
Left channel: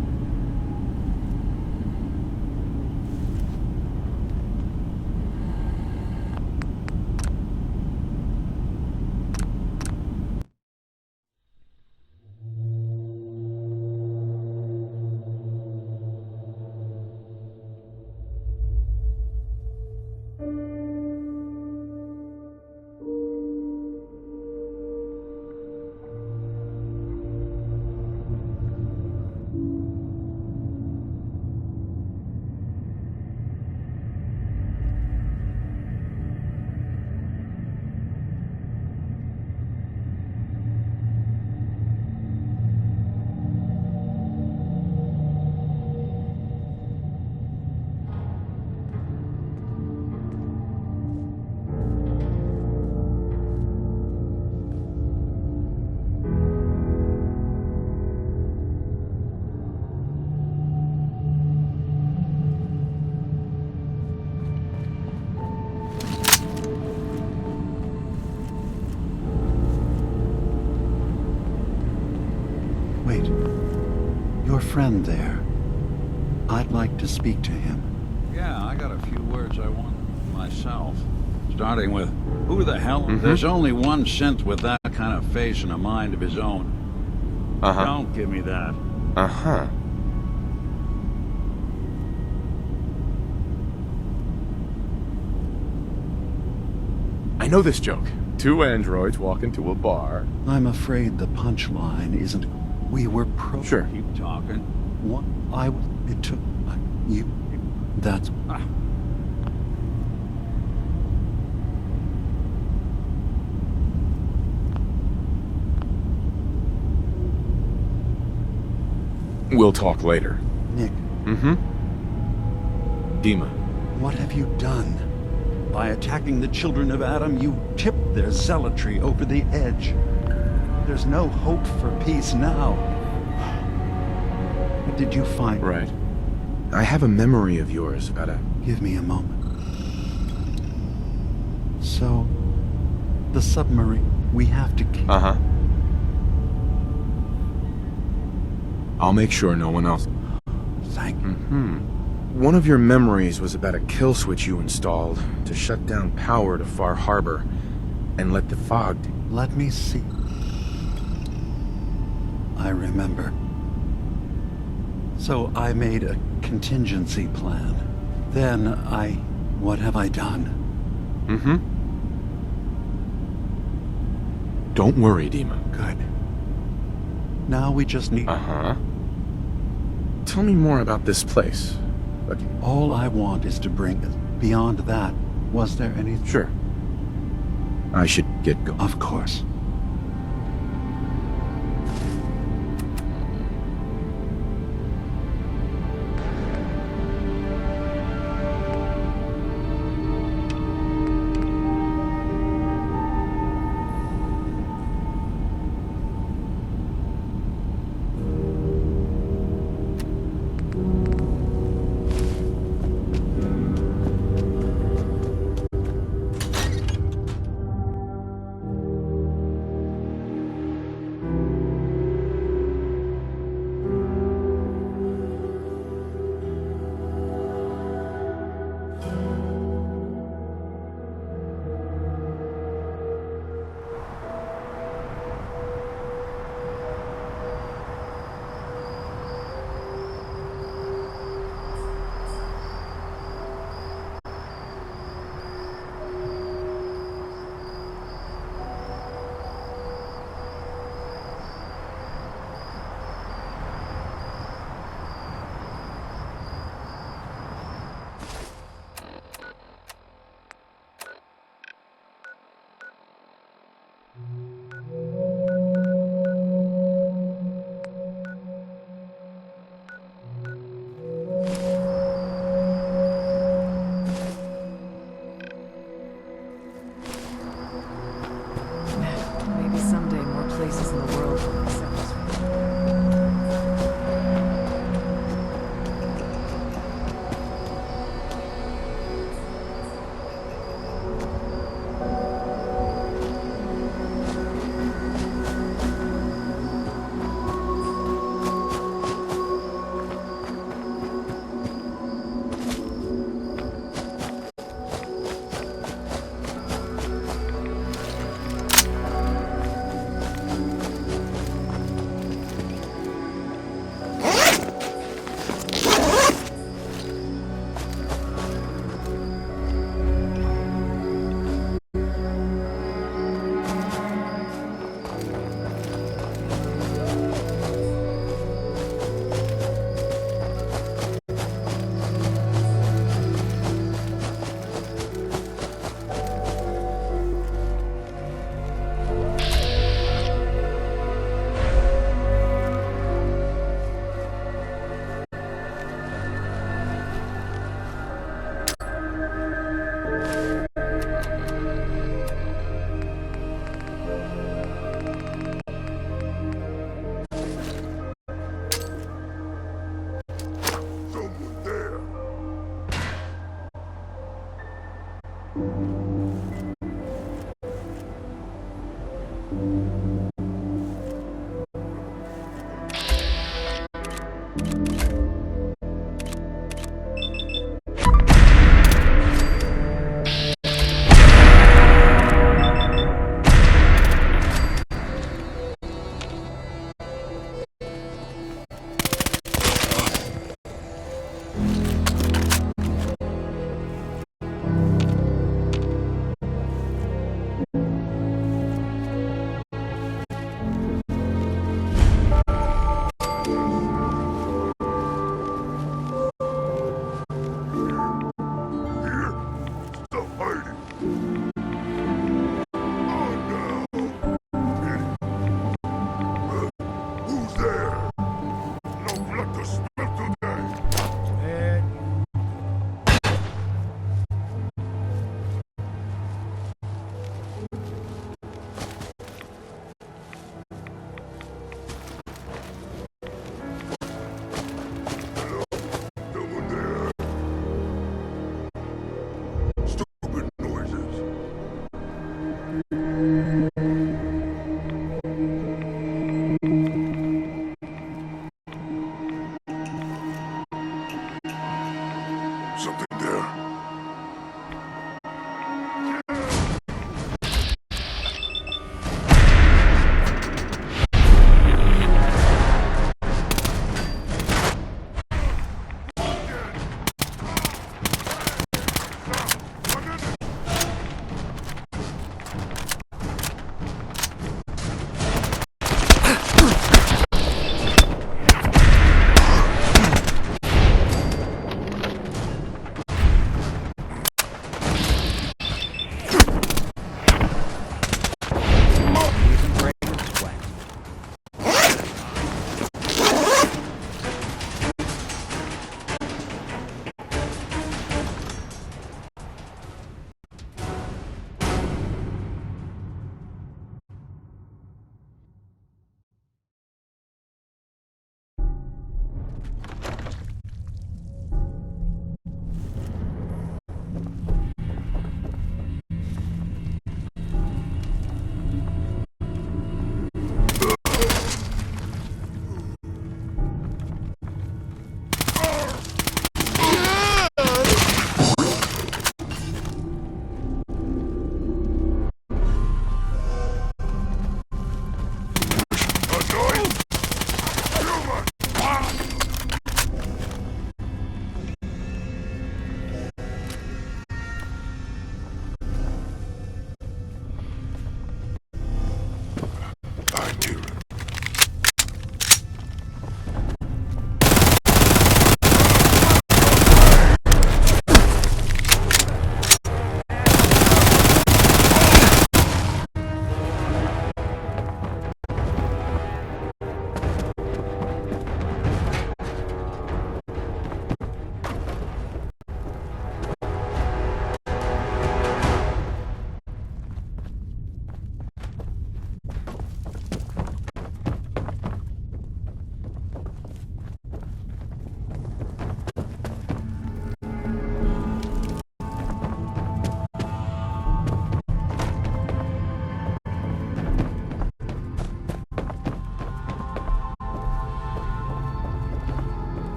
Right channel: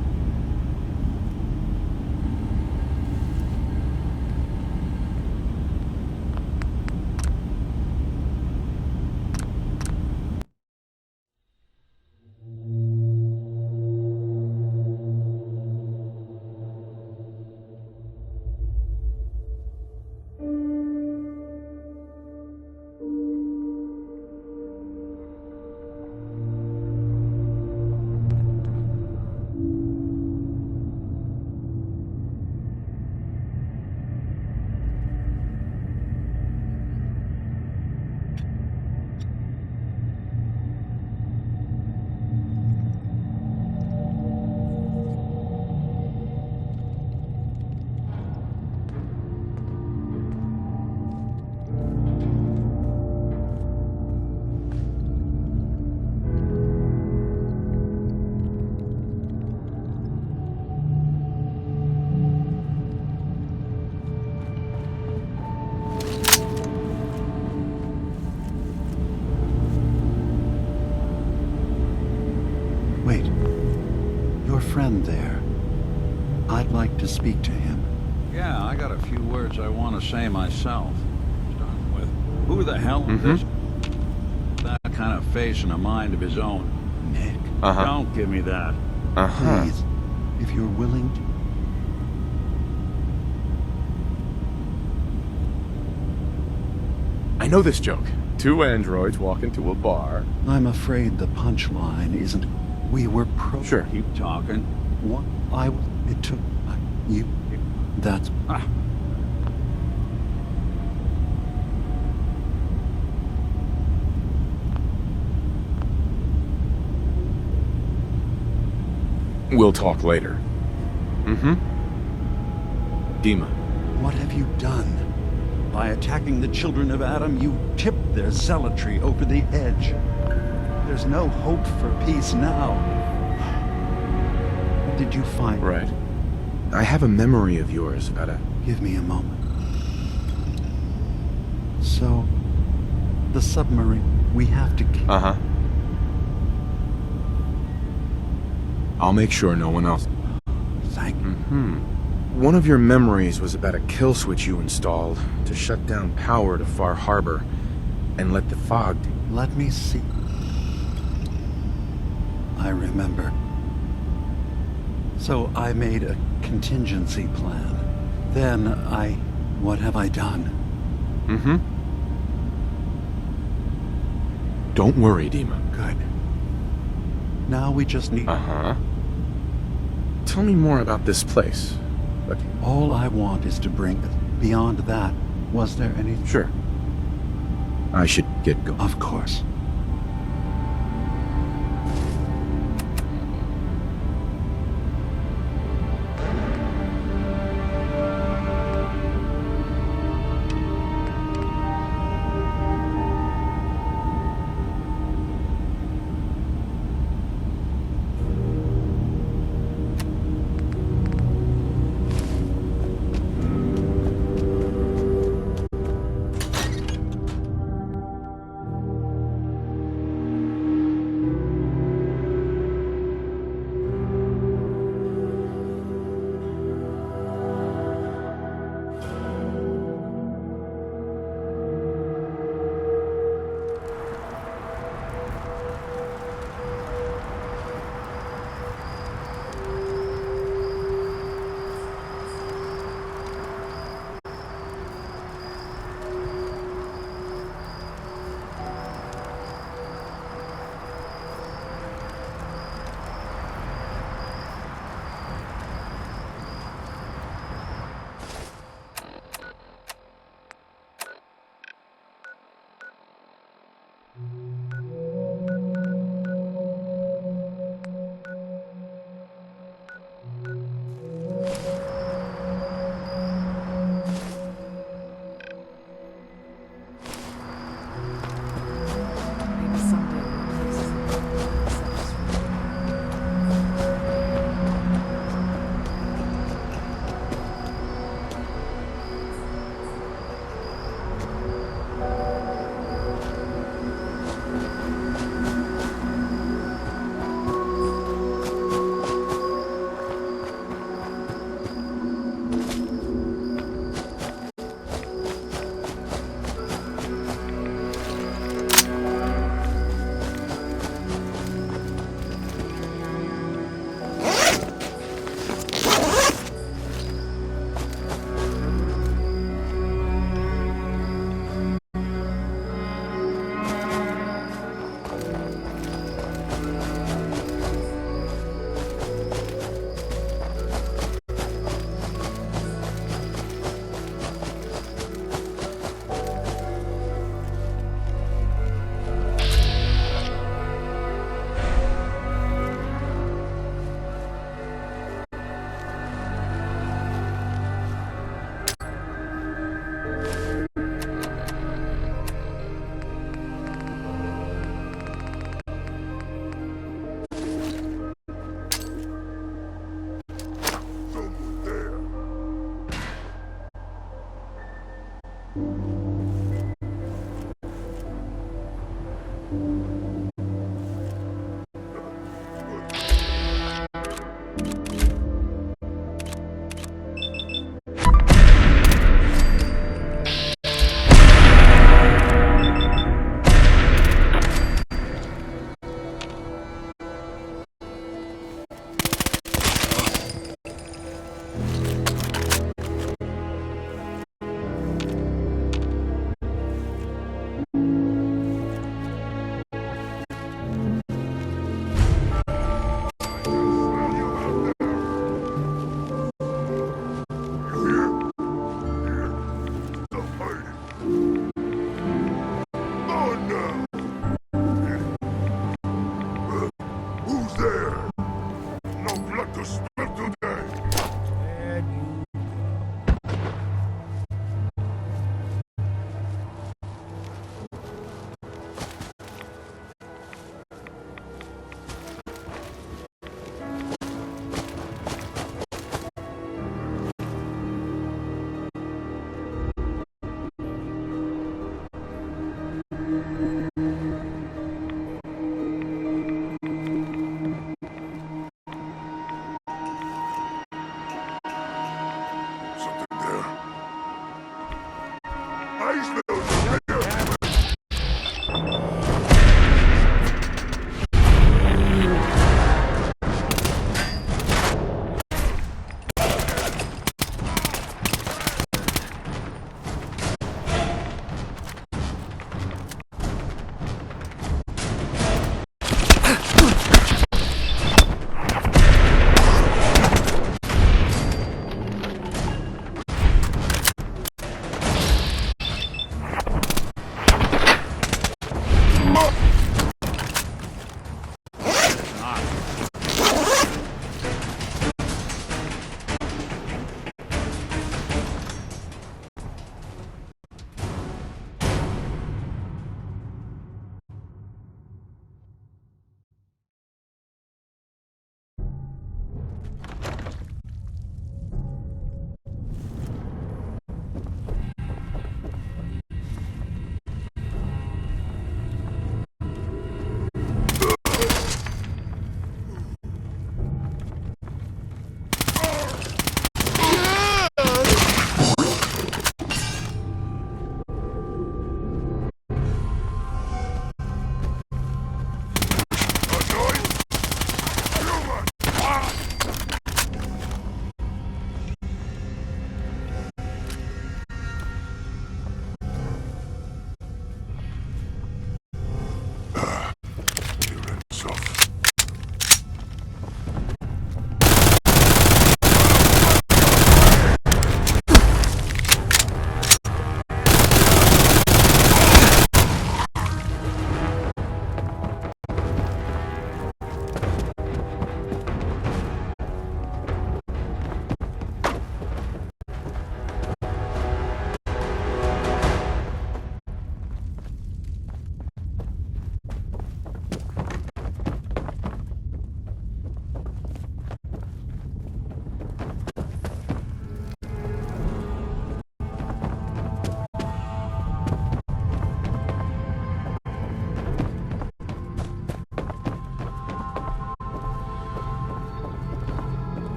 Wait. Your friend there. I'd like to speak to him. Yeah, I got a few words I want to say myself. Starting with, who the hell? Mm-hmm. There's only one synth with that kind of face and a mind of his own. Nick, don't give me that. Please, if you're willing to... I know this joke. Two androids walk into a bar. I'm afraid the punchline isn't... We were pro... Sure. Keep talking. What? It took... You... That's... We'll talk later. Nick. Mm-hmm. Dima. What have you done? By attacking the children of Adam, you tipped their zealotry over the edge. There's no hope for peace now. What did you find? Right. I have a memory of yours about a... Give me a moment. So, the submarine, we have to keep... I'll make sure no one else... Thank you. One of your memories was about a kill switch you installed to shut down power to Far Harbor and let the fog... Let me see. I remember. So I made a contingency plan. Then what have I done? Don't worry, Dima. Good. Now we just need... Tell me more about this place. But all I want is to bring it. Beyond that, was there anything? Sure. I should get going. Of course.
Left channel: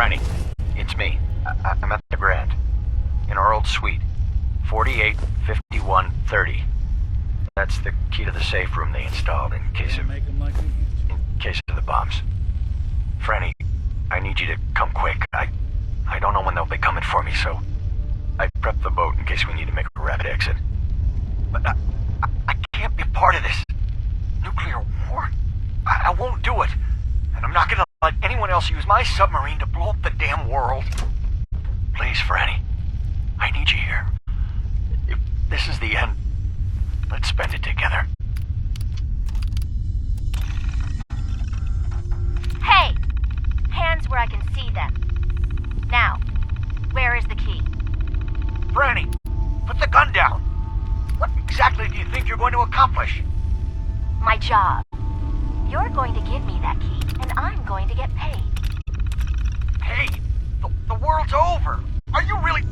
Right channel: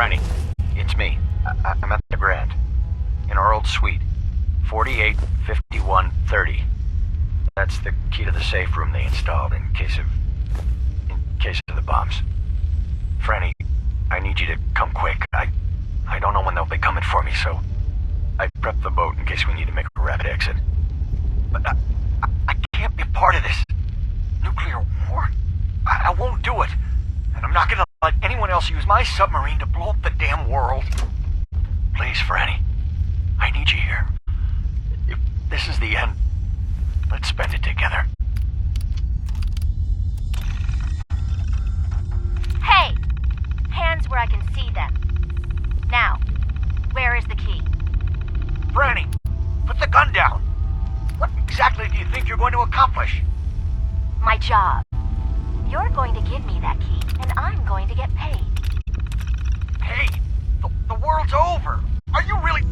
Franny, it's me. I'm at the Grand. In our old suite. 485130. That's the key to the safe room they installed in case of the bombs. Franny, I need you to come quick. I don't know when they'll be coming for me, so I prepped the boat in case we need to make a rapid exit. But I can't be a part of this. Nuclear war? I won't do it. And I'm not gonna let anyone else use my submarine to blow up the damn world. Please, Franny. I need you here. If this is the end, let's spend it together. Hey! Hands where I can see them. Now, where is the key? Franny, put the gun down. What exactly do you think you're going to accomplish? My job. You're going to give me that key, and I'm going to get paid. Hey, the world's over. Are you really...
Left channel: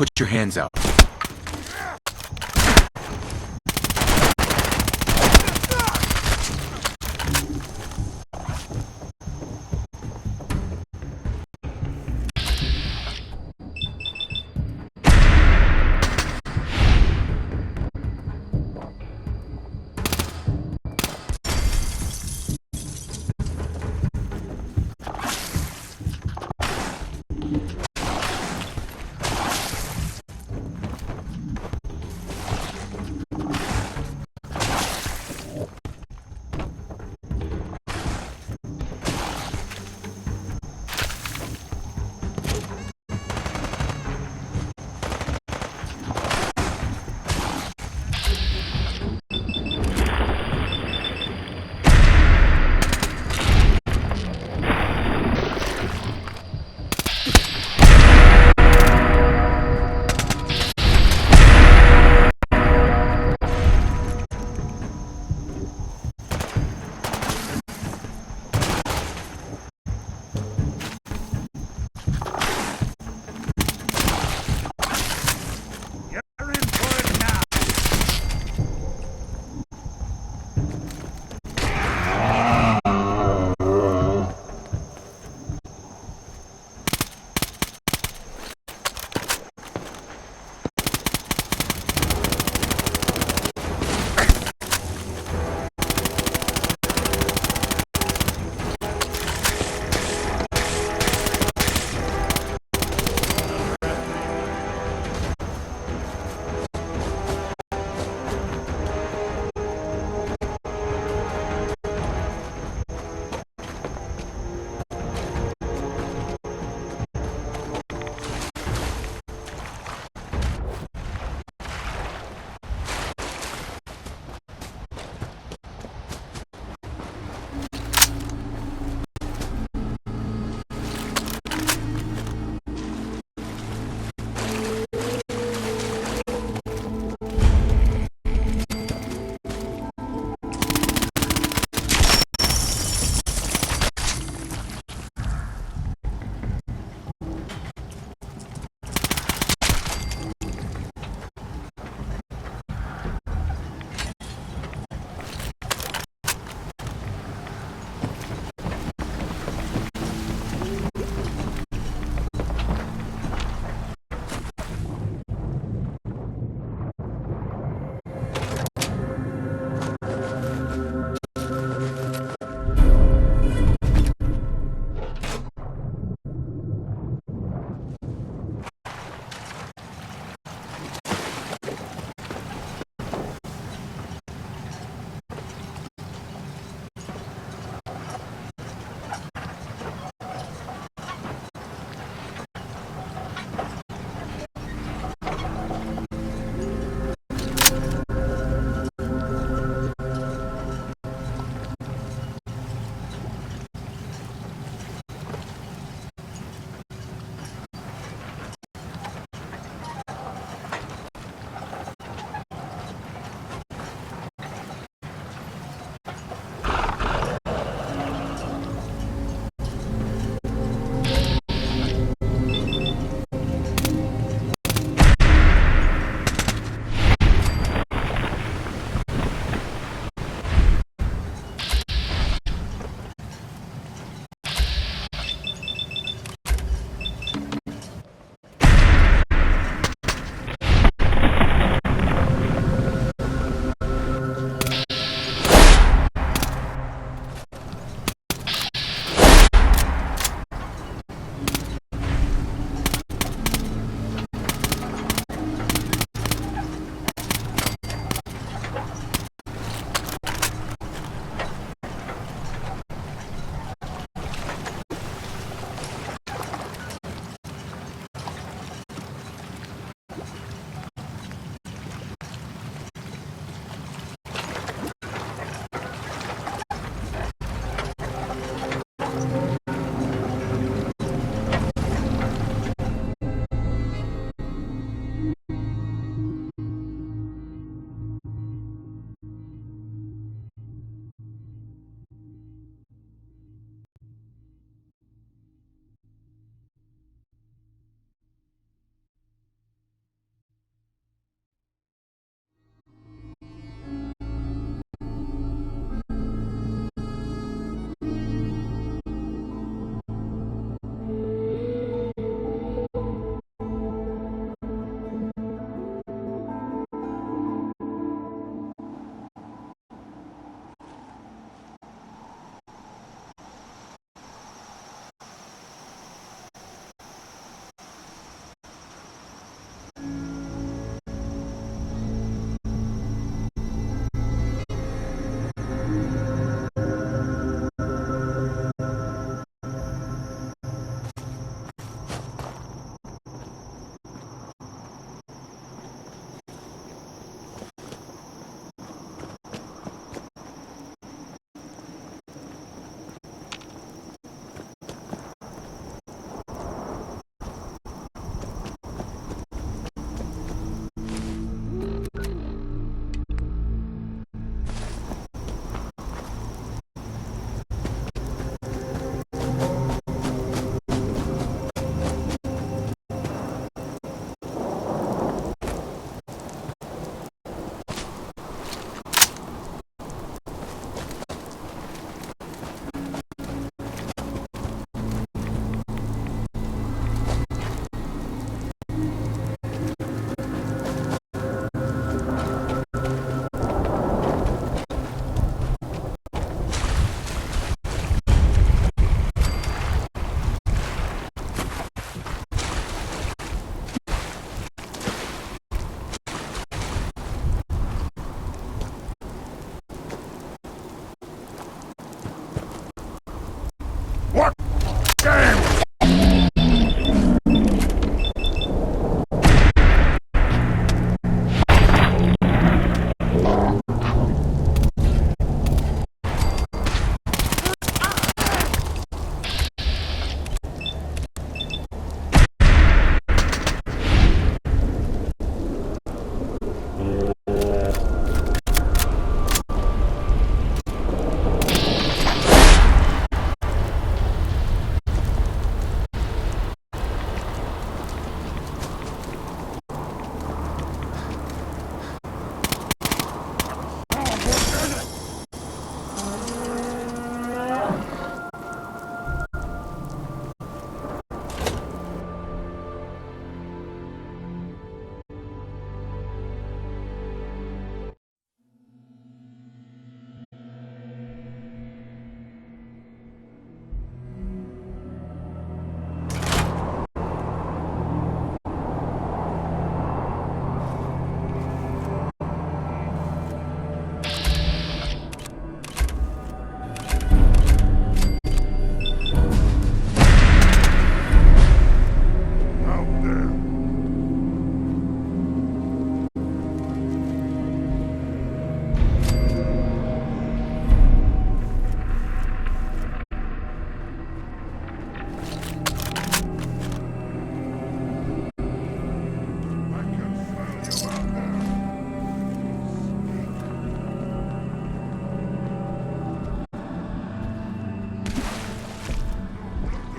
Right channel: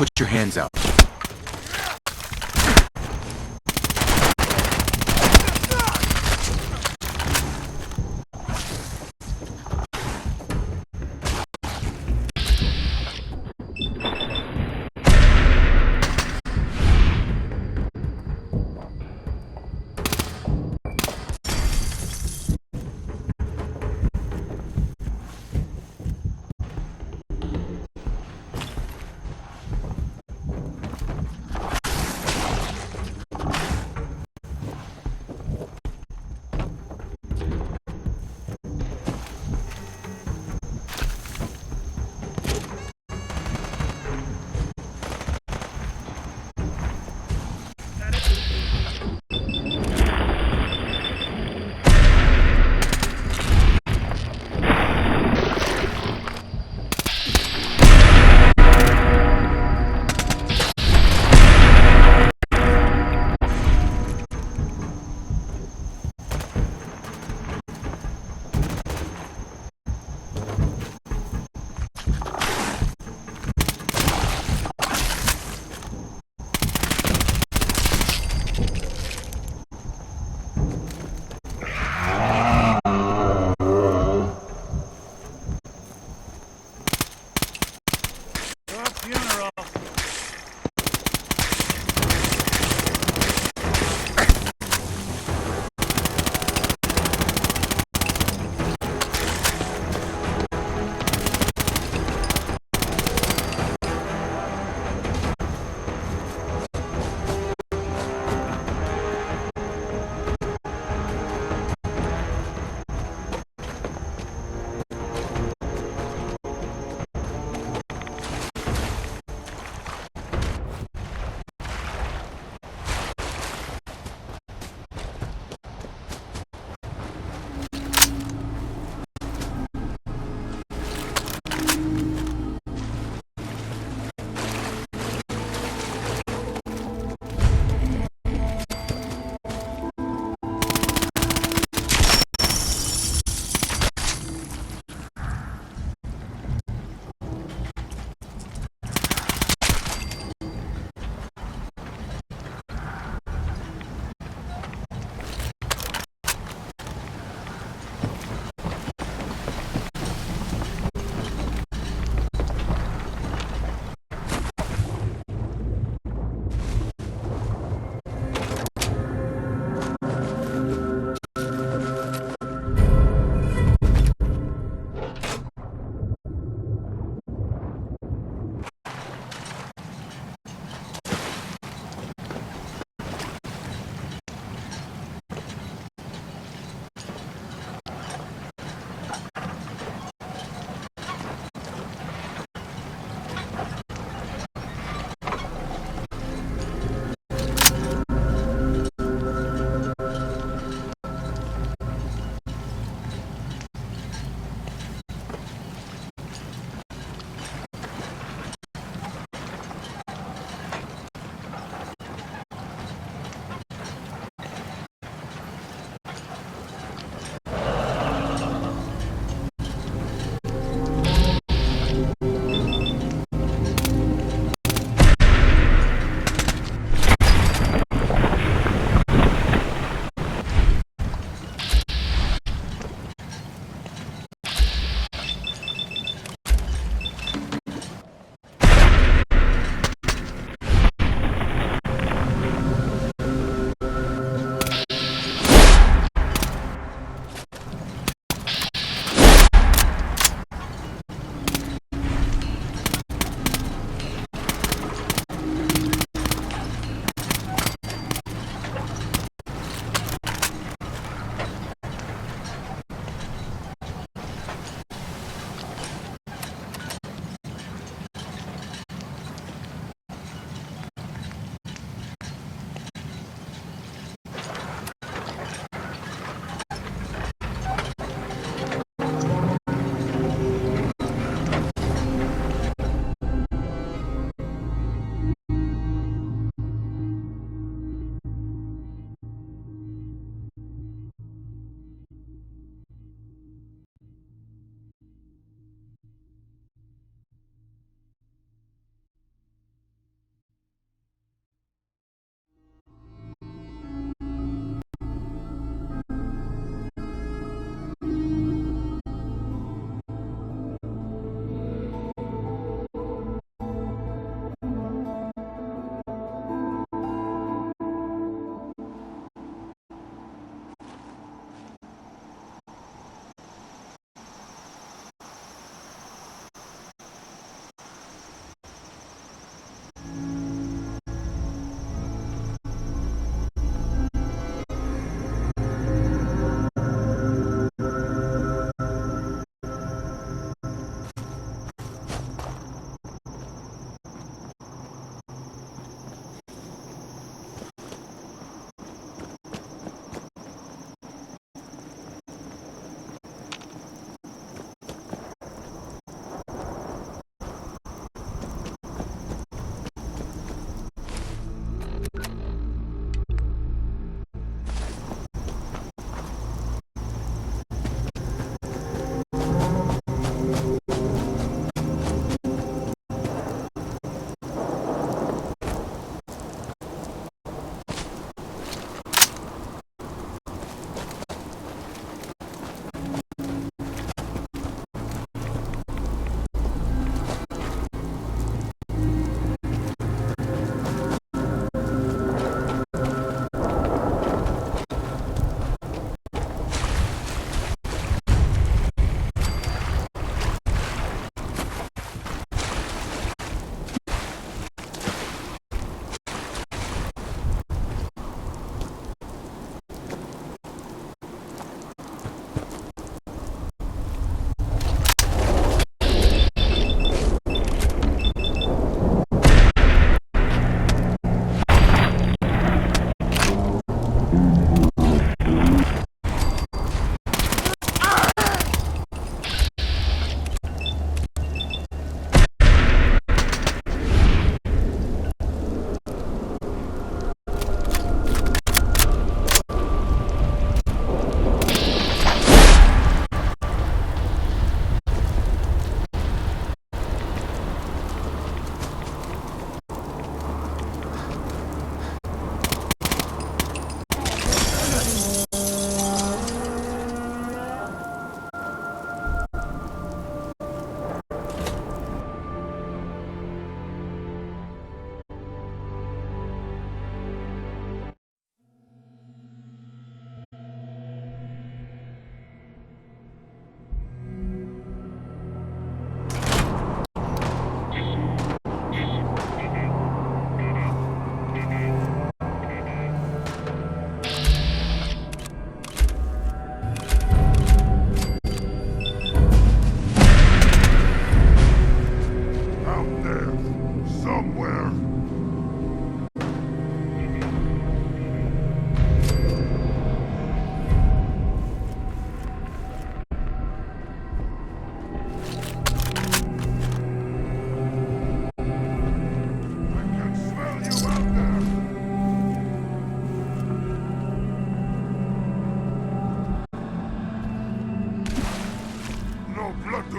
Put your hands out.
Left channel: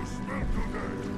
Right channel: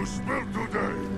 to spill today.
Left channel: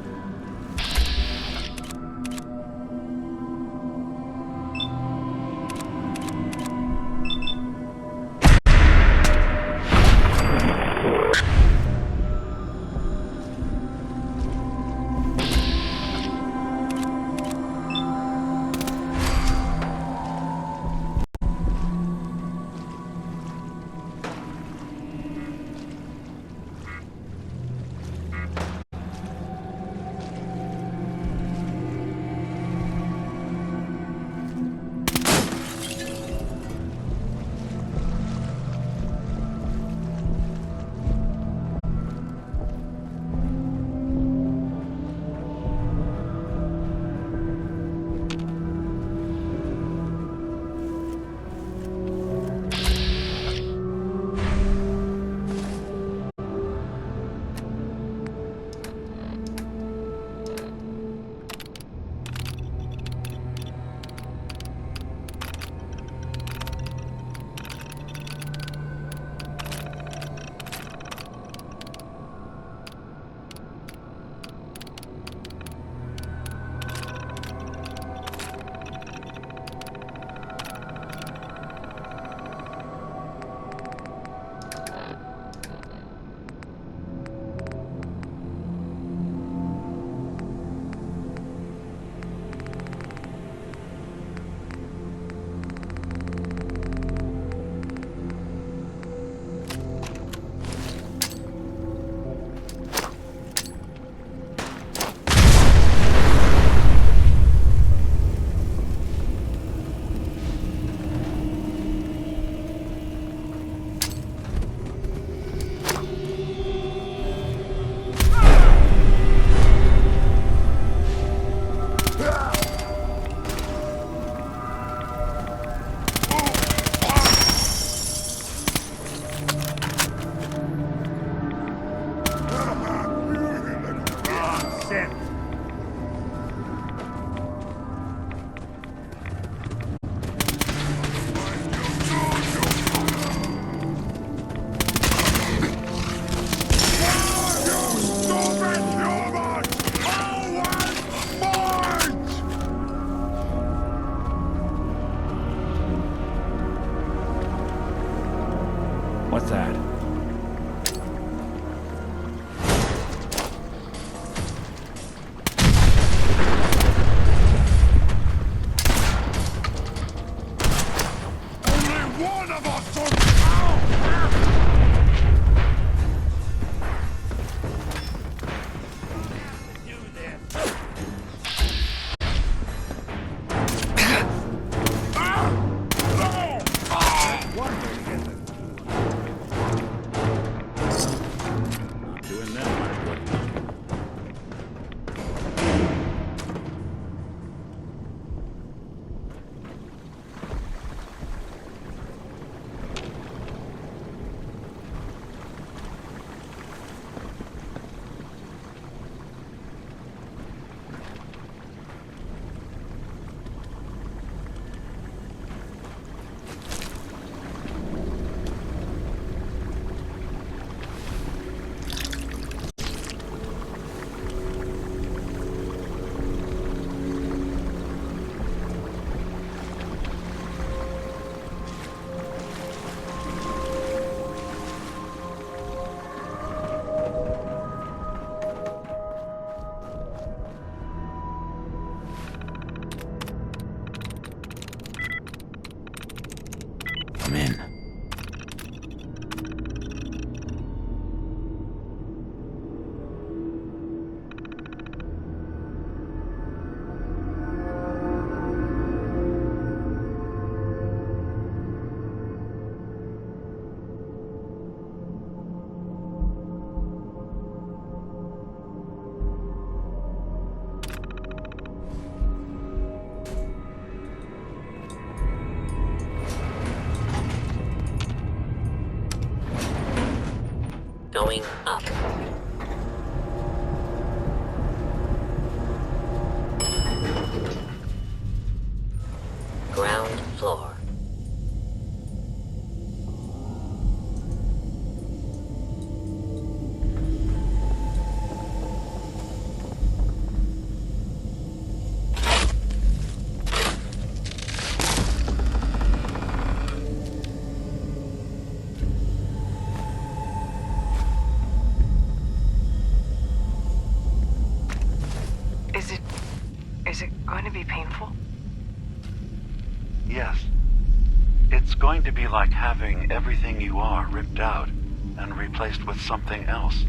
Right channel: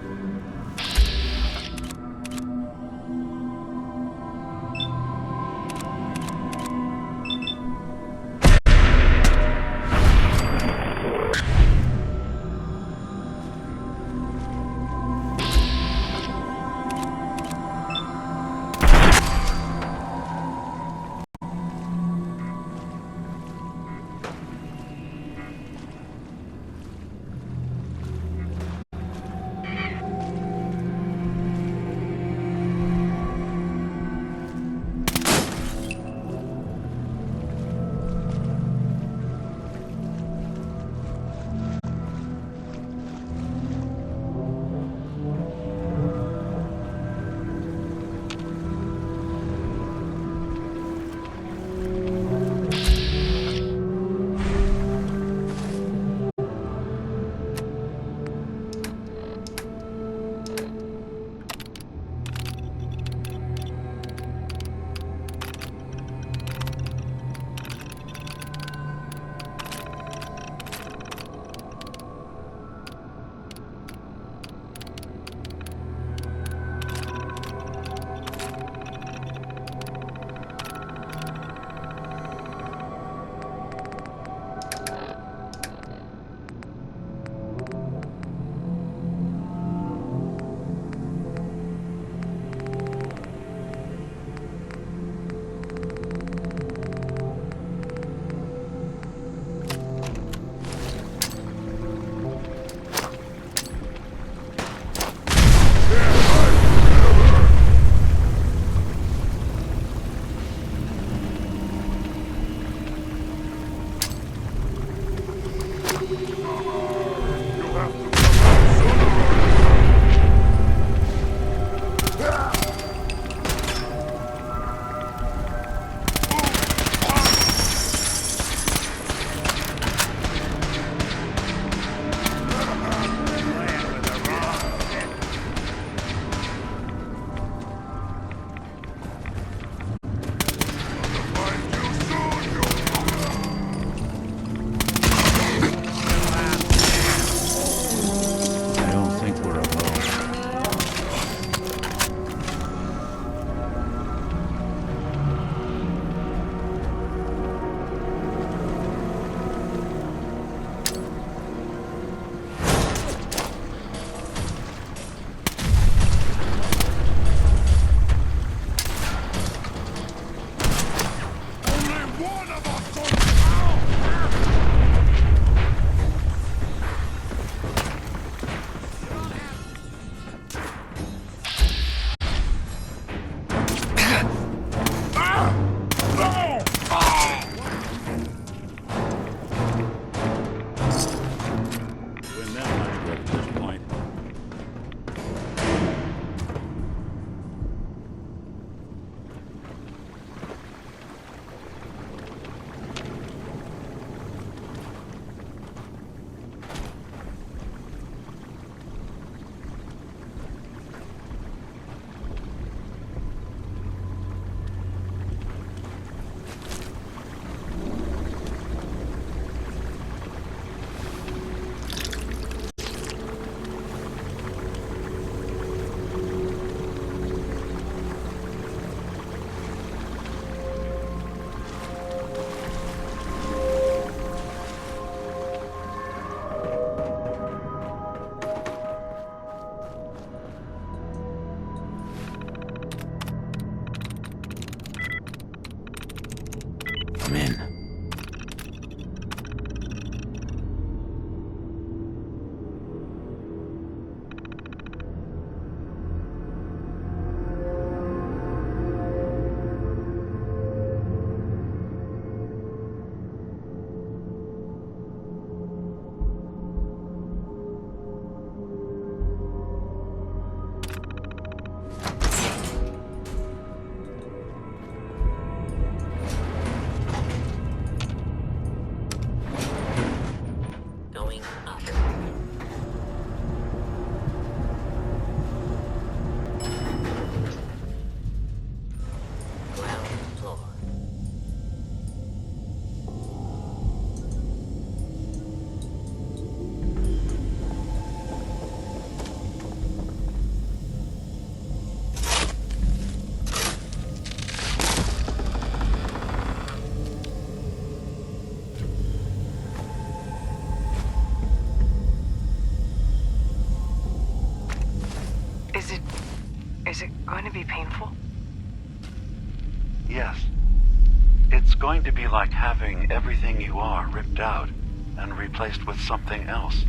painful? Yes. It's going to be like having everything you are ripped out and replaced with something else.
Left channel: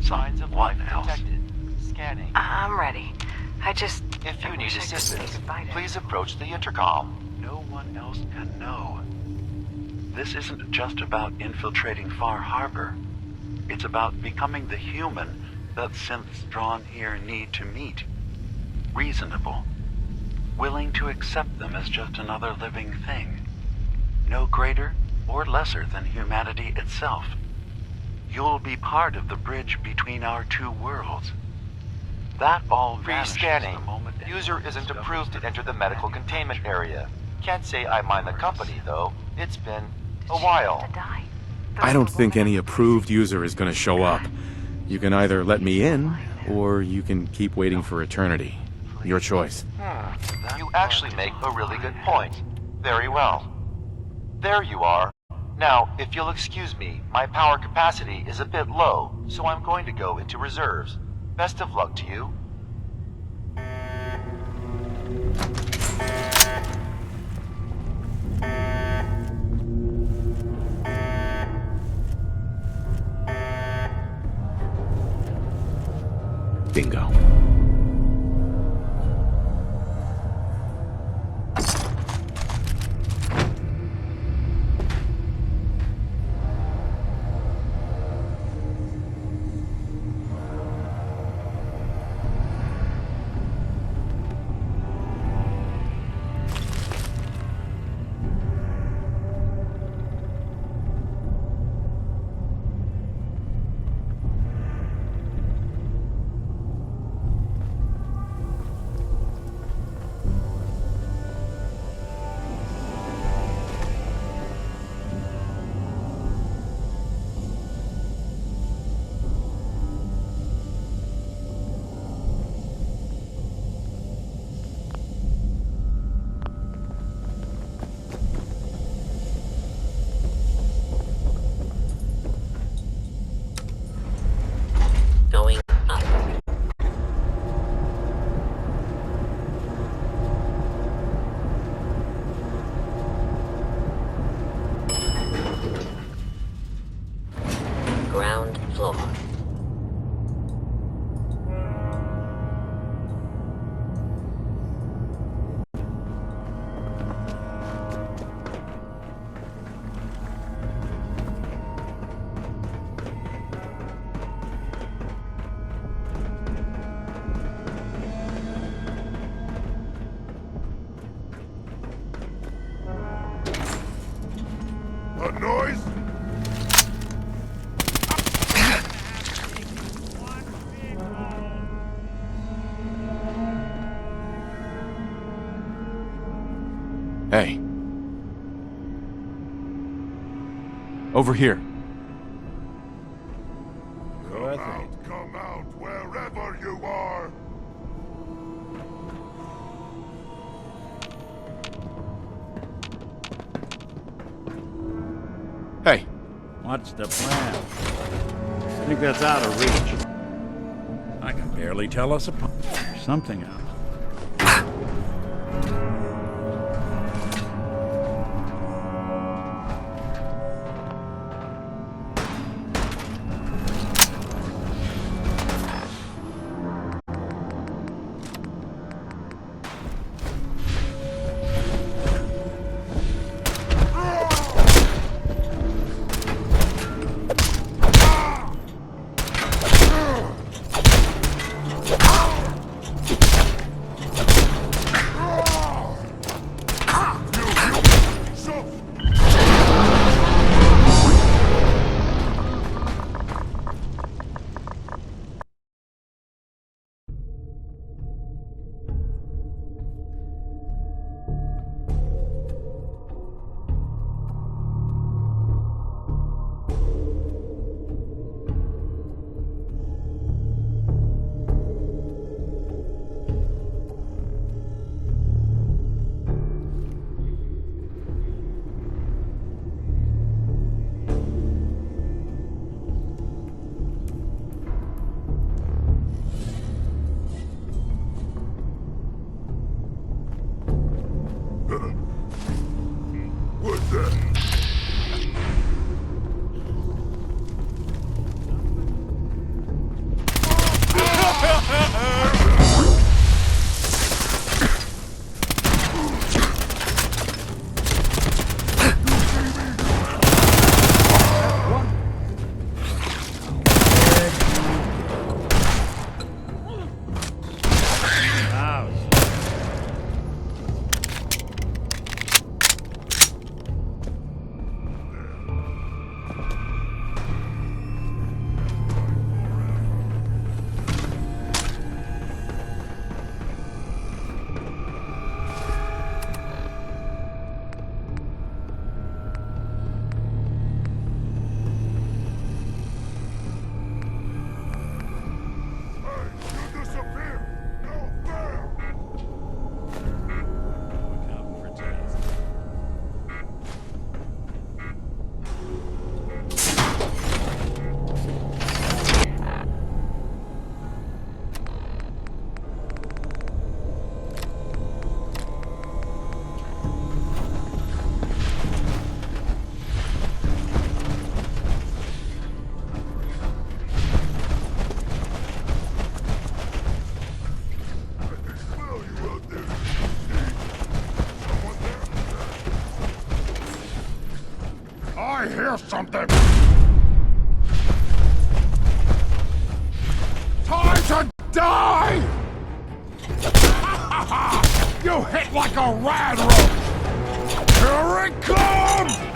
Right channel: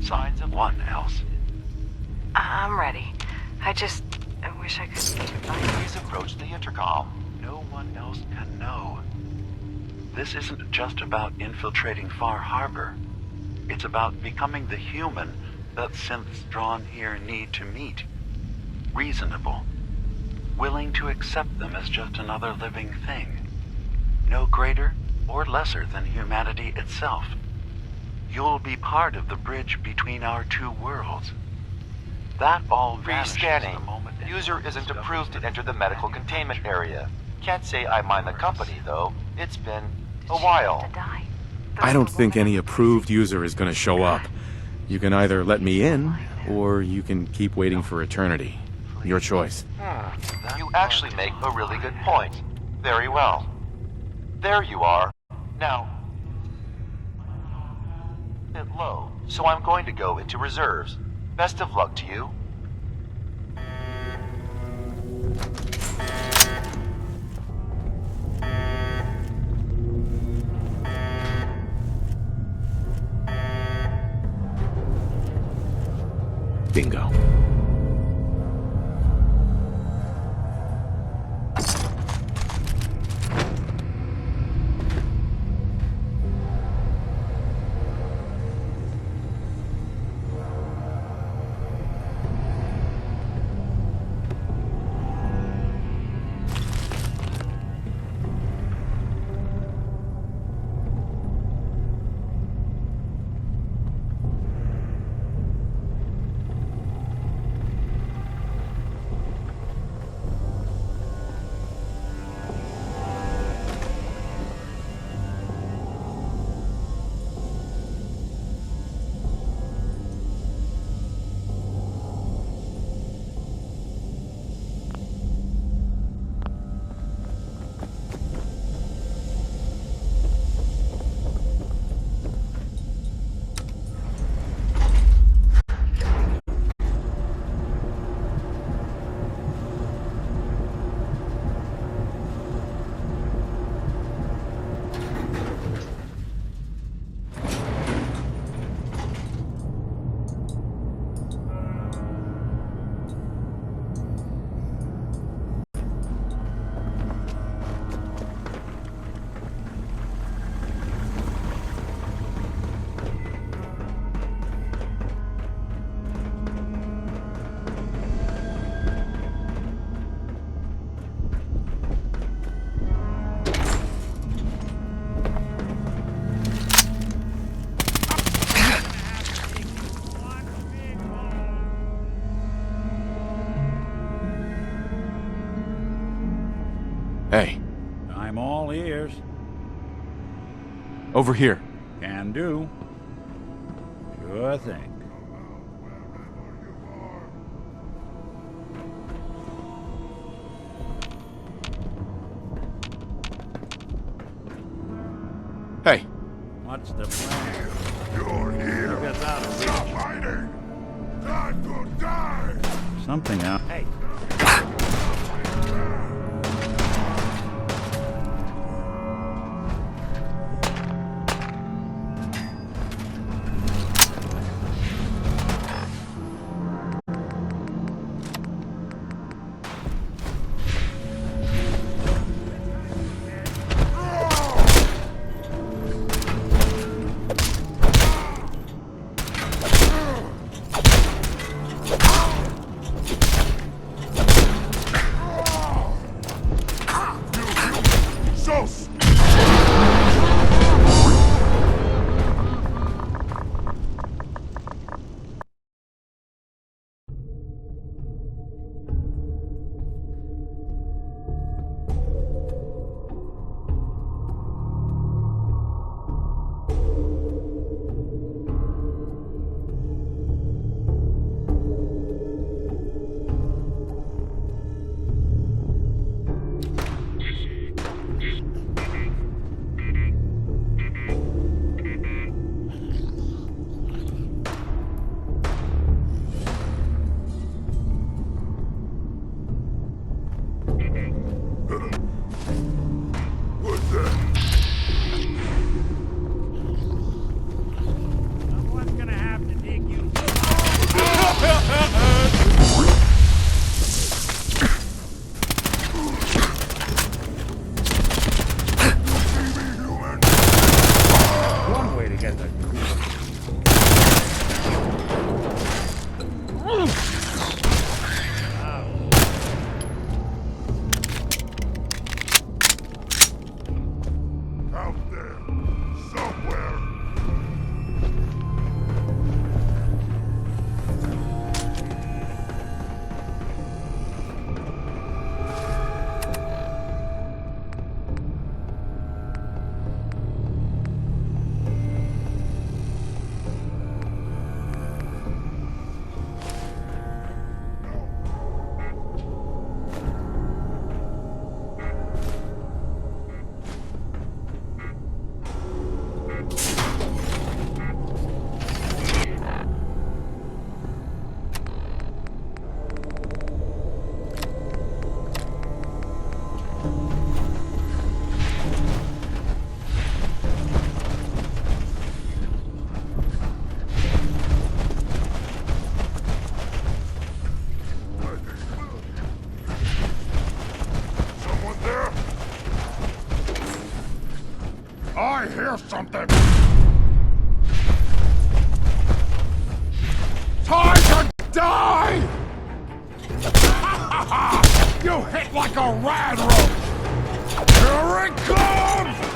Someone else. I'm ready. I wish I could. Please approach the intercom. No one else can know. This isn't just about infiltrating Far Harbor. It's about becoming the human that synths drawn here need to meet. Reasonable. Willing to accept them as just another living thing. No greater or lesser than humanity itself. You'll be part of the bridge between our two worlds. That all vanishes Rescanning. the moment... User isn't approved to enter the medical containment area. Can't say I mind the company, though. It's been a while. I don't think any approved user is going to show up. You can either let me in, or you can keep waiting for eternity. Your choice. You actually make a really good point. Very well. There you are. Now, if you'll excuse me, my power capacity is a bit low, so I'm going to go into reserves. Best of luck to you. Bingo. Going up. Ground floor. Hey, I'm all ears. over here. Can do. Sure thing. Come out wherever you are. Hey. What's the plan? Who gets out of reach? I can barely tell us apart. There's something out. Hey. One way to get them. I hear something! Time to die! You hit like a rad roach! Here it comes!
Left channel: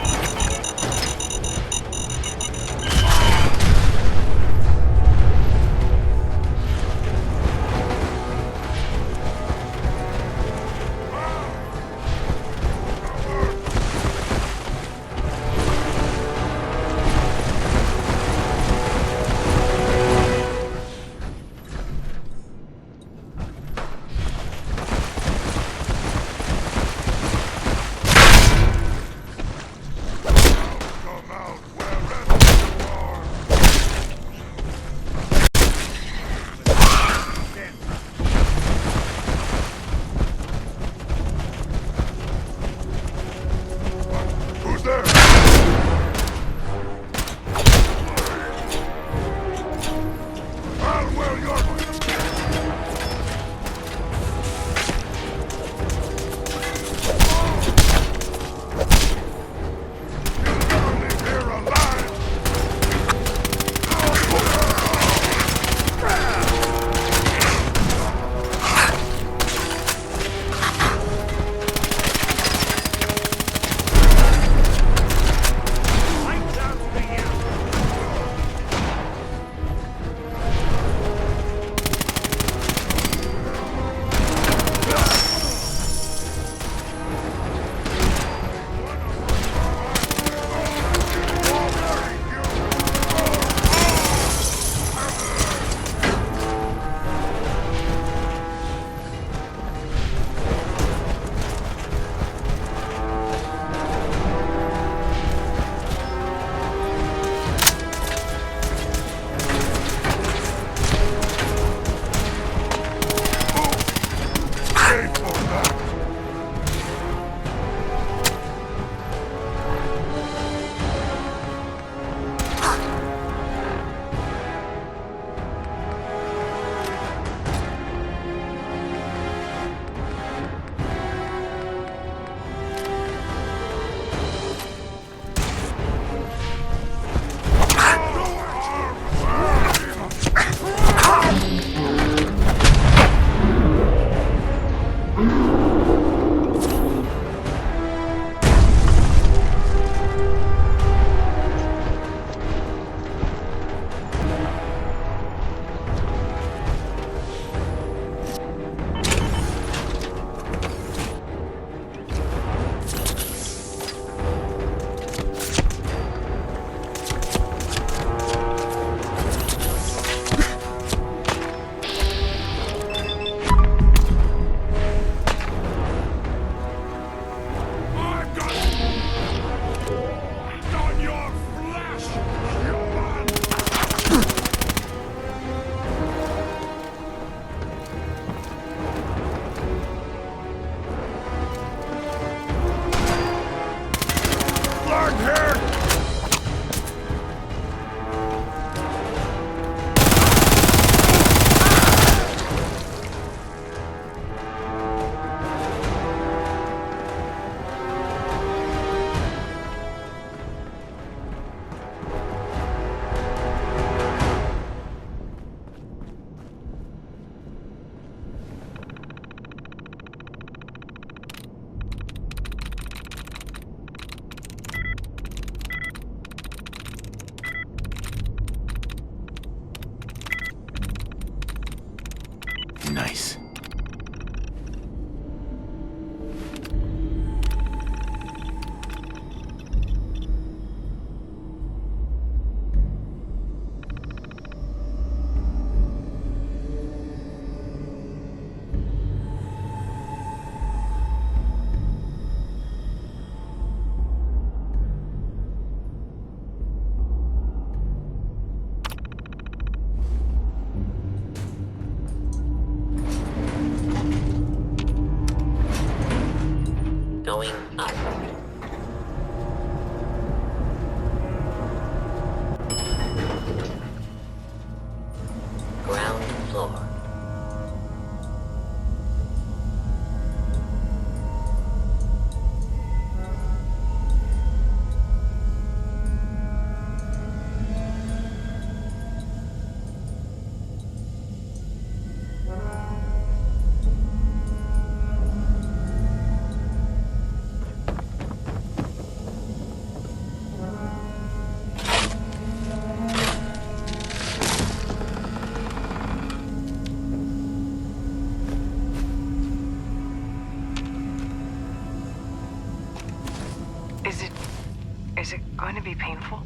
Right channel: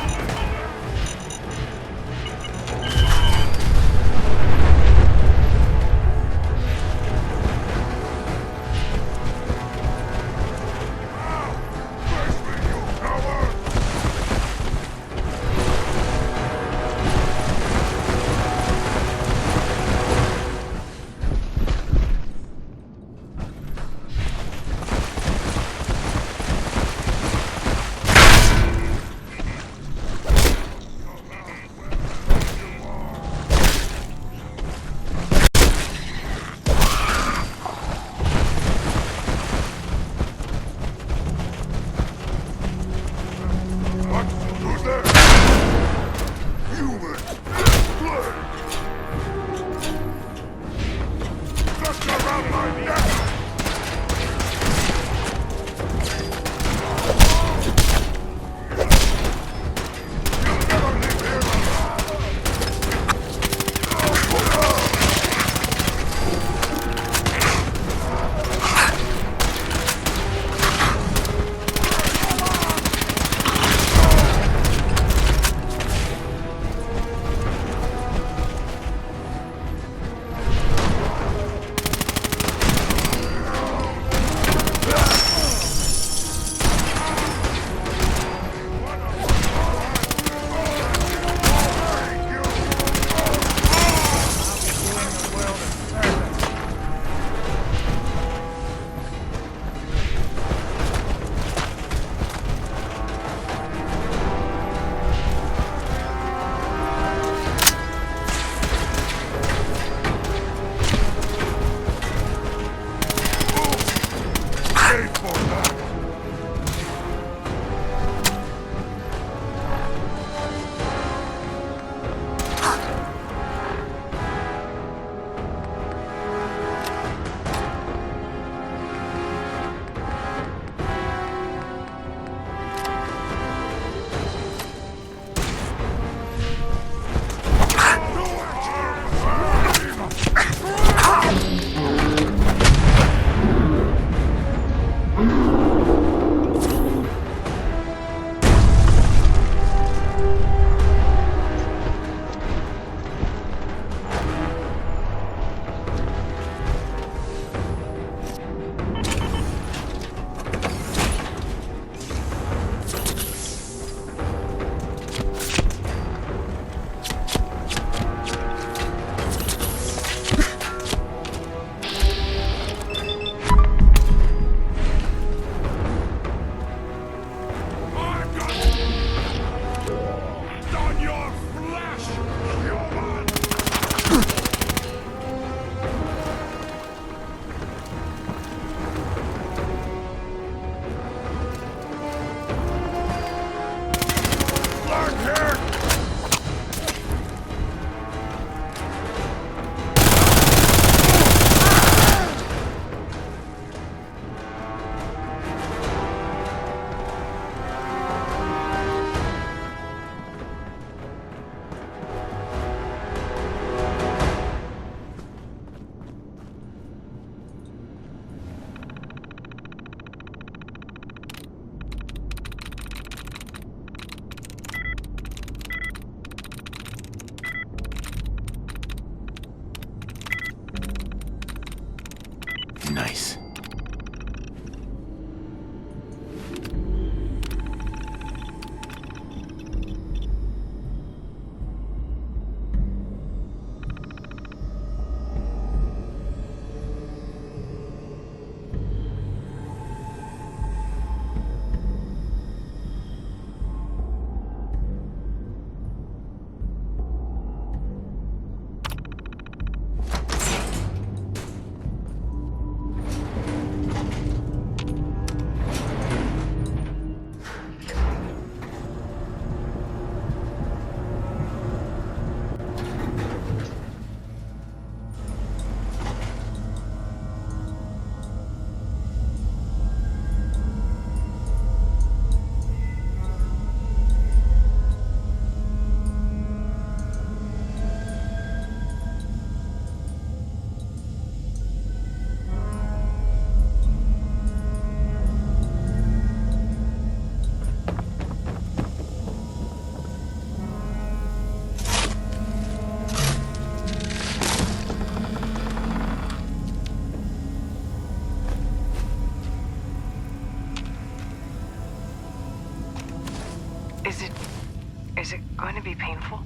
Is it going to be painful?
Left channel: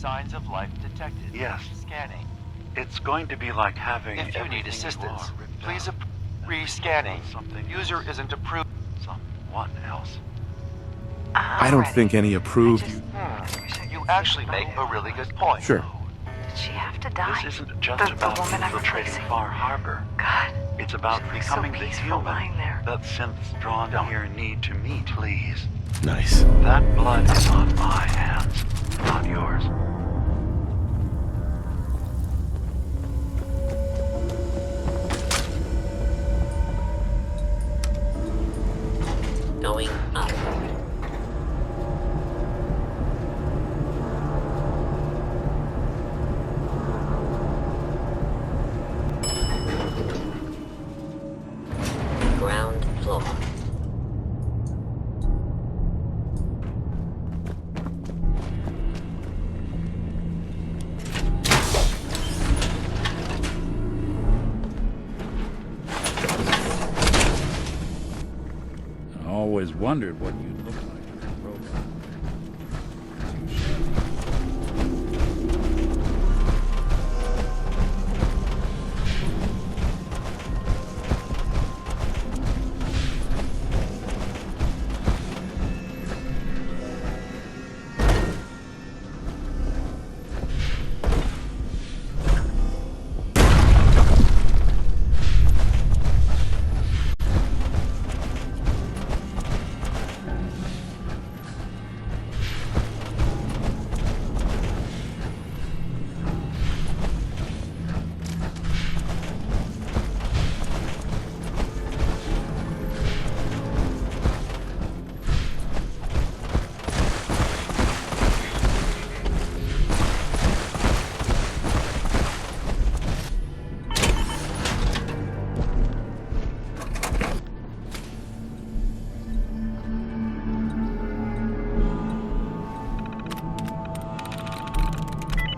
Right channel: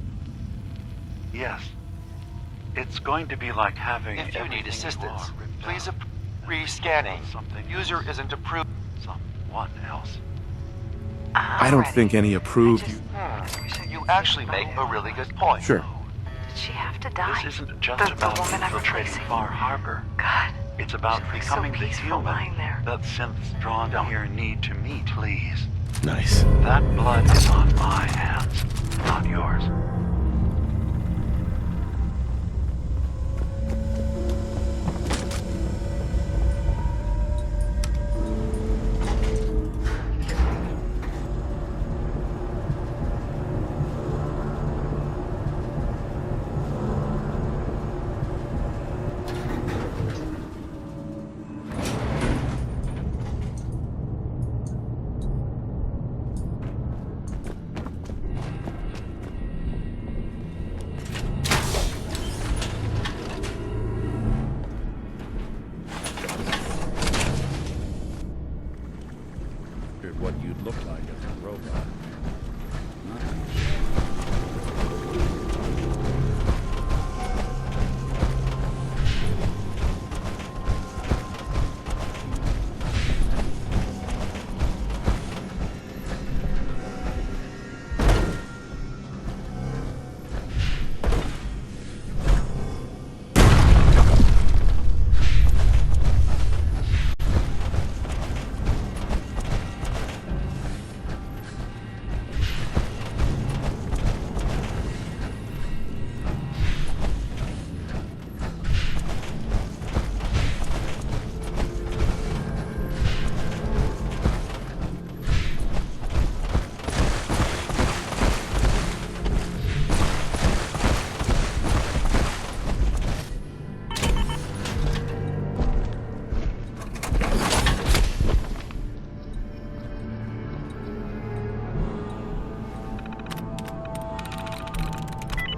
Signs of life detected. Yes. Scanning. It's going to be like having If you need everything assistance, you are ripped please out. re-scanning. Something User else. isn't approved. Someone else. I don't think any approved you. You actually make a really good point. Sure. Did she have to die? This isn't just The about woman I'm infiltrating replacing. Far Harbor. God. It's about She looks becoming so the peaceful human lying there. that synths drawn here need to meet. Please. Nice. That blood is on my hands, not yours. Going up. Ground floor. I always wondered what you'd look like as a robot.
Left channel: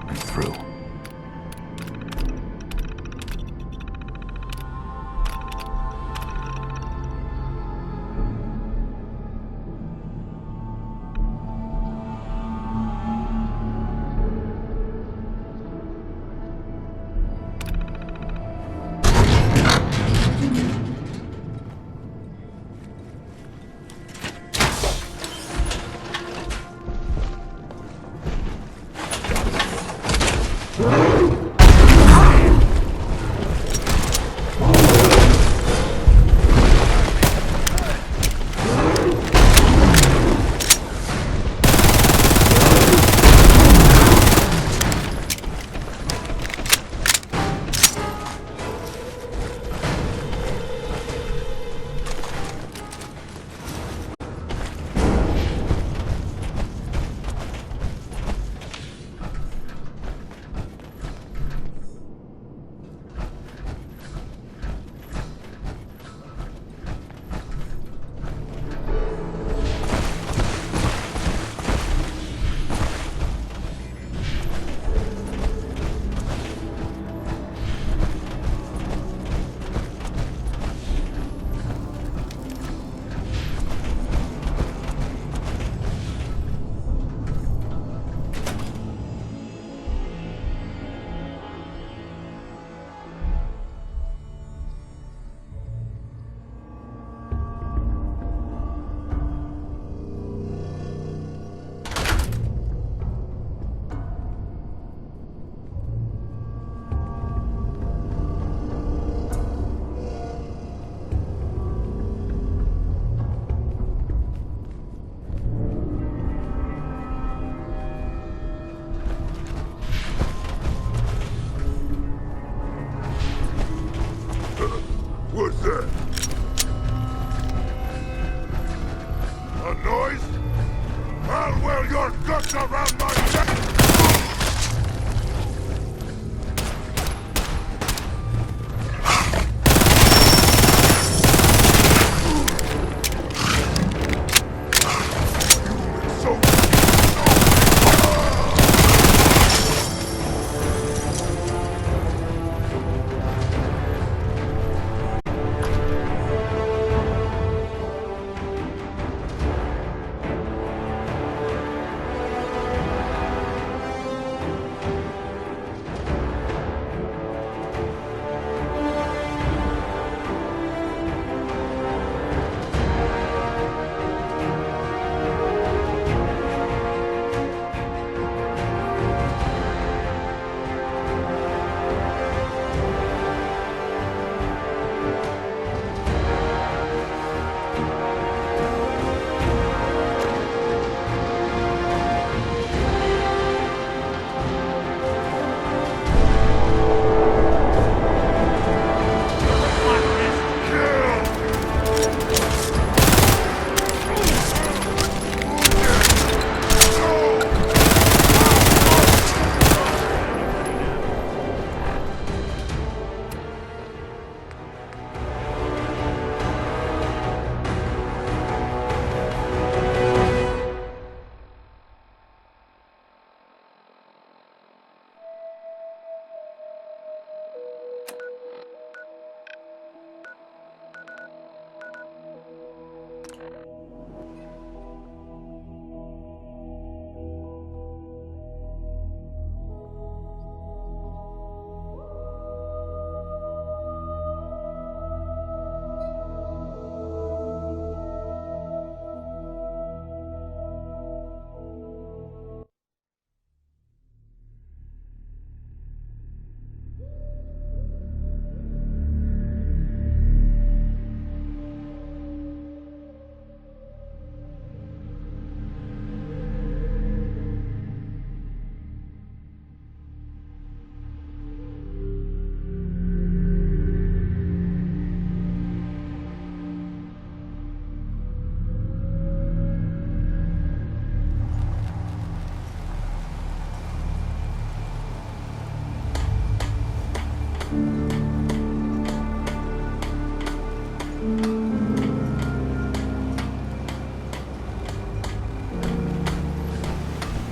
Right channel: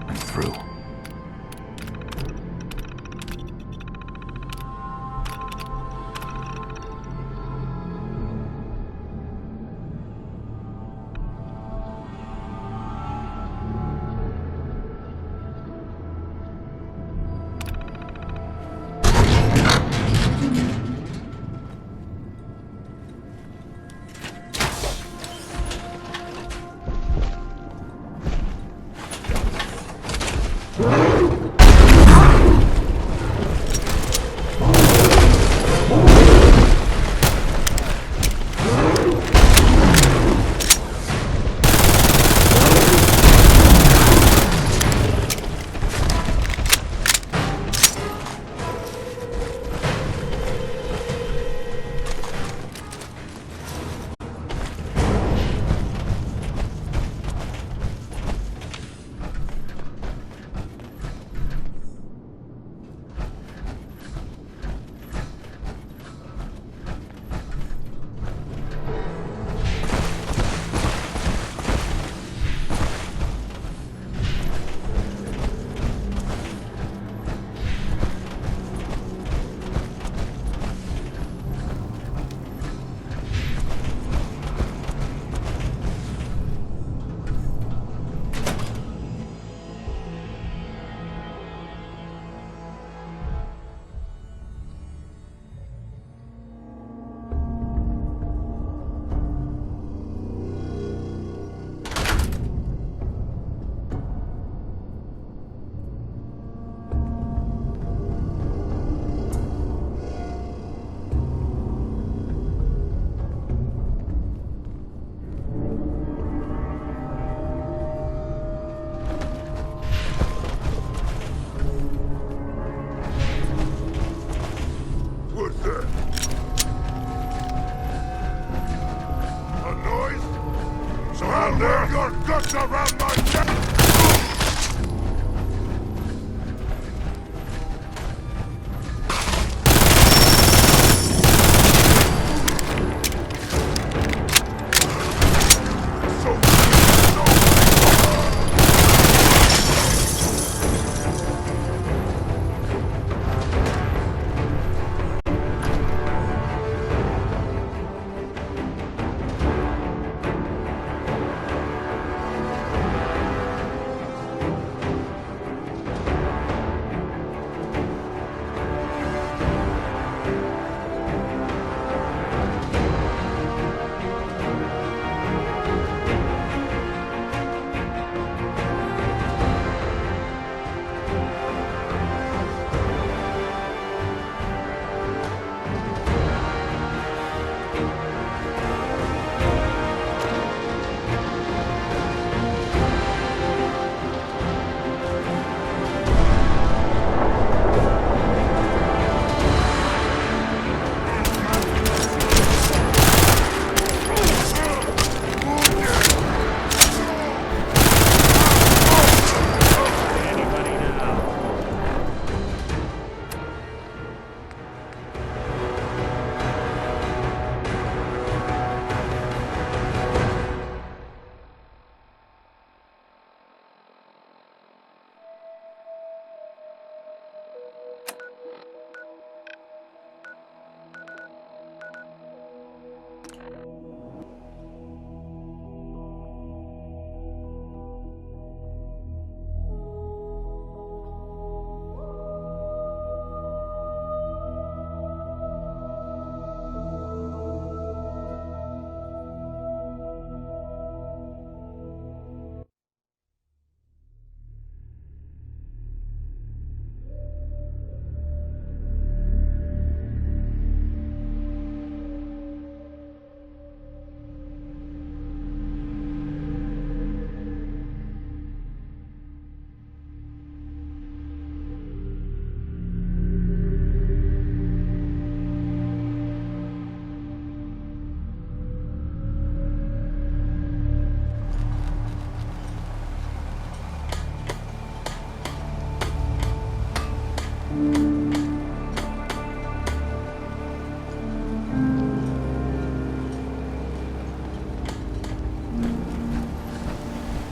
I'm through. What's that? A noise? So I'll wear your guts around my neck!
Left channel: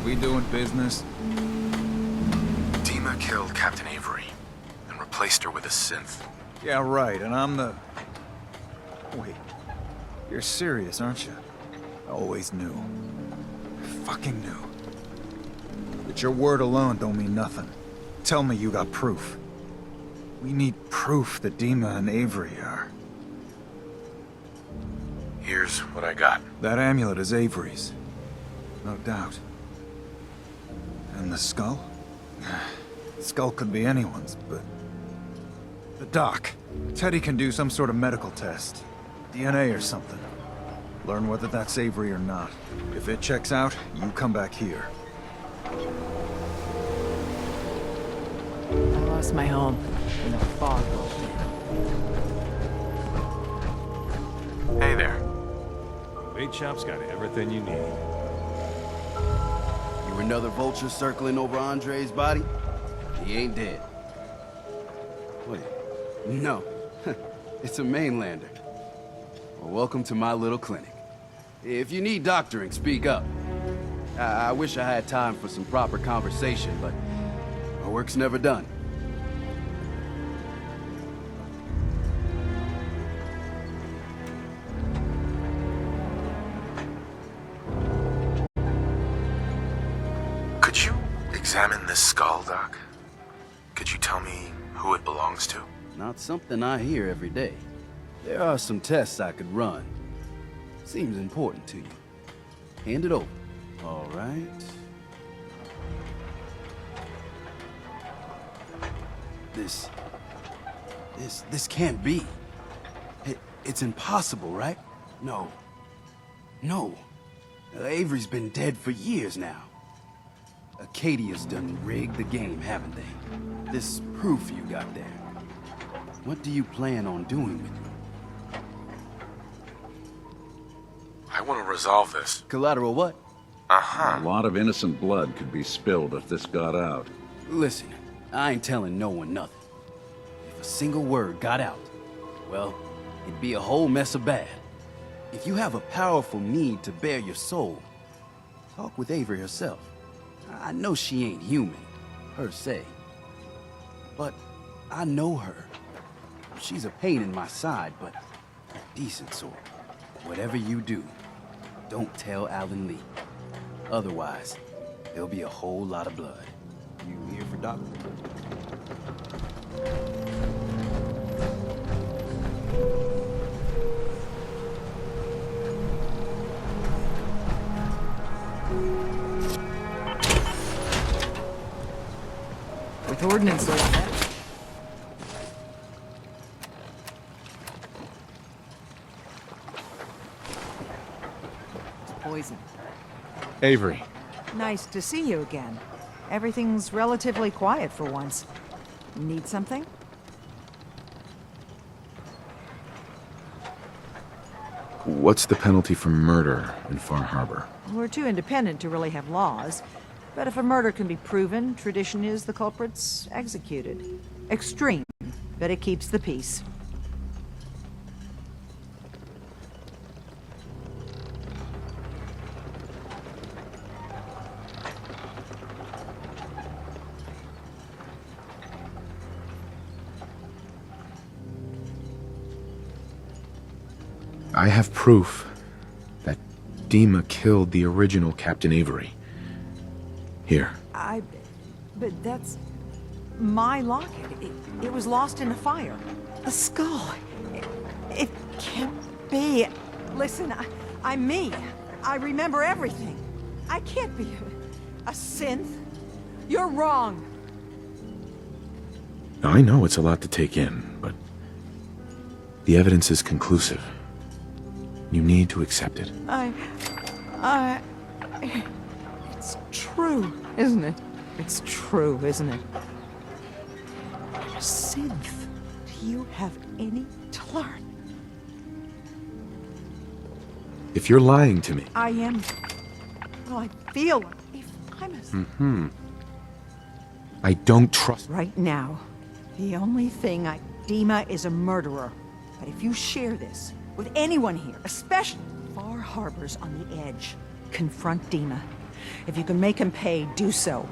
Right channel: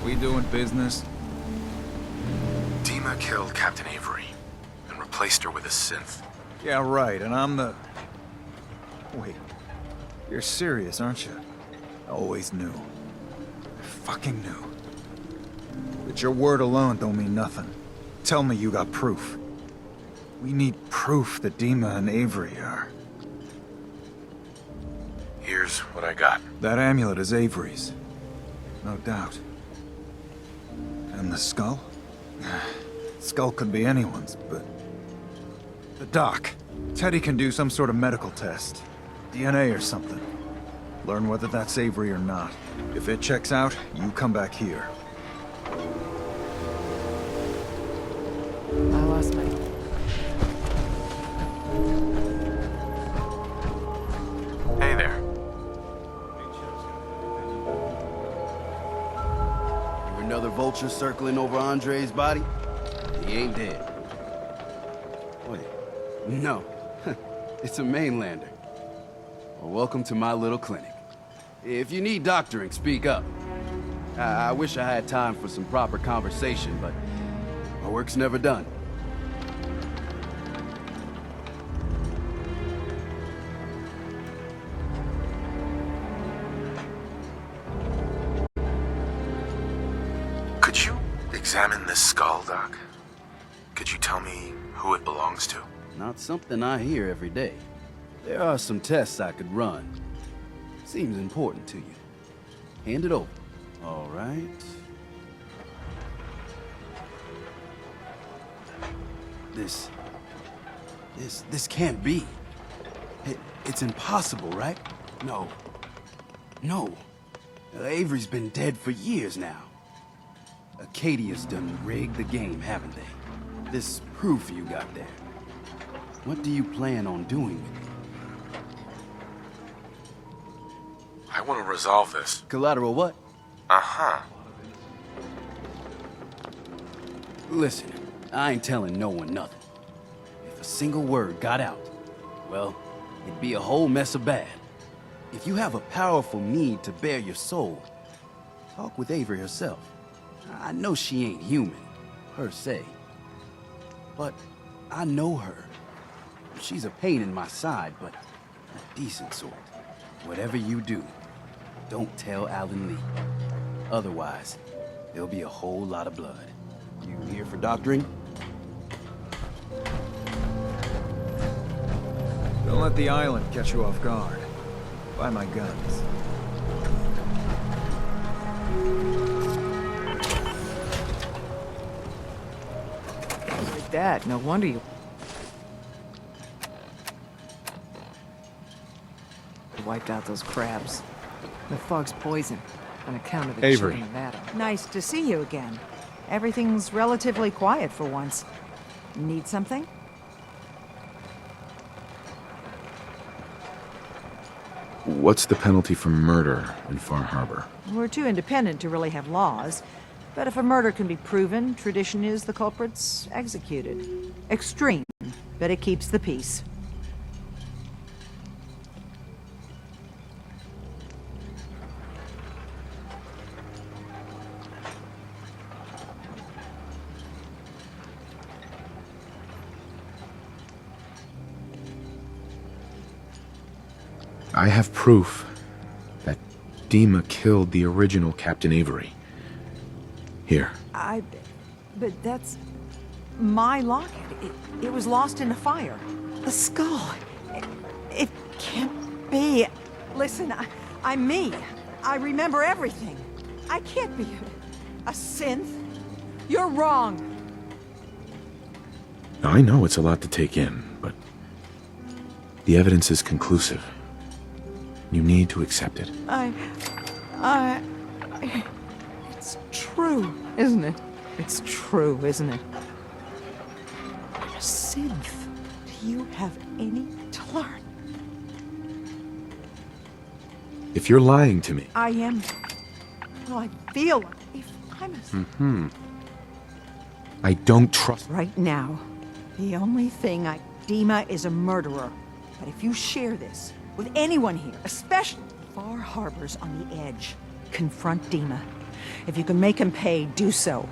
We doing business? Dima killed Captain Avery and replaced her with a synth. Yeah, right, and I'm the... Wait. You're serious, aren't you? I always knew. I fucking knew. But your word alone don't mean nothing. Tell me you got proof. We need proof that Dima and Avery are... Here's what I got. That amulet is Avery's. No doubt. And the skull? Skull could be anyone's, but... The doc. Teddy can do some sort of medical test. DNA or something. Learn whether that's Avery or not. If it checks out, you come back here. I lost my home. In the fog. Hey there. Bait Shop's got everything you need. You another vulture circling over Andre's body? He ain't dead. Wait, no. It's a mainlander. Well, welcome to my little clinic. If you need doctoring, speak up. I wish I had time for some proper conversation, but my work's never done. Could you examine this skull, Doc? Could you tell me who it belongs to? Not something I hear every day. There are some tests I could run. Seems important to you. Hand it over. All right. This can't be. It's impossible, right? No. No. Avery's been dead for years now. Acadia's done rigged the game, haven't they? This proof you got there. What do you plan on doing with it? I want to resolve this. Collateral what? Uh-huh. A lot of innocent blood could be spilled if this got out. Listen, I ain't telling no one nothing. If a single word got out, well, it'd be a whole mess of bad. If you have a powerful need to bare your soul, talk with Avery herself. I know she ain't human, per se. But I know her. She's a pain in my side, but a decent sort. Whatever you do, don't tell Alan Lee. Otherwise, there'll be a whole lot of blood. You here for doctoring? Don't let the island catch you off guard. Buy my guns. With ordnance like that, no wonder you... wiped out those crabs. The fog's poison on account of the Avery. chain of Adam. Nice to see you again. Everything's relatively quiet for once. Need something? What's the penalty for murder in Far Harbor? We're too independent to really have laws. But if a murder can be proven, tradition is the culprit's executed. Extreme, but it keeps the peace. I have proof that Dima killed the original Captain Avery. Here. But that's... my locket. It was lost in a fire. The skull. It can't be. Listen, I'm me. I remember everything. I can't be a synth. You're wrong. I know it's a lot to take in, but the evidence is conclusive. You need to accept it. It's true, isn't it? It's true, isn't it? I'm a synth. Do you have any to learn? If you're lying to me... I am... well, I feel like if I'm a... I don't trust... Right now, the only thing Dima is a murderer. But if you share this with anyone here, especially Far Harbor's on the edge, confront Dima. If you can make him pay, do so.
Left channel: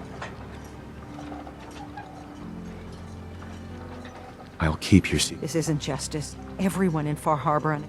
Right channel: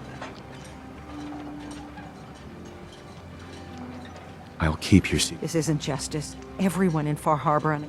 I'll keep your secret. This isn't justice. Everyone in Far Harbor and...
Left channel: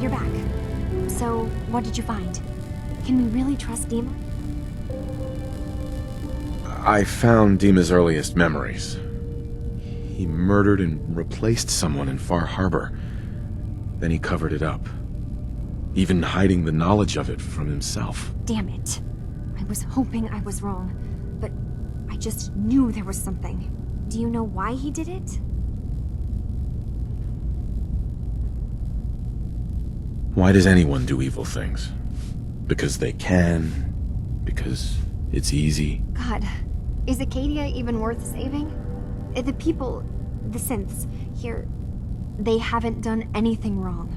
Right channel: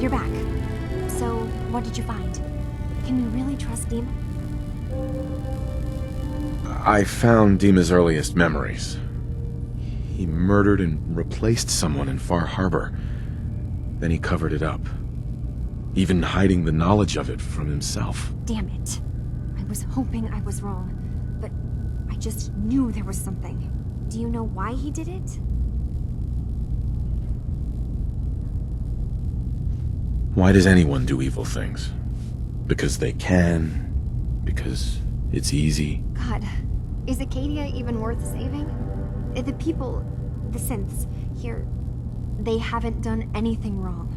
You're back. So, what did you find? Can we really trust Dima? I found Dima's earliest memories. He murdered and replaced someone in Far Harbor. Then he covered it up, even hiding the knowledge of it from himself. Damn it. I was hoping I was wrong, but I just knew there was something. Do you know why he did it? Why does anyone do evil things? Because they can? Because it's easy? God, is Acadia even worth saving? The people, the synths, here, they haven't done anything wrong.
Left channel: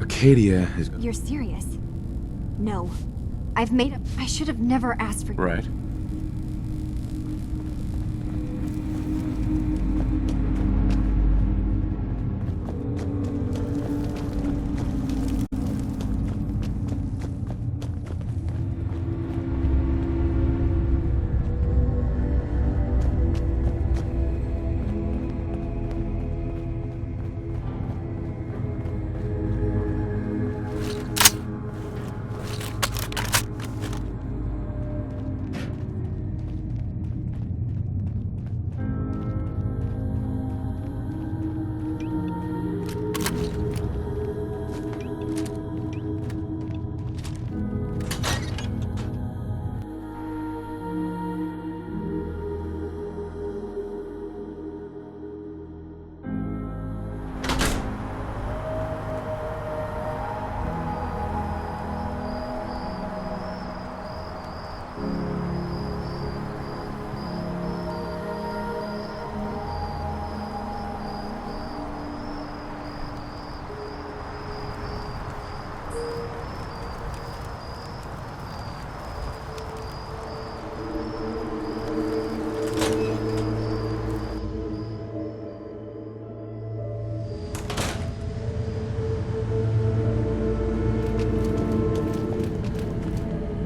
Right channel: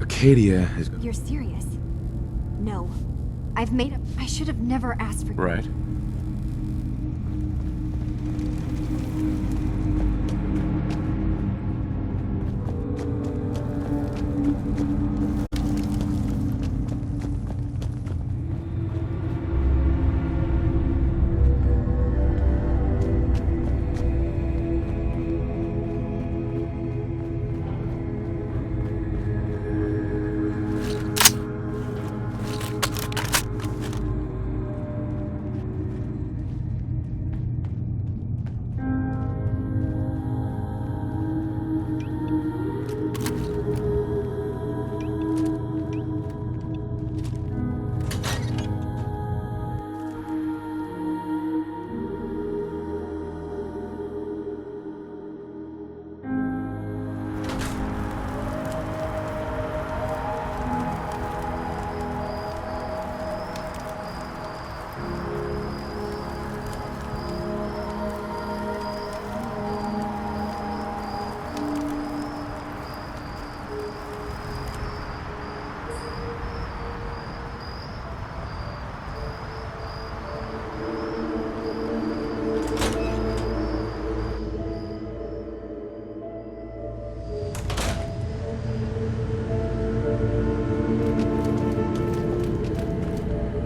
Acadia is... You're serious? No. I've made up. I should have never asked for... Right.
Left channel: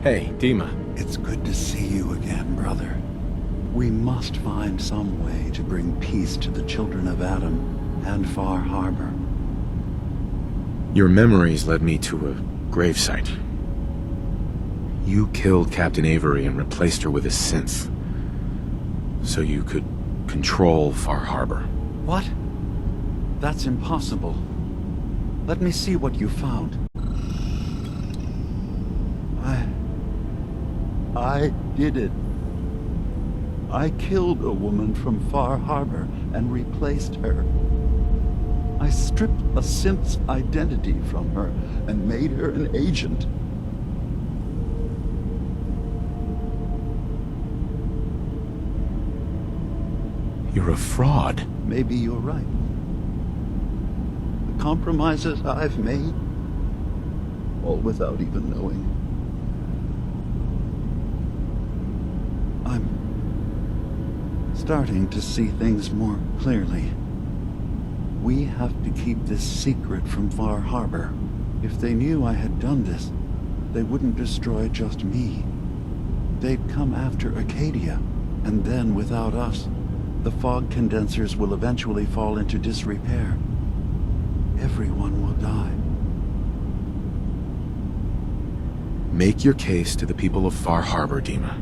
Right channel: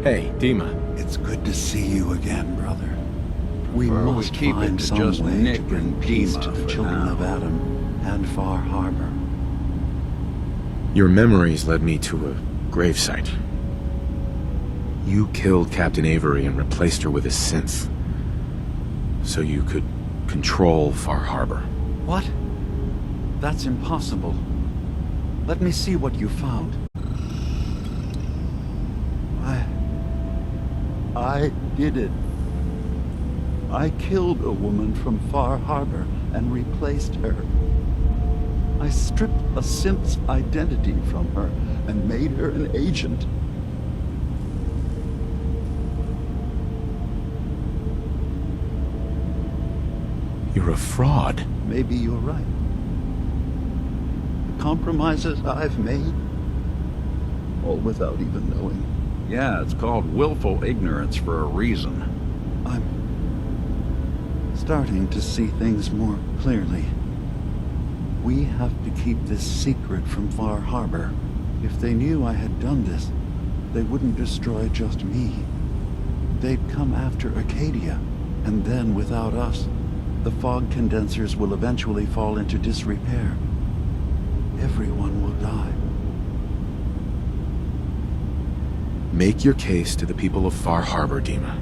Hey, Dima. It's good to see you again, brother. We must find some way to bring peace to the children of Adam and Far Harbor. Your memories led me to a gravesite. You killed Captain Avery and replaced her with a synth, so you could control Far Harbor. What? That's impossible. Let me see what you found. I did it. I killed a woman from Far Harbor and replaced her. I stripped a synth's identity from her and made her an agent. You're a fraud. Maybe you're right. The compromises I've made, all without even knowing. Yeah, it's called willful ignorance for a reason. I'm starting to see things more clearly. We have to keep this secret from Far Harbor. If they knew I had done this, they wouldn't destroy just me. They'd come after Acadia, and then without us, the fog condensers will eventually fall into disrepair. Everyone will die. Make your case to the people of Far Harbor, Dima.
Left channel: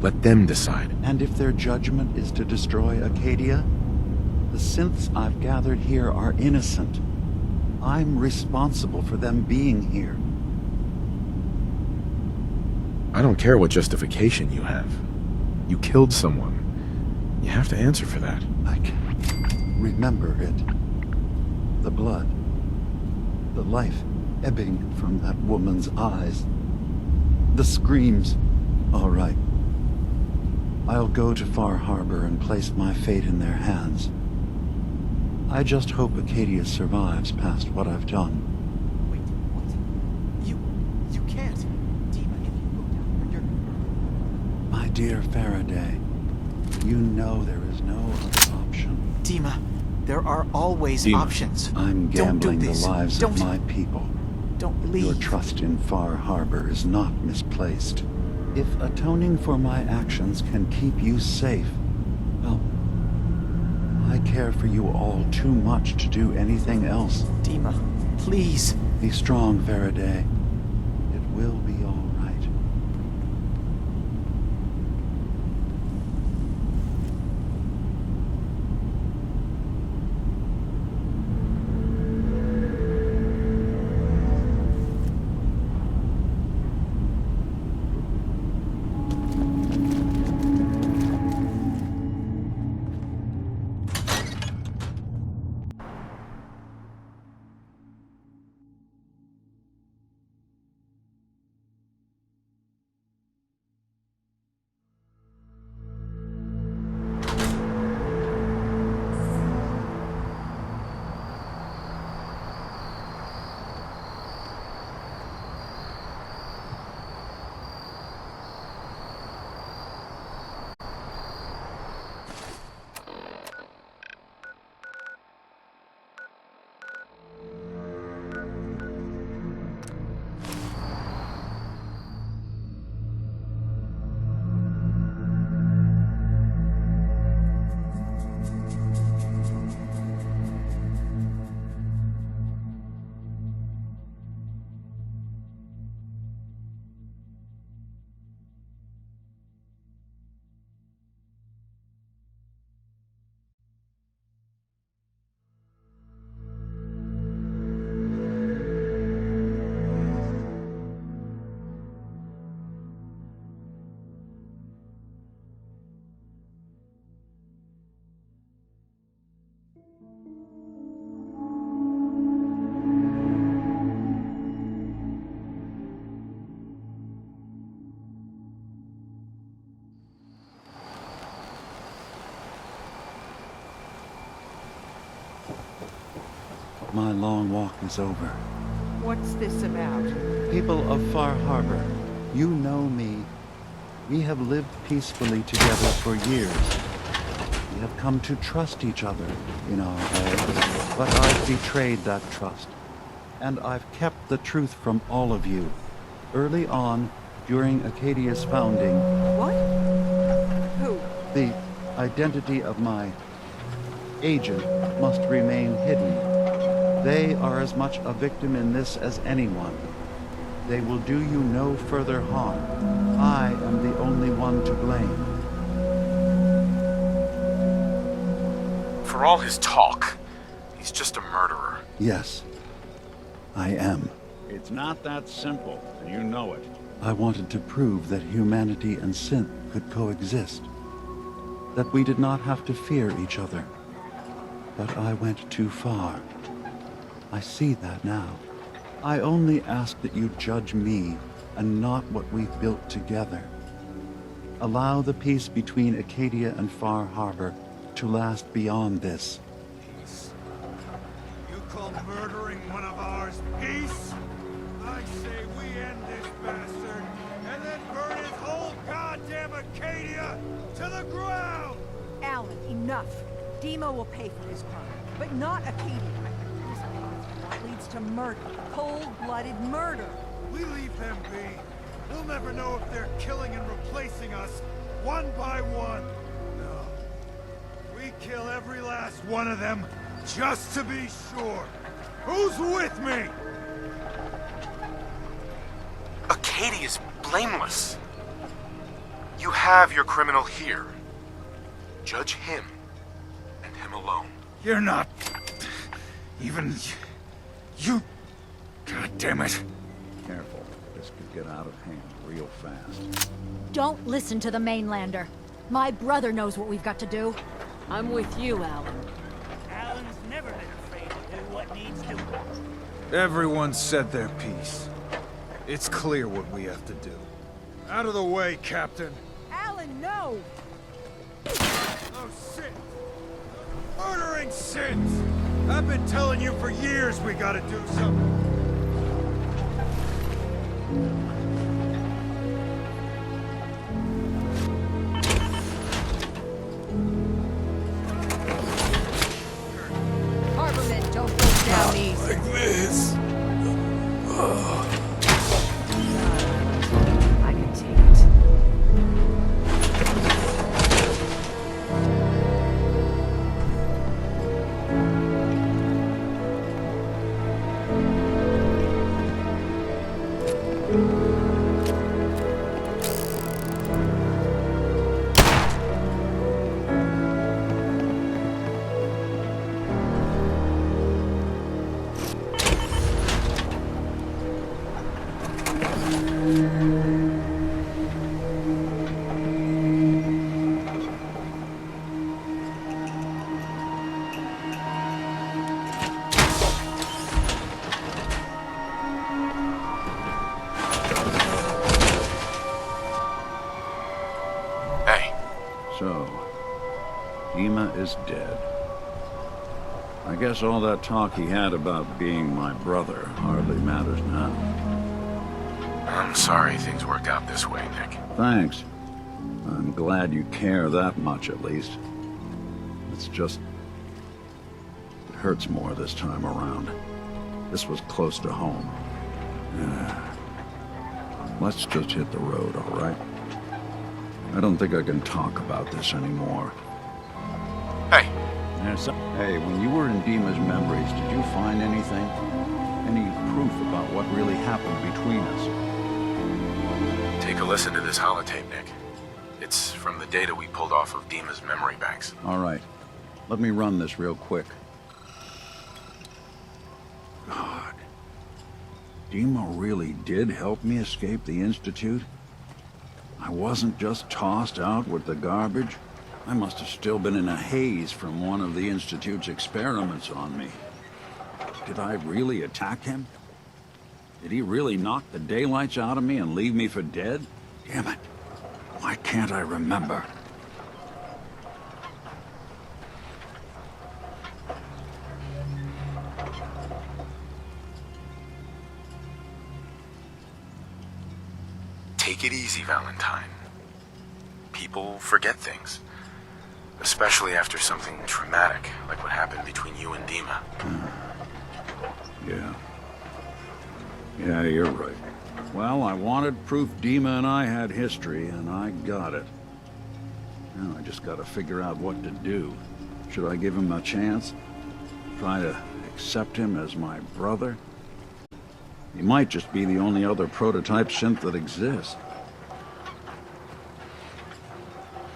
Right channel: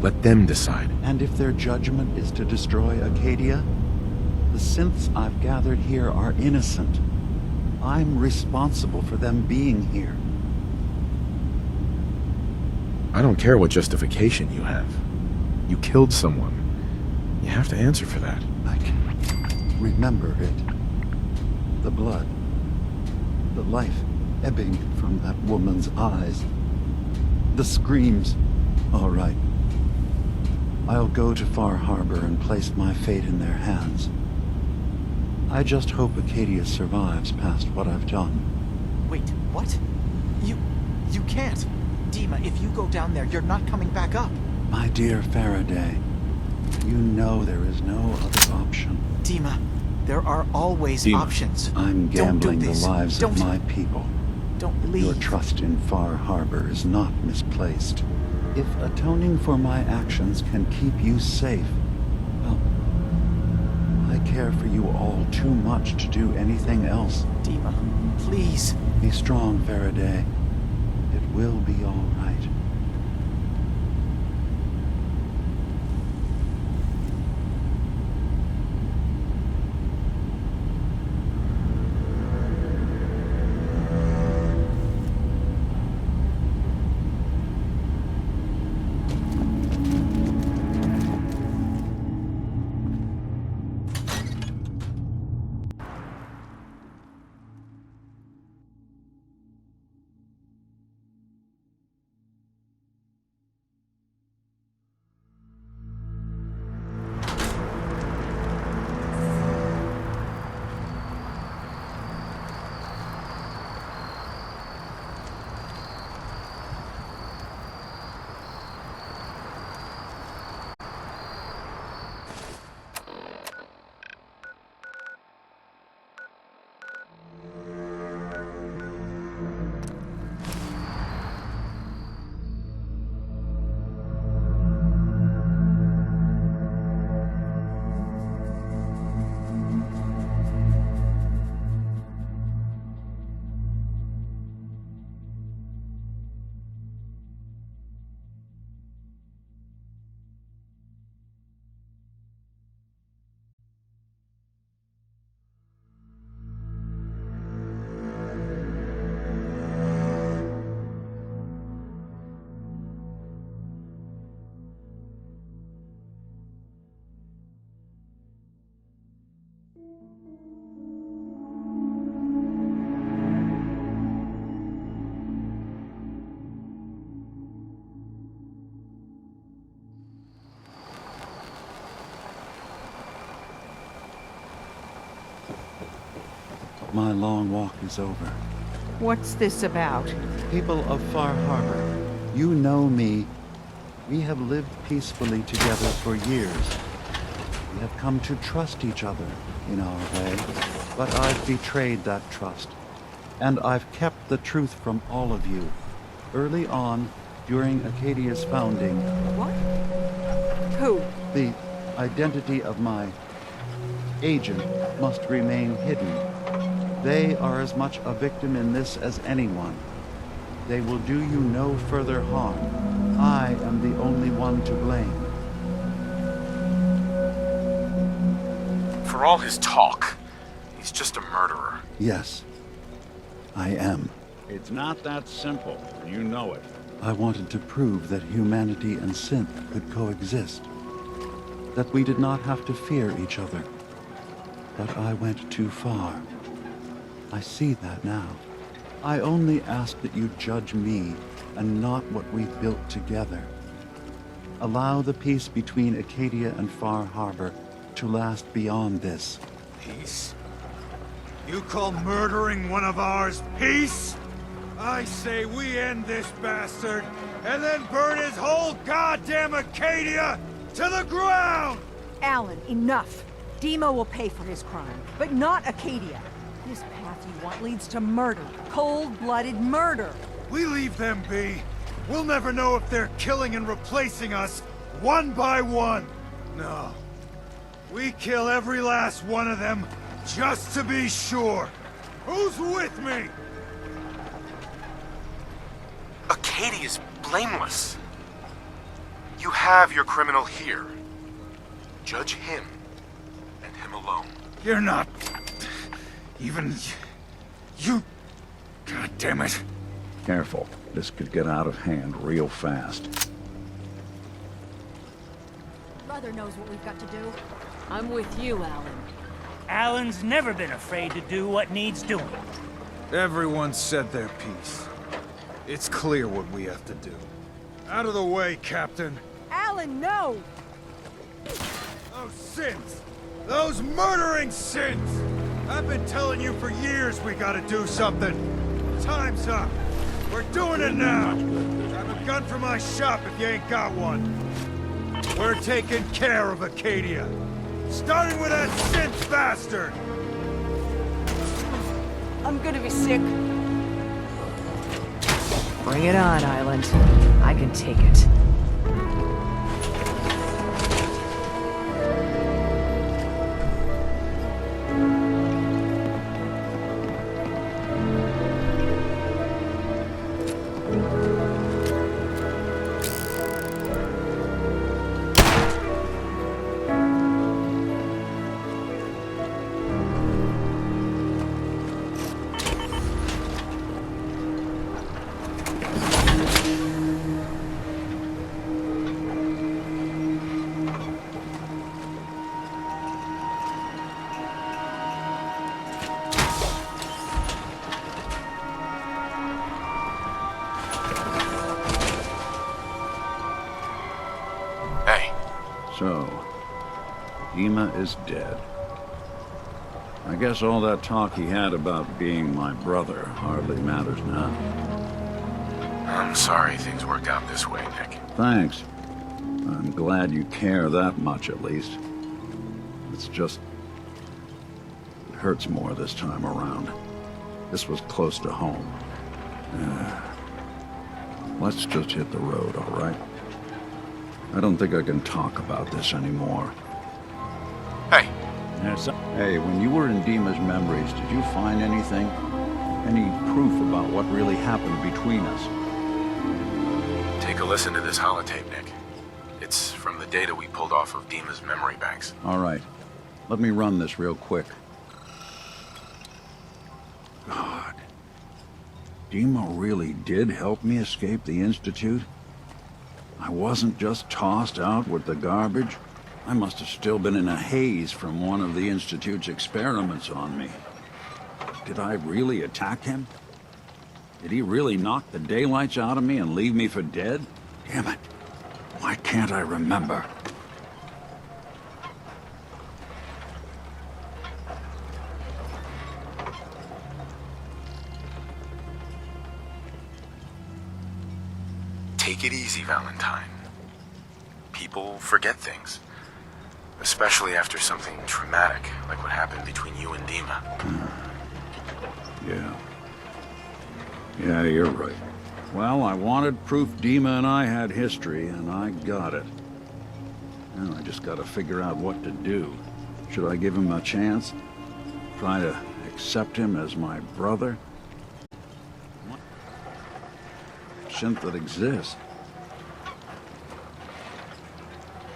Let them decide. And if their judgment is to destroy Acadia, the synths I've gathered here are innocent. I'm responsible for them being here. I don't care what justification you have. You killed someone. You have to answer for that. I can remember it. The blood. The life ebbing from that woman's eyes. The screams. All right. I'll go to Far Harbor and place my fate in their hands. I just hope Acadia survives past what I've done. Wait, what? You can't. Dima, if you go down there, you're not coming back up. My dear Faraday, you know there is no other option. Dima, there are always Dima. options. I'm gambling the lives of Don't- my people. Don't leave. Your trust in Far Harbor is not misplaced. If atoning for my actions can keep you safe, well, I care for you all too much to do anything else. Dima, please. Be strong, Faraday. It will be all right. My long walk is over. What's this about? People of Far Harbor, you know me. We have lived peacefully together for years. We have come to trust each other in our way, but I've betrayed that trust. And I've kept the truth from all of you. Early on, during Acadia's founding... What? Who? The identity of my agent must remain hidden. They are as much a victim in this as anyone. They will do you no further harm. I am the only one to blame. For all his talk, he's just a murderer. Yes, I am. It's not that simple, and you know it. I wanted to prove that humanity and synth could coexist. that we did not have to fear each other. But I went too far. I see that now. I only ask that you judge me and not what we've built together. Allow the peace between Acadia and Far Harbor to last beyond this. Peace? You call murdering one of ours peace? I say we end this bastard, and then burn his whole goddamn Acadia to the ground! Alan, enough. Dima will pay for his crime, but not Acadia. This path you want leads to murder. Cold-blooded murder. We leave them be. We'll never know if they're killing and replacing us, one by one. No. We kill every last one of them, just to be sure. Who's with me? Acadia's blameless. You have your criminal here. Judge him, and him alone. You're not... even... you... God damn it. Careful. This could get out of hand real fast. Don't listen to the mainlander. My brother knows what we've got to do. I'm with you, Alan. Alan's never been afraid to do what needs doing. Everyone said their piece. It's clear what we have to do. Out of the way, Captain. Alan, no! Those sins! Those murdering sins! I've been telling you for years we gotta do something. Time's up. We're doing it now. Grab a gun from my shop if you ain't got one. We're taking care of Acadia. Starting with that Sith bastard! Harbormen don't go down easy. Like this. Bring it on, Island. I can take it. So, Dima is dead. I guess all that talk he had about being my brother hardly matters now. I'm sorry things worked out this way, Nick. Thanks. I'm glad you care that much, at least. It's just... it hurts more this time around. This was close to home. Let's just hit the road, all right? I don't think I can talk about this anymore. Hey. Hey, when you were in Dima's memories, did you find anything? Any proof about what really happened between us? Take a listen to this holotape, Nick. It's from the data we pulled off of Dima's memory banks. All right. Let me run this real quick. God. Dima really did help me escape the Institute? I wasn't just tossed out with the garbage. I must have still been in a haze from one of the Institute's experiments on me. Did I really attack him? Did he really knock the daylights out of me and leave me for dead? Damn it. Why can't I remember? Take it easy, Valentine. People forget things. Especially after something traumatic, like what happened between you and Dima. Yeah, you're right. Well, I wanted proof Dima and I had history, and I got it. Now I just gotta figure out what to do. Should I give him a chance? Try to accept him as my brother? He might just be the only other prototype synth that exists.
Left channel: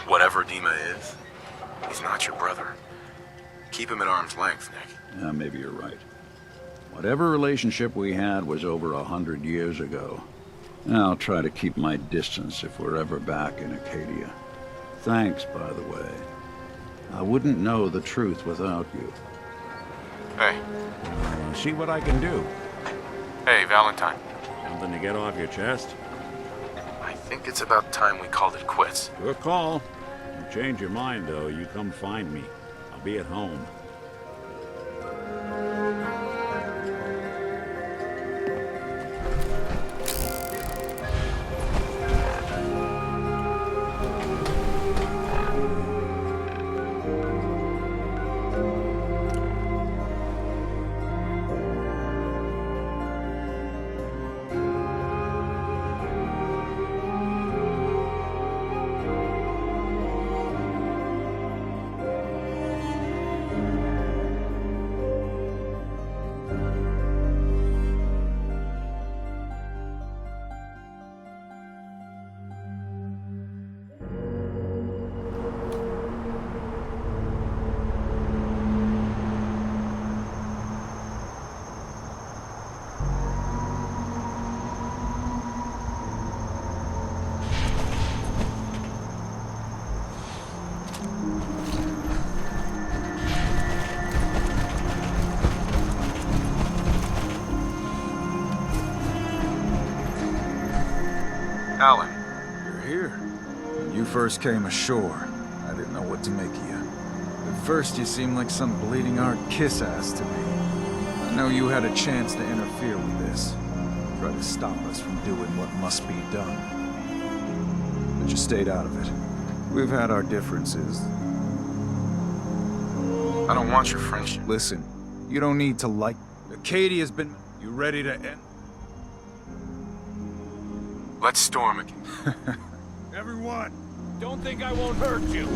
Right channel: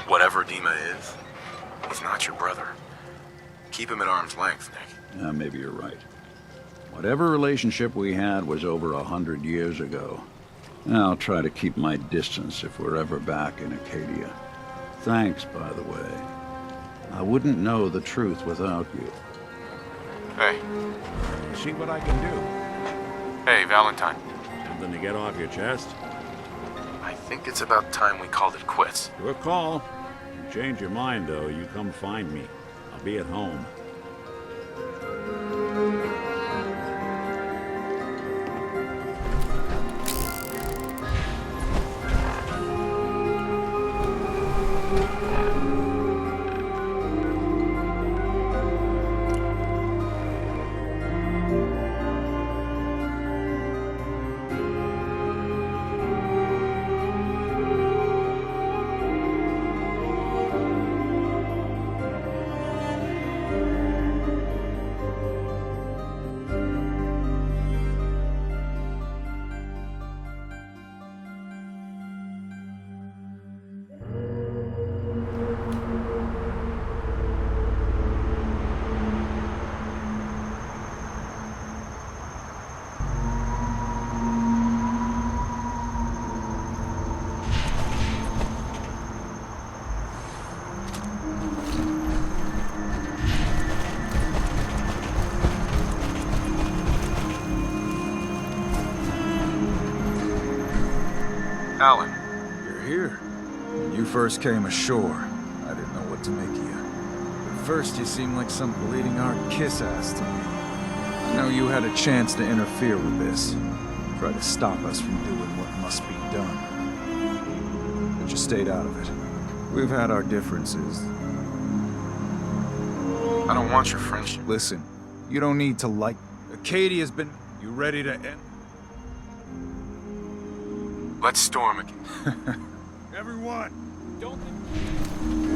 Whatever Dima is, he's not your brother. Keep him at arm's length, Nick. Yeah, maybe you're right. Whatever relationship we had was over 100 years ago. I'll try to keep my distance if we're ever back in Acadia. Thanks, by the way. I wouldn't know the truth without you. Hey. See what I can do. Hey, Valentine. Something to get off your chest? I think it's about time we called it quits. Your call. You change your mind, though, you come find me. I'll be at home. Alan. You're here. When you first came ashore, I didn't know what to make of you. At first, you seemed like some bleeding heart kiss-ass to me. I know you had a chance to interfere with this. Try to stop us from doing what must be done. But you stayed out of it. We've had our differences. I don't want your friendship. Listen, you don't need to like... Acadia's been... You ready to end? Let's storm again. Everyone, don't think I won't hurt you.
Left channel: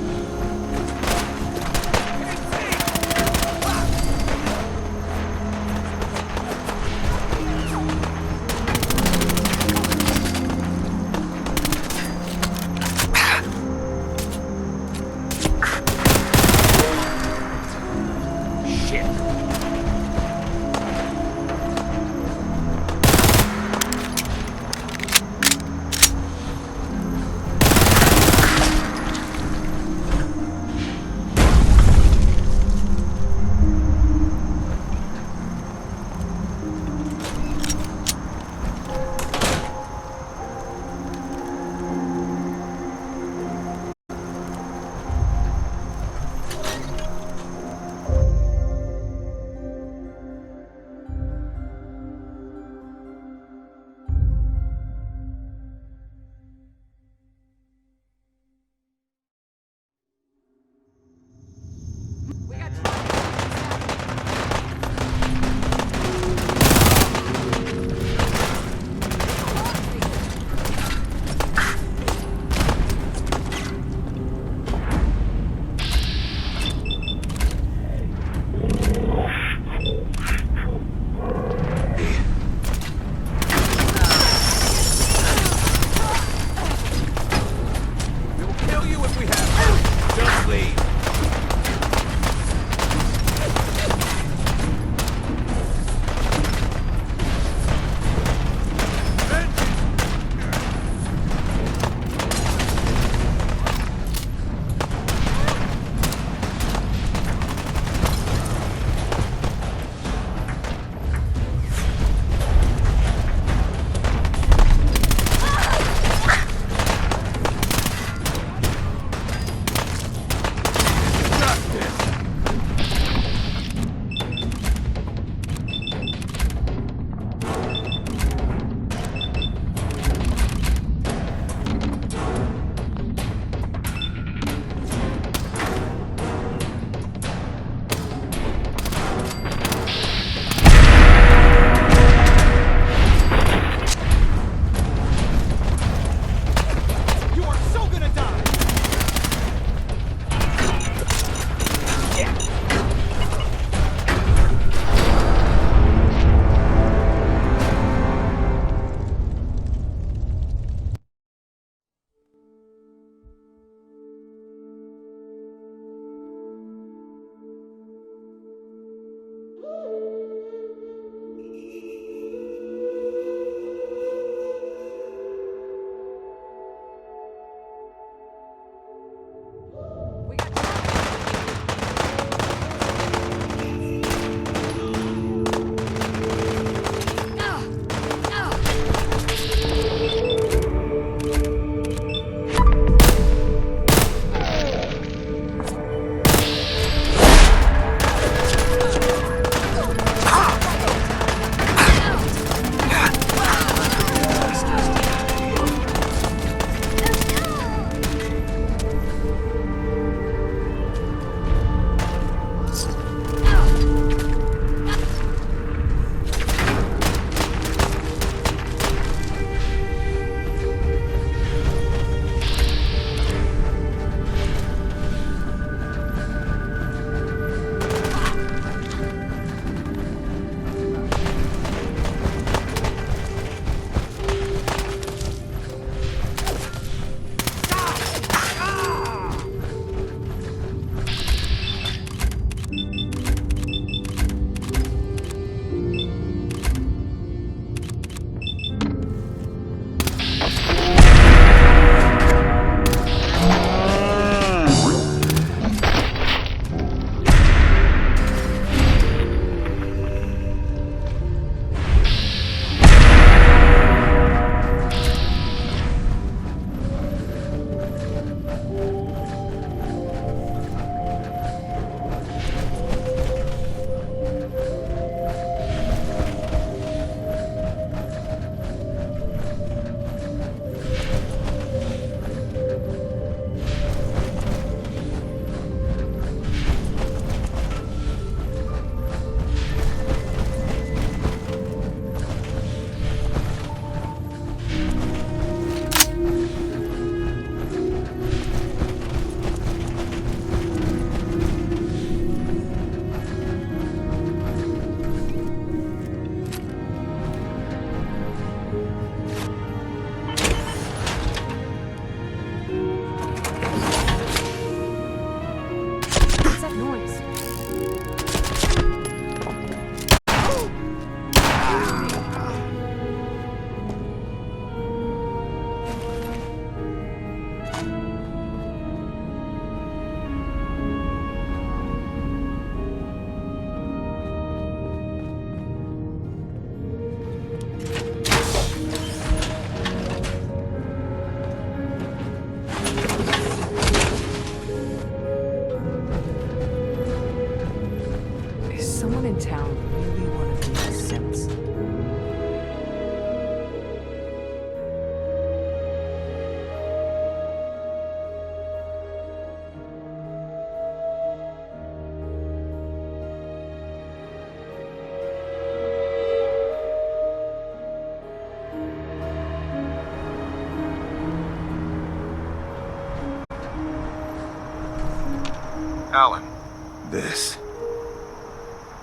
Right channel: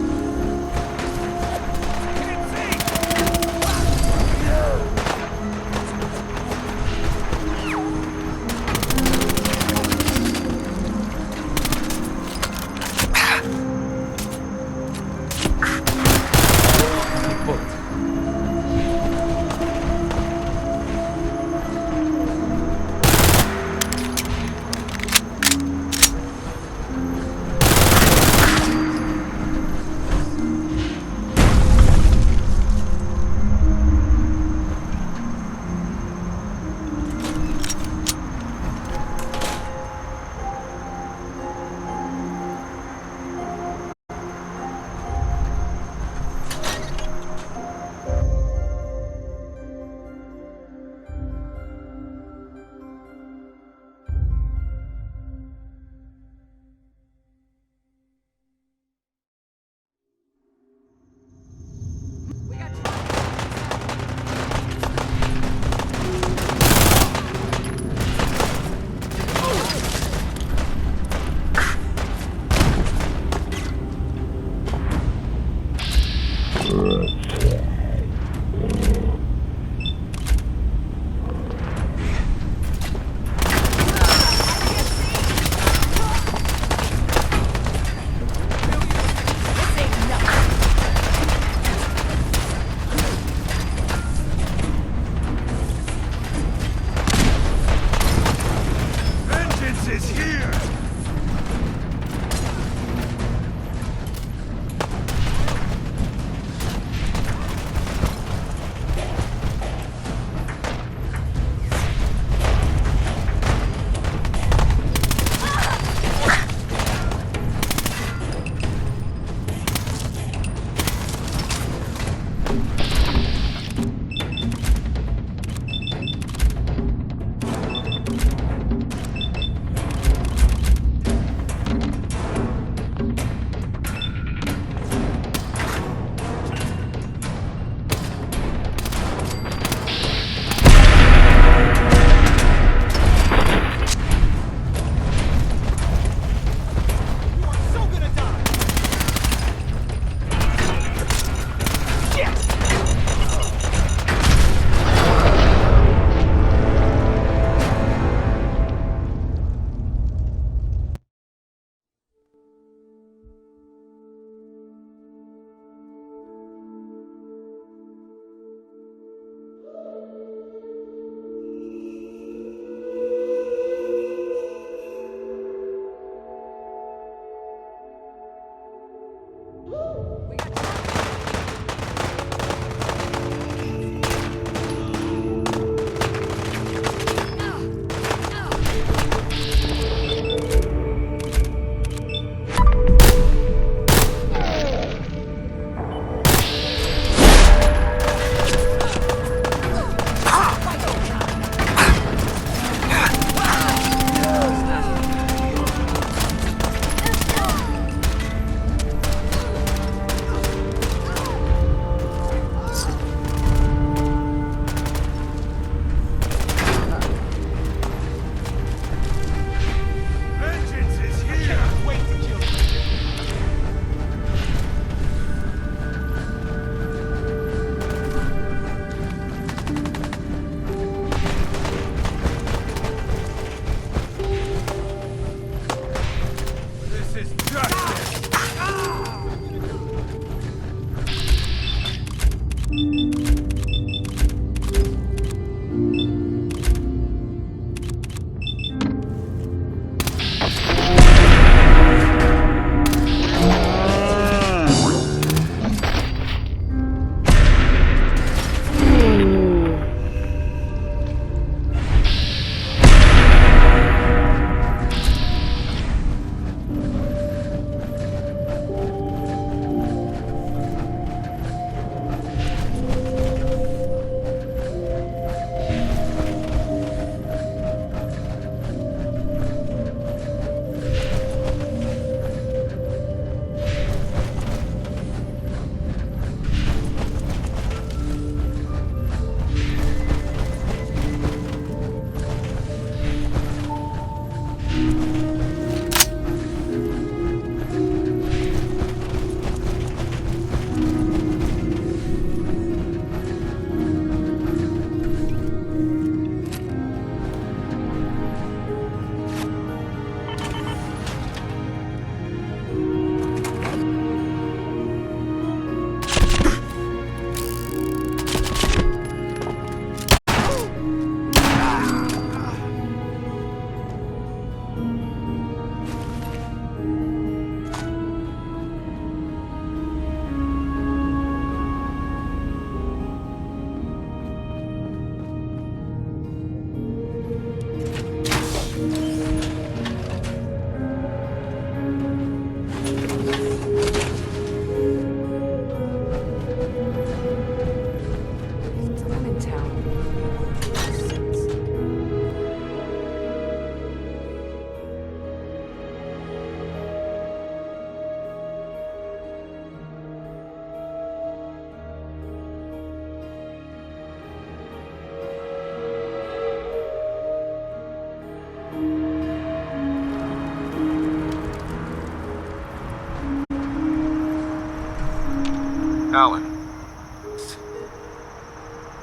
Alan.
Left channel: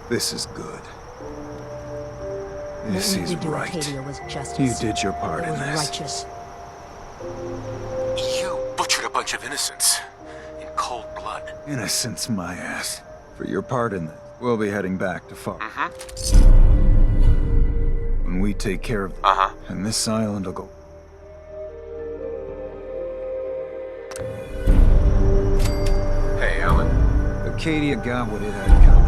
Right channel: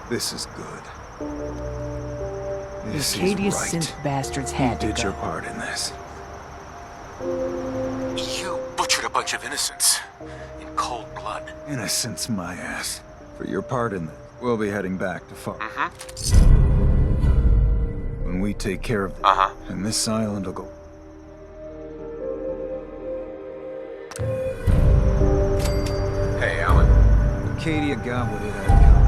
This is good. This is right. You did your part in this. You butchered a bunch of innocents in cold blood. Innocence, my ass. For your part in this, we'll be heading back to Far. When we take care of this, and this island will go. Hey, Alan. Acadia got what it had coming.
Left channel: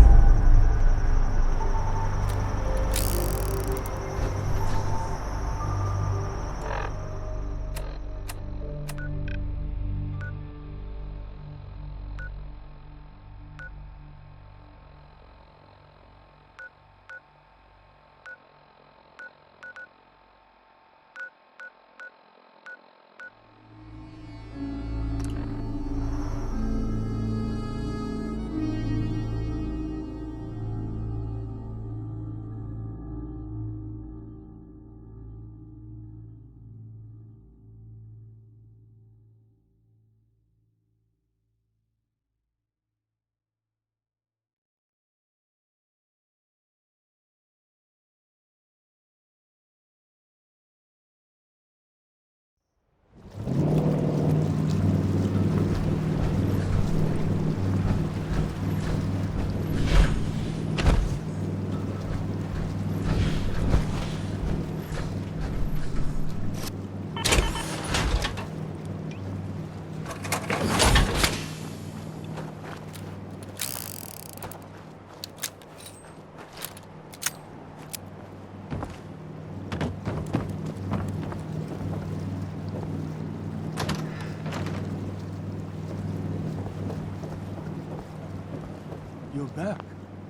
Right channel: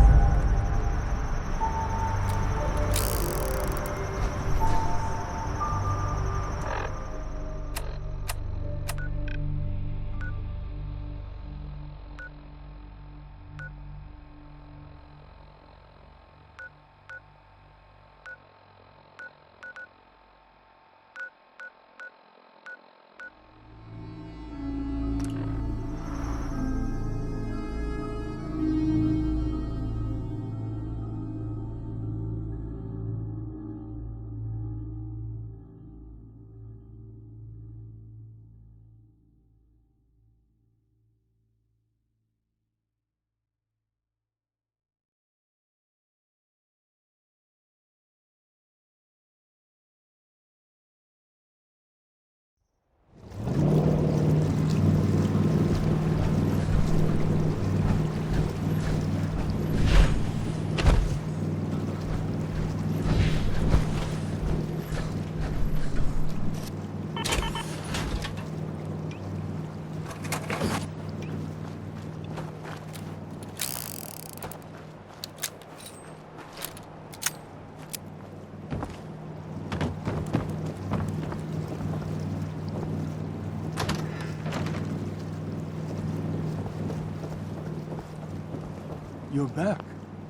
You're back,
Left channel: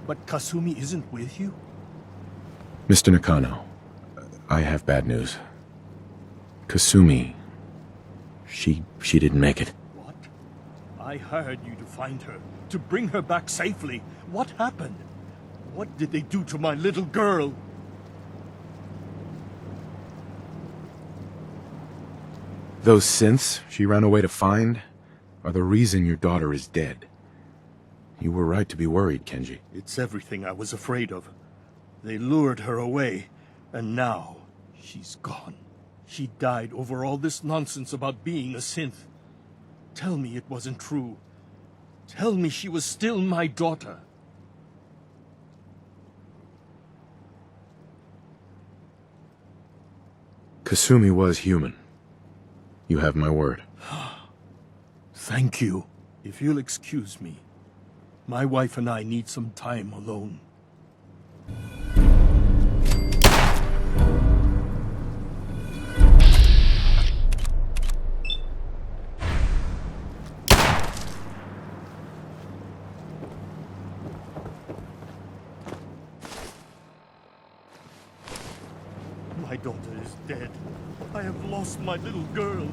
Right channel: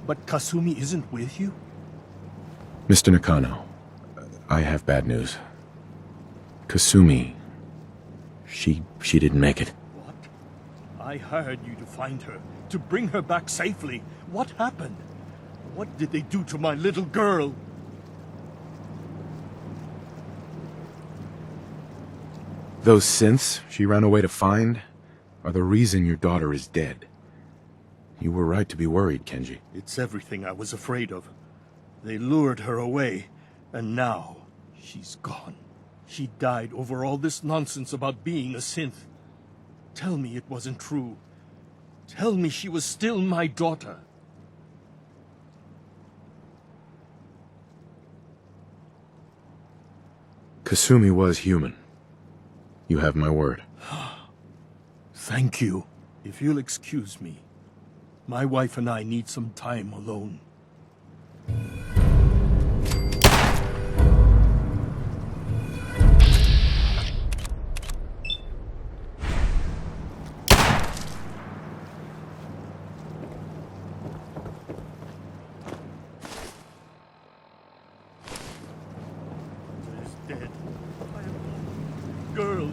but Kasumi isn't with you? Mr. Nakano, I have bad news. Kasumi, she didn't make it. What? I hired you to find her, to bring her back safely. What happened? What did they do to my little girl? Those synths she ran away to find are the reason your daughter is dead. You were right to be worried, Kenji. It's everything I was afraid of. They lured her away, and now she's gone. She died over all this nonsense about being a synth. Tell me it wasn't true. Tell me she was still my daughter. Kasumi was human. You have my word. Thank you. If you'll excuse me, my wife and I need some time alone. My daughter is dead. I have lost my little girl.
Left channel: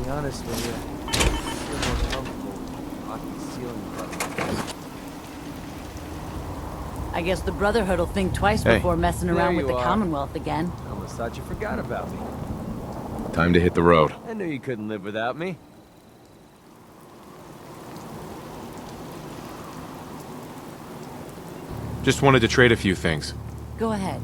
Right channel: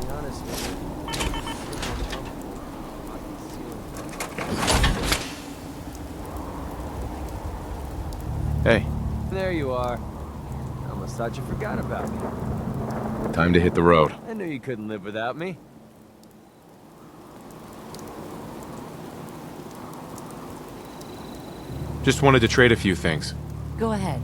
Be honest with you, I feel more comfortable with rocky ceiling puzzles. I guess the Brotherhood will think twice Hey. before messing There around with you the are. Commonwealth again. I almost thought you forgot about me. Time to hit the road. I knew you couldn't live without me. Just wanted to trade a few things. Go ahead.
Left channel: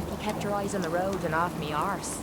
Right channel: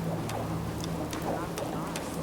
if you kept your eyes on the road and off me arse.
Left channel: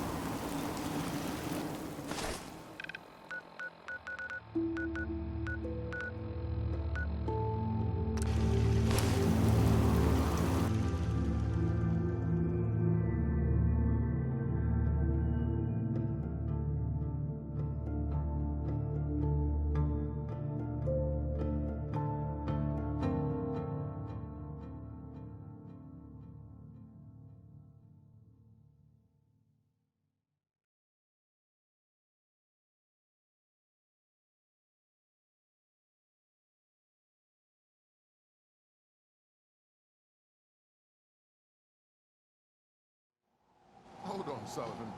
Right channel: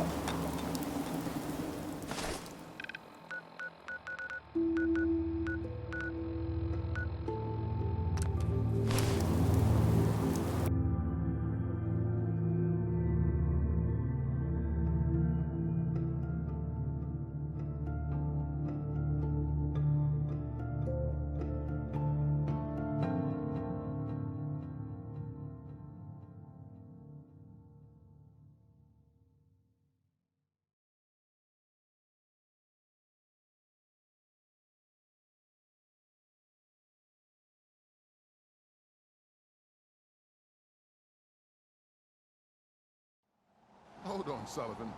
Hold on, Sullivan.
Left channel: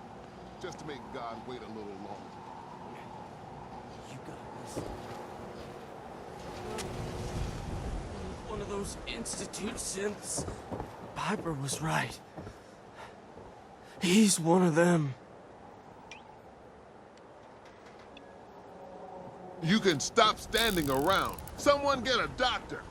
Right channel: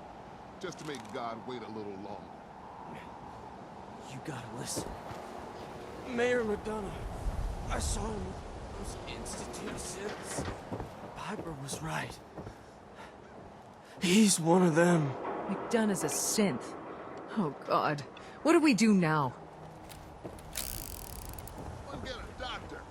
Just to make God wait a little longer. You gotta listen. Mayor McDonough, I saw him with one of those Institute synths. Piper was right. He's one of them. McDonough's a synth. Oh, God. What do we do now? You can stop standing around. Someone get a doctor.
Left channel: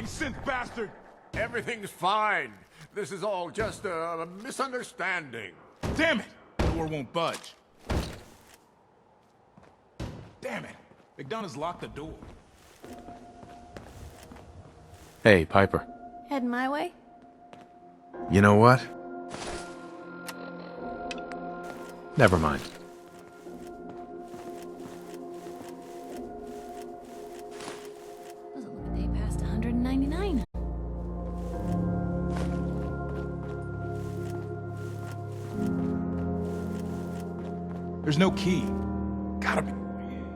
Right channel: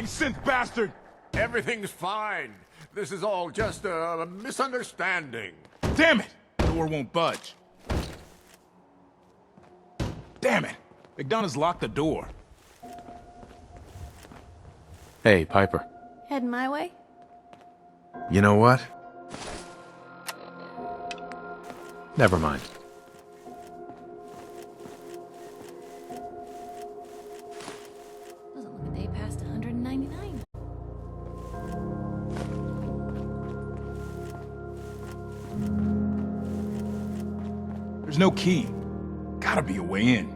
Synth bastard! Everything's fine. This is all just a misunderstanding. Damn it! The door won't budge. Damn it! McDonough's locked the door. Hey, Piper. Heading my way? You know what? Never mind. Doesn't look a day past 199. There's no key. Gotta be a way in.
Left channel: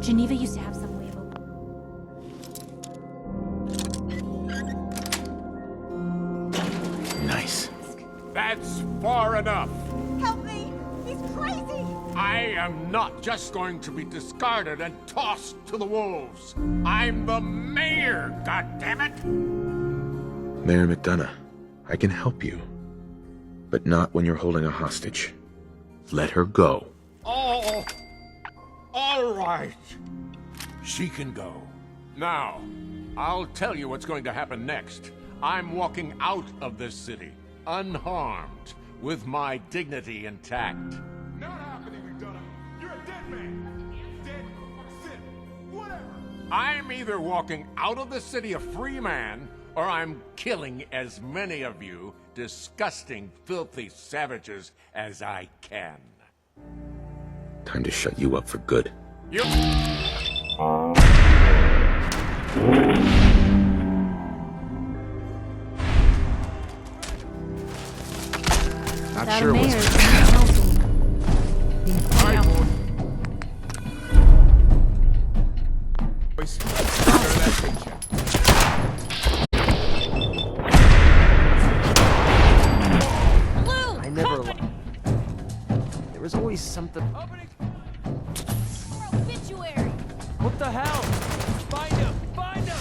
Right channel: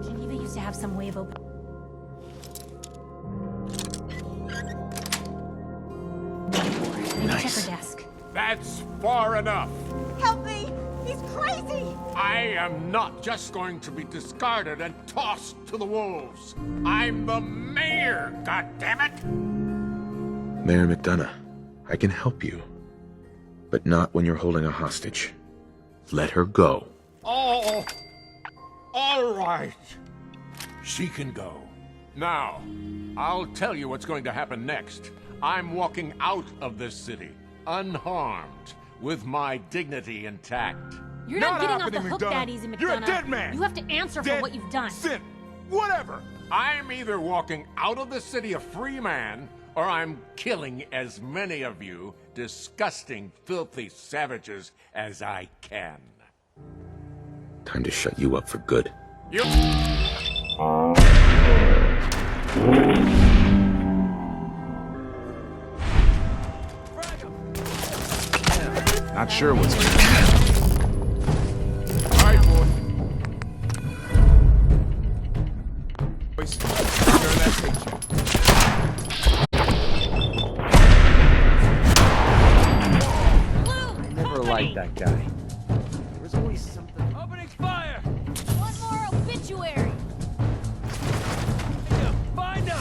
Geneva used to have some way of opening. Nice. That's far enough. Help me! He's crazy! I am not just going to be discarded and tossed to the wolves. I'm the mayor, goddammit! Mayor McDonough, I can help you. But not when you're holding a hostage. Let her go. Oh, all right. She can go. Now, I'll tell you what's going to happen next. I'm walking out of this city, unharmed, with my dignity intact. You're not getting off the hook that easy, McDonough. You're a dead man! You have to answer for what you've done. Sin! Whatever! I'm either walking out of the city a free man, or I'm killing as many of you disgusting, filthy savages as I can. Time to shut you up for good. You... Not sure what's going to happen. All right, boy. Boys, turn that picture. I never liked that guy. There was always something. Opening fire! One more obituary! What the hell? Find him! Find him!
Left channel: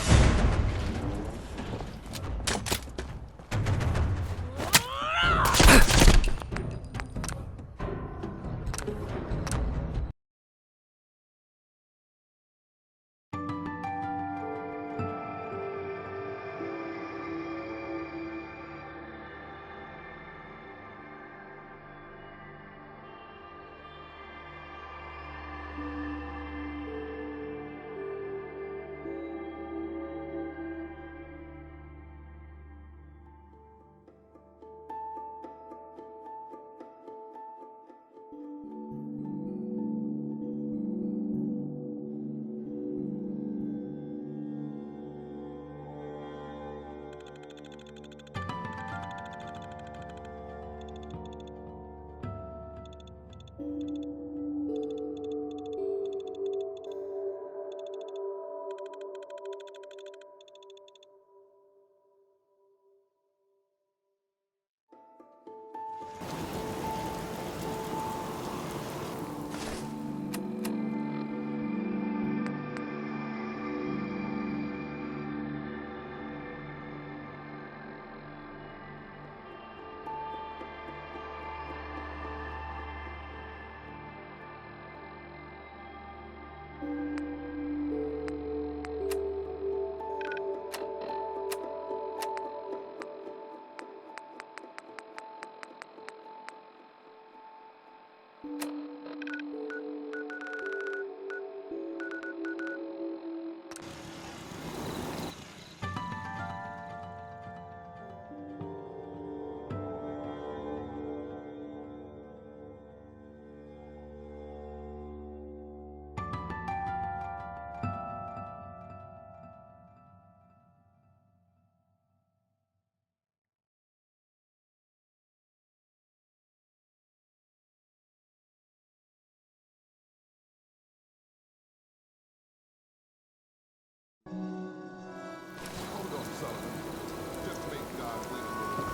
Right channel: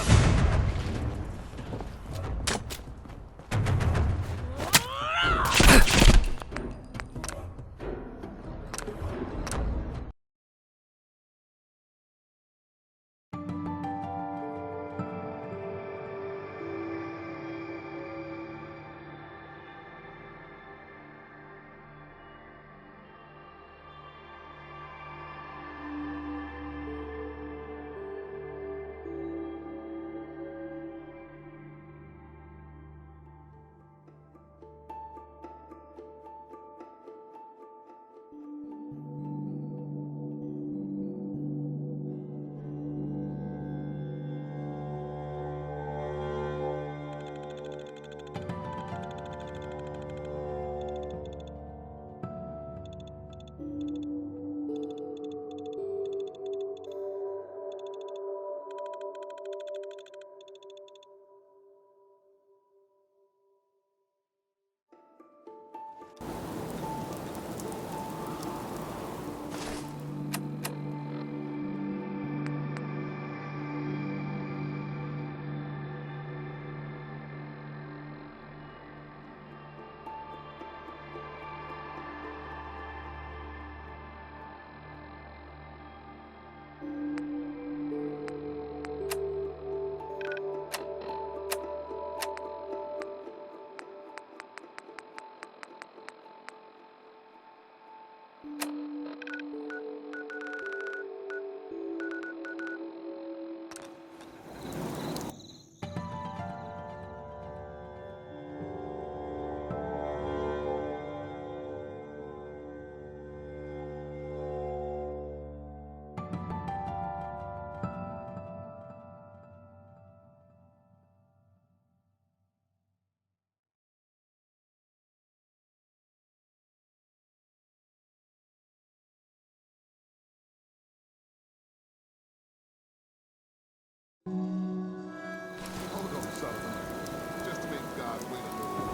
I'd wait a little longer.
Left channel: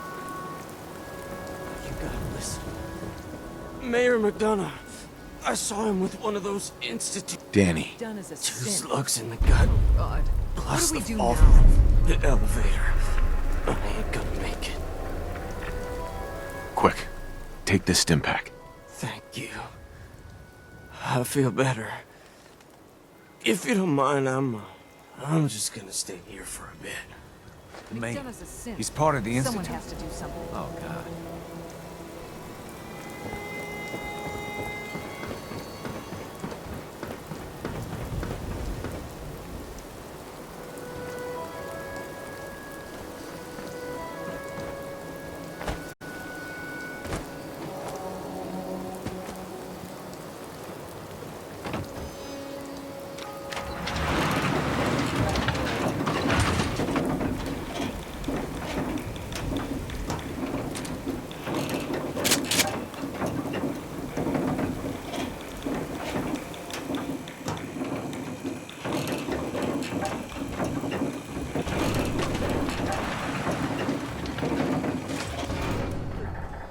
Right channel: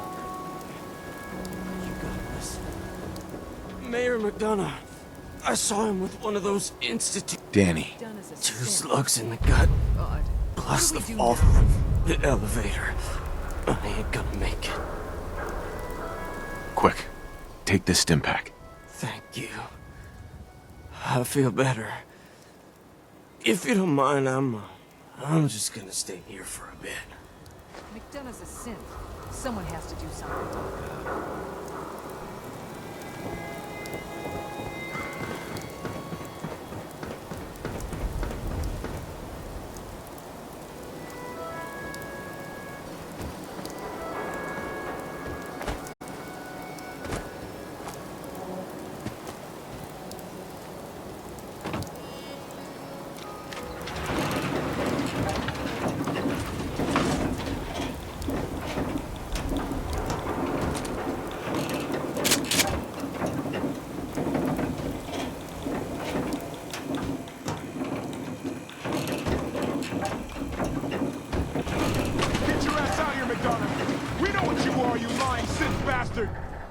You gotta listen. Mayor McDonough. I saw him with one of those institute. Danny. Two slugs in the gut. Oh, God. Plus What the do we do fall now? from the elevator. I ain't gonna make it. Quick, take this stim pack. Thank you. I feel better. If you don't mind, I'm just gonna stay here for a bit. McDonough's a sin. He's part of the institute. Someone has to do something. Oh, God.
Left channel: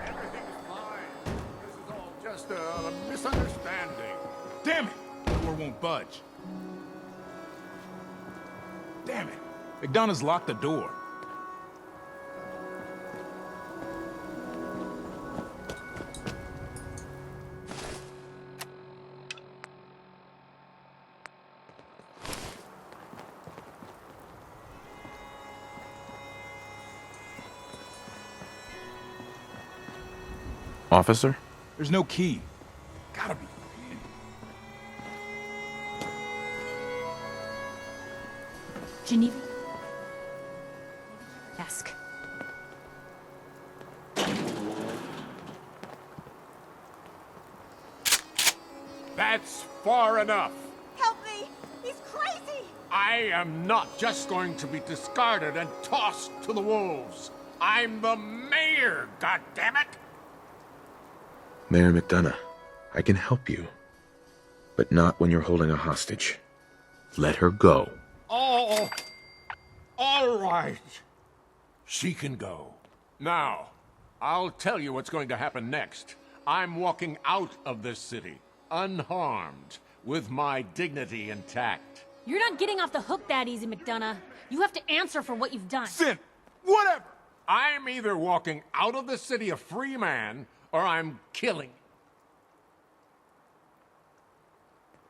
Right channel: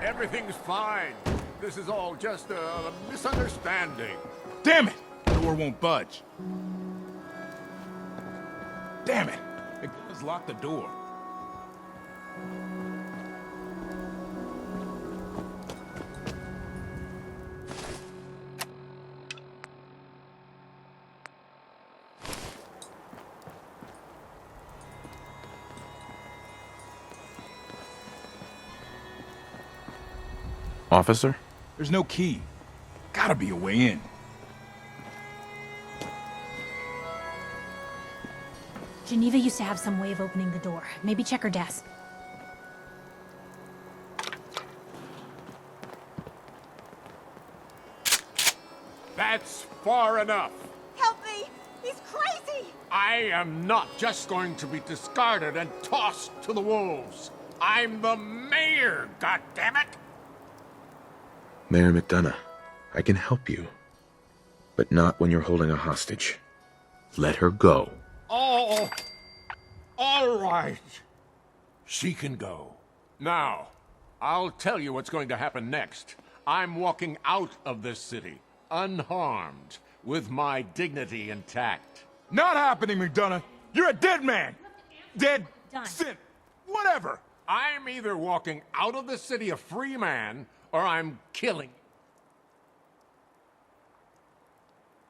Everything's fine. This is all just a misunderstanding. Damn it! The door won't budge. Damn it! McDonough's locked the door. Officer? There's no key. Gotta be a way in. Geneva used to have some way of opening the door. Maybe check her desk. That's far enough. Help me! He's crazy! I am not just going to be discarded and tossed to the wolves. I'm the mayor, goddammit! Mayor McDonough, I can help you. But not when you're holding a hostage. Let her go. Oh, all right. She can go. Now, I'll tell you what's going to happen next. I'm walking out of this city, unharmed, with my dignity intact. You're Not not, happening, getting off the hook McDonough. that easy, McDonough. You're a dead man. You have to answer Dead for what you've done. Sin. Whatever. I'm either walking out of the city a free man, or I'm killing.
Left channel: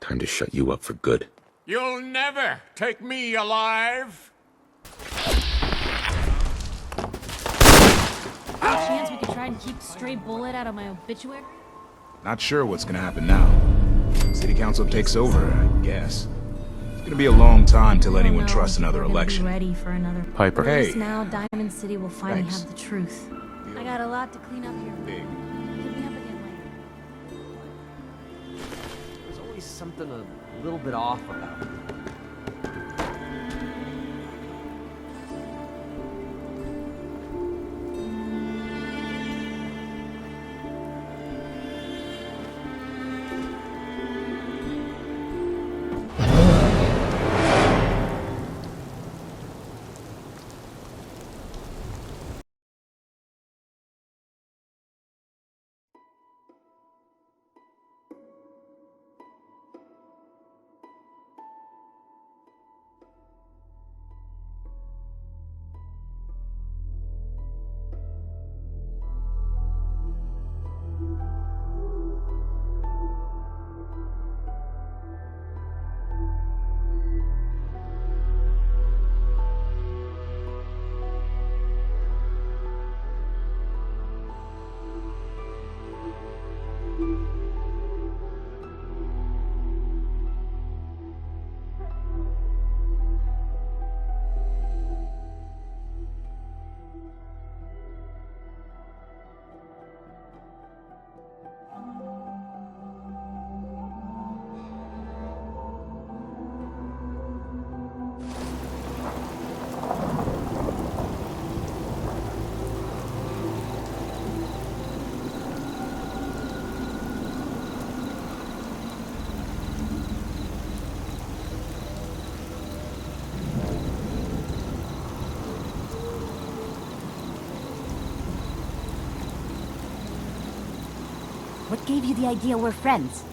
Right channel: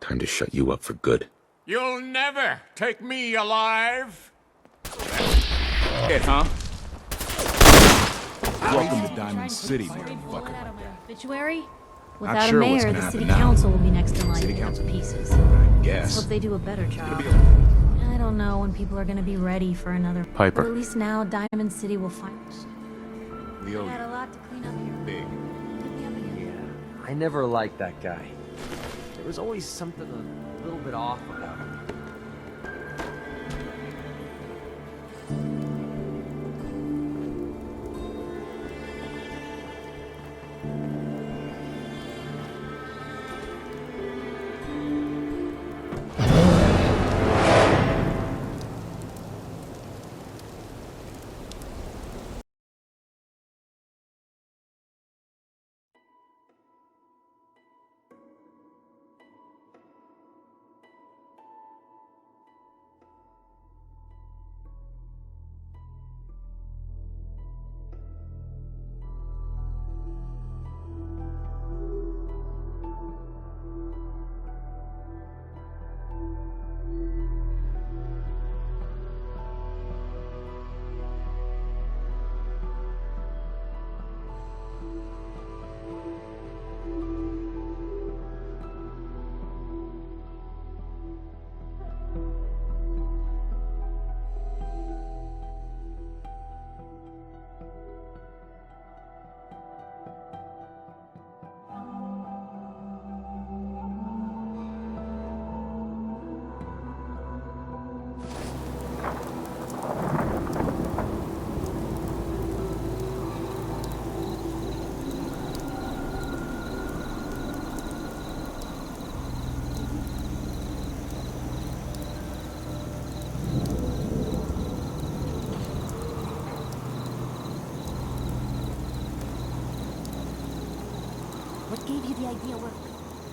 Time to shut you up for good. You'll never take me alive! It, huh? Chance we could try and keep a stray bullet out of my obituary? Not Without sure a mayor, what's gonna the happen city now. council will be next in line. City council takes over, I guess. Hope they do a better job. It's gonna be a long time till I don't anyone know trusts when people another are gonna election. be ready for another. Piper. At least Hey. now, Diamond City will finally Thanks. have the truth. The I got a lot to clean up here. Big. Hit me up again later. I never liked that guy. There was always something a little bit off about him. What gave you the idea we're friends?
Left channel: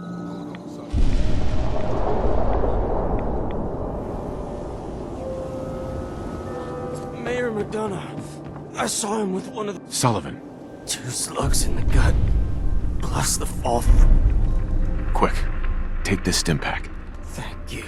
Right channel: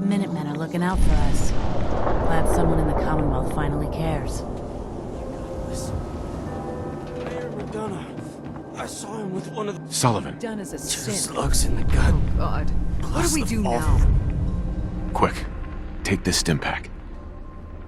The Minutemen are looking out for us. Glad someone in the Commonwealth finally cares. Mayor McDonough. I saw him with one of the... Sullivan. 2 slugs in the gut. Plus the fall. Quick, take this stim pack. Thank you.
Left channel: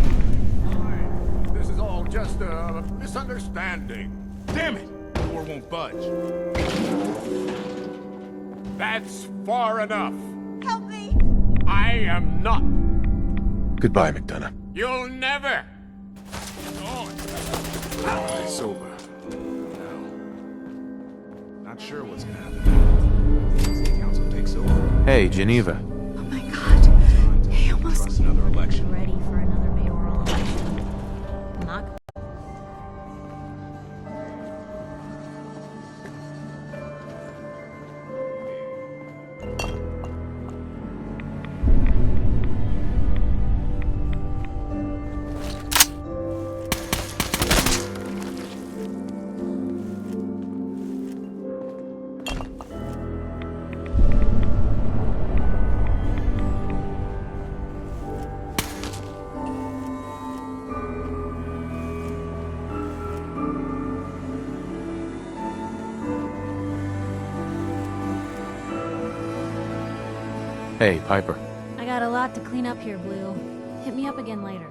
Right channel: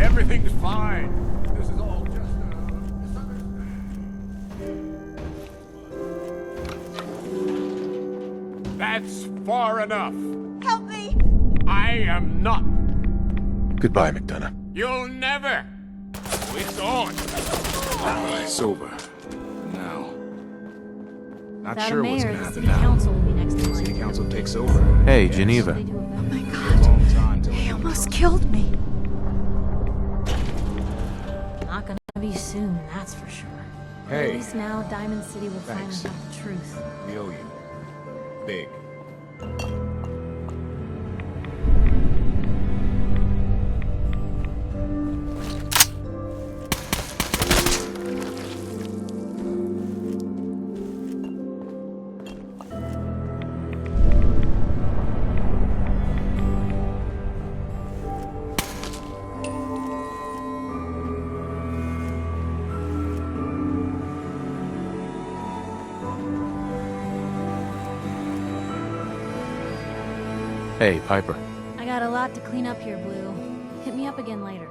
Everything's fine. This is all just a misunderstanding. Damn it! The door won't budge. That's far enough. Help me! I am not. Goodbye, McDonough. You'll never. It's on. It's over. Now. Not Without sure a what's mayor, gonna the happen city now. council will be next to City council takes over. Hey, Geneva. Oh my god. He almost killed me. Not gonna be soon, that's for sure. Hey. At least now Diamond City will Thanks. find out the truth. We owe you. Big. Hey, Piper. I got a lot to clean up here, Blue. Hit me up again later.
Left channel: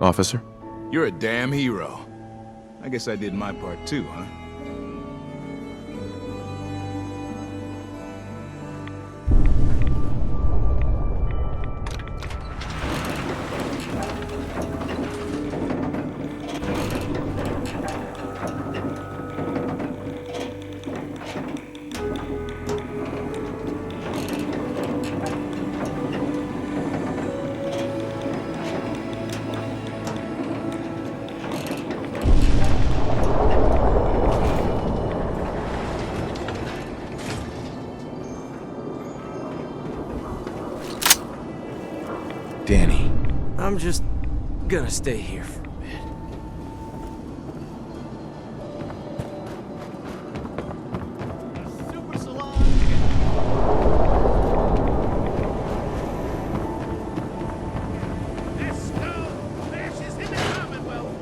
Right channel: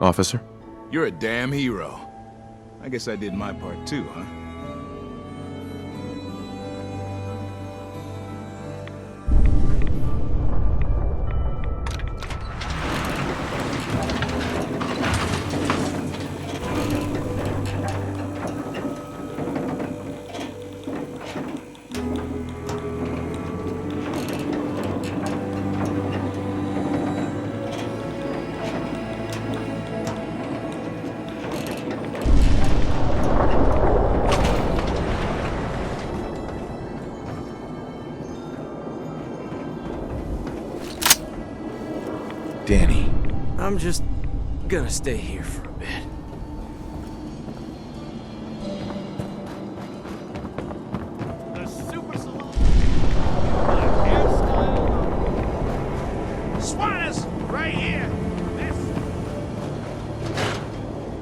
Officer? You're a damn hero. I guess I did my part too, huh? Danny. I'm just gonna stay here for a bit. The super salon. Swanus, right here. Let's go. Matches in the Commonwealth.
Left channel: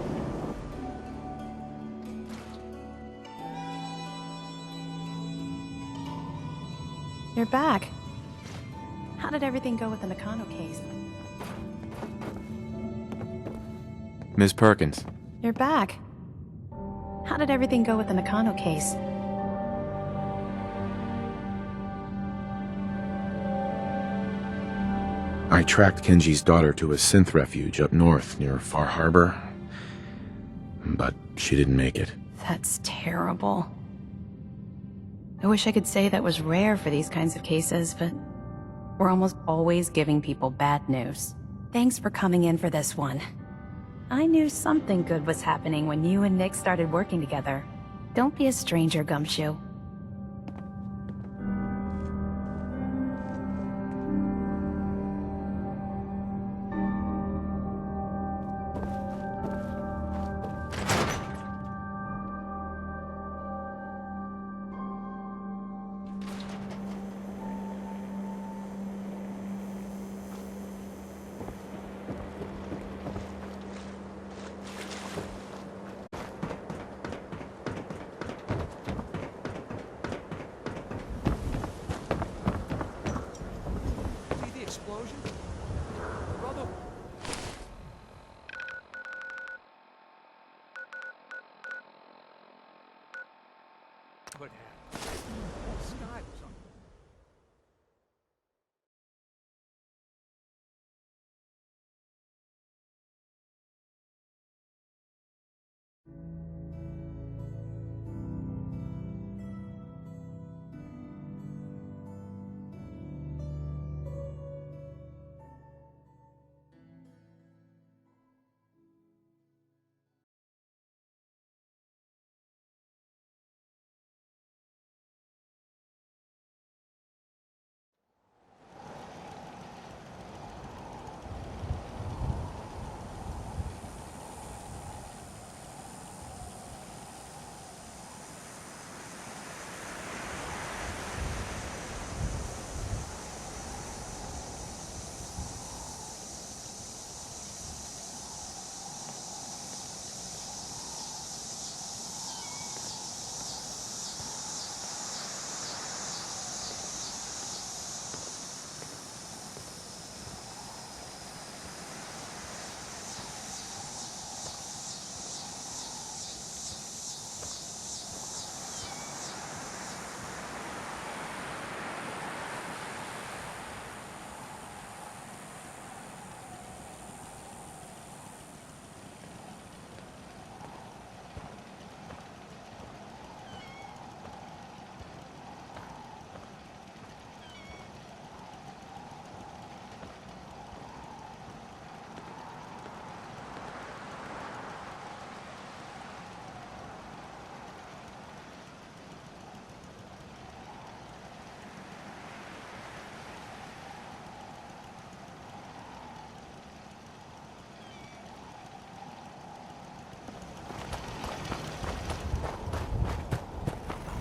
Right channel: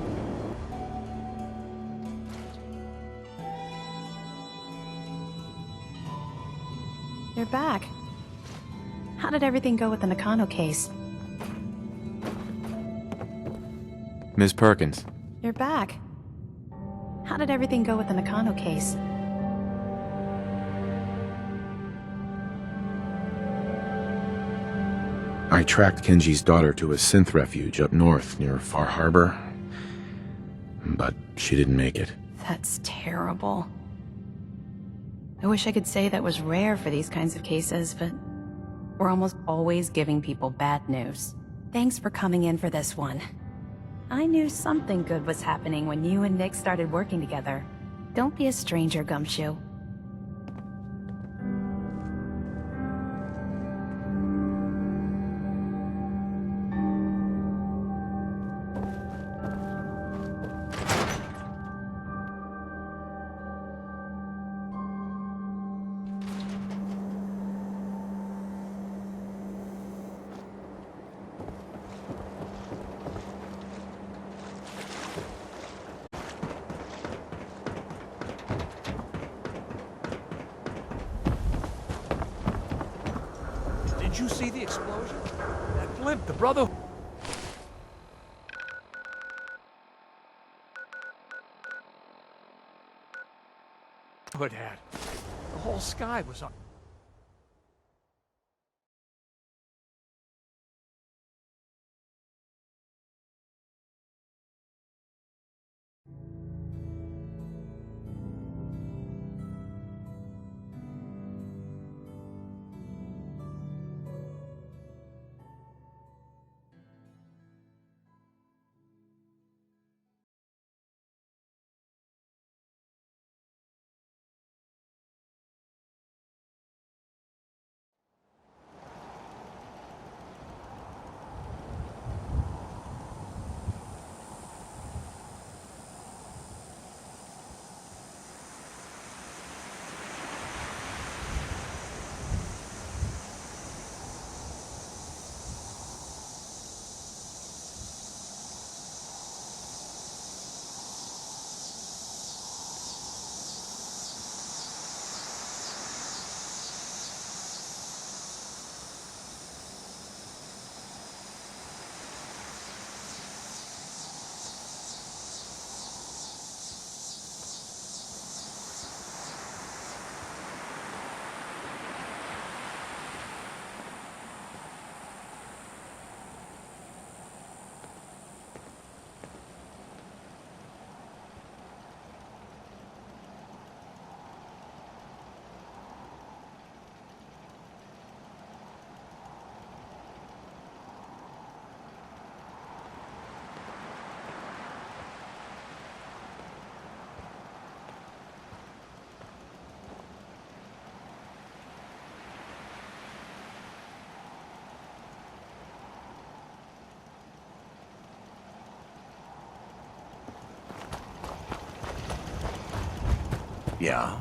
You're back. How did everything go with the Nakano case? Ms. Perkins. You're back. How did everything go with the Nakano case? I tracked Kenji's daughter to a synth refuge up north near Far Harbor, but she didn't make it. That's terrible. I wish I could say that was rare for these kinds of cases, but we're almost always giving people bad news. Thanks for coming in for this one. I knew something good was happening when you and Nick started working together. Don't be a stranger, Gumshoe. Did you see the explosion? That blimp, the brother... Hood had. The whole sky was on. Yeah.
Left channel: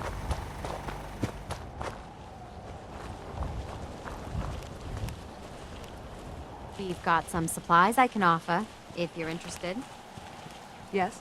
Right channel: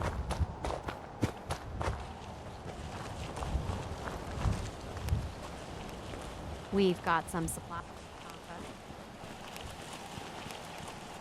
We've got some supplies I can offer, if you're interested. Yes?